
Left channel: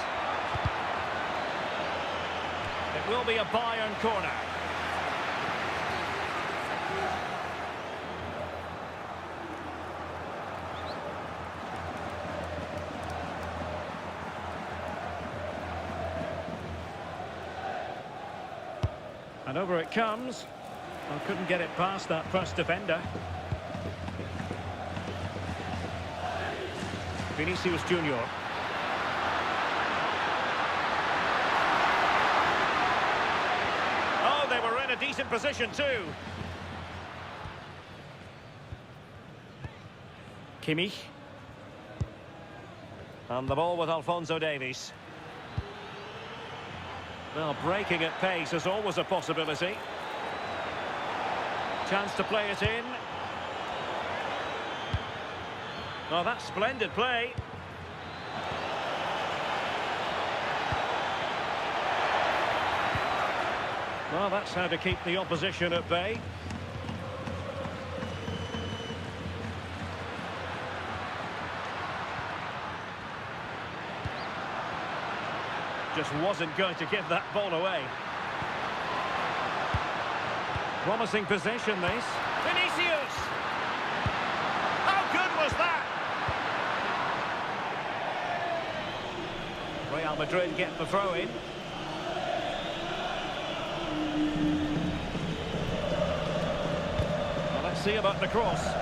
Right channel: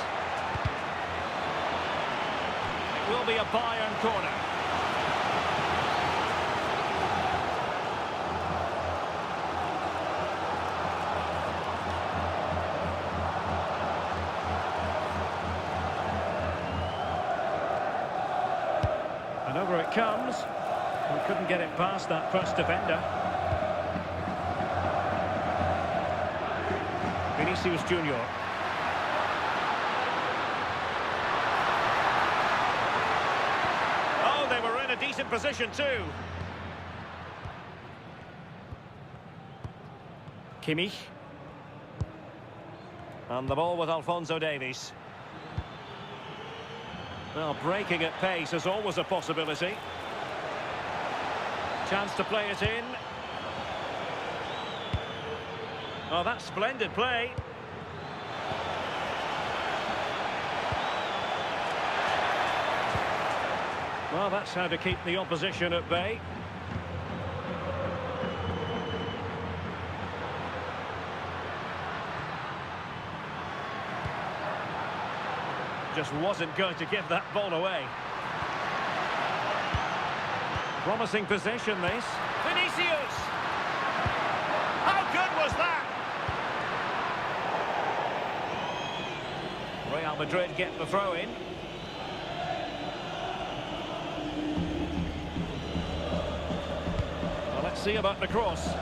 It will be a Bayern corner. And over it comes. Well, couldn't get it past that first defender. Vinicius Junior. Oh, they were in a decent position too. Kimmich. And the ball with Alphonso Davies. Well, breaking at pace is always a possibility. Chance to play it in. Oh, that's splendid play. Well, that's how to keep the opposition at bay. Just wasn't going to give that ball away. Promising possession, this. Vinicius! How good was that? Real Madrid get the throw in. Well, let's see about the cross.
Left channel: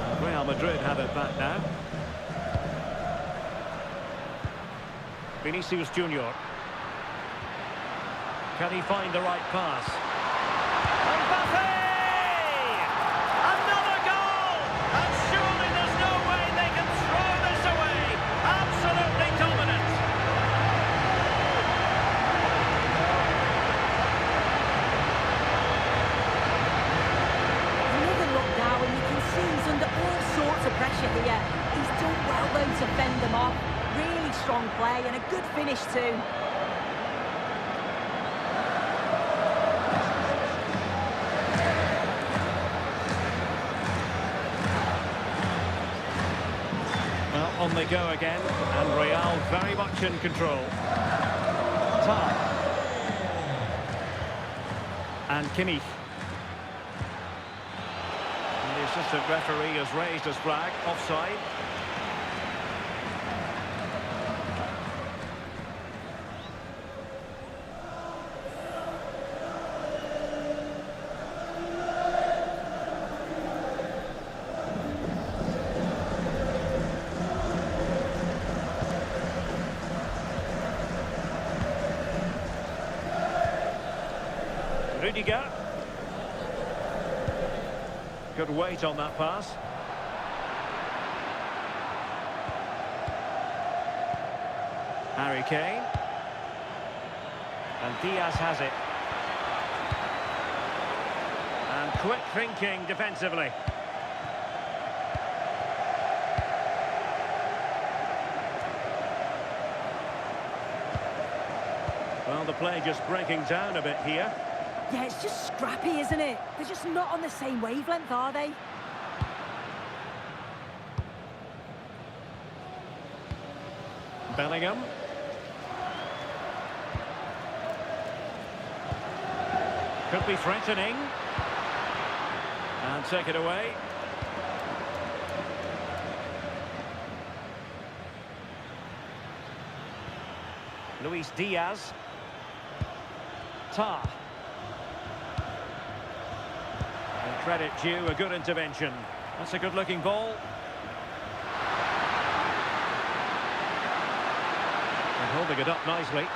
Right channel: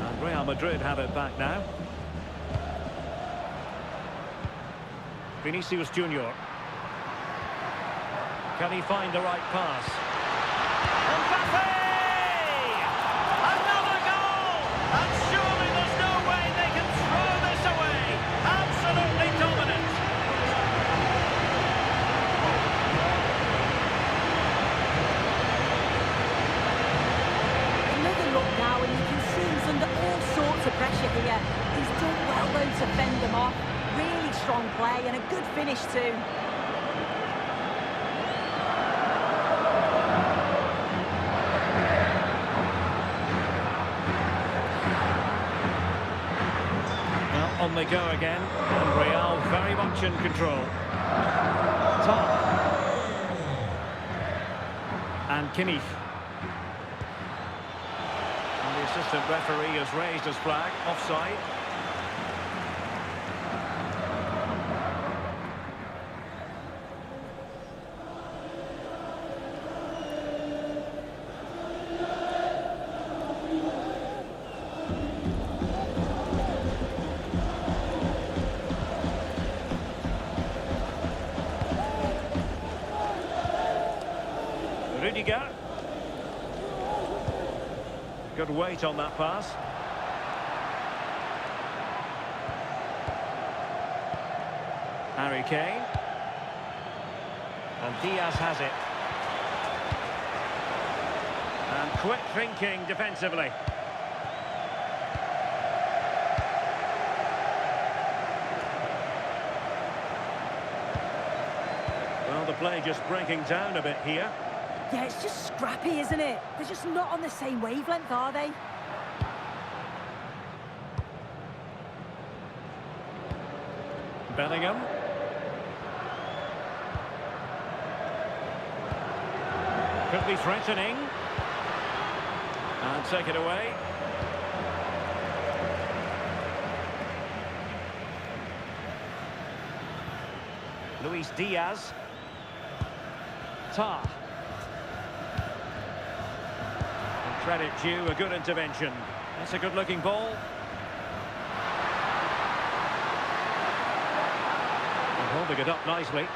And Real Madrid have it back now. Vinicius Junior. Can he find the right pass? Mbappé! Another goal! And surely there's no way they can throw this away. Absolutely dominant. Another look now, and you can see he's under all sorts of pressure here. He's done well, though, to fend them off. Really strong play and a good finish too. Well, on they go again, and Real very much in control. Tar. And Kimmich. And the assistant referee has raised his flag, offside. Rudiger. Good weight on that pass. Harry Kane. And Diaz has it. And quick thinking defensively. Well, the play just breaking down a bit here. Yeah, it's just scrappy, isn't it? They're just not on the same wavelength, are they? Bellingham. Could be threatening. And take it away. Luis Diaz. Tar. And credit due, a good intervention. That's a good-looking ball. And holding it up nicely.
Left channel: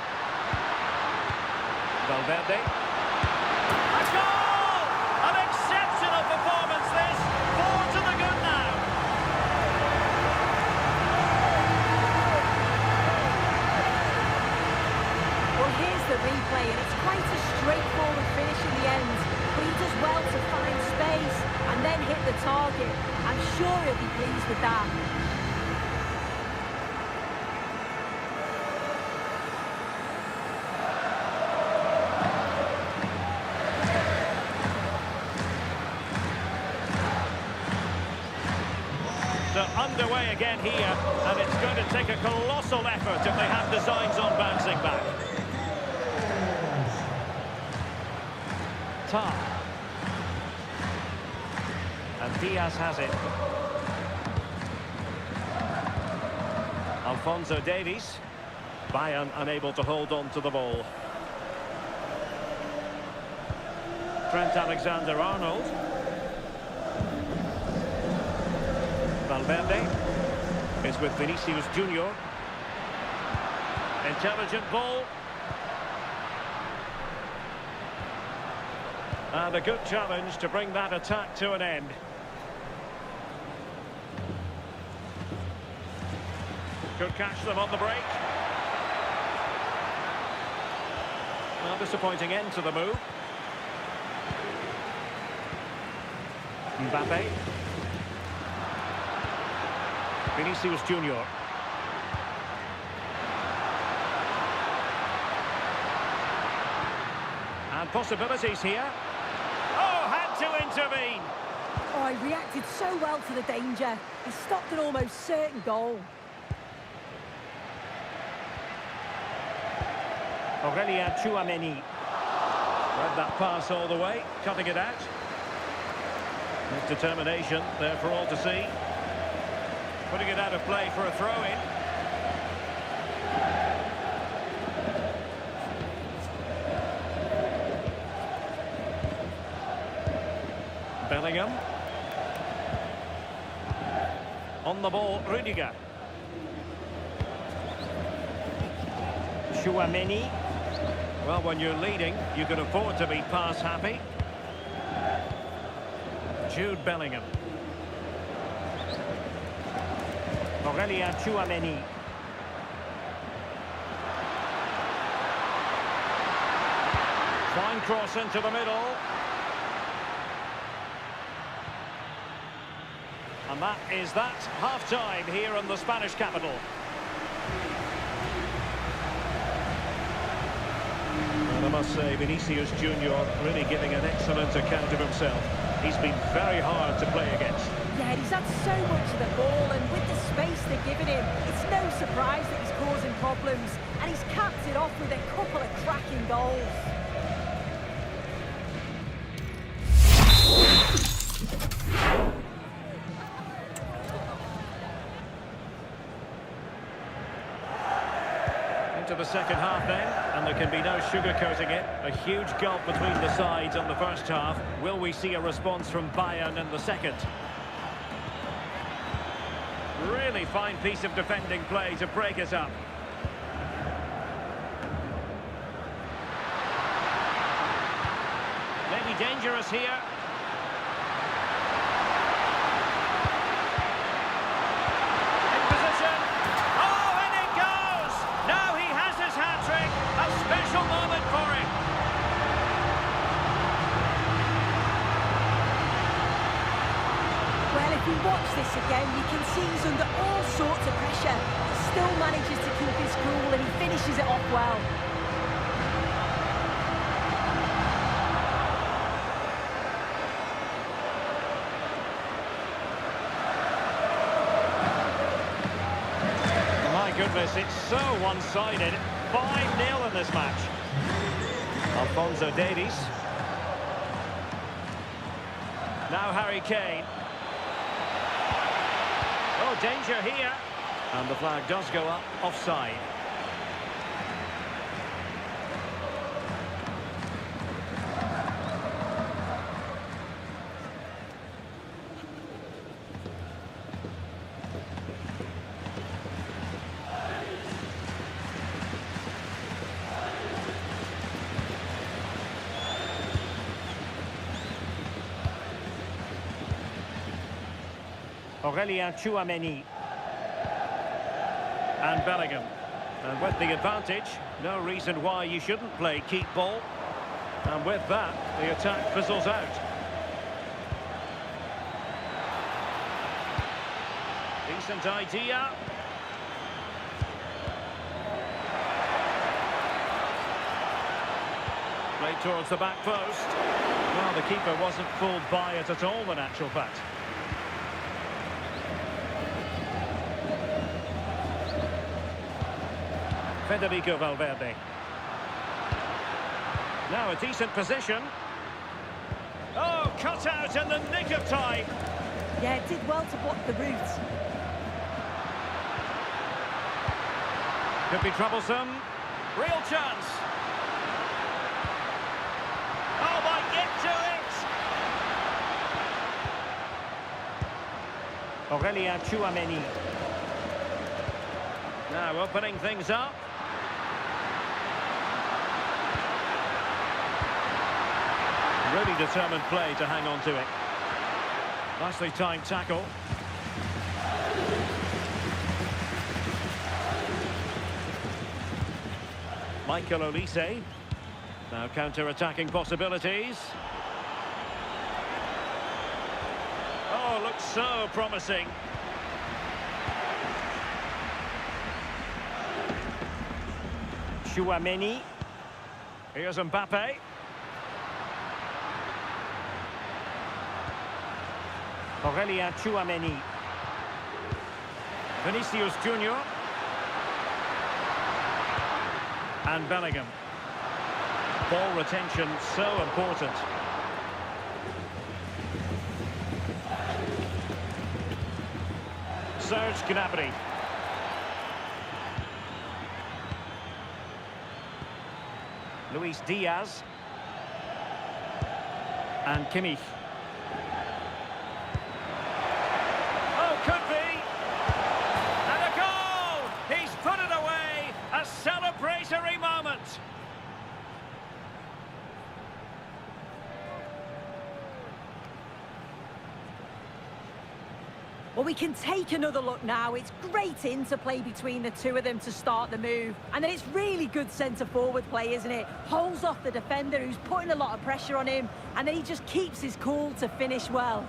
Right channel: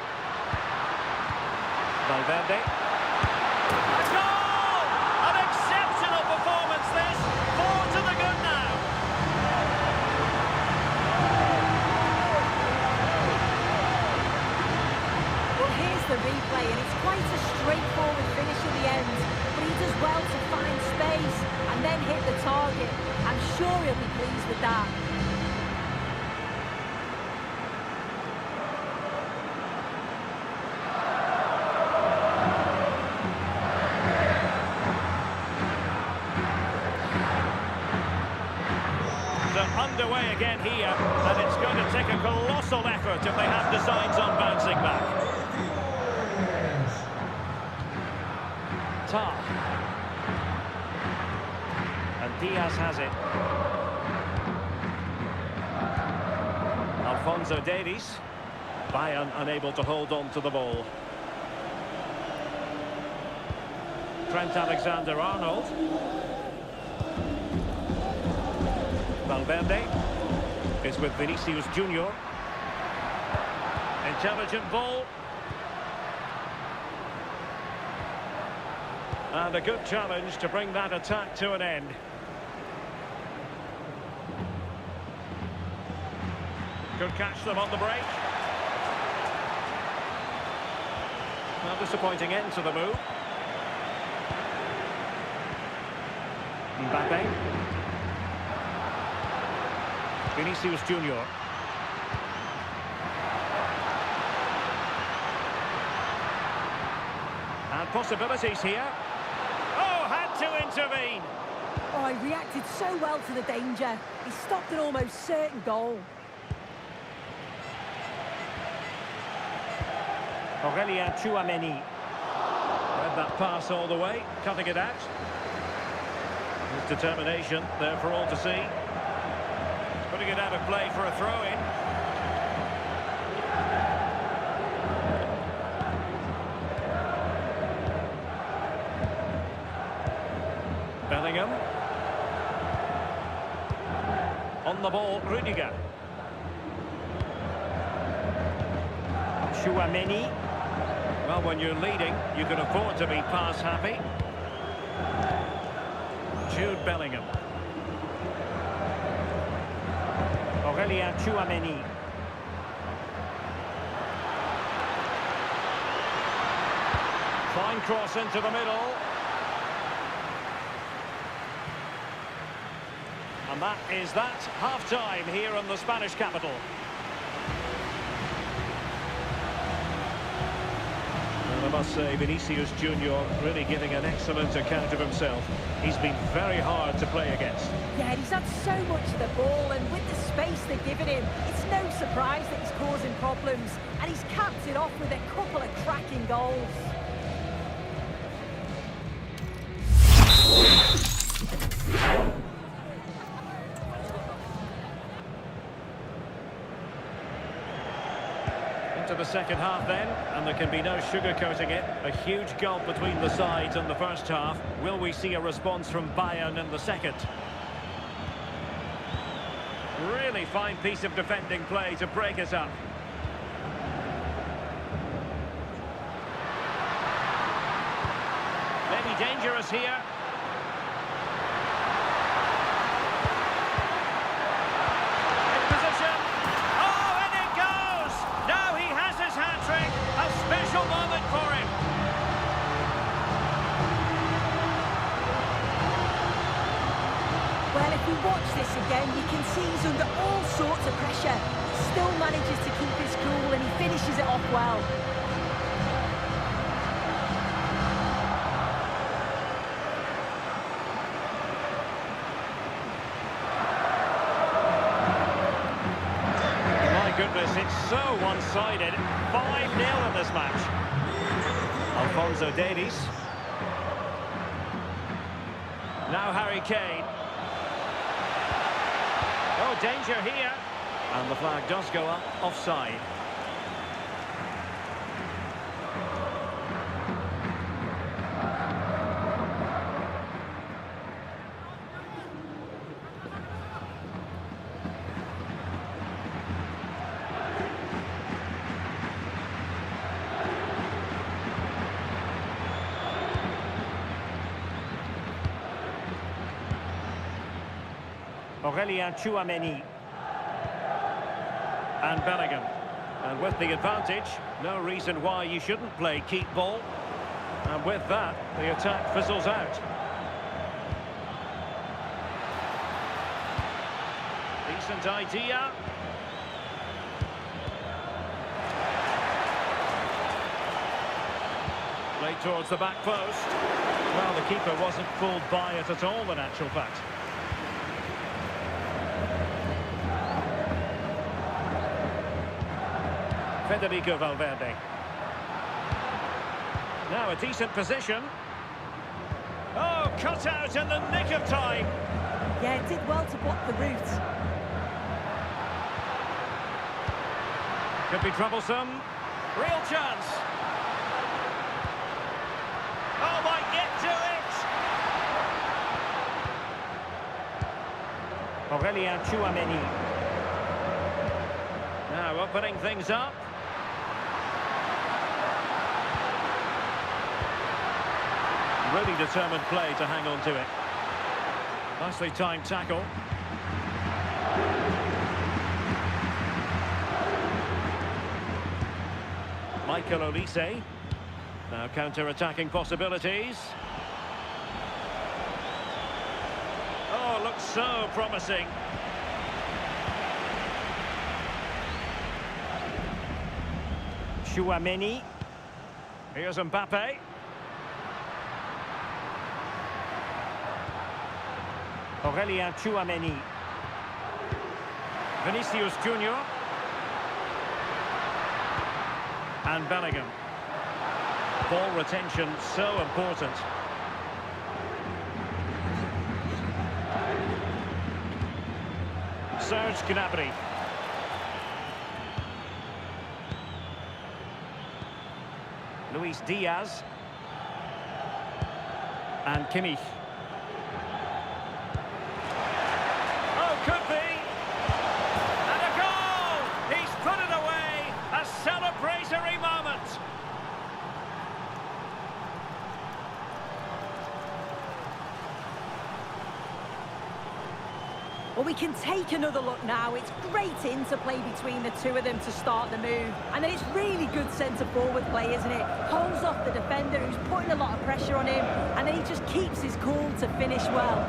Valverde. A goal! An exceptional performance, this. 4 to the good now. Well, here's the replay, and it's quite a straightforward finish in the end. But he does well to find space and then hit the target. I'm sure he'll be pleased with that. So underway again here, and it's going to take a colossal effort if they have designs on bouncing back. Tar. And Diaz has it. Alphonso Davies. Bayern unable to hold on to the ball. Trent Alexander-Arnold. Valverde is with Vinicius Junior. Intelligent ball. And a good challenge to bring that attack to an end. Could catch them on the break. Well, disappointing end to the move. Mbappé. Vinicius Junior. And possibilities here. Oh, had to intervene. Oh, he reacted so well to the danger. He stopped an almost certain goal. Aurélien Tchouameni. Read that pass all the way, cutting it out. His determination there for all to see. Putting it out of play for a throw-in. Bellingham. On the ball, Rudiger. Tchouameni. Well, when you're leading, you can afford to be pass happy. Jude Bellingham. Aurélien Tchouameni. Fine cross into the middle. And that is that. Half-time here in the Spanish capital. And I must say, Vinicius Junior really giving an excellent account of himself. He's been very hard to play against. Yeah, he's had so much of the ball, and with the space they're giving him, it's no surprise that he's causing problems. And he's capped it off with a couple of cracking goals. Into the second half then, and there can be no sugarcoating it. A huge gulf between the sides on the first half. Will we see a response from Bayern in the second? Really fine piece of defending play to break it up. Maybe dangerous here. In position. Oh, and it goes! Now he has his hat-trick. A special moment for him. Well, if we watch this again, you can see he's under all sorts of pressure. He still manages to keep his cool, and he finishes it off well. My goodness, it's so one-sided. 5-0 in this match. Alphonso Davies. Now Harry Kane. Oh, danger here. And the flag does go up, offside. Aurélien Tchouameni. And Bellingham. And with the advantage, no reason why you shouldn't play keep ball. And with that, the attack fizzles out. Decent idea. Played towards the back post. Well, the keeper wasn't fooled by it at all, in actual fact. Federico Valverde. Now a decent position. Oh, cut out in the nick of time. Yeah, it did well to block the route. Could be troublesome. Real chance. Oh, might get to it. Now opening things up. Really determined play to hang on to it. Nicely timed tackle. Michael Olise. Now counter-attacking possibilities. Oh, looks so promising. Chouameni. Here's Mbappé. Chouameni. Vinicius Junior. And Bellingham. Ball retention so important. Serge Gnabry. Luis Diaz. And Kimmich. Oh, could be. And a goal! He's put it away. A celebratory moment. Well, we can take another look now. It's great interplay between the two of them to start the move. And then it's really good centre-forward play, isn't it? Holds off the defender who's putting a lot of pressure on him. And then he just keeps his cool to finish well.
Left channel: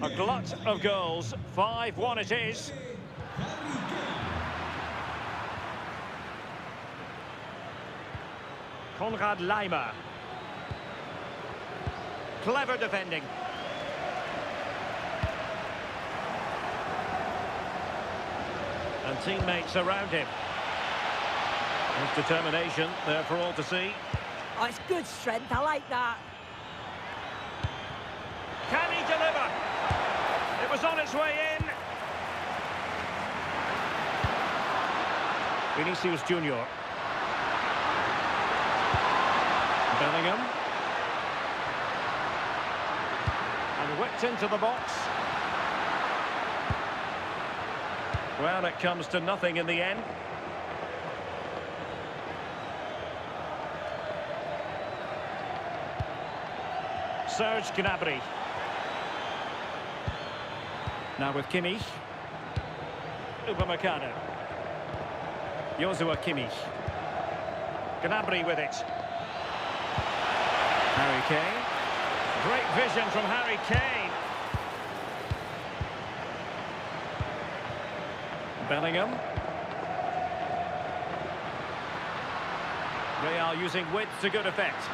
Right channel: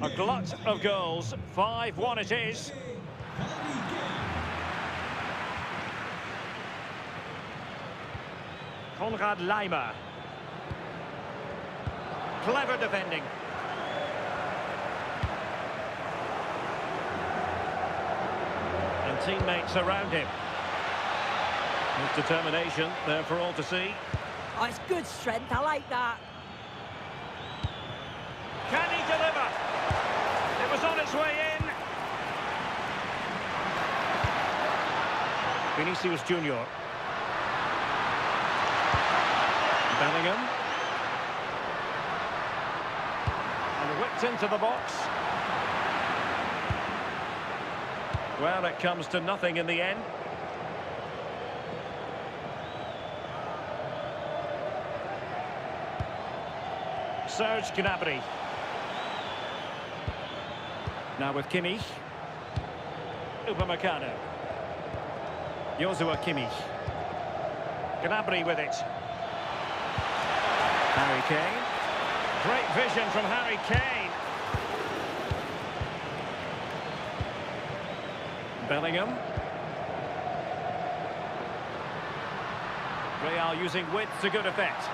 A glut of goals. 5-1 it is. Harry Kane. Konrad Laimer. Clever defending. And teammates around him. His determination there for all to see. Oh, it's good strength. I like that. Can he deliver? It was on its way in. Vinicius Junior. Bellingham. And whipped into the box. Well, it comes to nothing in the end. Serge Gnabry. Now with Kimmich. Upamecano. Joshua Kimmich. Gnabry with it. Harry Kane. Great vision from Harry Kane. Bellingham. Real using width to good effect.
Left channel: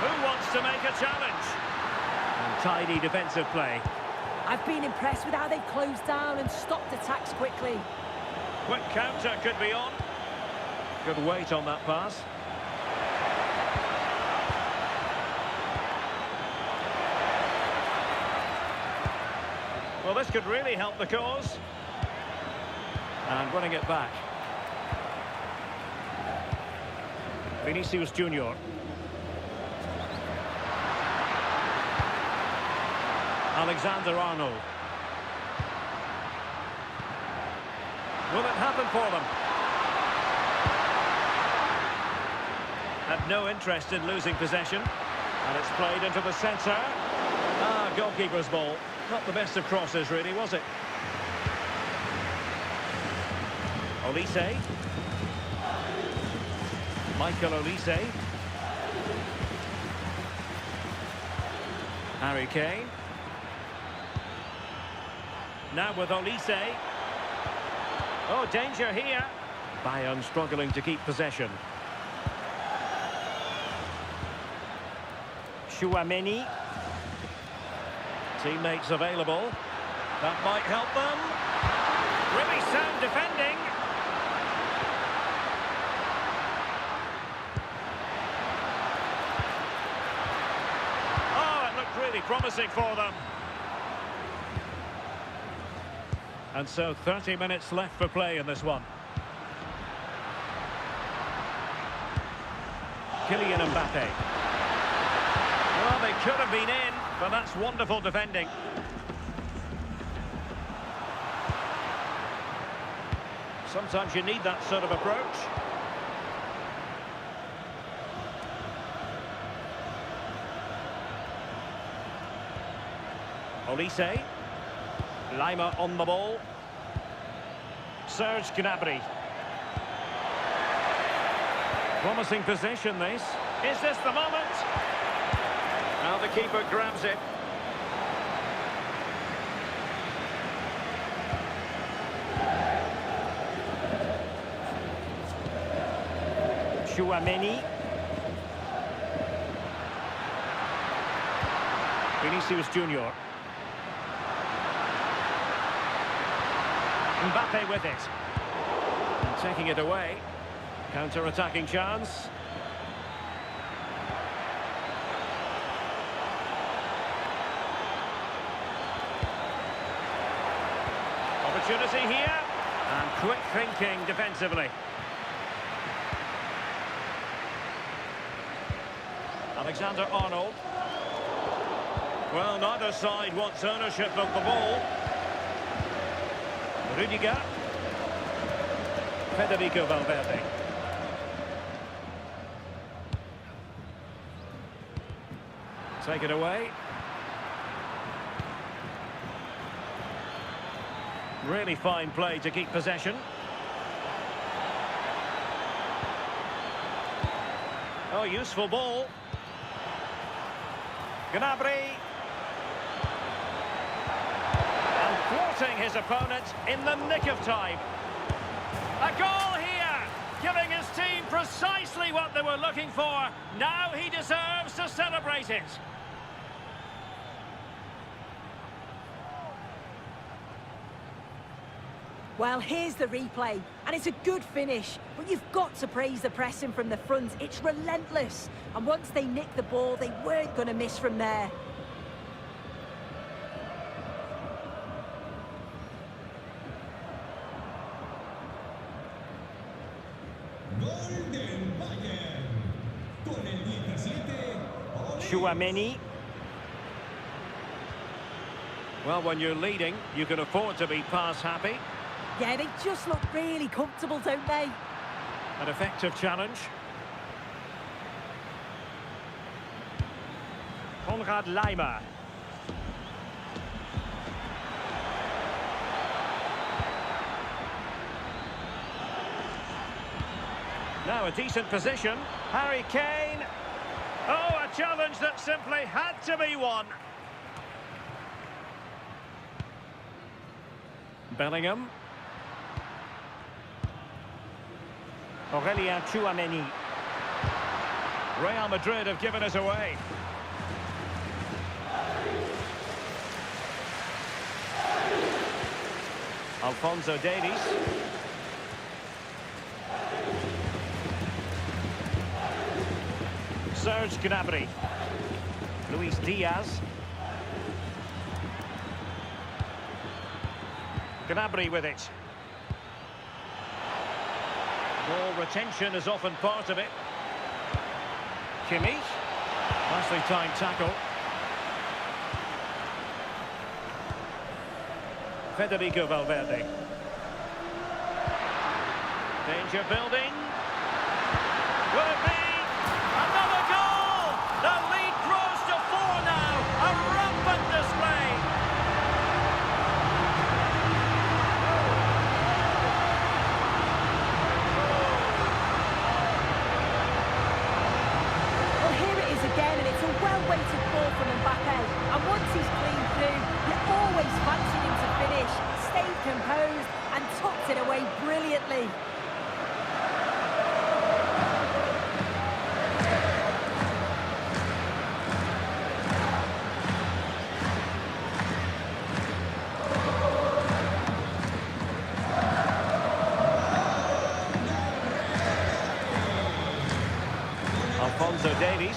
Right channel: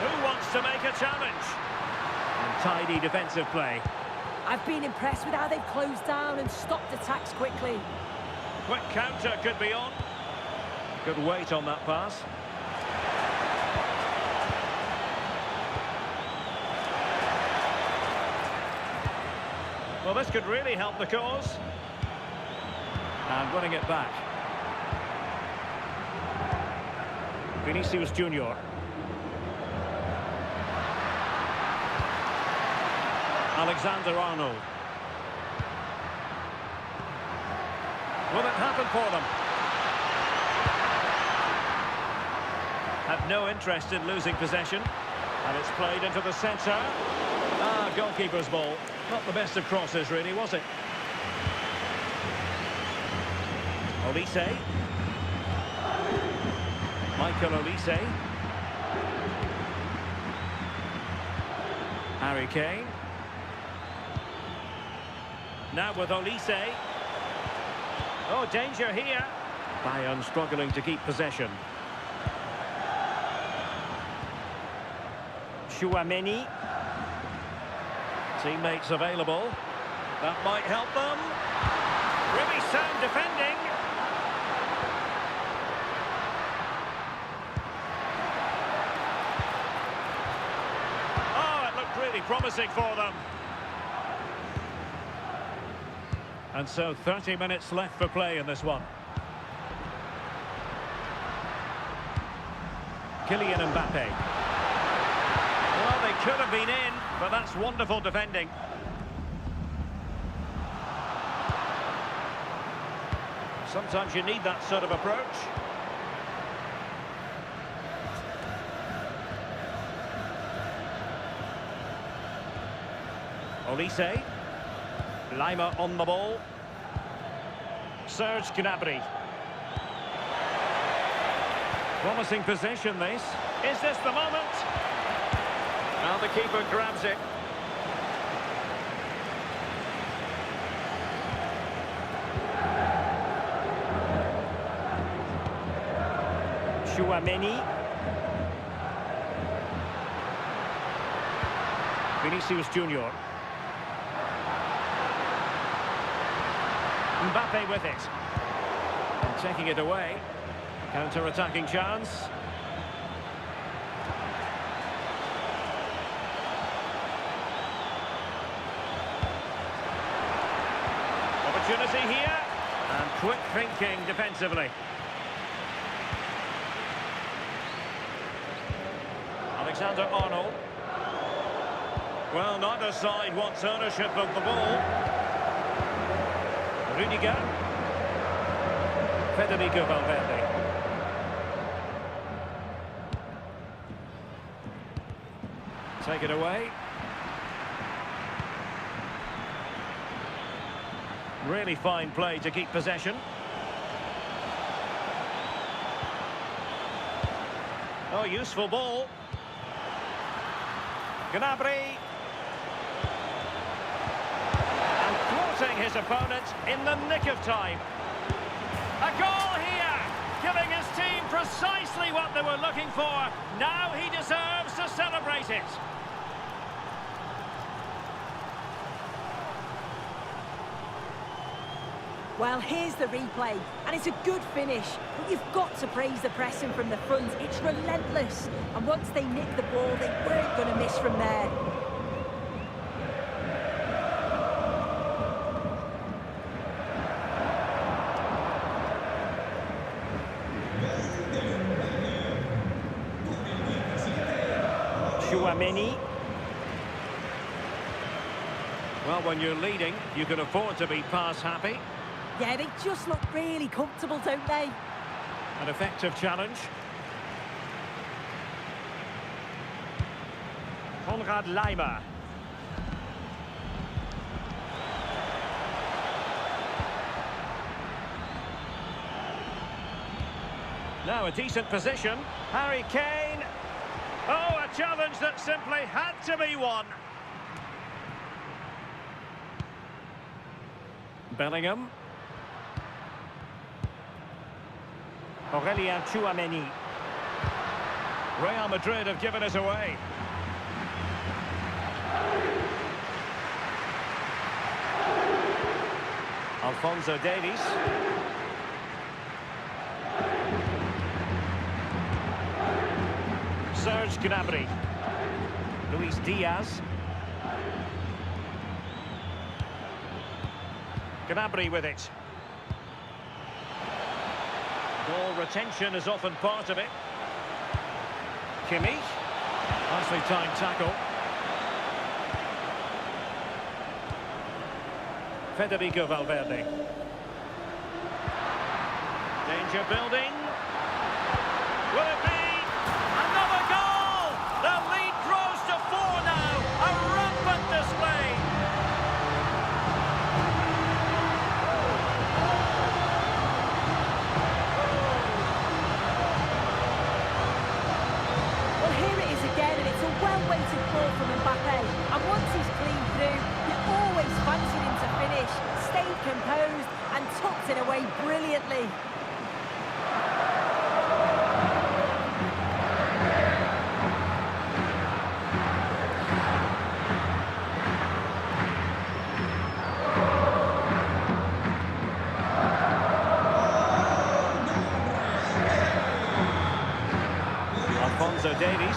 Who wants to make a challenge? And tidy defensive play. I've been impressed with how they've closed down and stopped attacks quickly. Quick counter could be on. Good weight on that pass. Well, this could really help the cause. And running it back. Vinicius Junior. Alexander-Arnold. Will it happen for them? Had no interest in losing possession. And it's played into the centre. Ah, goalkeeper's ball. Not the best of crosses, really, was it? Olise. Michael Olise. Harry Kane. Now with Olise. Oh, danger here. Bayern struggling to keep possession. Chouameni. Teammates available. That might help them. Really sound defending. Oh, it looked really promising for them. And so 30 minutes left for play in this one. Kylian Mbappé. Well, they could have been in, but that's wonderful defending. Sometimes you need that sort of approach. Olise. Lima on the ball. Serge Gnabry. Promising position, this. Is this the moment? Now the keeper grabs it. Tchouaméni. Vinicius Junior. Mbappé with it. And taking it away. Counter-attacking chance. Opportunity here. And quick thinking defensively. Alexander-Arnold. Well, neither side wants ownership of the ball. Rudiger. Federico Valverde. Take it away. Really fine play to keep possession. Oh, useful ball. Gnabry. And thwarting his opponent in the nick of time. A goal here, giving his team precisely what they were looking for. Now he deserves to celebrate it. Well, here's the replay, and it's a good finish, but you've got to praise the pressing from the front. It's relentless, and once they nicked the ball, they weren't going to miss from there. Tchouaméni. Well, when you're leading, you can afford to be pass happy. Yeah, they just look really comfortable, don't they? An effective challenge. Konrad Laimer. Now a decent position. Harry Kane. Oh, a challenge that simply had to be won. Bellingham. Aurélien Tchouaméni. Real Madrid have given it away. Alphonso Davies. Serge Gnabry. Luis Diaz. Gnabry with it. Ball retention is often part of it. Kimmich. Nicely timed tackle. Federico Valverde. Danger building. Will it be? Another goal! The lead grows to 4 now. A rampant display. Well, here it is again, and it's a well-weighted ball from Mbappé. And once he's clean through, you always fancied him to finish. Stayed composed and tucked it away brilliantly. Alphonso Davies.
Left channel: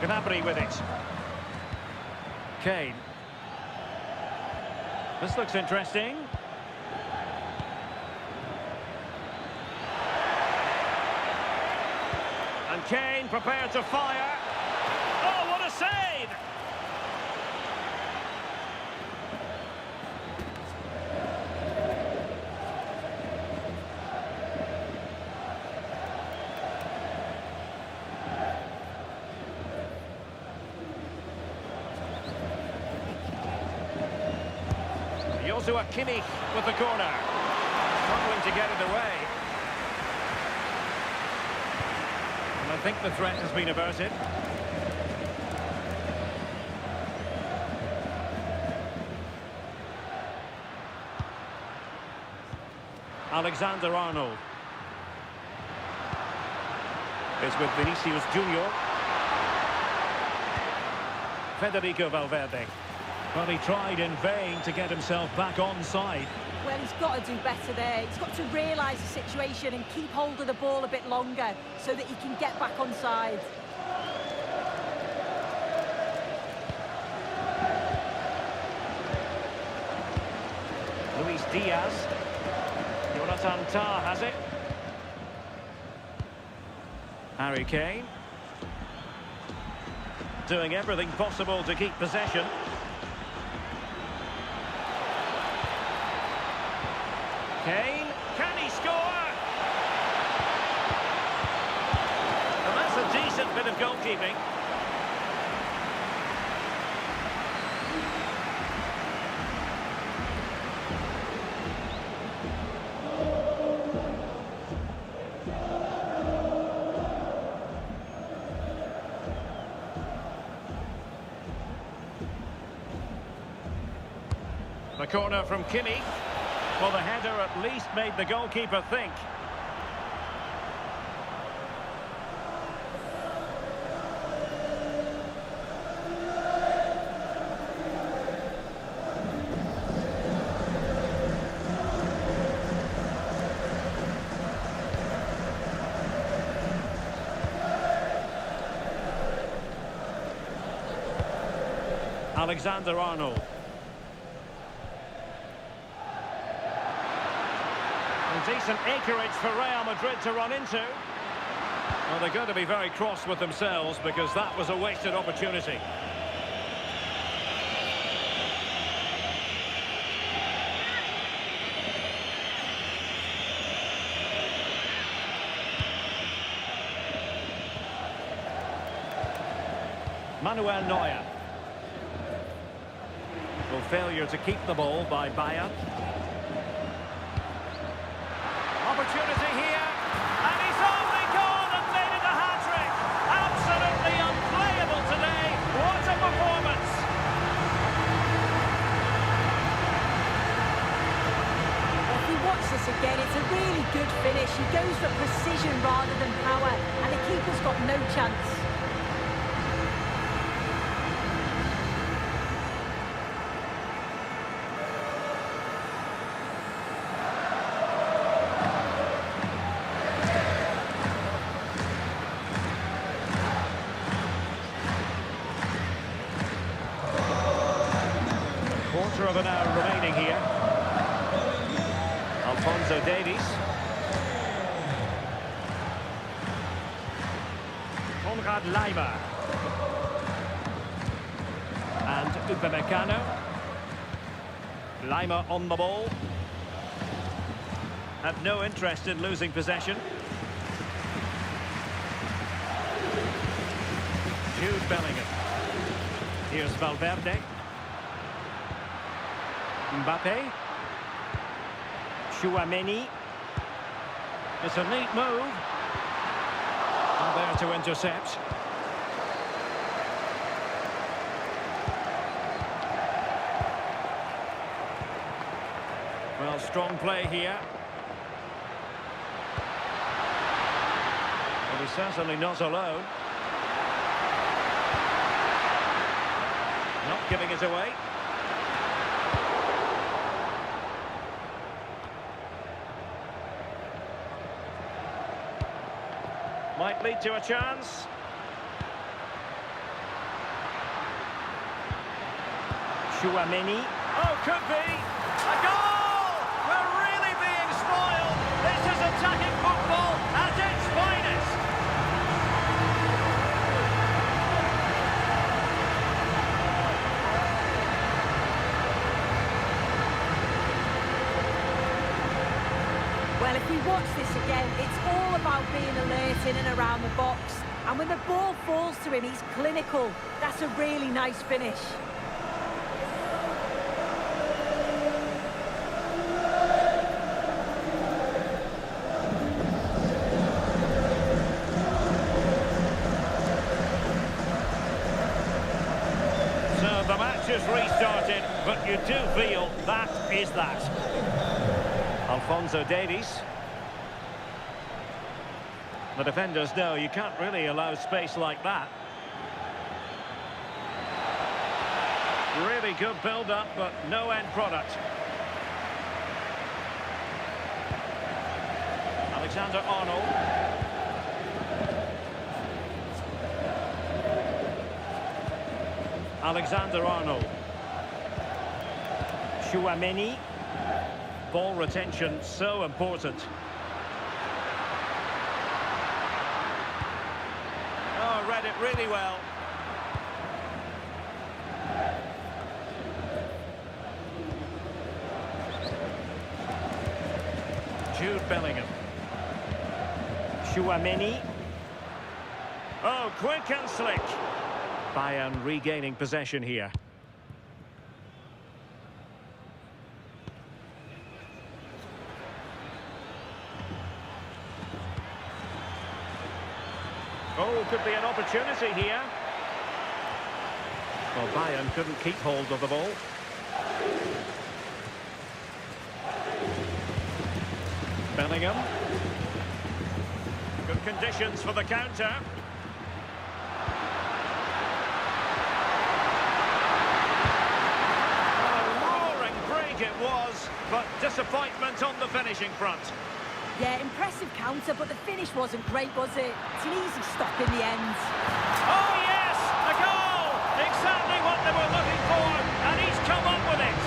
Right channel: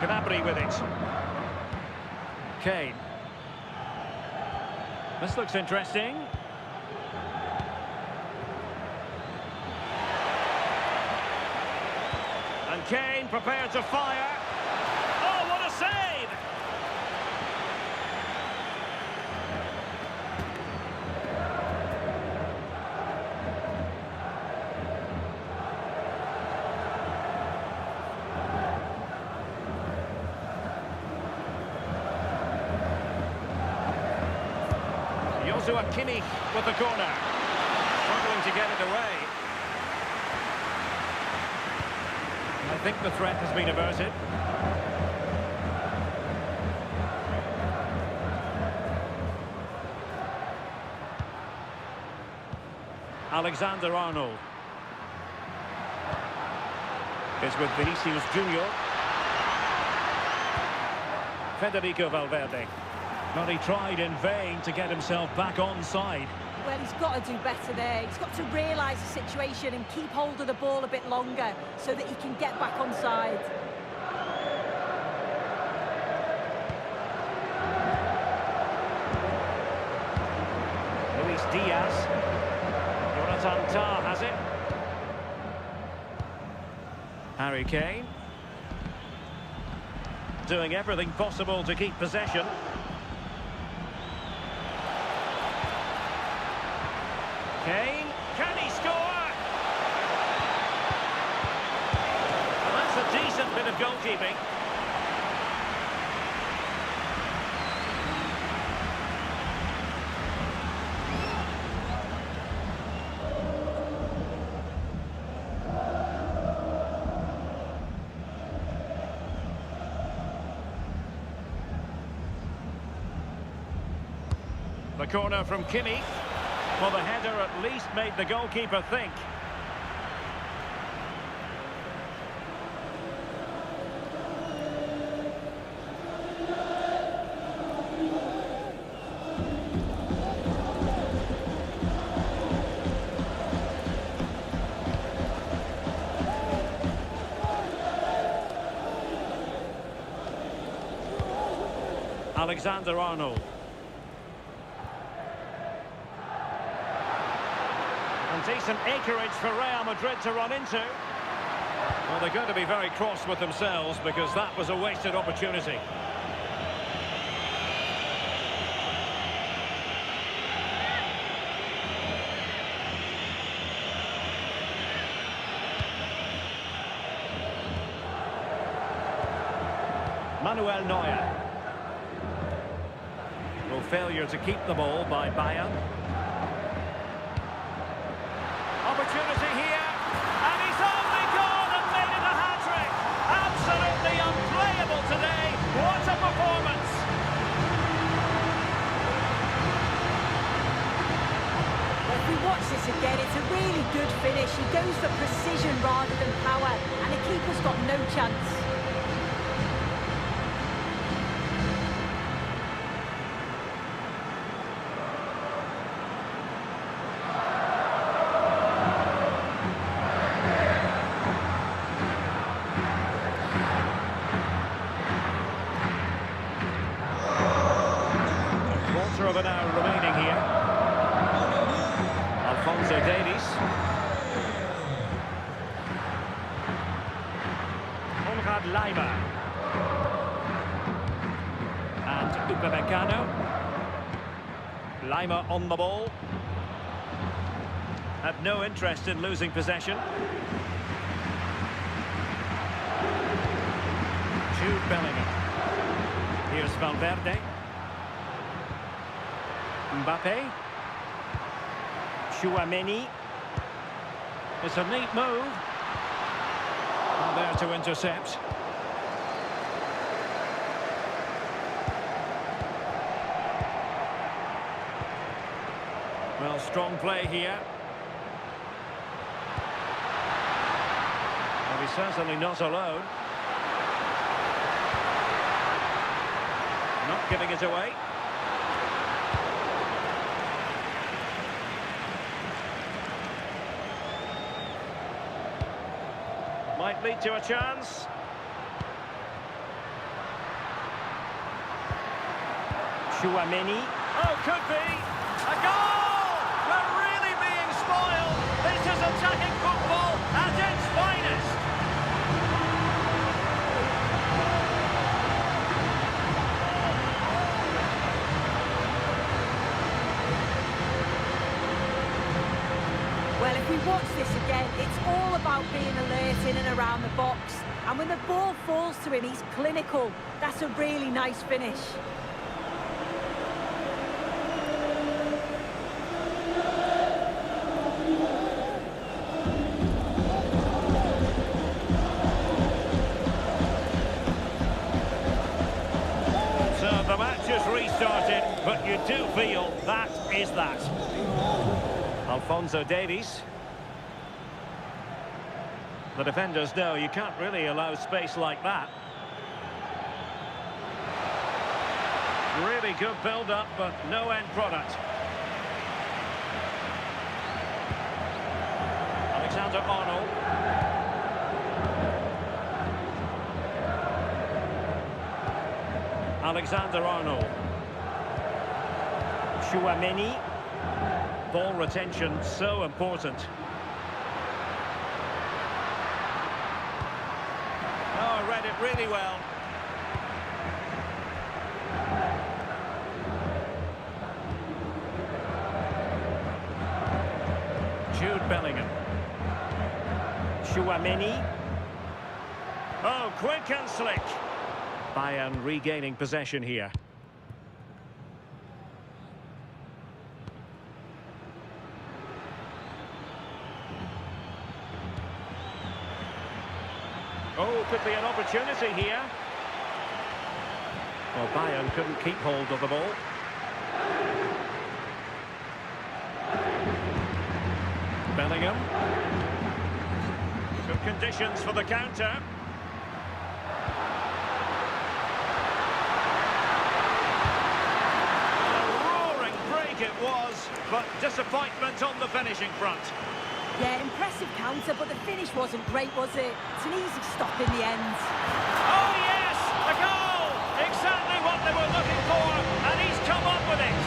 Gnabry with it. Kane. This looks interesting. And Kane prepared to fire. Oh, what a save! Joshua Kimmich with the corner. Struggling to get it away. And I think the threat has been averted. Alexander-Arnold. It's with Vinicius Junior. Federico Valverde. Well, he tried in vain to get himself back on side. Well, he's got to do better there. He's got to realise the situation and keep hold of the ball a bit longer so that he can get back on side. Luis Diaz. Jonathan Tah has it. Harry Kane. Doing everything possible to keep possession. Kane, can he score? And that's a decent bit of goalkeeping. The corner from Kimmich. Well, the header at least made the goalkeeper think. Alexander-Arnold. And decent acreage for Real Madrid to run into. Well, they're going to be very cross with themselves because that was a wasted opportunity. Manuel Neuer. Well, failure to keep the ball by Bayern. Opportunity here, and he's only gone and made it a hat-trick. Absolutely unplayable today. What a performance. Well, if we watch this again, it's a really good finish. He goes for precision rather than power, and the keeper's got no chance. Quarter of an hour remaining here. Alphonso Davies. Konrad Laimer. And Upamecano. Laimer on the ball. Have no interest in losing possession. Jude Bellingham. Here's Valverde. Mbappé. Chouameni. It's a neat move. And there to intercept. Well, strong play here. Well, he's certainly not alone. Not giving it away. Might lead to a chance. Chouameni. Oh, could be. A goal! We're really being spoiled. This is attacking football at its finest. Well, if we watch this again, it's all about being alert in and around the box. And when the ball falls to him, he's clinical. That's a really nice finish. So the match is restarted, but you do feel that is that. Alphonso Davies. The defenders know you can't really allow space like that. Really good build-up, but no end product. Alexander-Arnold. Alexander-Arnold. Chouameni. Ball retention so important. Oh, read it really well. Jude Bellingham. Chouameni. Oh, quick and slick. Bayern regaining possession here. Oh, could be an opportunity here. Well, Bayern couldn't keep hold of the ball. Bellingham. Good conditions for the counter. Well, a roaring break it was, but disappointment on the finishing front. Yeah, impressive counter, but the finish wasn't great, was it? It's an easy stop in the end. Oh, yes! A goal! Exactly what they were looking for, and he's come up with it.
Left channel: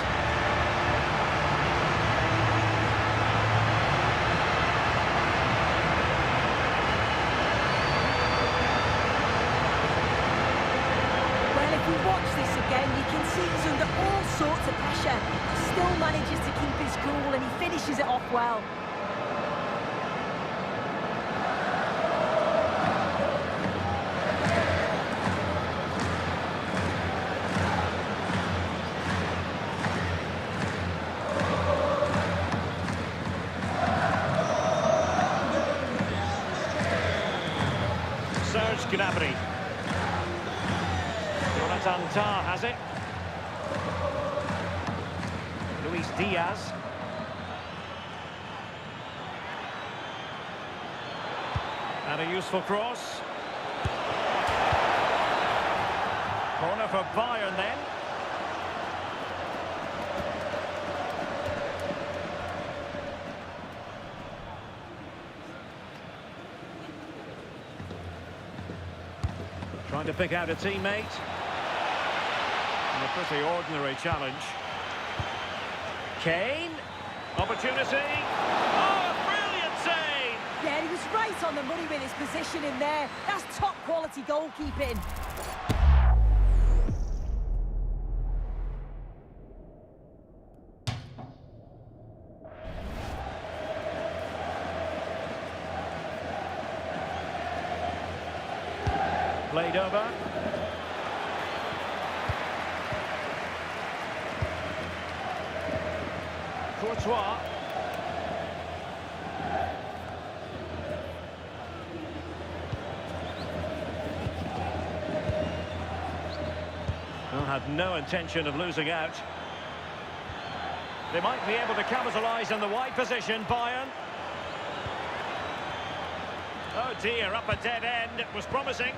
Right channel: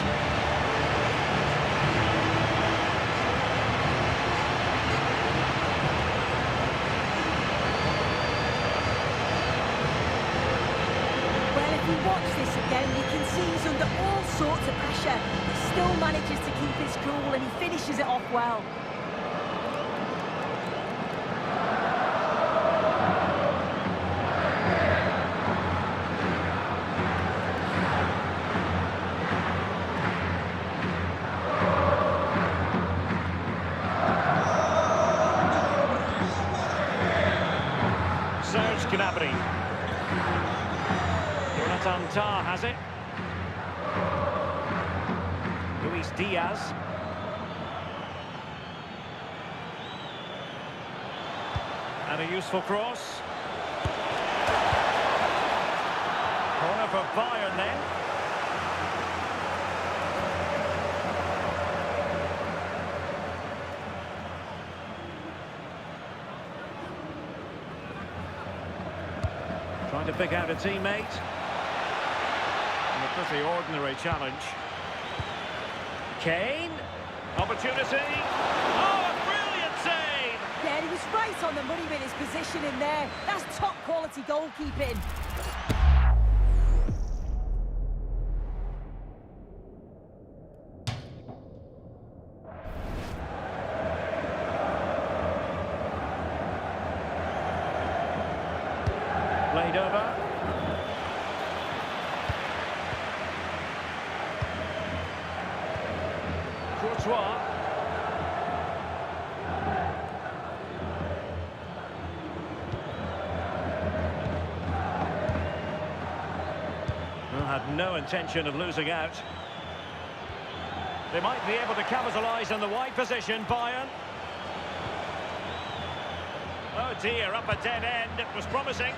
Well, if you watch this again, you can see he's under all sorts of pressure, but still manages to keep his cool, and he finishes it off well. Serge Gnabry. Jonathan Tah has it. Luis Diaz. And a useful cross. Corner for Bayern then. Trying to pick out a teammate. And a pretty ordinary challenge. Kane. Opportunity. Oh, a brilliant save! Yeah, he was right on the money with his position in there. That's top quality goalkeeping. Played over. Courtois. Well, had no intention of losing out. They might be able to capitalise on the wide position, Bayern. Oh dear, up a dead end. It was promising.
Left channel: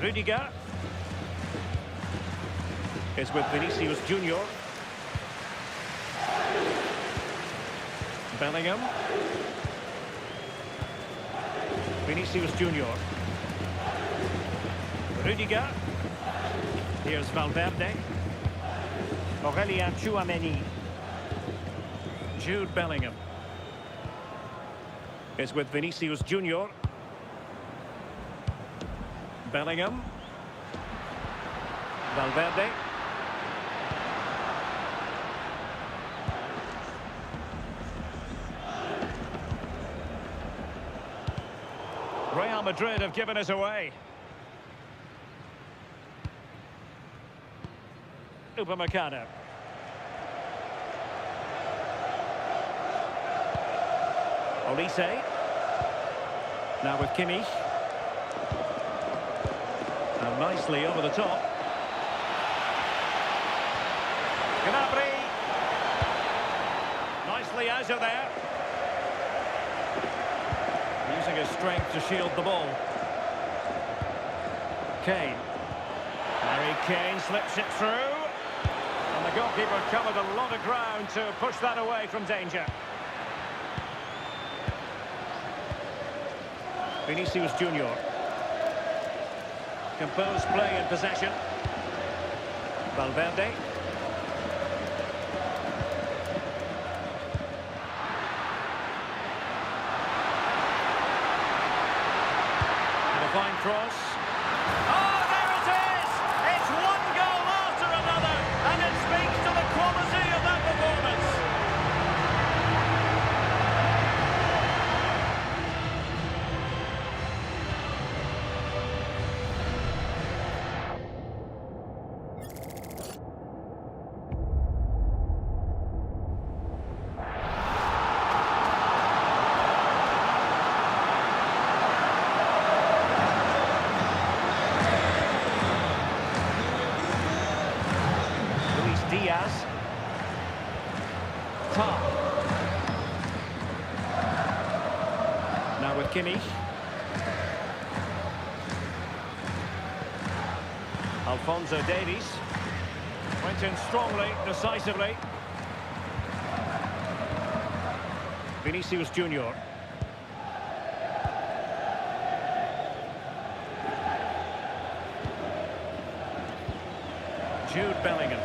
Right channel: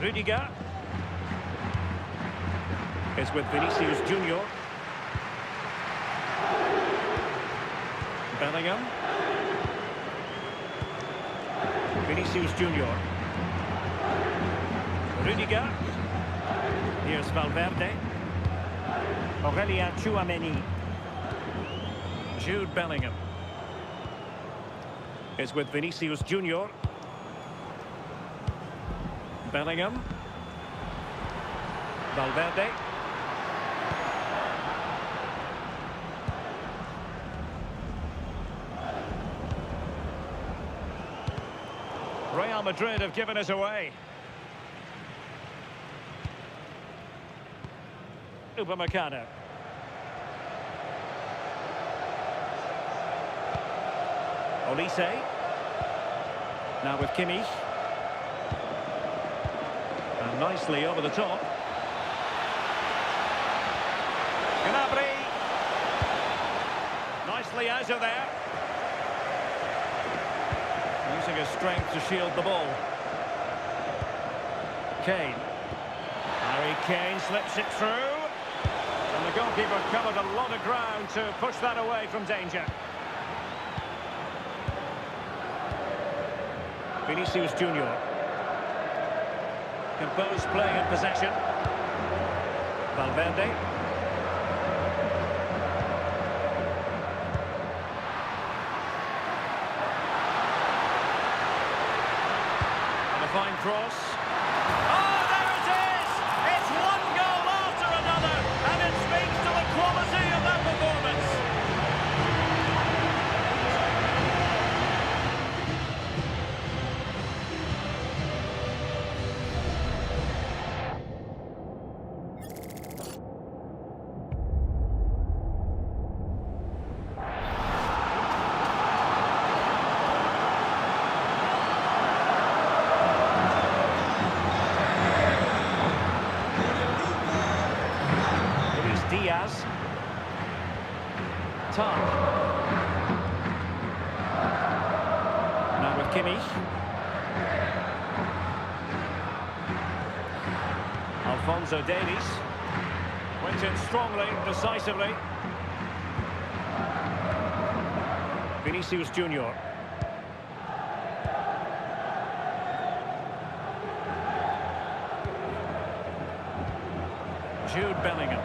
Rudiger is with Vinicius Junior. Bellingham. Vinicius Junior. Rudiger. Here's Valverde. Aurelien Chouameni. Jude Bellingham is with Vinicius Junior. Bellingham. Valverde. Real Madrid have given us away. Upamecano. Olise. Now with Kimmich. And nicely over the top. Gnabry. Nicely out of there. Using his strength to shield the ball. Kane. Harry Kane slips it through. And the goalkeeper covered a lot of ground to push that away from danger. Vinicius Junior. Composed play in possession. Valverde. And a fine cross. Oh, there it is! It's one goal after another, and it speaks to the quality of that performance. Diaz. Tar. Now with Kimmich. Alphonso Davies. Went in strongly, decisively. Vinicius Junior. Jude Bellingham.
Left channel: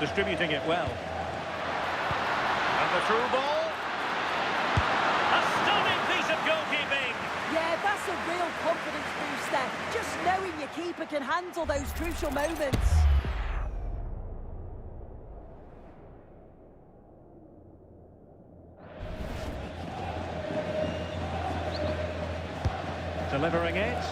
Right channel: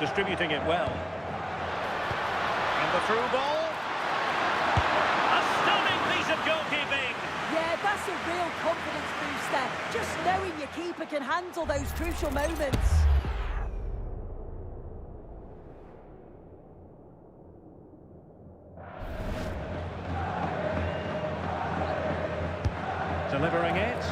Distributing it well. And the through ball. A stunning piece of goalkeeping. Yeah, that's a real confidence booster. Just knowing your keeper can handle those crucial moments. Delivering it.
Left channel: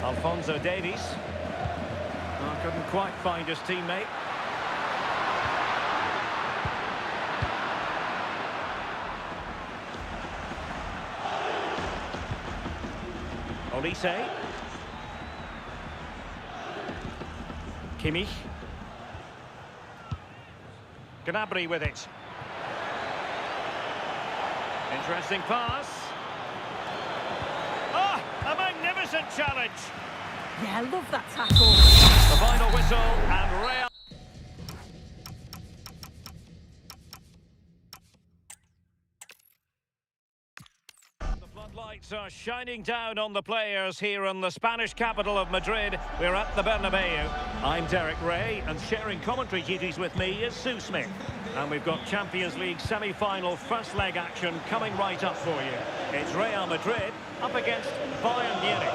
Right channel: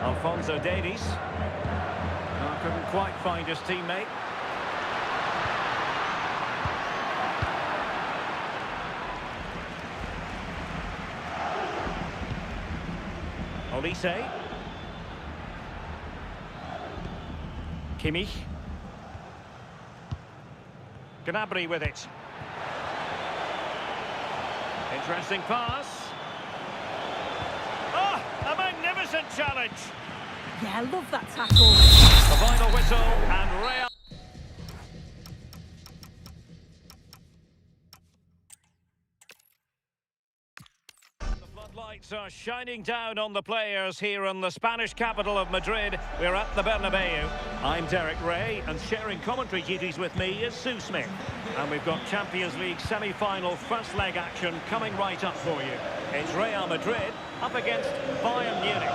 Alphonso Davies. Oh, couldn't quite find his teammate. Olise. Kimmich. Gnabry with it. Interesting pass. Oh, a magnificent challenge. Yeah, I love that tackle. The final whistle and Real. The floodlights are shining down on the players here in the Spanish capital of Madrid. We're at the Bernabeu. I'm Derek Ray, and sharing commentary duties with me is Sue Smith. And we've got Champions League semi-final first leg action coming right up for you. It's Real Madrid up against Bayern Munich.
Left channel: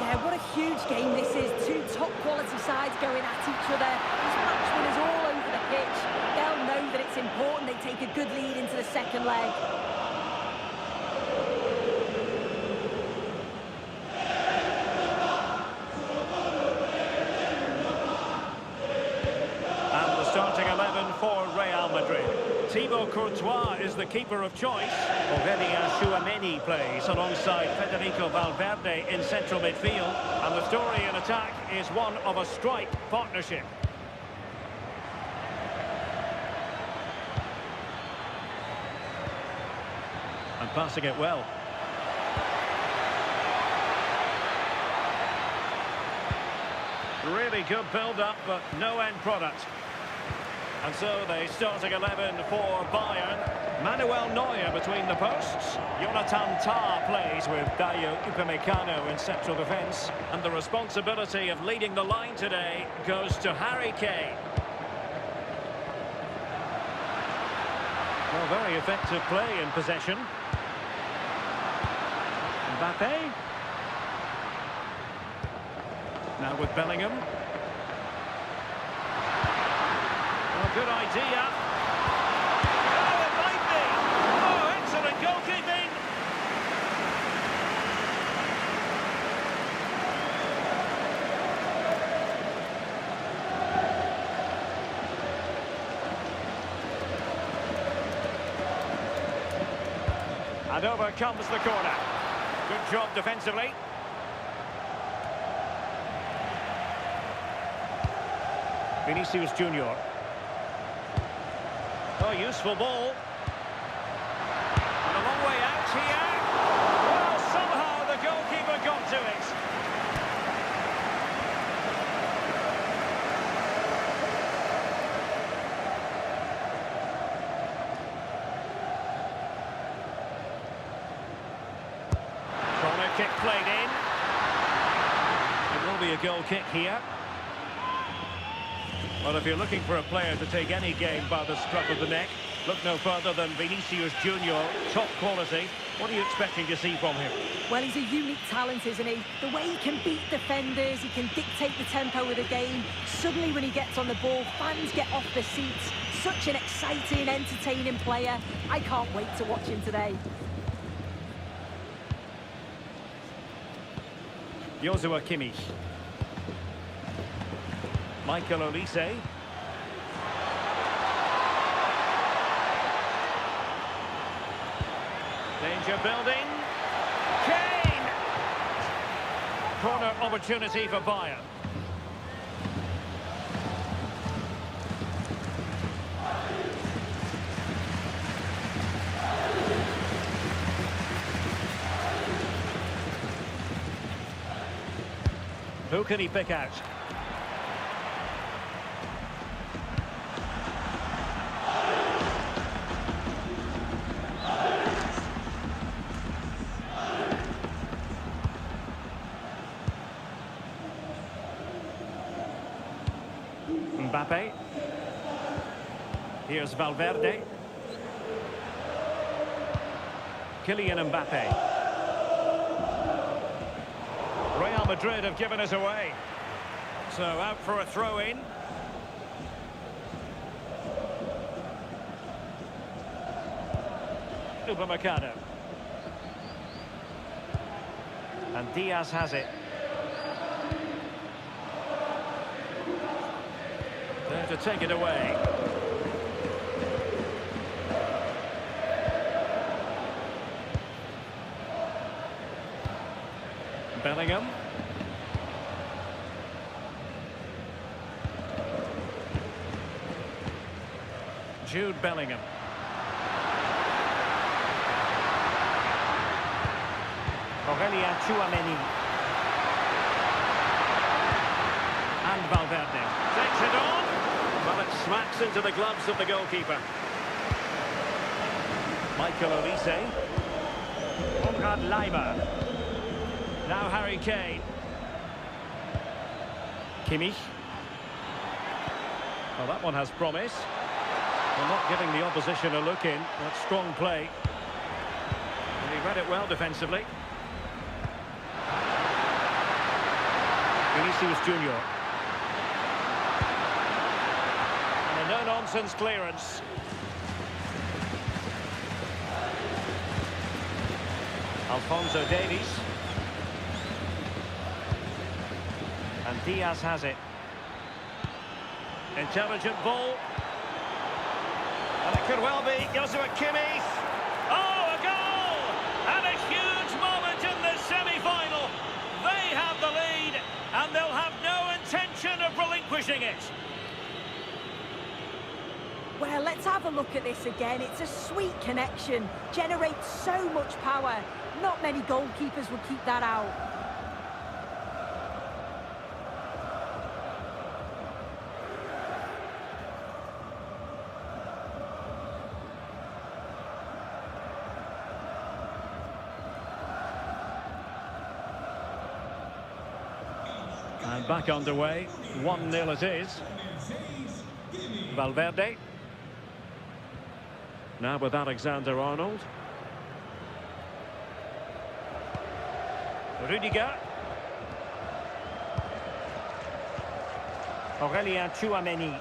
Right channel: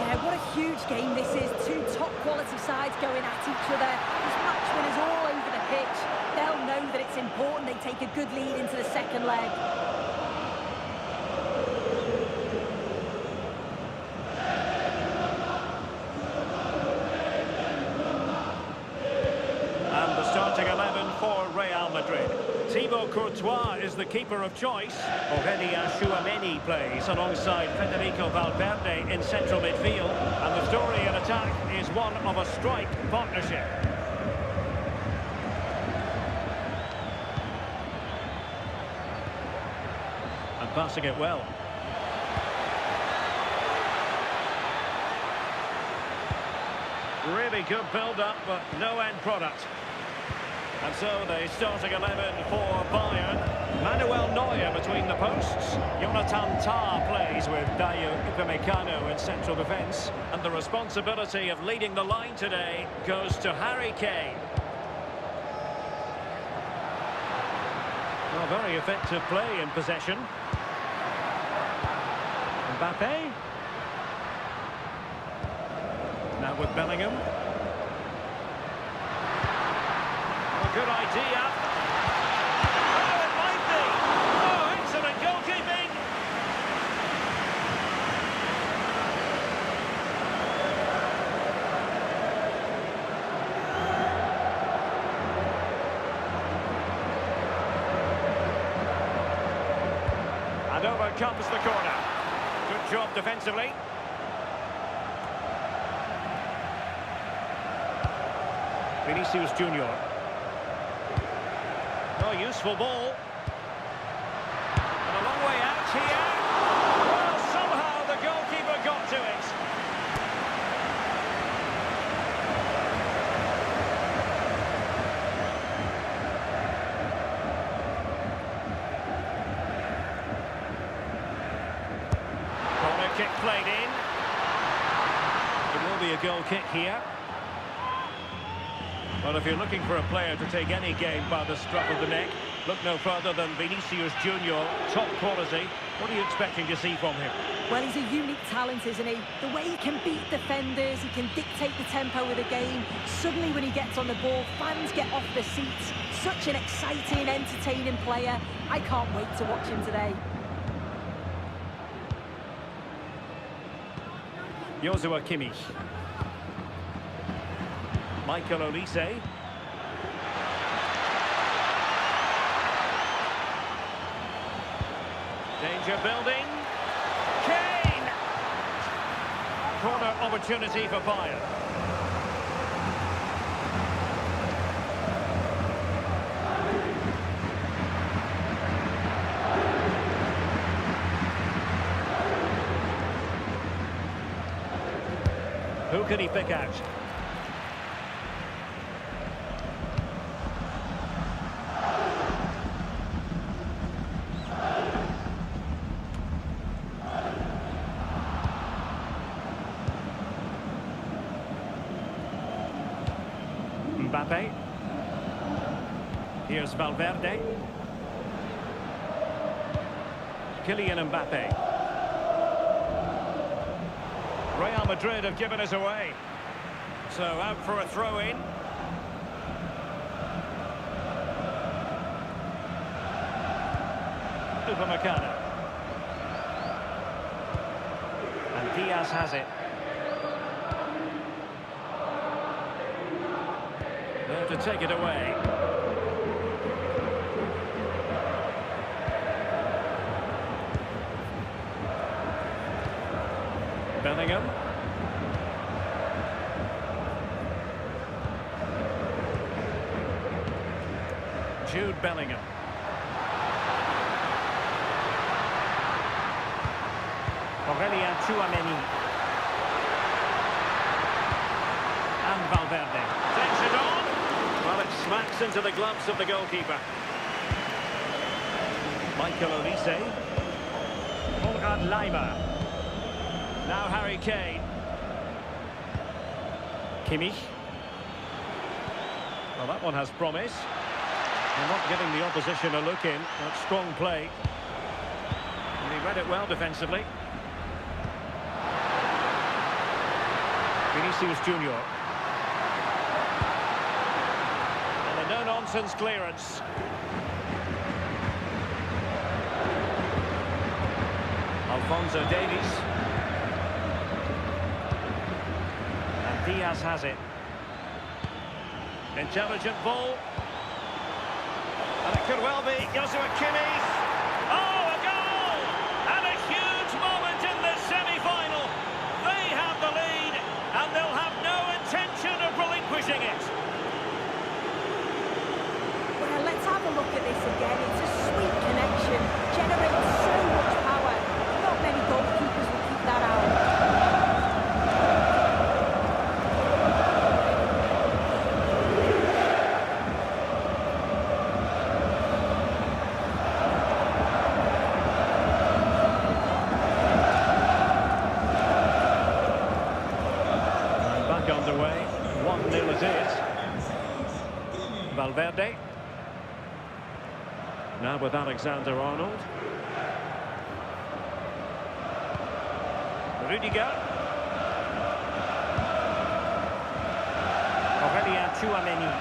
Yeah, what a huge game this is. Two top-quality sides going at each other. There's match winners all over the pitch. They'll know that it's important they take a good lead into the second leg. And the starting 11 for Real Madrid. Thibaut Courtois is the keeper of choice. Aurelien Tchouameni plays alongside Federico Valverde in central midfield. And the story in attack is one of a strike partnership. And passing it well. Really good build-up, but no end product. And so the starting 11 for Bayern. Manuel Neuer between the posts. Jonathan Tah plays with Dayo Upamecano in central defence. And the responsibility of leading the line today goes to Harry Kane. Well, very effective play in possession. Mbappé. Now with Bellingham. Oh, good idea. Oh, it might be. Oh, excellent goalkeeping. And over comes the corner. Good job defensively. Vinicius Junior. Oh, useful ball. And a long way out here. Well, somehow the goalkeeper got to it. Corner kick played in. It will be a goal kick here. Well, if you're looking for a player to take any game by the scruff of the neck, look no further than Vinicius Junior, top quality. What are you expecting to see from him? Well, he's a unique talent, isn't he? The way he can beat defenders, he can dictate the tempo of the game. Suddenly when he gets on the ball, fans get off their seats. Such an exciting, entertaining player. I can't wait to watch him today. Joshua Kimmich. Michael Olise. Danger building. Kane! Corner opportunity for Bayern. Who can he pick out? Mbappé. Here's Valverde. Kylian Mbappé. Real Madrid have given us away. So out for a throw-in. Upamecano. And Diaz has it. There to take it away. Bellingham. Jude Bellingham. Aurelien Tchouameni. And Valverde. Takes it on. Well, it smacks into the gloves of the goalkeeper. Michael Olise. Konrad Laimer. Now Harry Kane. Kimmich. Well, that one has promise. They're not giving the opposition a look in. That's strong play. And he read it well defensively. Vinicius Junior. And a no-nonsense clearance. Alphonso Davies. And Diaz has it. Intelligent ball. And it could well be Joshua Kimmich. Oh, a goal! And a huge moment in the semi-final. They have the lead, and they'll have no intention of relinquishing it. Well, let's have a look at this again. It's a sweet connection. Generates so much power. Not many goalkeepers will keep that out. Back underway, 1-0 it is. Valverde. Now with Alexander-Arnold. Rudiger. Aurélien Tchouaméni.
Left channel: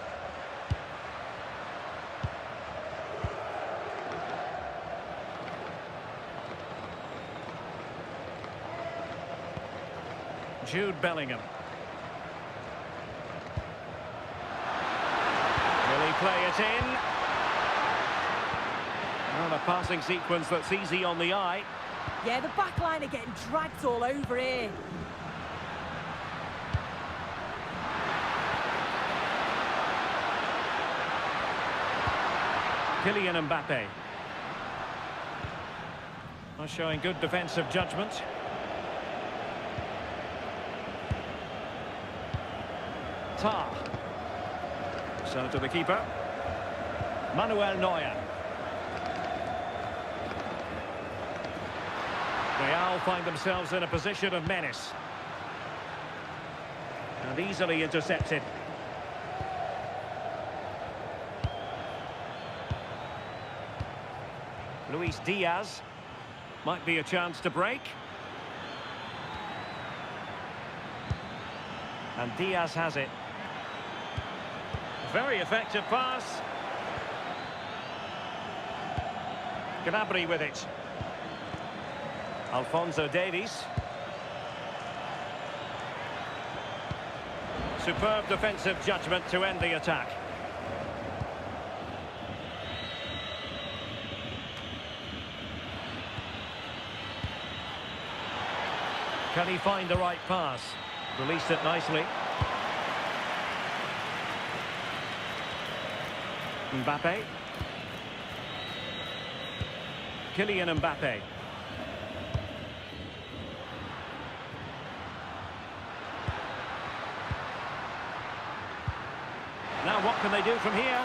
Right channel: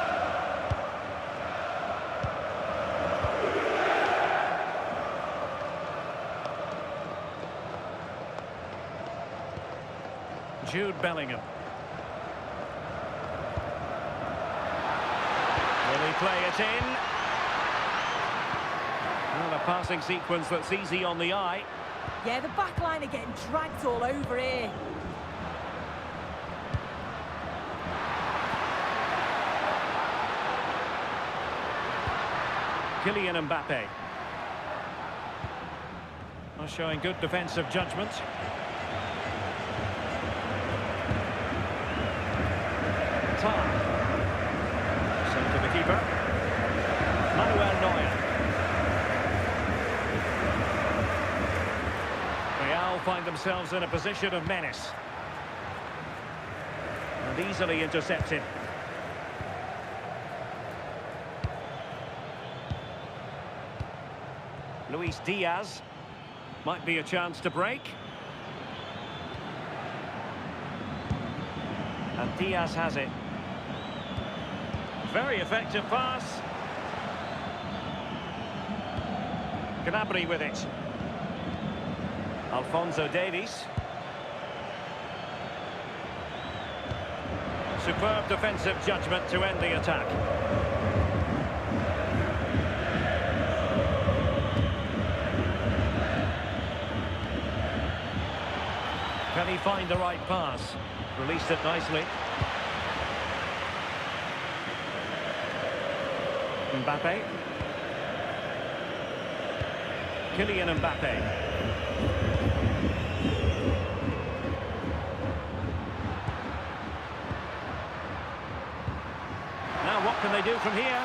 Jude Bellingham. Will he play it in? Well, a passing sequence that's easy on the eye. Yeah, the back line are getting dragged all over here. Kylian Mbappé. Showing good defensive judgment. Tar. So to the keeper. Manuel Neuer. Real find themselves in a position of menace. And easily intercepted. Luis Diaz. Might be a chance to break. And Diaz has it. Very effective pass. Gnabry with it. Alphonso Davies. Superb defensive judgment to end the attack. Can he find the right pass? Released it nicely. Mbappé. Kylian Mbappé. Now what can they do from here?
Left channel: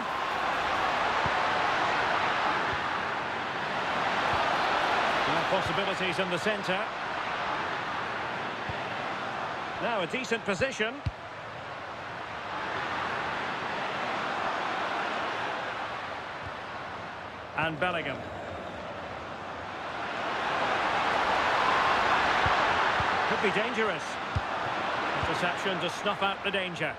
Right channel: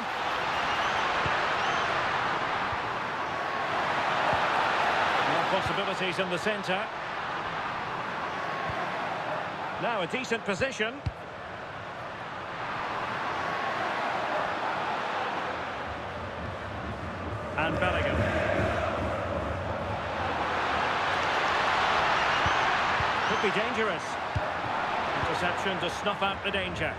More possibilities in the centre. Now a decent position. And Bellingham. Could be dangerous. Interception to snuff out the danger.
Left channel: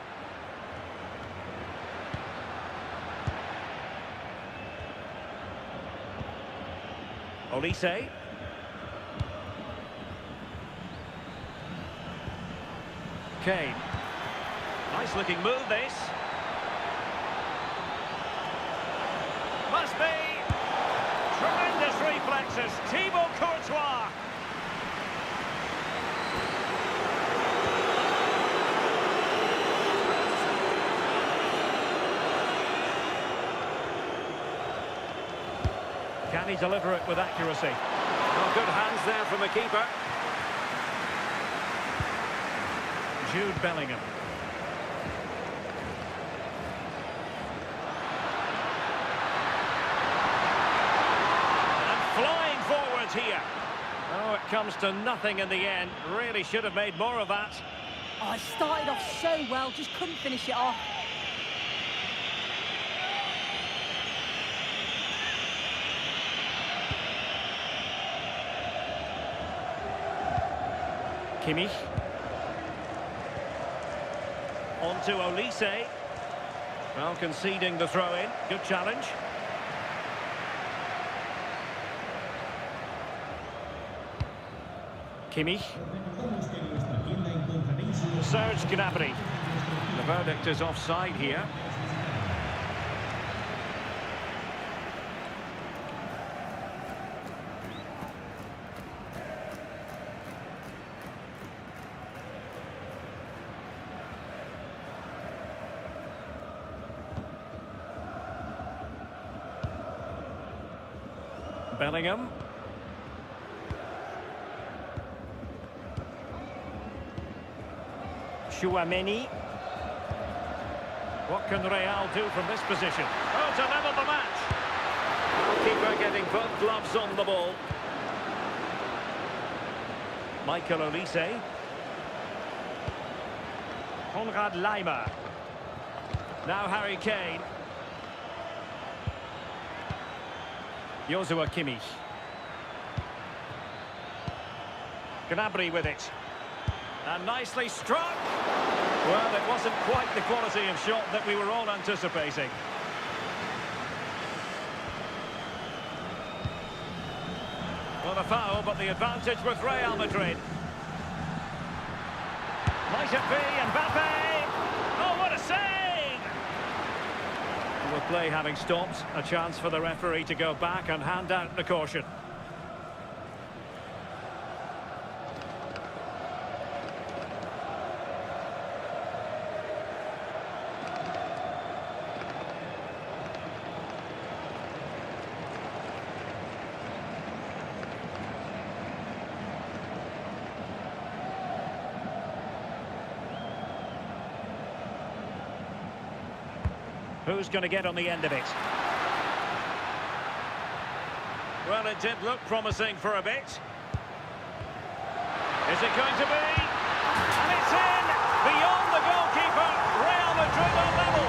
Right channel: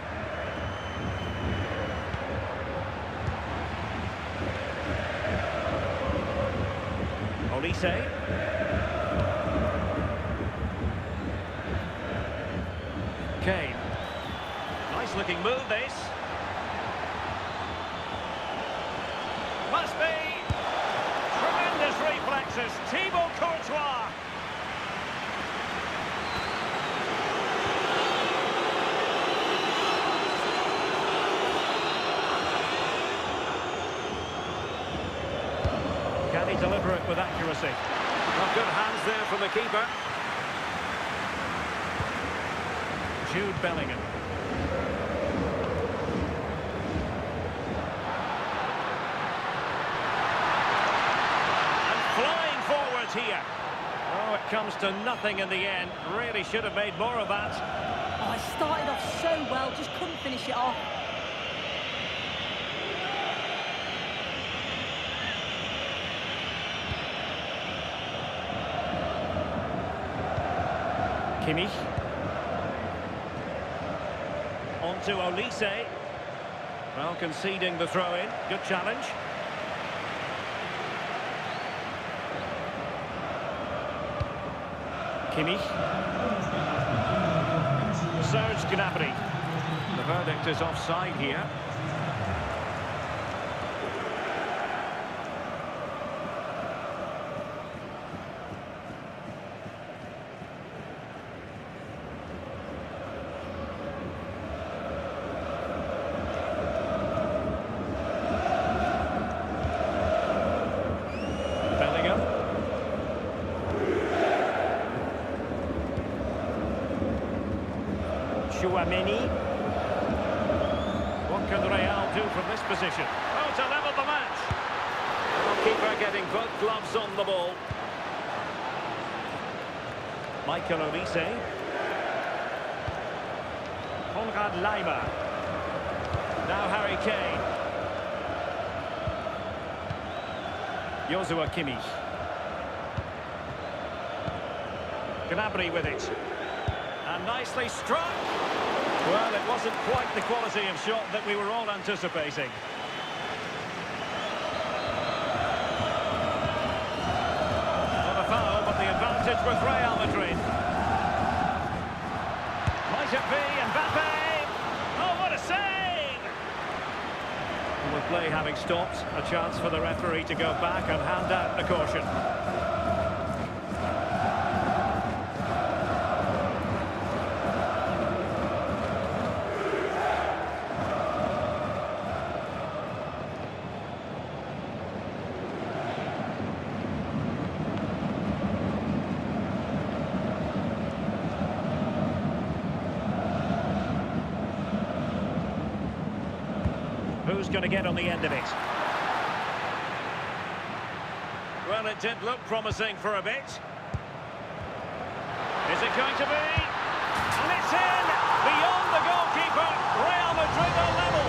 Olise. Kane. Nice looking move this. Must be. Tremendous reflexes. Thibaut Courtois. Can he deliver it with accuracy? Not good hands there from the keeper. Jude Bellingham. And flying forwards here. Oh, it comes to nothing in the end. Really should have made more of that. Oh, I started off so well, just couldn't finish it off. Kimmich. On to Olise. Well, conceding the throw-in. Good challenge. Kimmich. Serge Gnabry. The verdict is offside here. Bellingham. Tchouaméni. What can Real do from this position? Oh, to level the match. Well, keeper getting both gloves on the ball. Michael Olise. Konrad Laimer. Now Harry Kane. Joshua Kimmich. Gnabry with it. And nicely struck. Well, it wasn't quite the quality of shot that we were all anticipating. Not a foul, but the advantage with Real Madrid. Might it be Mbappé? Oh, what a save! And with play having stopped, a chance for the referee to go back and hand out the caution. Who's going to get on the end of it? Well, it did look promising for a bit. Is it going to be? And it's in! Beyond the goalkeeper, Real Madrid are level.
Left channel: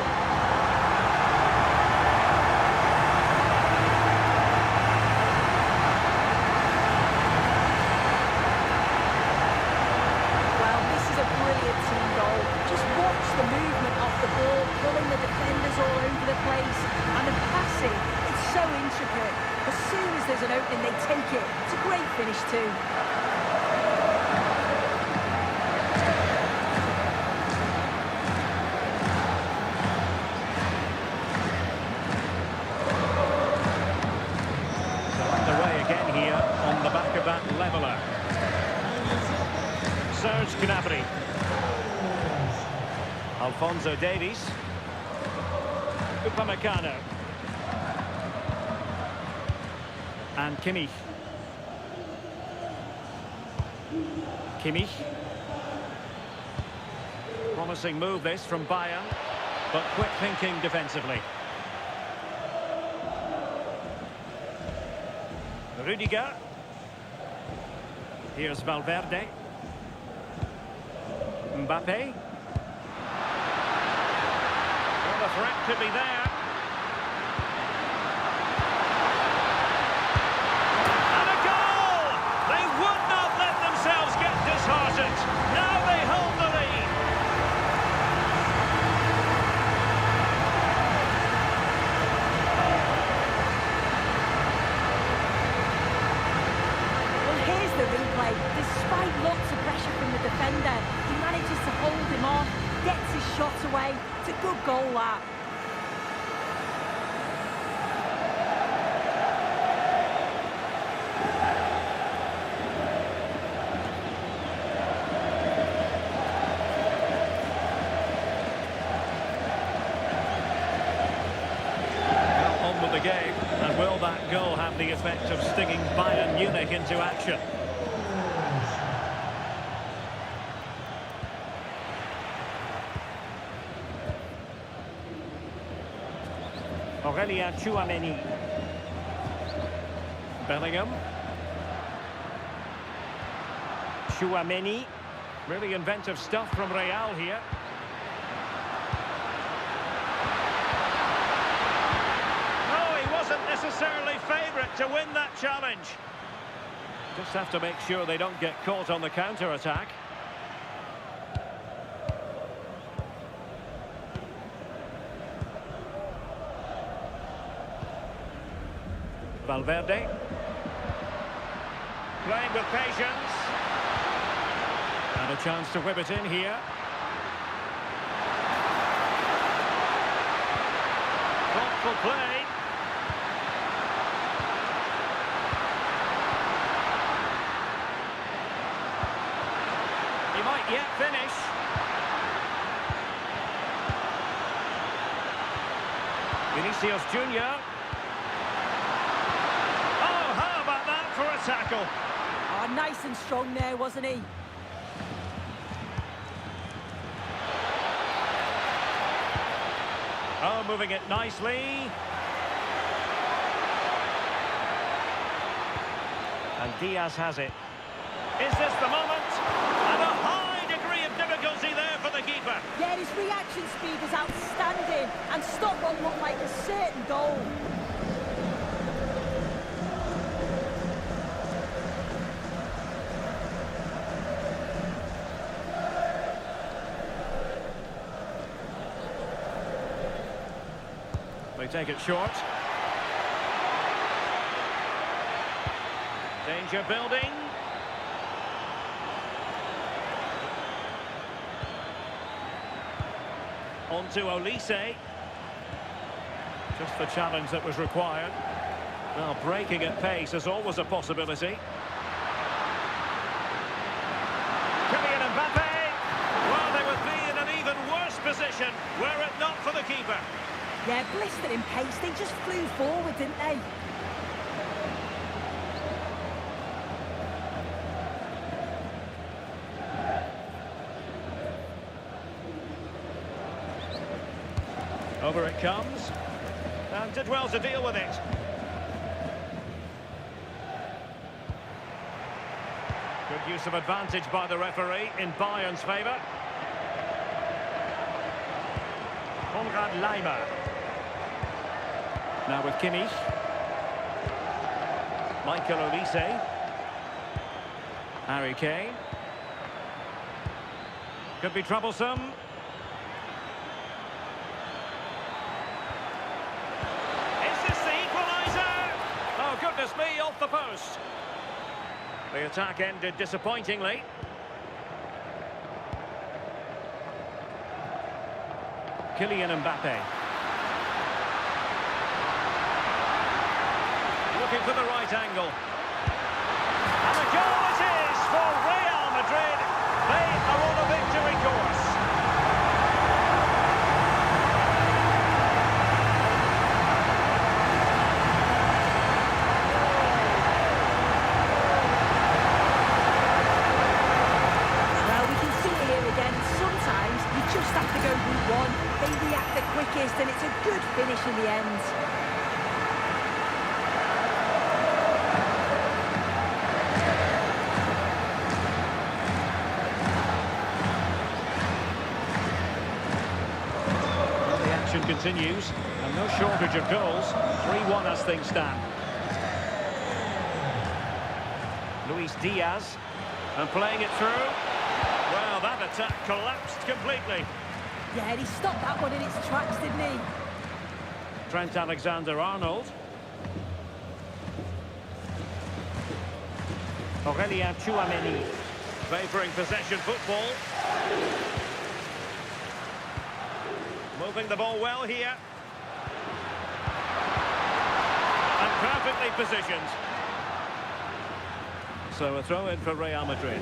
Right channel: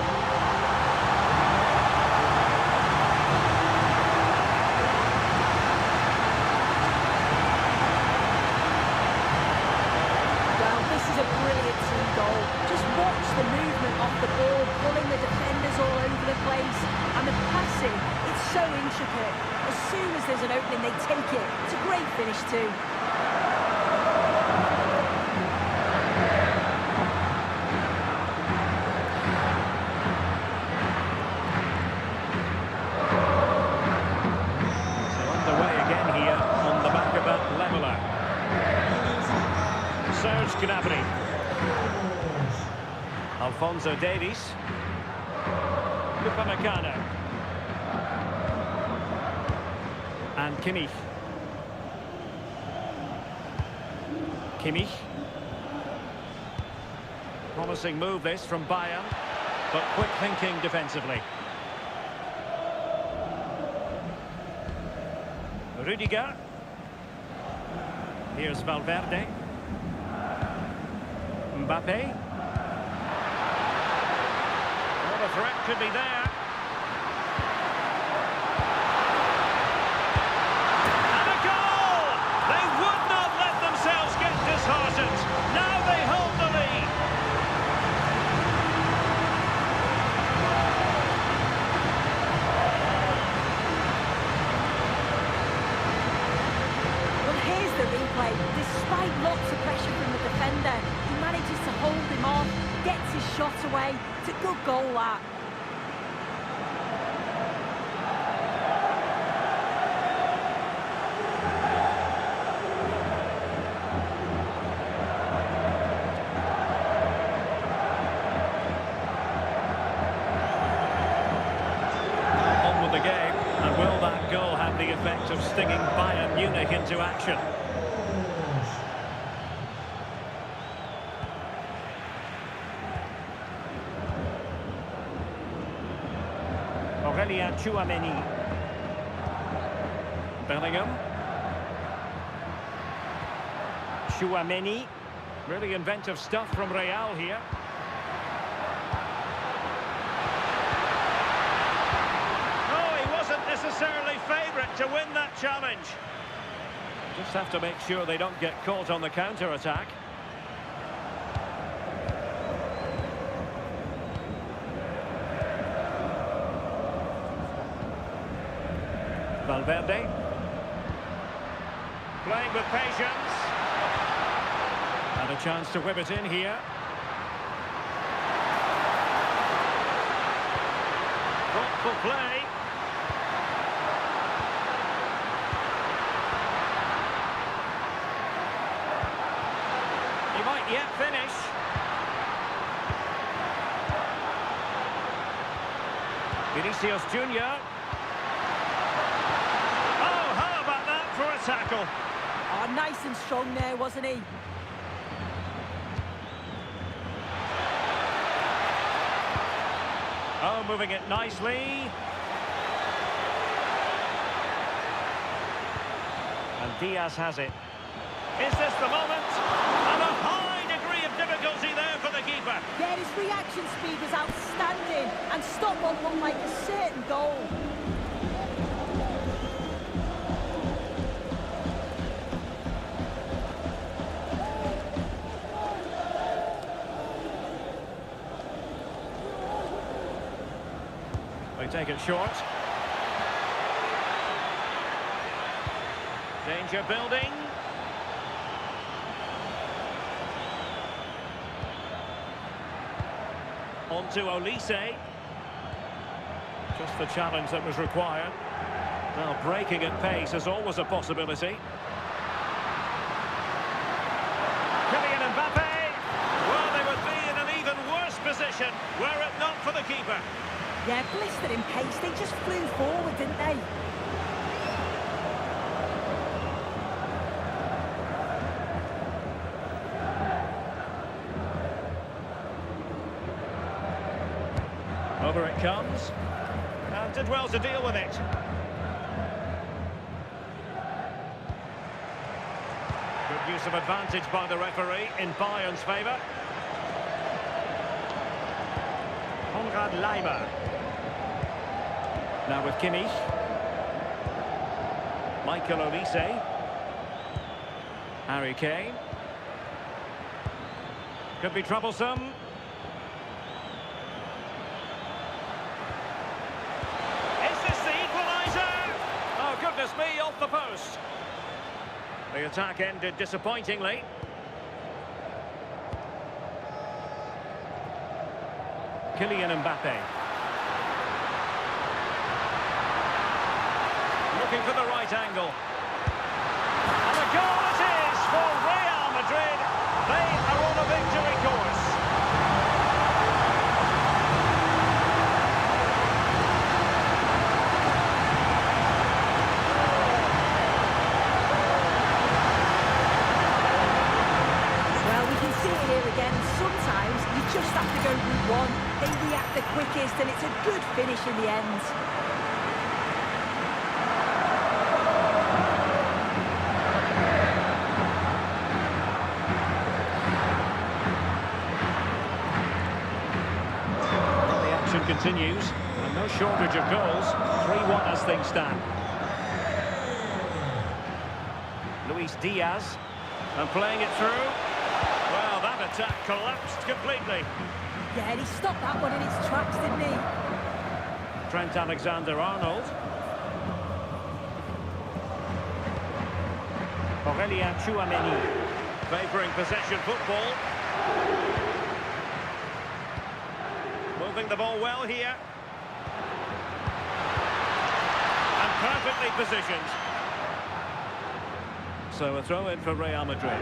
Well, this is a brilliant team goal. Just watch the movement off the ball, pulling the defenders all over the place. And the passing, it's so intricate. As soon as there's an opening, they take it. It's a great finish too. So underway again here on the back of that leveller. Serge Gnabry. Alphonso Davies. Upamecano. And Kimmich. Kimmich. Promising move this from Bayern, but quick thinking defensively. Rudiger. Here's Valverde. Mbappé. Well, the threat could be there. And a goal! They would not let themselves get disheartened. Now they hold the lead. Well, here's the replay. Despite lots of pressure from the defender, he manages to hold him off, gets his shot away. It's a good goal, that. Well, on with the game, and will that goal have the effect of stinging Bayern Munich into action? Aurélien Tchouaméni. Bellingham. Tchouaméni. Really inventive stuff from Real here. No, he wasn't necessarily favourite to win that challenge. Just have to make sure they don't get caught on the counter-attack. Valverde. Playing with patience. And a chance to whip it in here. Thoughtful play. He might yet finish. Vinicius Junior. Oh, how about that for a tackle? Oh, nice and strong there, wasn't he? Oh, moving it nicely. And Diaz has it. Is this the moment? And a high degree of difficulty there for the keeper. Yeah, his reaction speed was outstanding and stopped what looked like a certain goal. They take it short. Danger building. On to Olise. Just the challenge that was required. Well, breaking at pace is always a possibility. Kylian Mbappé. Well, they would be in an even worse position were it not for the keeper. Yeah, blistering pace. They just flew forward, didn't they? Over it comes. And did well to deal with it. Good use of advantage by the referee in Bayern's favour. Konrad Laimer. Now with Kimmich. Michael Olise. Harry Kane. Could be troublesome. Is this the equaliser? Oh, goodness me, off the post. The attack ended disappointingly. Kylian Mbappé. Looking for the right angle. And a goal it is for Real Madrid. They are on a victory course. Well, we can see it here again. Sometimes you just have to go route one. They react the quickest, and it's a good finish in the end. Well, the action continues, and no shortage of goals. 3-1 as things stand. Luis Diaz, and playing it through. Well, that attack collapsed completely. Yeah, and he stopped that one in its tracks, didn't he? Trent Alexander-Arnold. Aurelien Tchouameni. Favouring possession football. Moving the ball well here. And perfectly positioned. So a throw in for Real Madrid.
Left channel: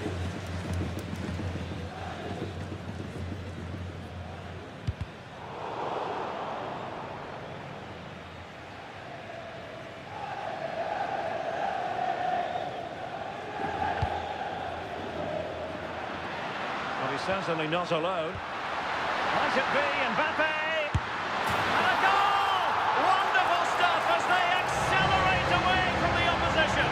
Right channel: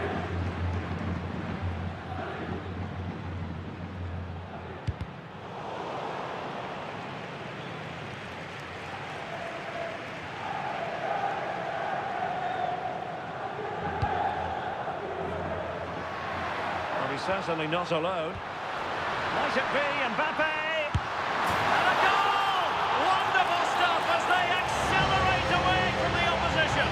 Well, he's certainly not alone. Might it be Mbappé? And a goal! Wonderful stuff as they accelerate away from the opposition.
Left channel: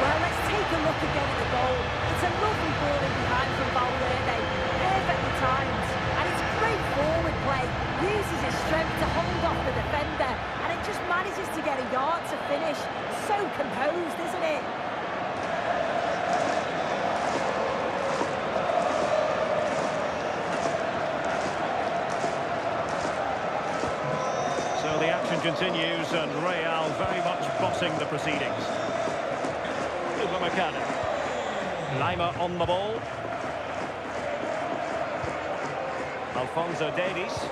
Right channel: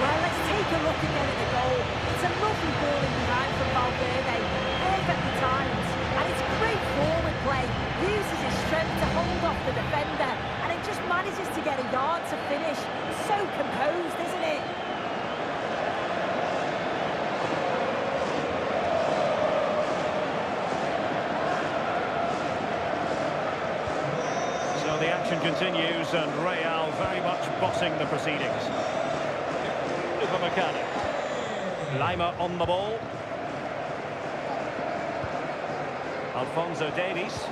Well, let's take a look again at the goal. It's a lovely ball in behind from Valverde. Perfectly timed. And it's great forward play. Uses his strength to hold off the defender. And it just manages to get a yard to finish. So composed, isn't it? So the action continues, and Real very much bossing the proceedings. Upamecano. Laimer on the ball. Alphonso Davies.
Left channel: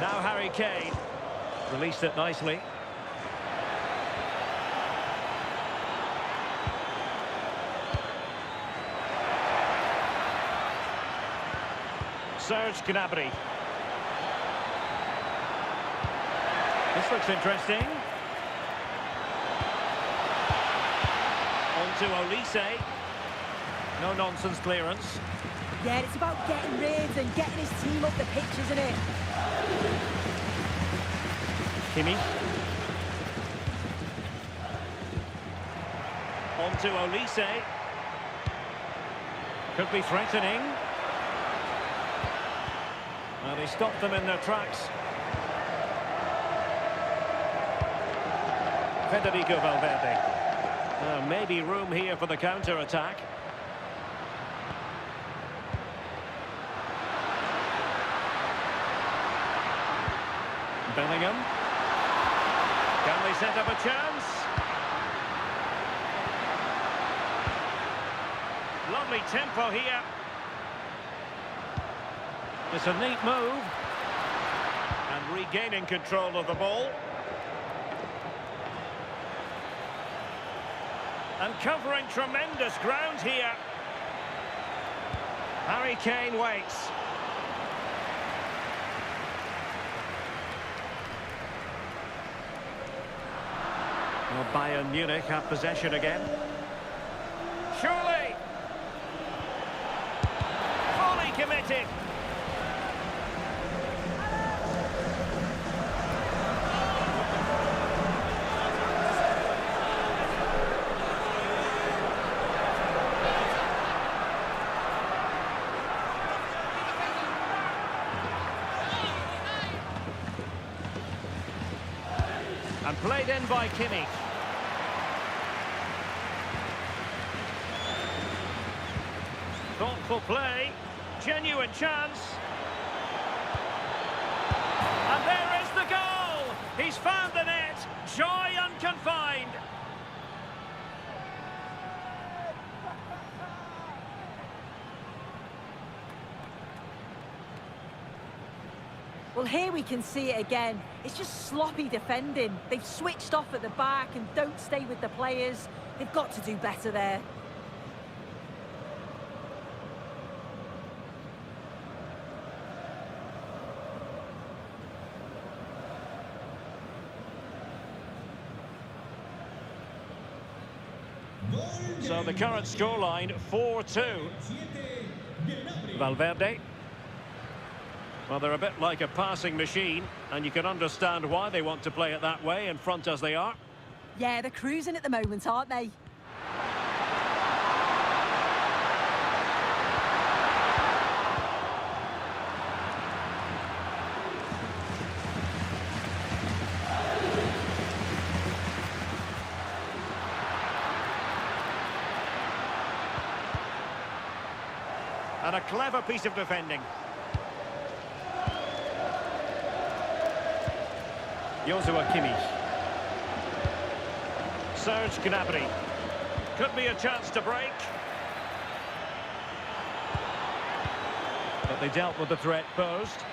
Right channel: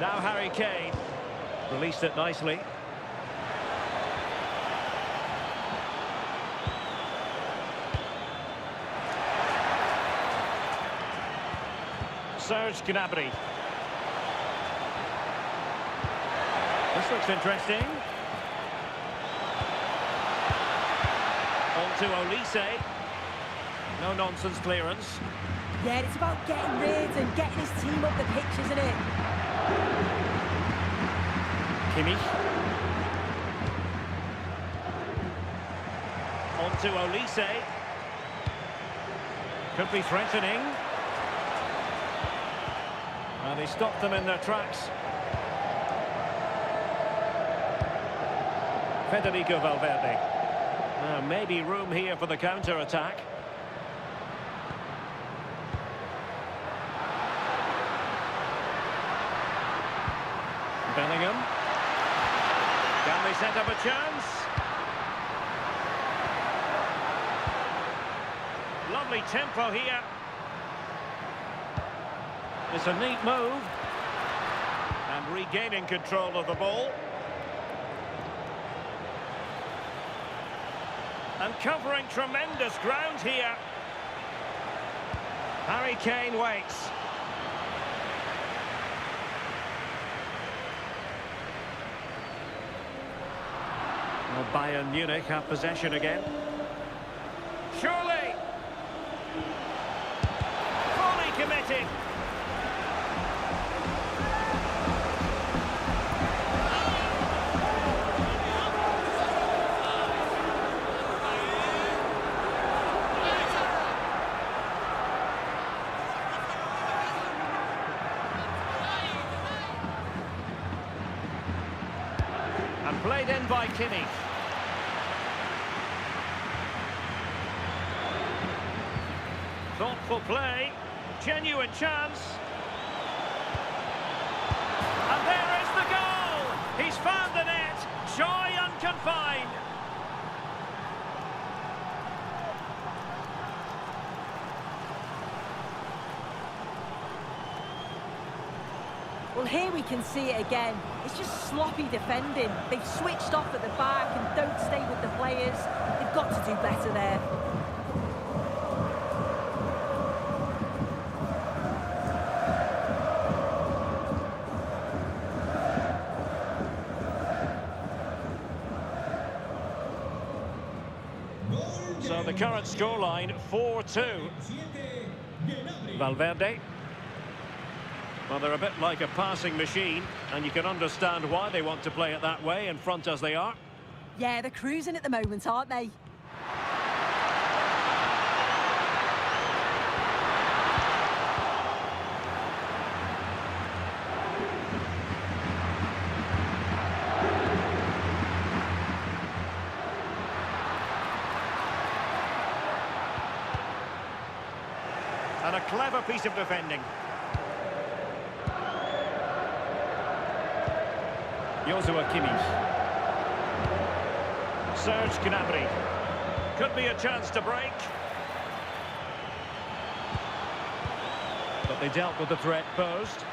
Now Harry Kane. Released it nicely. Serge Gnabry. This looks interesting. On to Olise. No nonsense clearance. Yeah, it's about getting rid and getting his team up the pitch, isn't it? Kimmich. On to Olise. Could be threatening. And he stopped them in their tracks. Federico Valverde. Maybe room here for the counter-attack. Bellingham. Can they set up a chance? Lovely tempo here. It's a neat move. And regaining control of the ball. And covering tremendous ground here. Harry Kane waits. Well, Bayern Munich have possession again. Surely! Fully committed. And played in by Kimmich. Thoughtful play, genuine chance. And there is the goal! He's found the net, joy unconfined. Well, here we can see it again. It's just sloppy defending. They've switched off at the back and don't stay with the players. They've got to do better there. So the current scoreline, 4-2. Valverde. Well, they're a bit like a passing machine, and you can understand why they want to play it that way, in front as they are. Yeah, they're cruising at the moment, aren't they? And a clever piece of defending. Joshua Kimmich. Serge Gnabry. Could be a chance to break. But they dealt with the threat posed.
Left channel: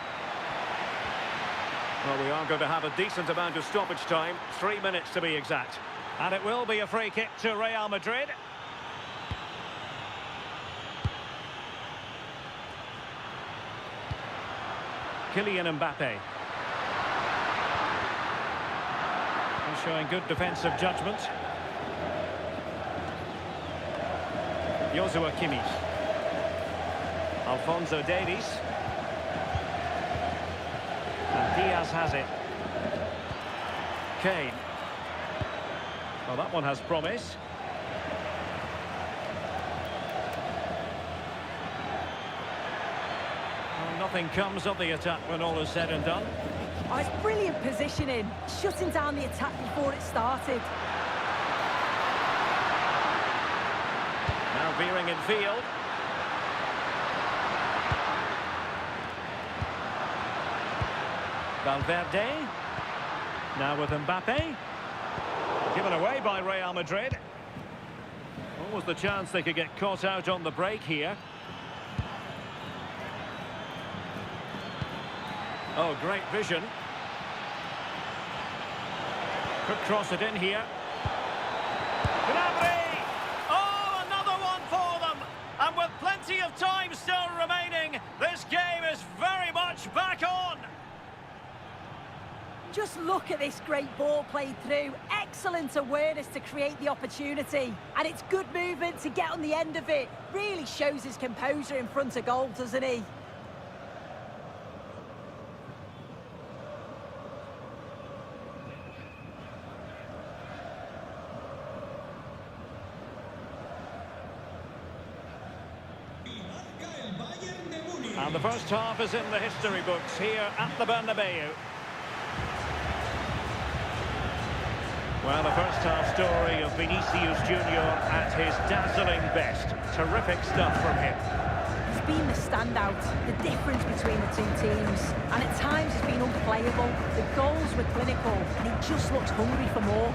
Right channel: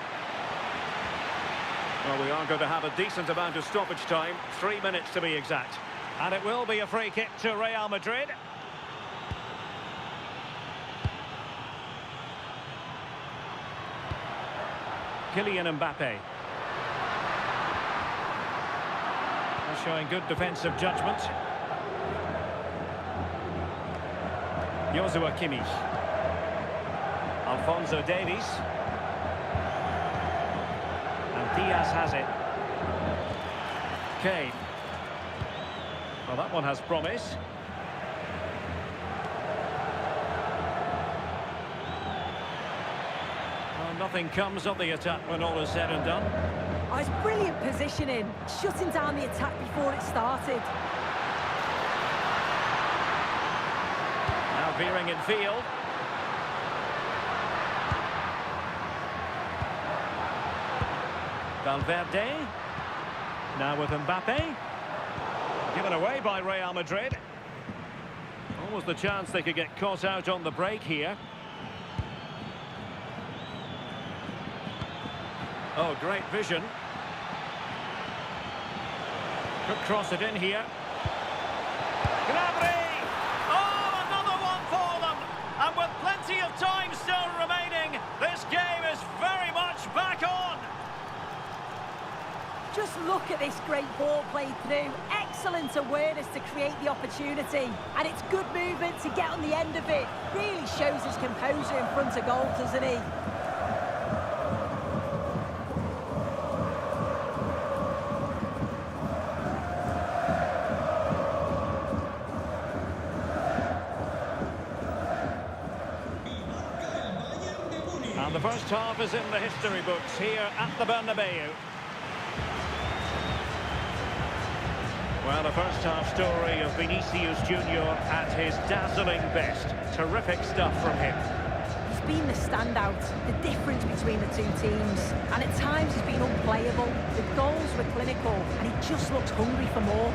Well, we are going to have a decent amount of stoppage time. 3 minutes to be exact. And it will be a free kick to Real Madrid. Kylian Mbappé. Showing good defensive judgment. Joshua Kimmich. Alphonso Davies. And Diaz has it. Kane. Well, that one has promise. Well, nothing comes of the attack when all is said and done. Oh, it's brilliant positioning, shutting down the attack before it started. Now veering in field. Valverde. Now with Mbappé. Given away by Real Madrid. Almost the chance they could get caught out on the break here. Oh, great vision. Could cross it in here. Gnabry! Oh, another one for them! And with plenty of time still remaining, this game is very much back on! Just look at this great ball played through. Excellent awareness to create the opportunity. And it's good movement to get on the end of it. Really shows his composure in front of goal, doesn't he? And the first half is in the history books here at the Bernabeu. Well, the first half story of Vinicius Junior at his dazzling best. Terrific stuff from him. He's been the standout, the difference between the two teams. And at times he's been unplayable. The goals were clinical, and he just looks hungry for more.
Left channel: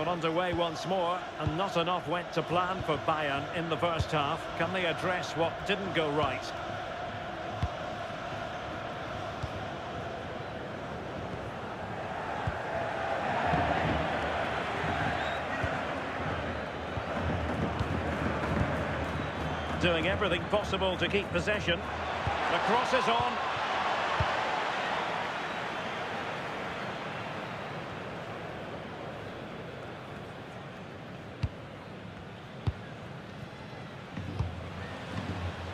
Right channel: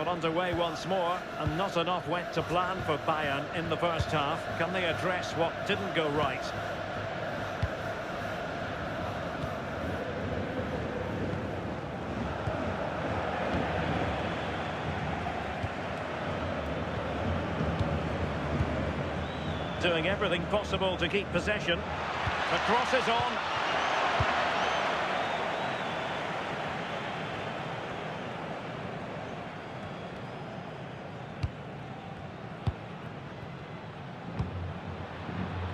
Well, underway once more, and not enough went to plan for Bayern in the first half. Can they address what didn't go right? Doing everything possible to keep possession. The cross is on.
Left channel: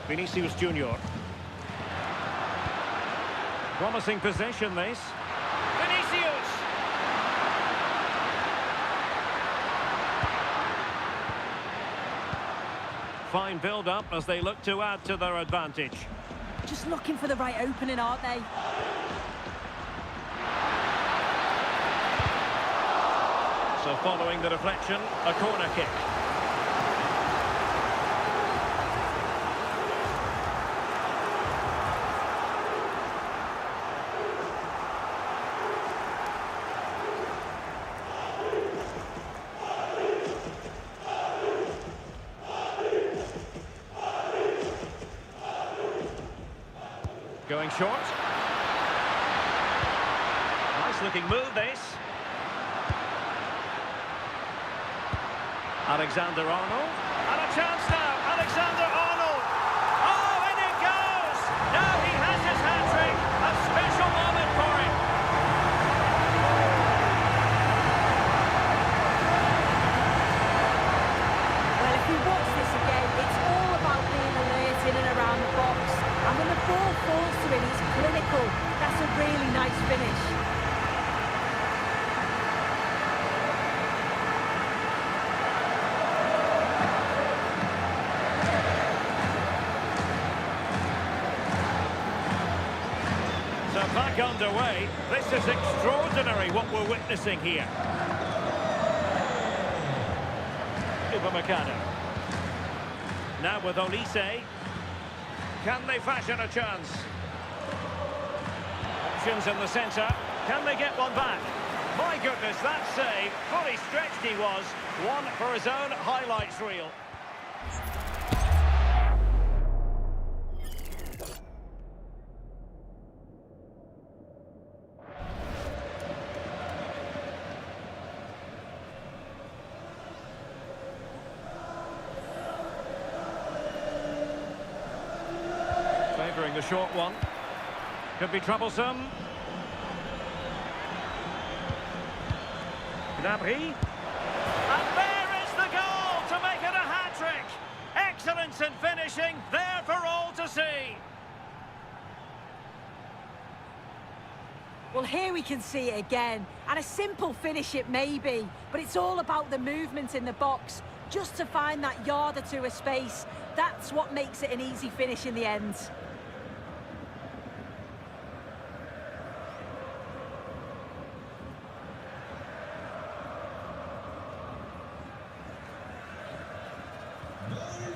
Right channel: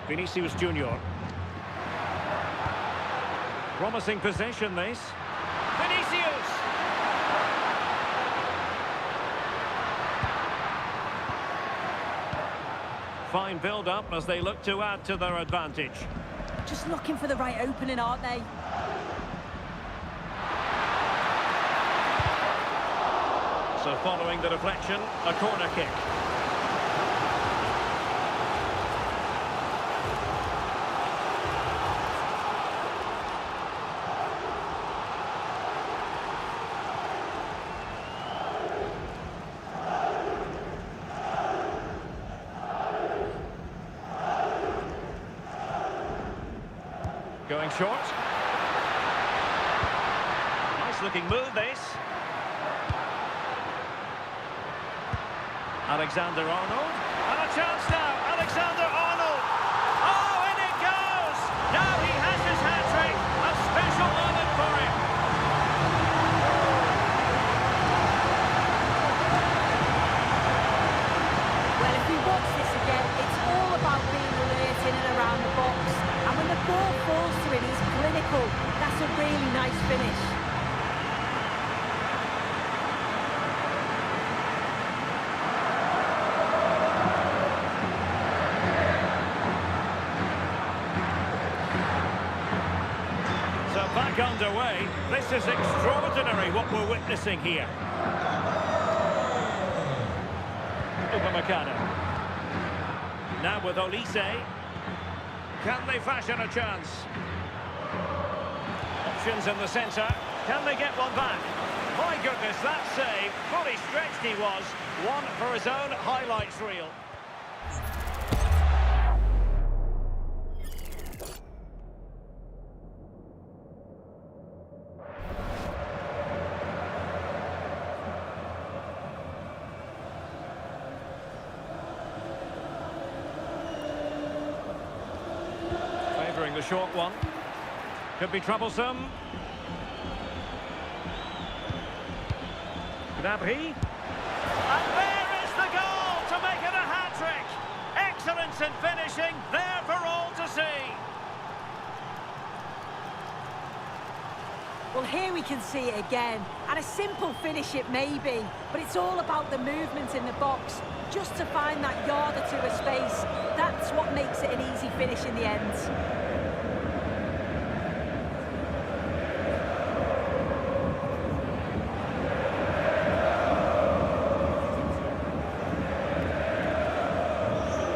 Vinicius Junior. Promising possession, this. Vinicius! Fine build-up as they look to add to their advantage. Just looking for the right opening, aren't they? So following the deflection, a corner kick. Going short. Nice looking move, this. Alexander-Arnold. And a chance now. Alexander-Arnold. Oh, in it goes. Now he has his hat-trick. A special moment for him. Well, if we watch this again, it's all about being alert in and around the box. And when the ball falls to him, he's clinical. That's a really nice finish. So back underway. This is extraordinary what we're witnessing here. Upamecano. Now with Olise. Can they fashion a chance? Options in the centre. Can they get one back? My goodness, that save. Fully stretched he was. One for his own highlights reel. Favouring the short one. Could be troublesome. Gnabry. And there is the goal to make it a hat-trick. Excellence in finishing, there for all to see. Well, here we can see it again. And a simple finish it may be, but it's all about the movement in the box. Just to find that yard or two of space. That's what makes it an easy finish in the end.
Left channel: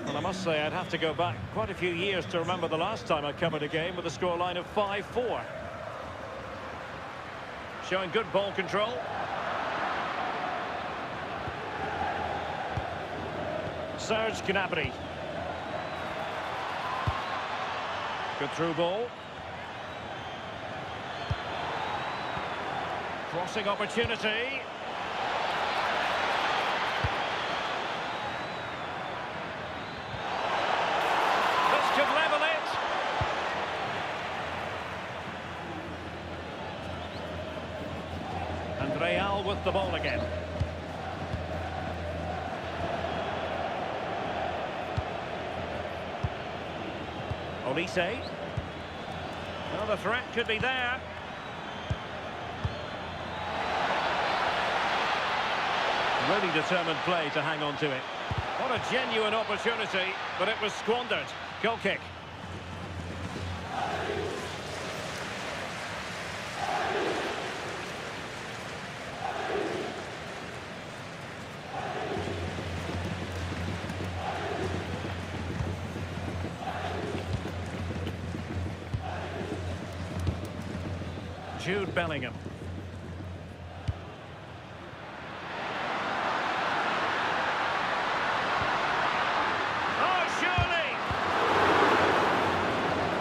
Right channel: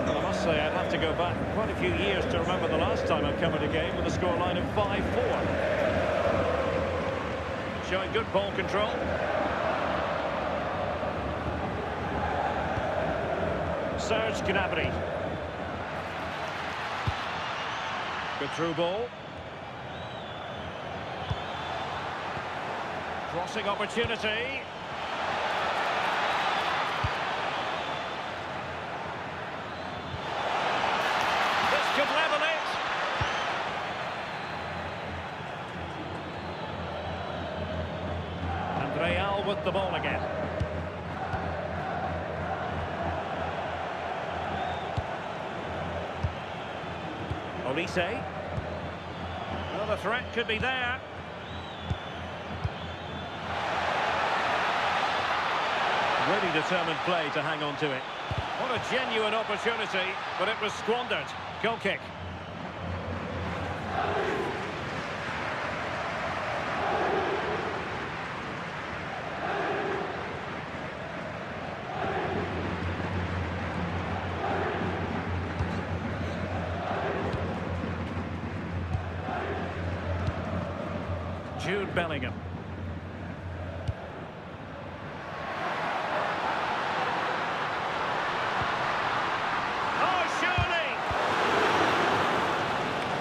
Well, I must say I'd have to go back quite a few years to remember the last time I covered a game with a scoreline of 5-4. Showing good ball control. Serge Gnabry. Good through ball. Crossing opportunity. This could level it. And Real with the ball again. Olise. Well, the threat could be there. Really determined play to hang on to it. What a genuine opportunity, but it was squandered. Goal kick. Jude Bellingham.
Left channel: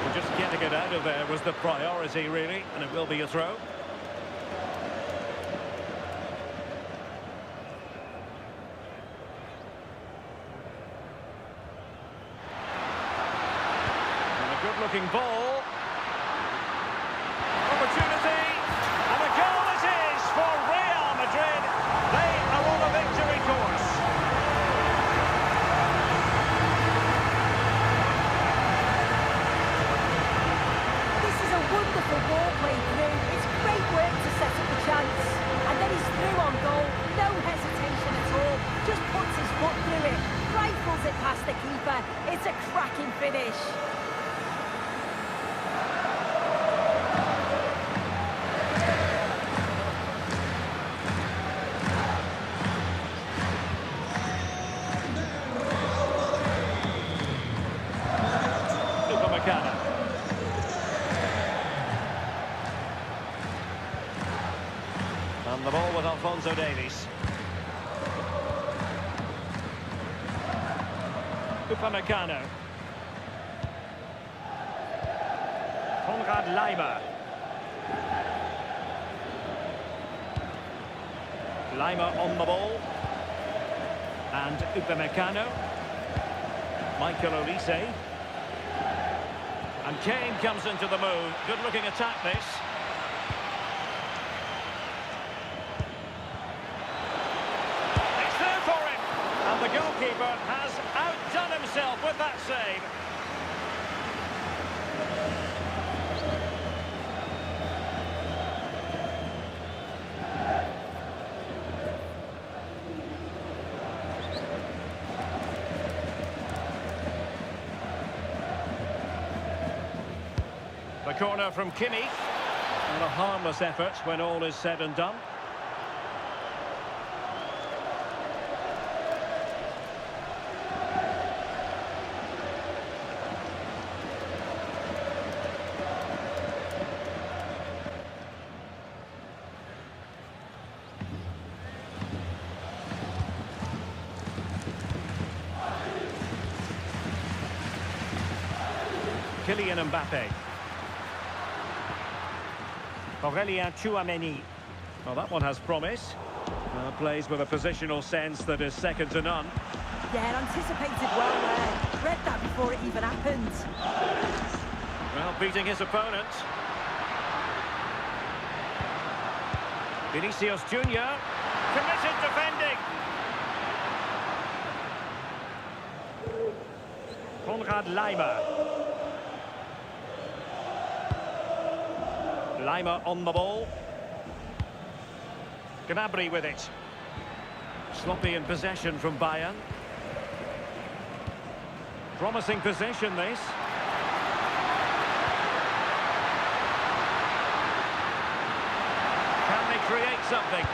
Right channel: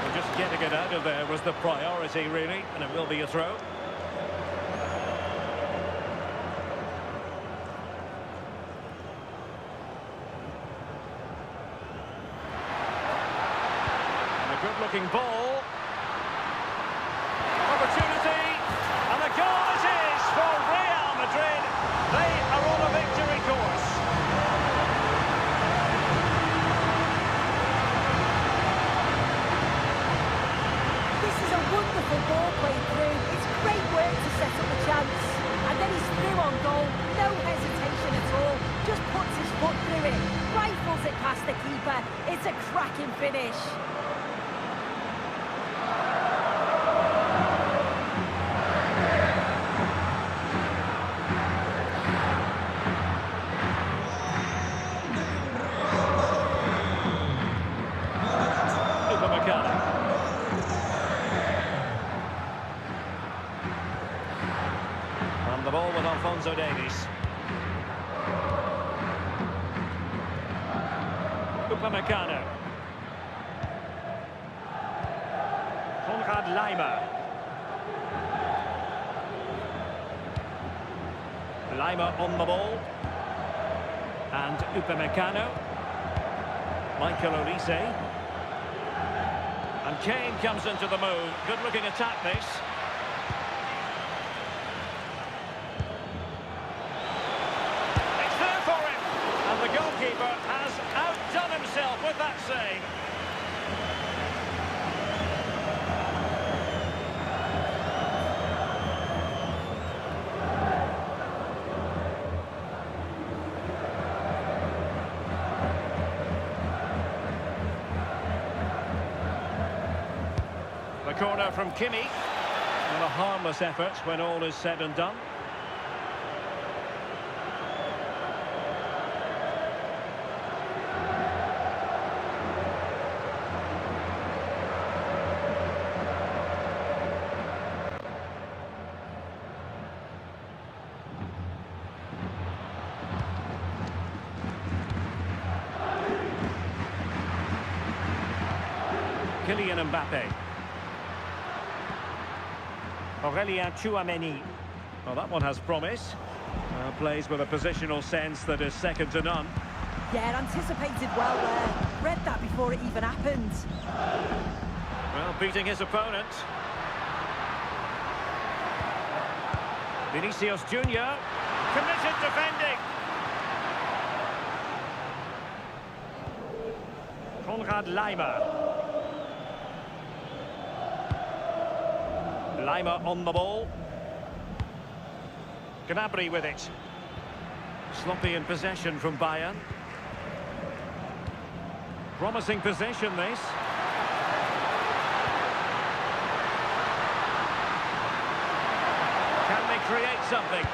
Well, just getting it out of there was the priority, really, and it will be a throw. And a good-looking ball. Opportunity, and a goal it is for Real Madrid. They are on a victory course. This is a wonderful ball played through. It's great work to set up the chance. And then he's through on goal, no hesitation at all. Just puts his foot through it, rifles it past the keeper. It's a cracking finish. And the ball with Alphonso Davies. Upamecano. Konrad Laimer. Laimer on the ball. And Upamecano. Michael Olise. And Kane comes into the move. Good-looking attack, this. It's there for him. And the goalkeeper has outdone himself with that save. The corner from Kimmich. And a harmless effort when all is said and done. Kylian Mbappé. Aurelien Tchouameni. Well, that one has promise. Plays with a positional sense that is second to none. Yeah, anticipated well there. Read that before it even happened. Well, beating his opponent. Vinicius Junior. Committed defending. Konrad Laimer. Laimer on the ball. Gnabry with it. Sloppy in possession from Bayern. Promising possession, this. Can they create something?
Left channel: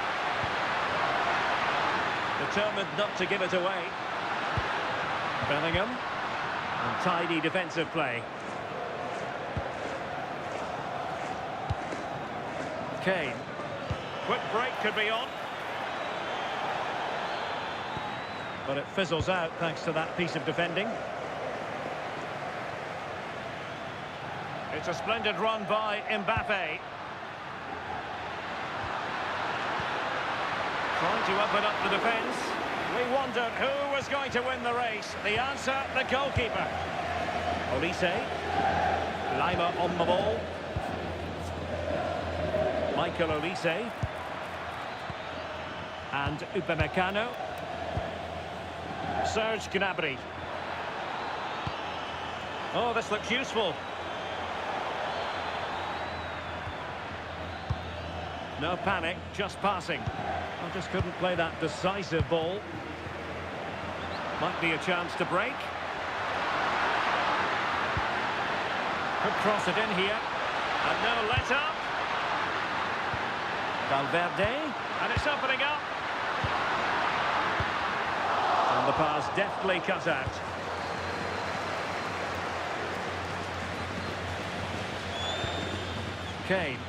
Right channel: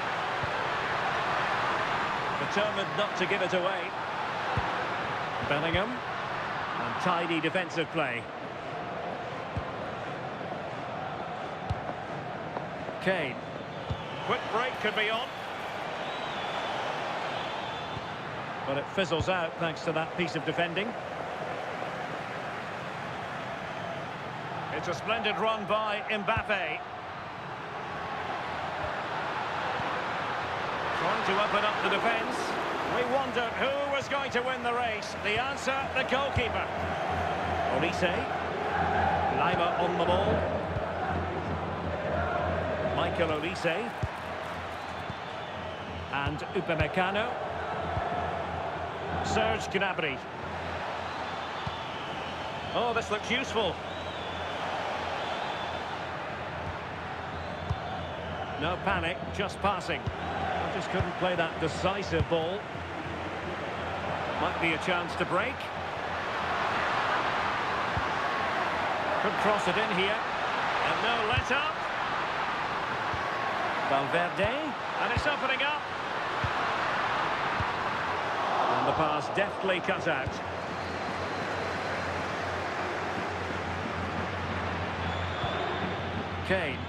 Determined not to give it away. Bellingham. And tidy defensive play. Kane. Quick break could be on. But it fizzles out thanks to that piece of defending. It's a splendid run by Mbappé. Trying to open up the defence. We wondered who was going to win the race. The answer, the goalkeeper. Olise. Laimer on the ball. Michael Olise. And Upamecano. Serge Gnabry. Oh, this looks useful. No panic, just passing. I just couldn't play that decisive ball. Might be a chance to break. Could cross it in here. And no let-up. Valverde, and it's opening up. And the pass deftly cut out. Kane.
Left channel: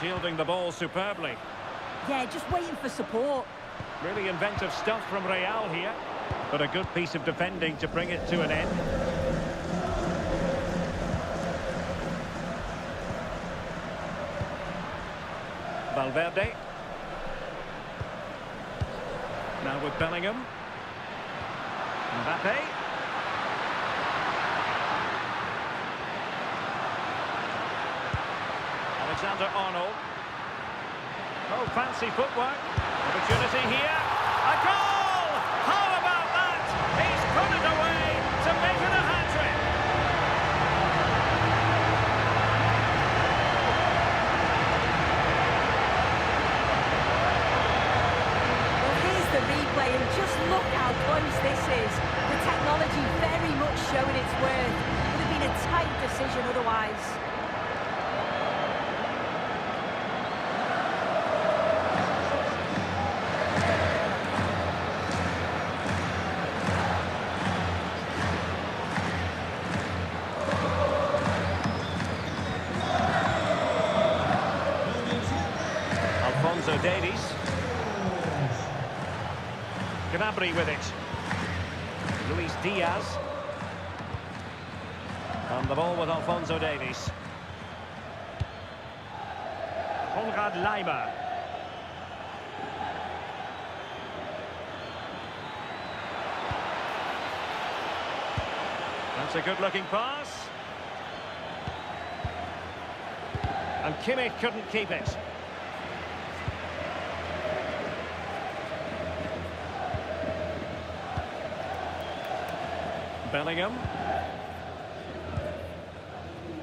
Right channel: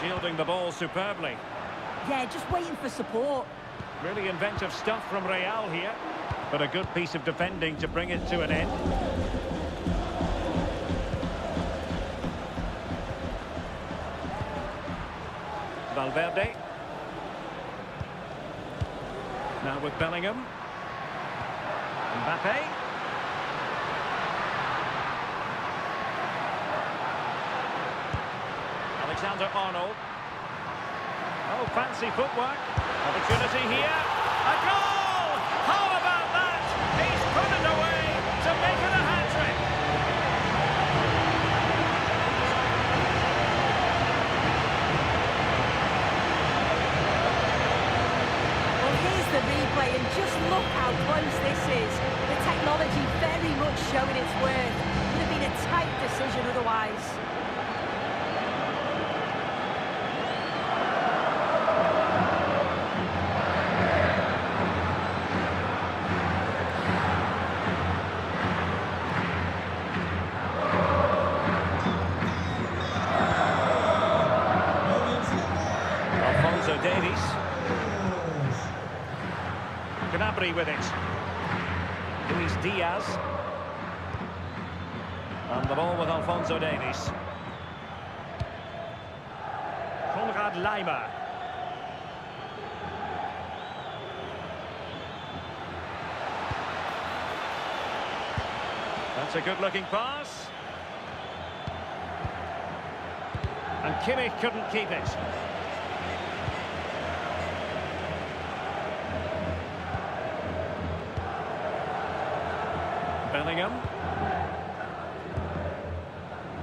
Shielding the ball superbly. Yeah, just waiting for support. Really inventive stuff from Real here. But a good piece of defending to bring it to an end. Valverde. Now with Bellingham. Mbappé. Alexander-Arnold. Oh, fancy footwork. Opportunity here. A goal! How about that? He's put it away to make it a hat-trick. Well, here's the replay, and just look how close this is. The technology very much showing its worth. Would have been a tight decision otherwise. Davies. Gnabry with it. Luis Diaz. And the ball with Alphonso Davies. Konrad Laimer. That's a good-looking pass. And Kimmich couldn't keep it. Bellingham.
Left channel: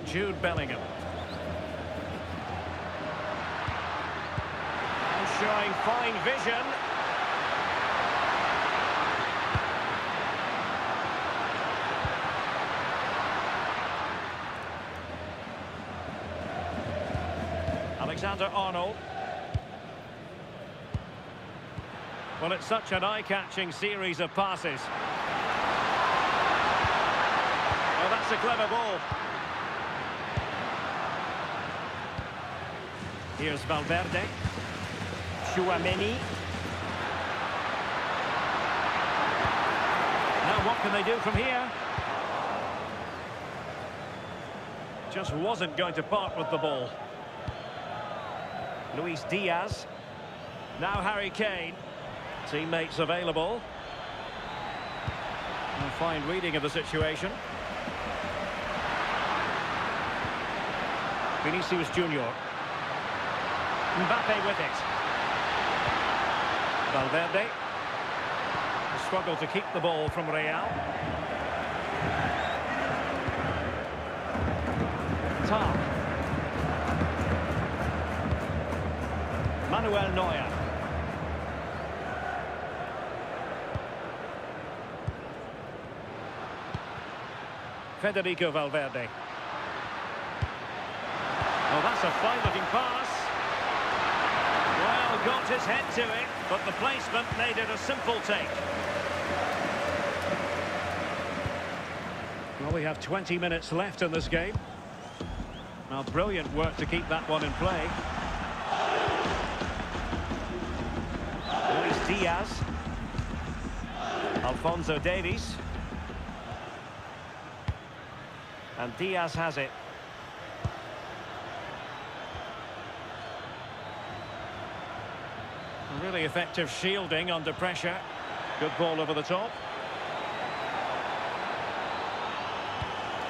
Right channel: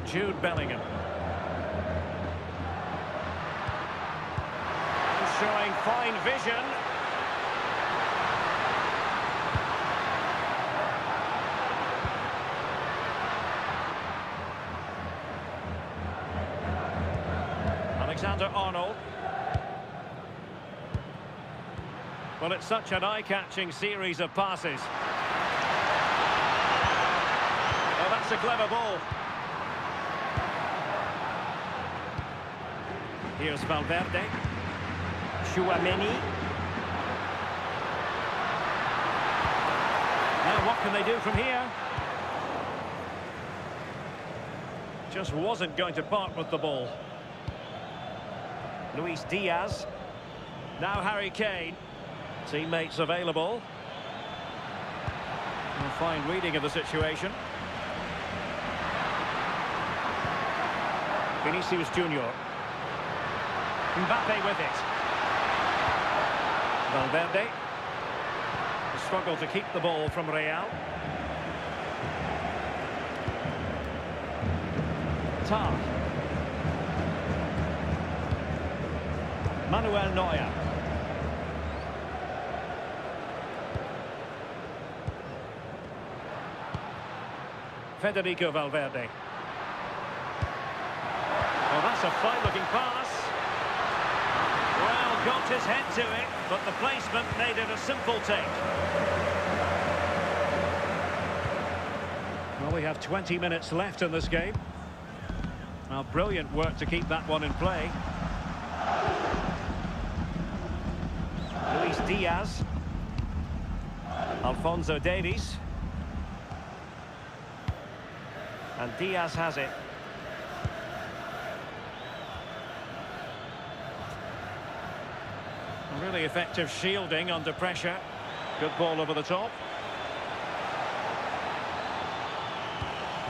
Jude Bellingham. And showing fine vision. Alexander-Arnold. Well, it's such an eye-catching series of passes. Oh, that's a clever ball. Here's Valverde. Chouameni. Now what can they do from here? Just wasn't going to part with the ball. Luis Diaz. Now Harry Kane. Teammates available. A fine reading of the situation. Vinicius Junior. Mbappé with it. Valverde. A struggle to keep the ball from Real. Tar. Manuel Neuer. Federico Valverde. Oh, that's a fine-looking pass. Well, got his head to it, but the placement made it a simple take. Well, we have 20 minutes left in this game. Well, brilliant work to keep that one in play. Luis Diaz. Alphonso Davies. And Diaz has it. Really effective shielding under pressure. Good ball over the top.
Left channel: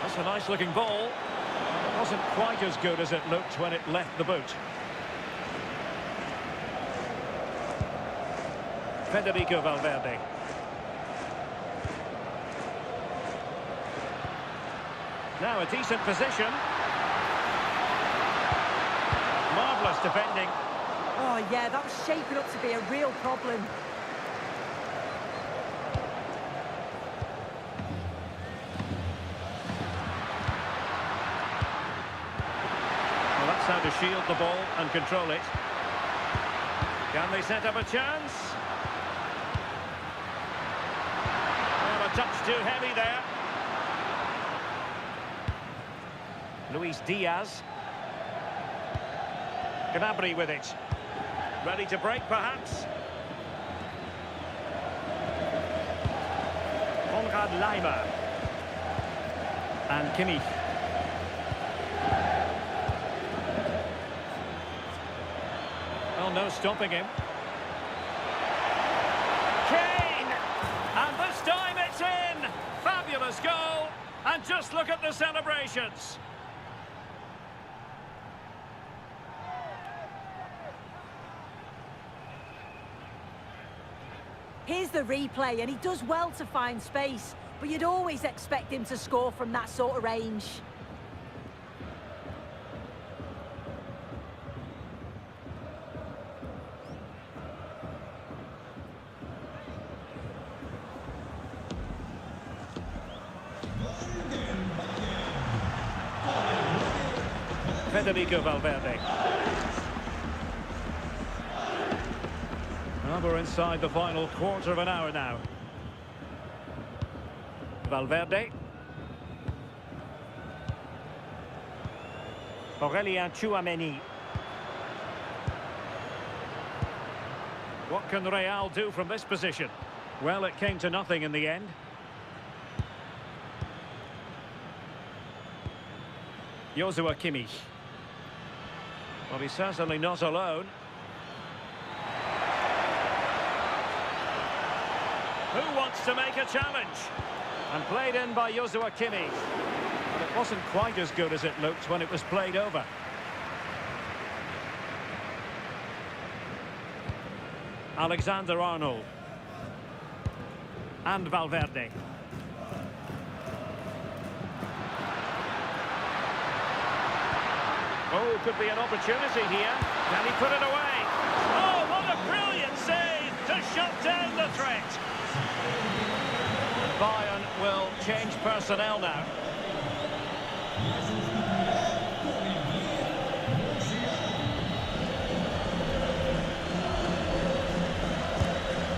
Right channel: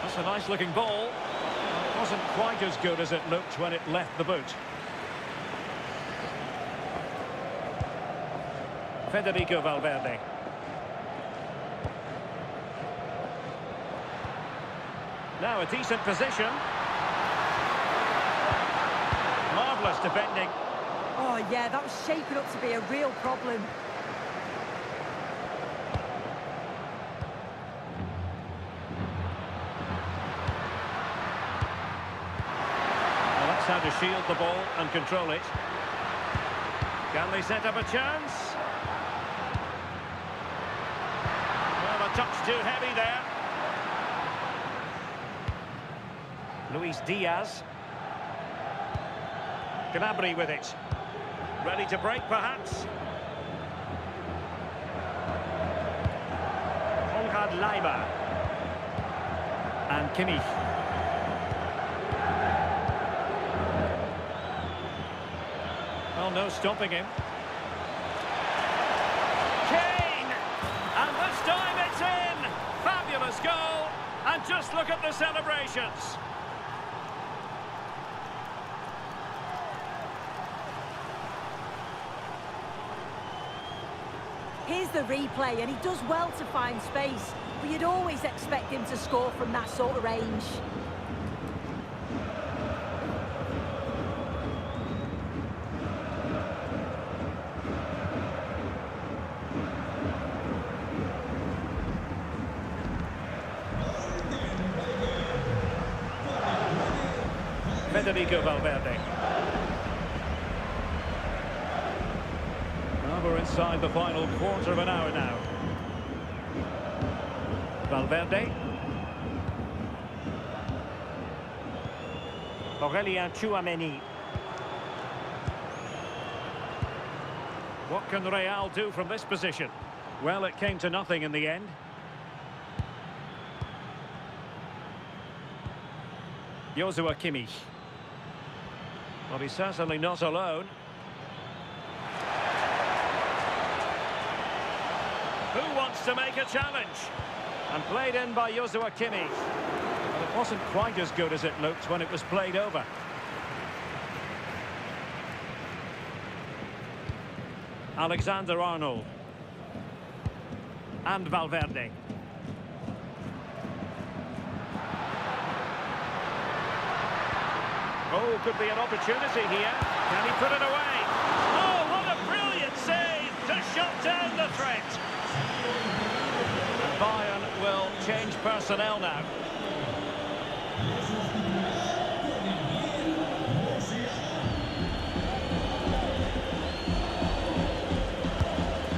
That's a nice looking ball. And it wasn't quite as good as it looked when it left the boot. Federico Valverde. Now a decent position. Marvellous defending. Oh, yeah, that was shaping up to be a real problem. Well, that's how to shield the ball and control it. Can they set up a chance? Well, a touch too heavy there. Luis Diaz. Gnabry with it. Ready to break, perhaps. Laimer. And Kimmich. Well, no stopping him. Kane! And this time it's in! Fabulous goal! And just look at the celebrations. Here's the replay, and he does well to find space, but you'd always expect him to score from that sort of range. Federico Valverde. Well, we're inside the final quarter of an hour now. Valverde. Aurelien Tchouameni. What can Real do from this position? Well, it came to nothing in the end. Joshua Kimmich. Well, he's certainly not alone. Who wants to make a challenge? And played in by Joshua Kimmich. But it wasn't quite as good as it looked when it was played over. Alexander-Arnold. And Valverde. Oh, could be an opportunity here. Can he put it away? Oh, what a brilliant save to shut down the threat. And Bayern will change personnel now.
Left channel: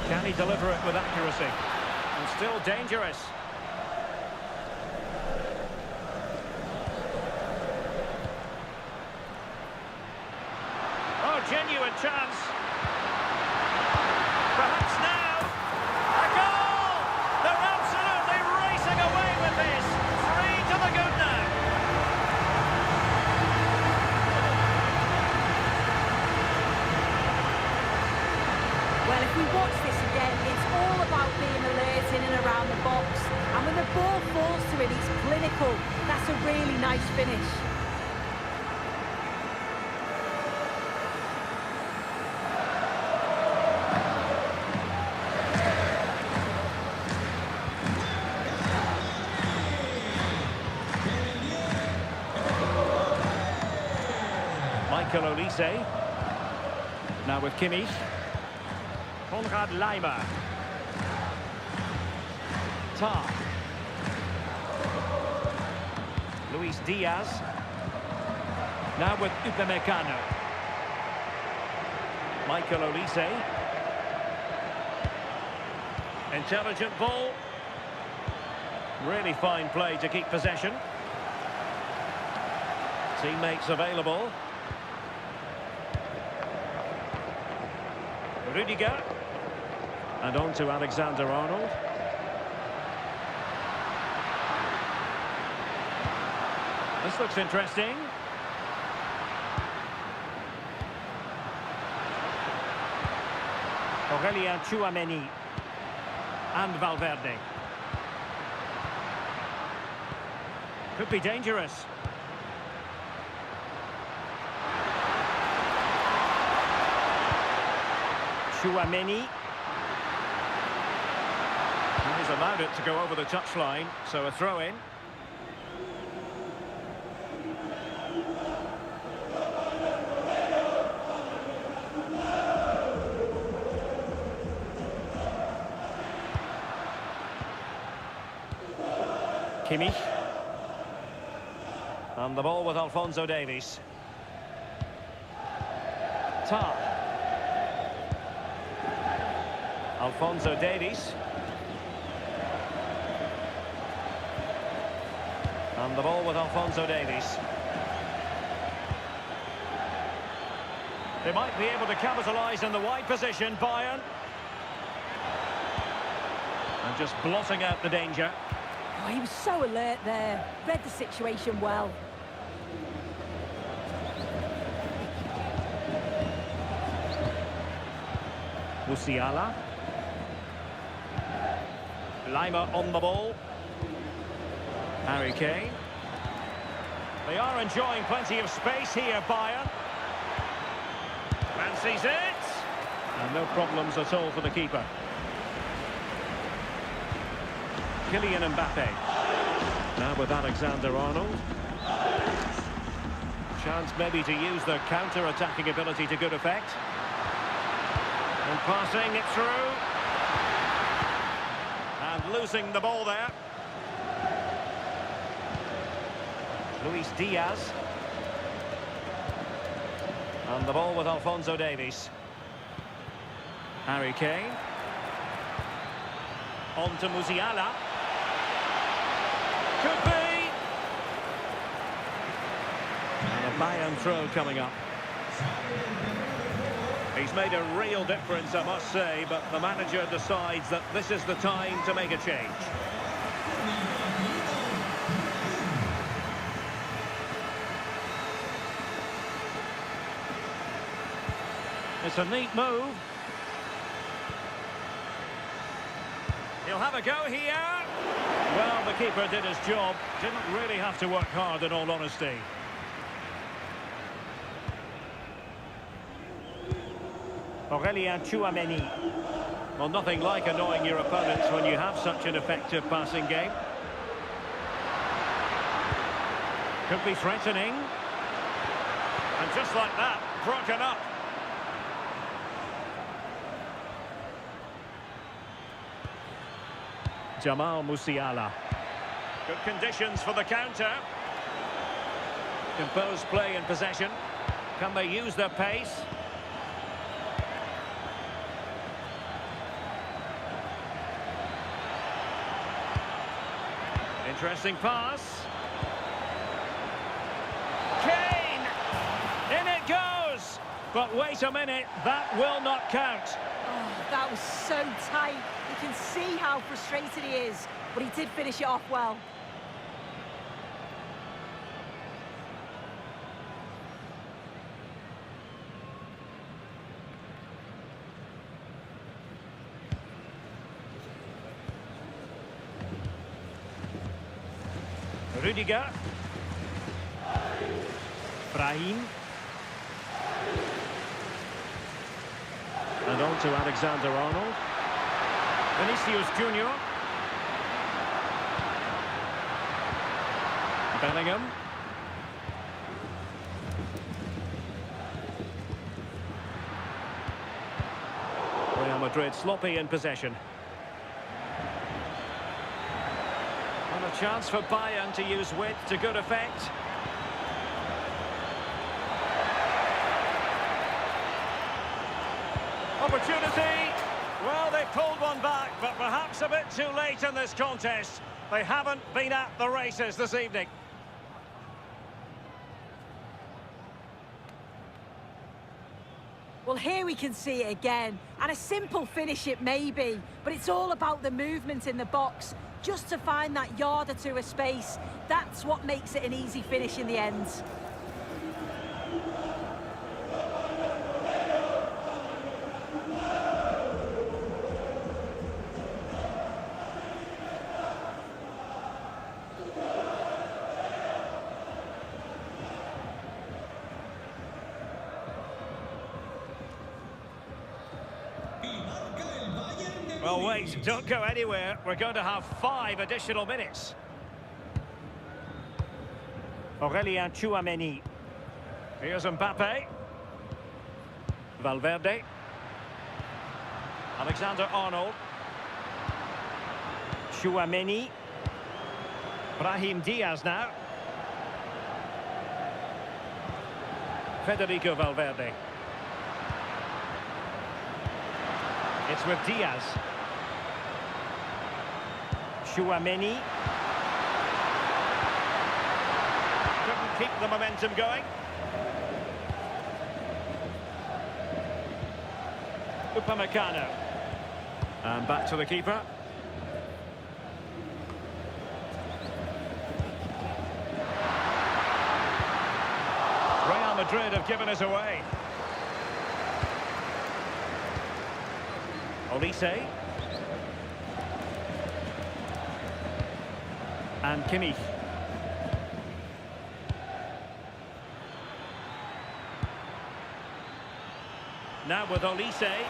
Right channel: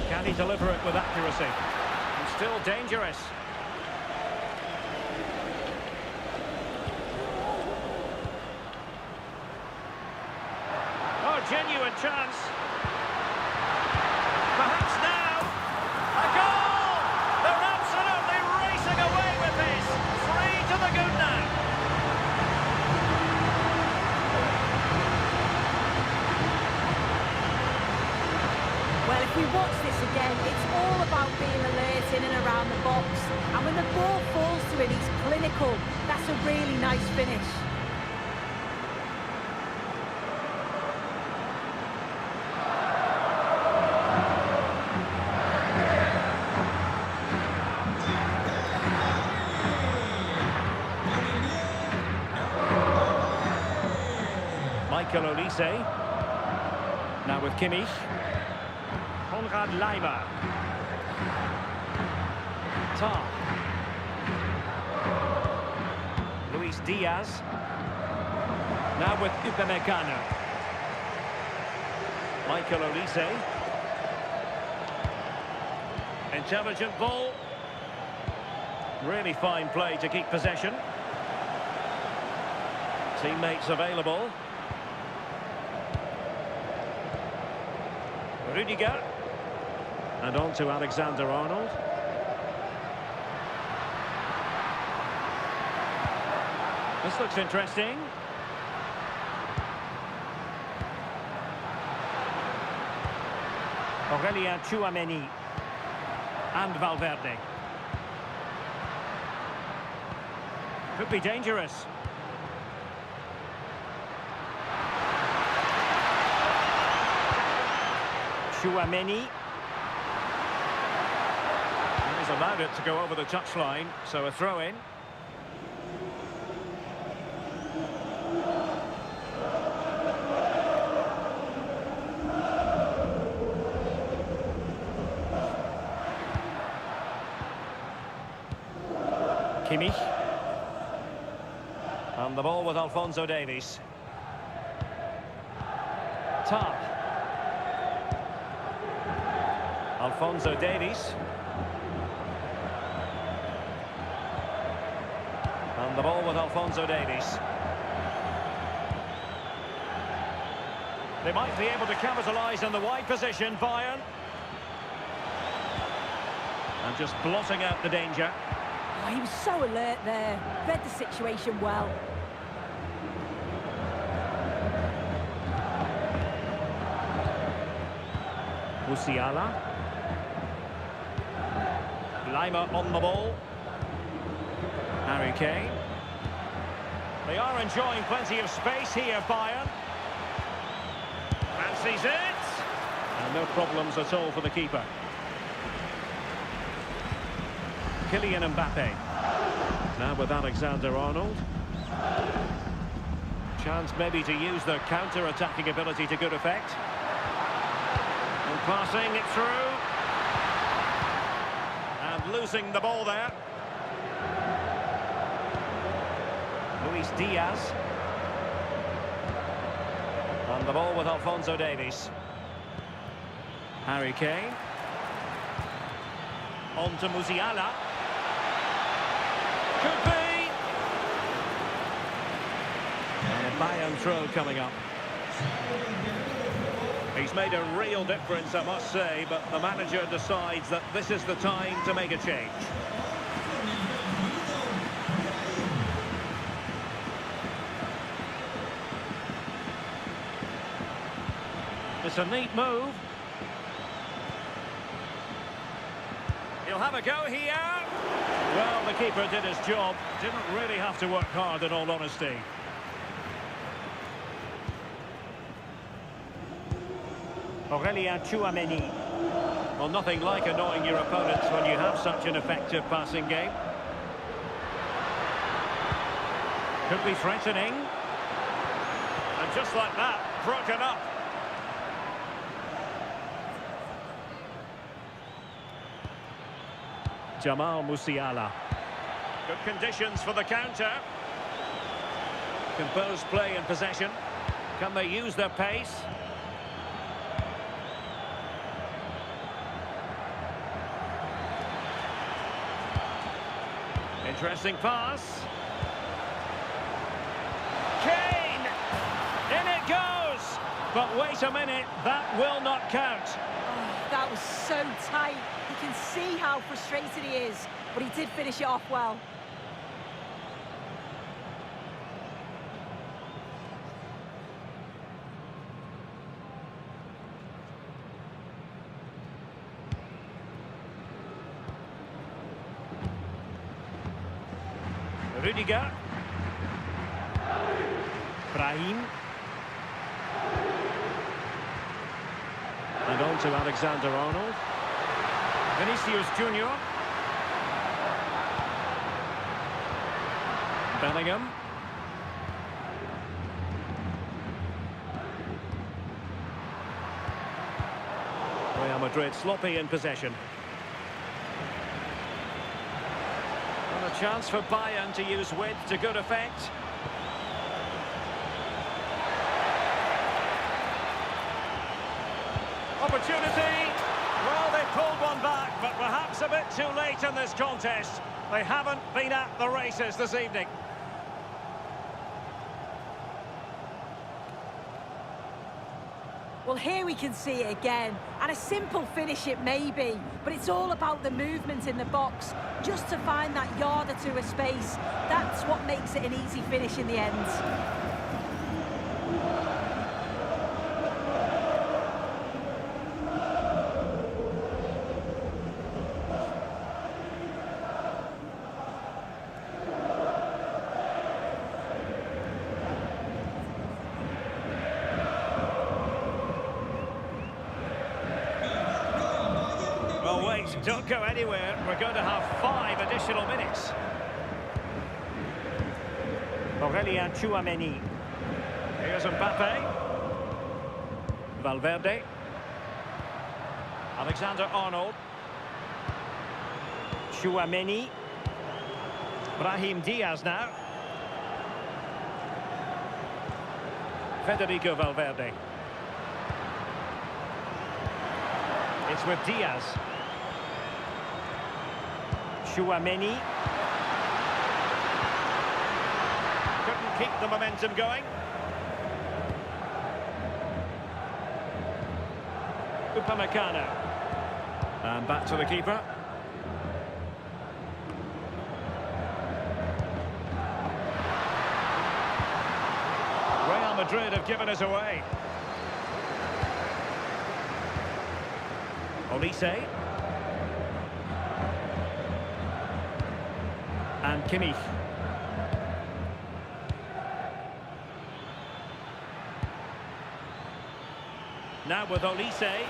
Can he deliver it with accuracy? And still dangerous. Oh, genuine chance. Perhaps now. A goal! They're absolutely racing away with this. 3 to the good now. Well, if we watch this again, it's all about being alert in and around the box. And when the ball falls to him, he's clinical. That's a really nice finish. Michael Olise. Now with Kimmich. Laimer. Tar. Luis Diaz. Now with Upamecano. Michael Olise. Intelligent ball. Really fine play to keep possession. Teammates available. Rudiger. And on to Alexander-Arnold. This looks interesting. Aurelien Tchouameni. And Valverde. Could be dangerous. Tchouameni. He's allowed it to go over the touchline, so a throw-in. Kimmich. And the ball with Alphonso Davies. Tar. Alphonso Davies. And the ball with Alphonso Davies. They might be able to capitalise in the wide position, Bayern. And just blotting out the danger. Oh, he was so alert there. Read the situation well. Musiala. Lima on the ball. Harry Kane. They are enjoying plenty of space here, Bayern. Fancies it. And no problems at all for the keeper. Kylian Mbappé. Now with Alexander-Arnold. Chance maybe to use their counter-attacking ability to good effect. And passing it through. And losing the ball there. Luis Diaz. And the ball with Alphonso Davies. Harry Kane. On to Musiala. Could be. And a Bayern throw coming up. He's made a real difference, I must say, but the manager decides that this is the time to make a change. It's a neat move. He'll have a go here. Well, the keeper did his job. Didn't really have to work hard, in all honesty. Aurelien Tchouameni. Well, nothing like annoying your opponents when you have such an effective passing game. Could be threatening. And just like that, broken up. Jamal Musiala. Good conditions for the counter. Composed play in possession. Can they use their pace? Interesting pass. Kane! In it goes! But wait a minute, that will not count. Oh, that was so tight. You can see how frustrated he is, but he did finish it off well. Rudiger. Brahim. And on to Alexander-Arnold. Vinicius Junior. Bellingham. Real Madrid sloppy in possession. And a chance for Bayern to use width to good effect. Opportunity. Well, they pulled one back, but perhaps a bit too late in this contest. They haven't been at the races this evening. Well, here we can see it again. And a simple finish it may be, but it's all about the movement in the box. Just to find that yard or two of space. That's what makes it an easy finish in the end. Well, wait, don't go anywhere. We're going to have 5 additional minutes. Aurelien Tchouameni. Here's Mbappé. Valverde. Alexander-Arnold. Tchouameni. Brahim Diaz now. Federico Valverde. It's with Diaz. Tchouameni. Couldn't keep the momentum going. Upamecano. And back to the keeper. Madrid have given us away. Olise. And Kimmich. Now with Olise.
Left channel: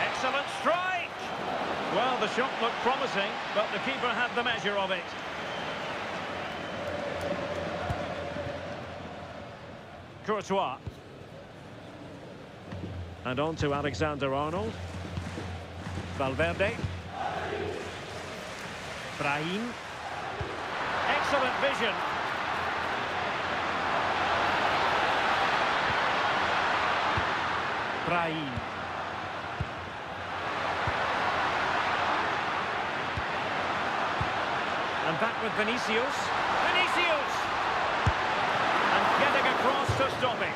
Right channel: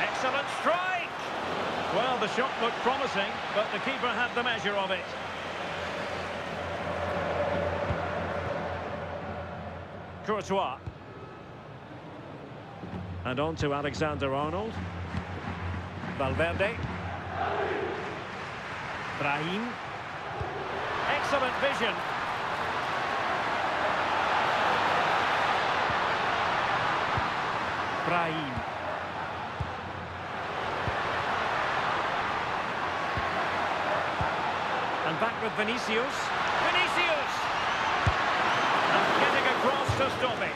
Excellent strike! Well, the shot looked promising, but the keeper had the measure of it. Courtois. And on to Alexander-Arnold. Valverde. Brahim. Excellent vision. Brahim. And back with Vinicius. Vinicius! And getting across to stop it.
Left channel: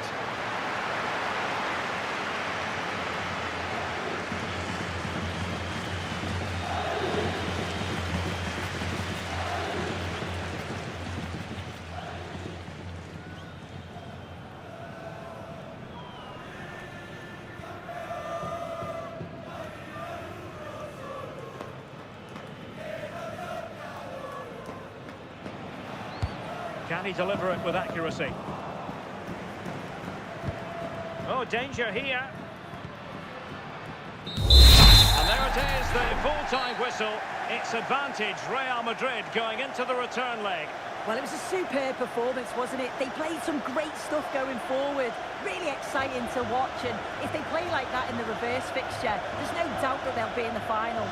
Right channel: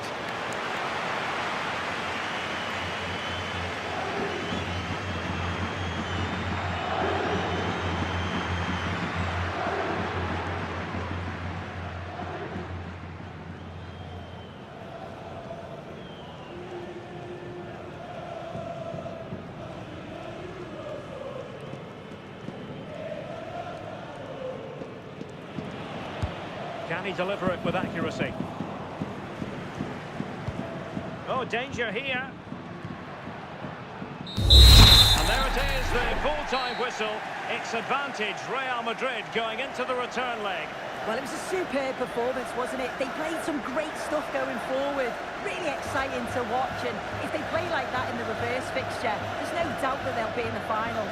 Can he deliver it with accuracy? Oh, danger here. And there it is, the full-time whistle. It's advantage Real Madrid going into the return leg. Well, it was a superb performance, wasn't it? They played some great stuff going forward. Really exciting to watch, and if they play like that in the reverse fixture, there's no doubt that they'll be in the final.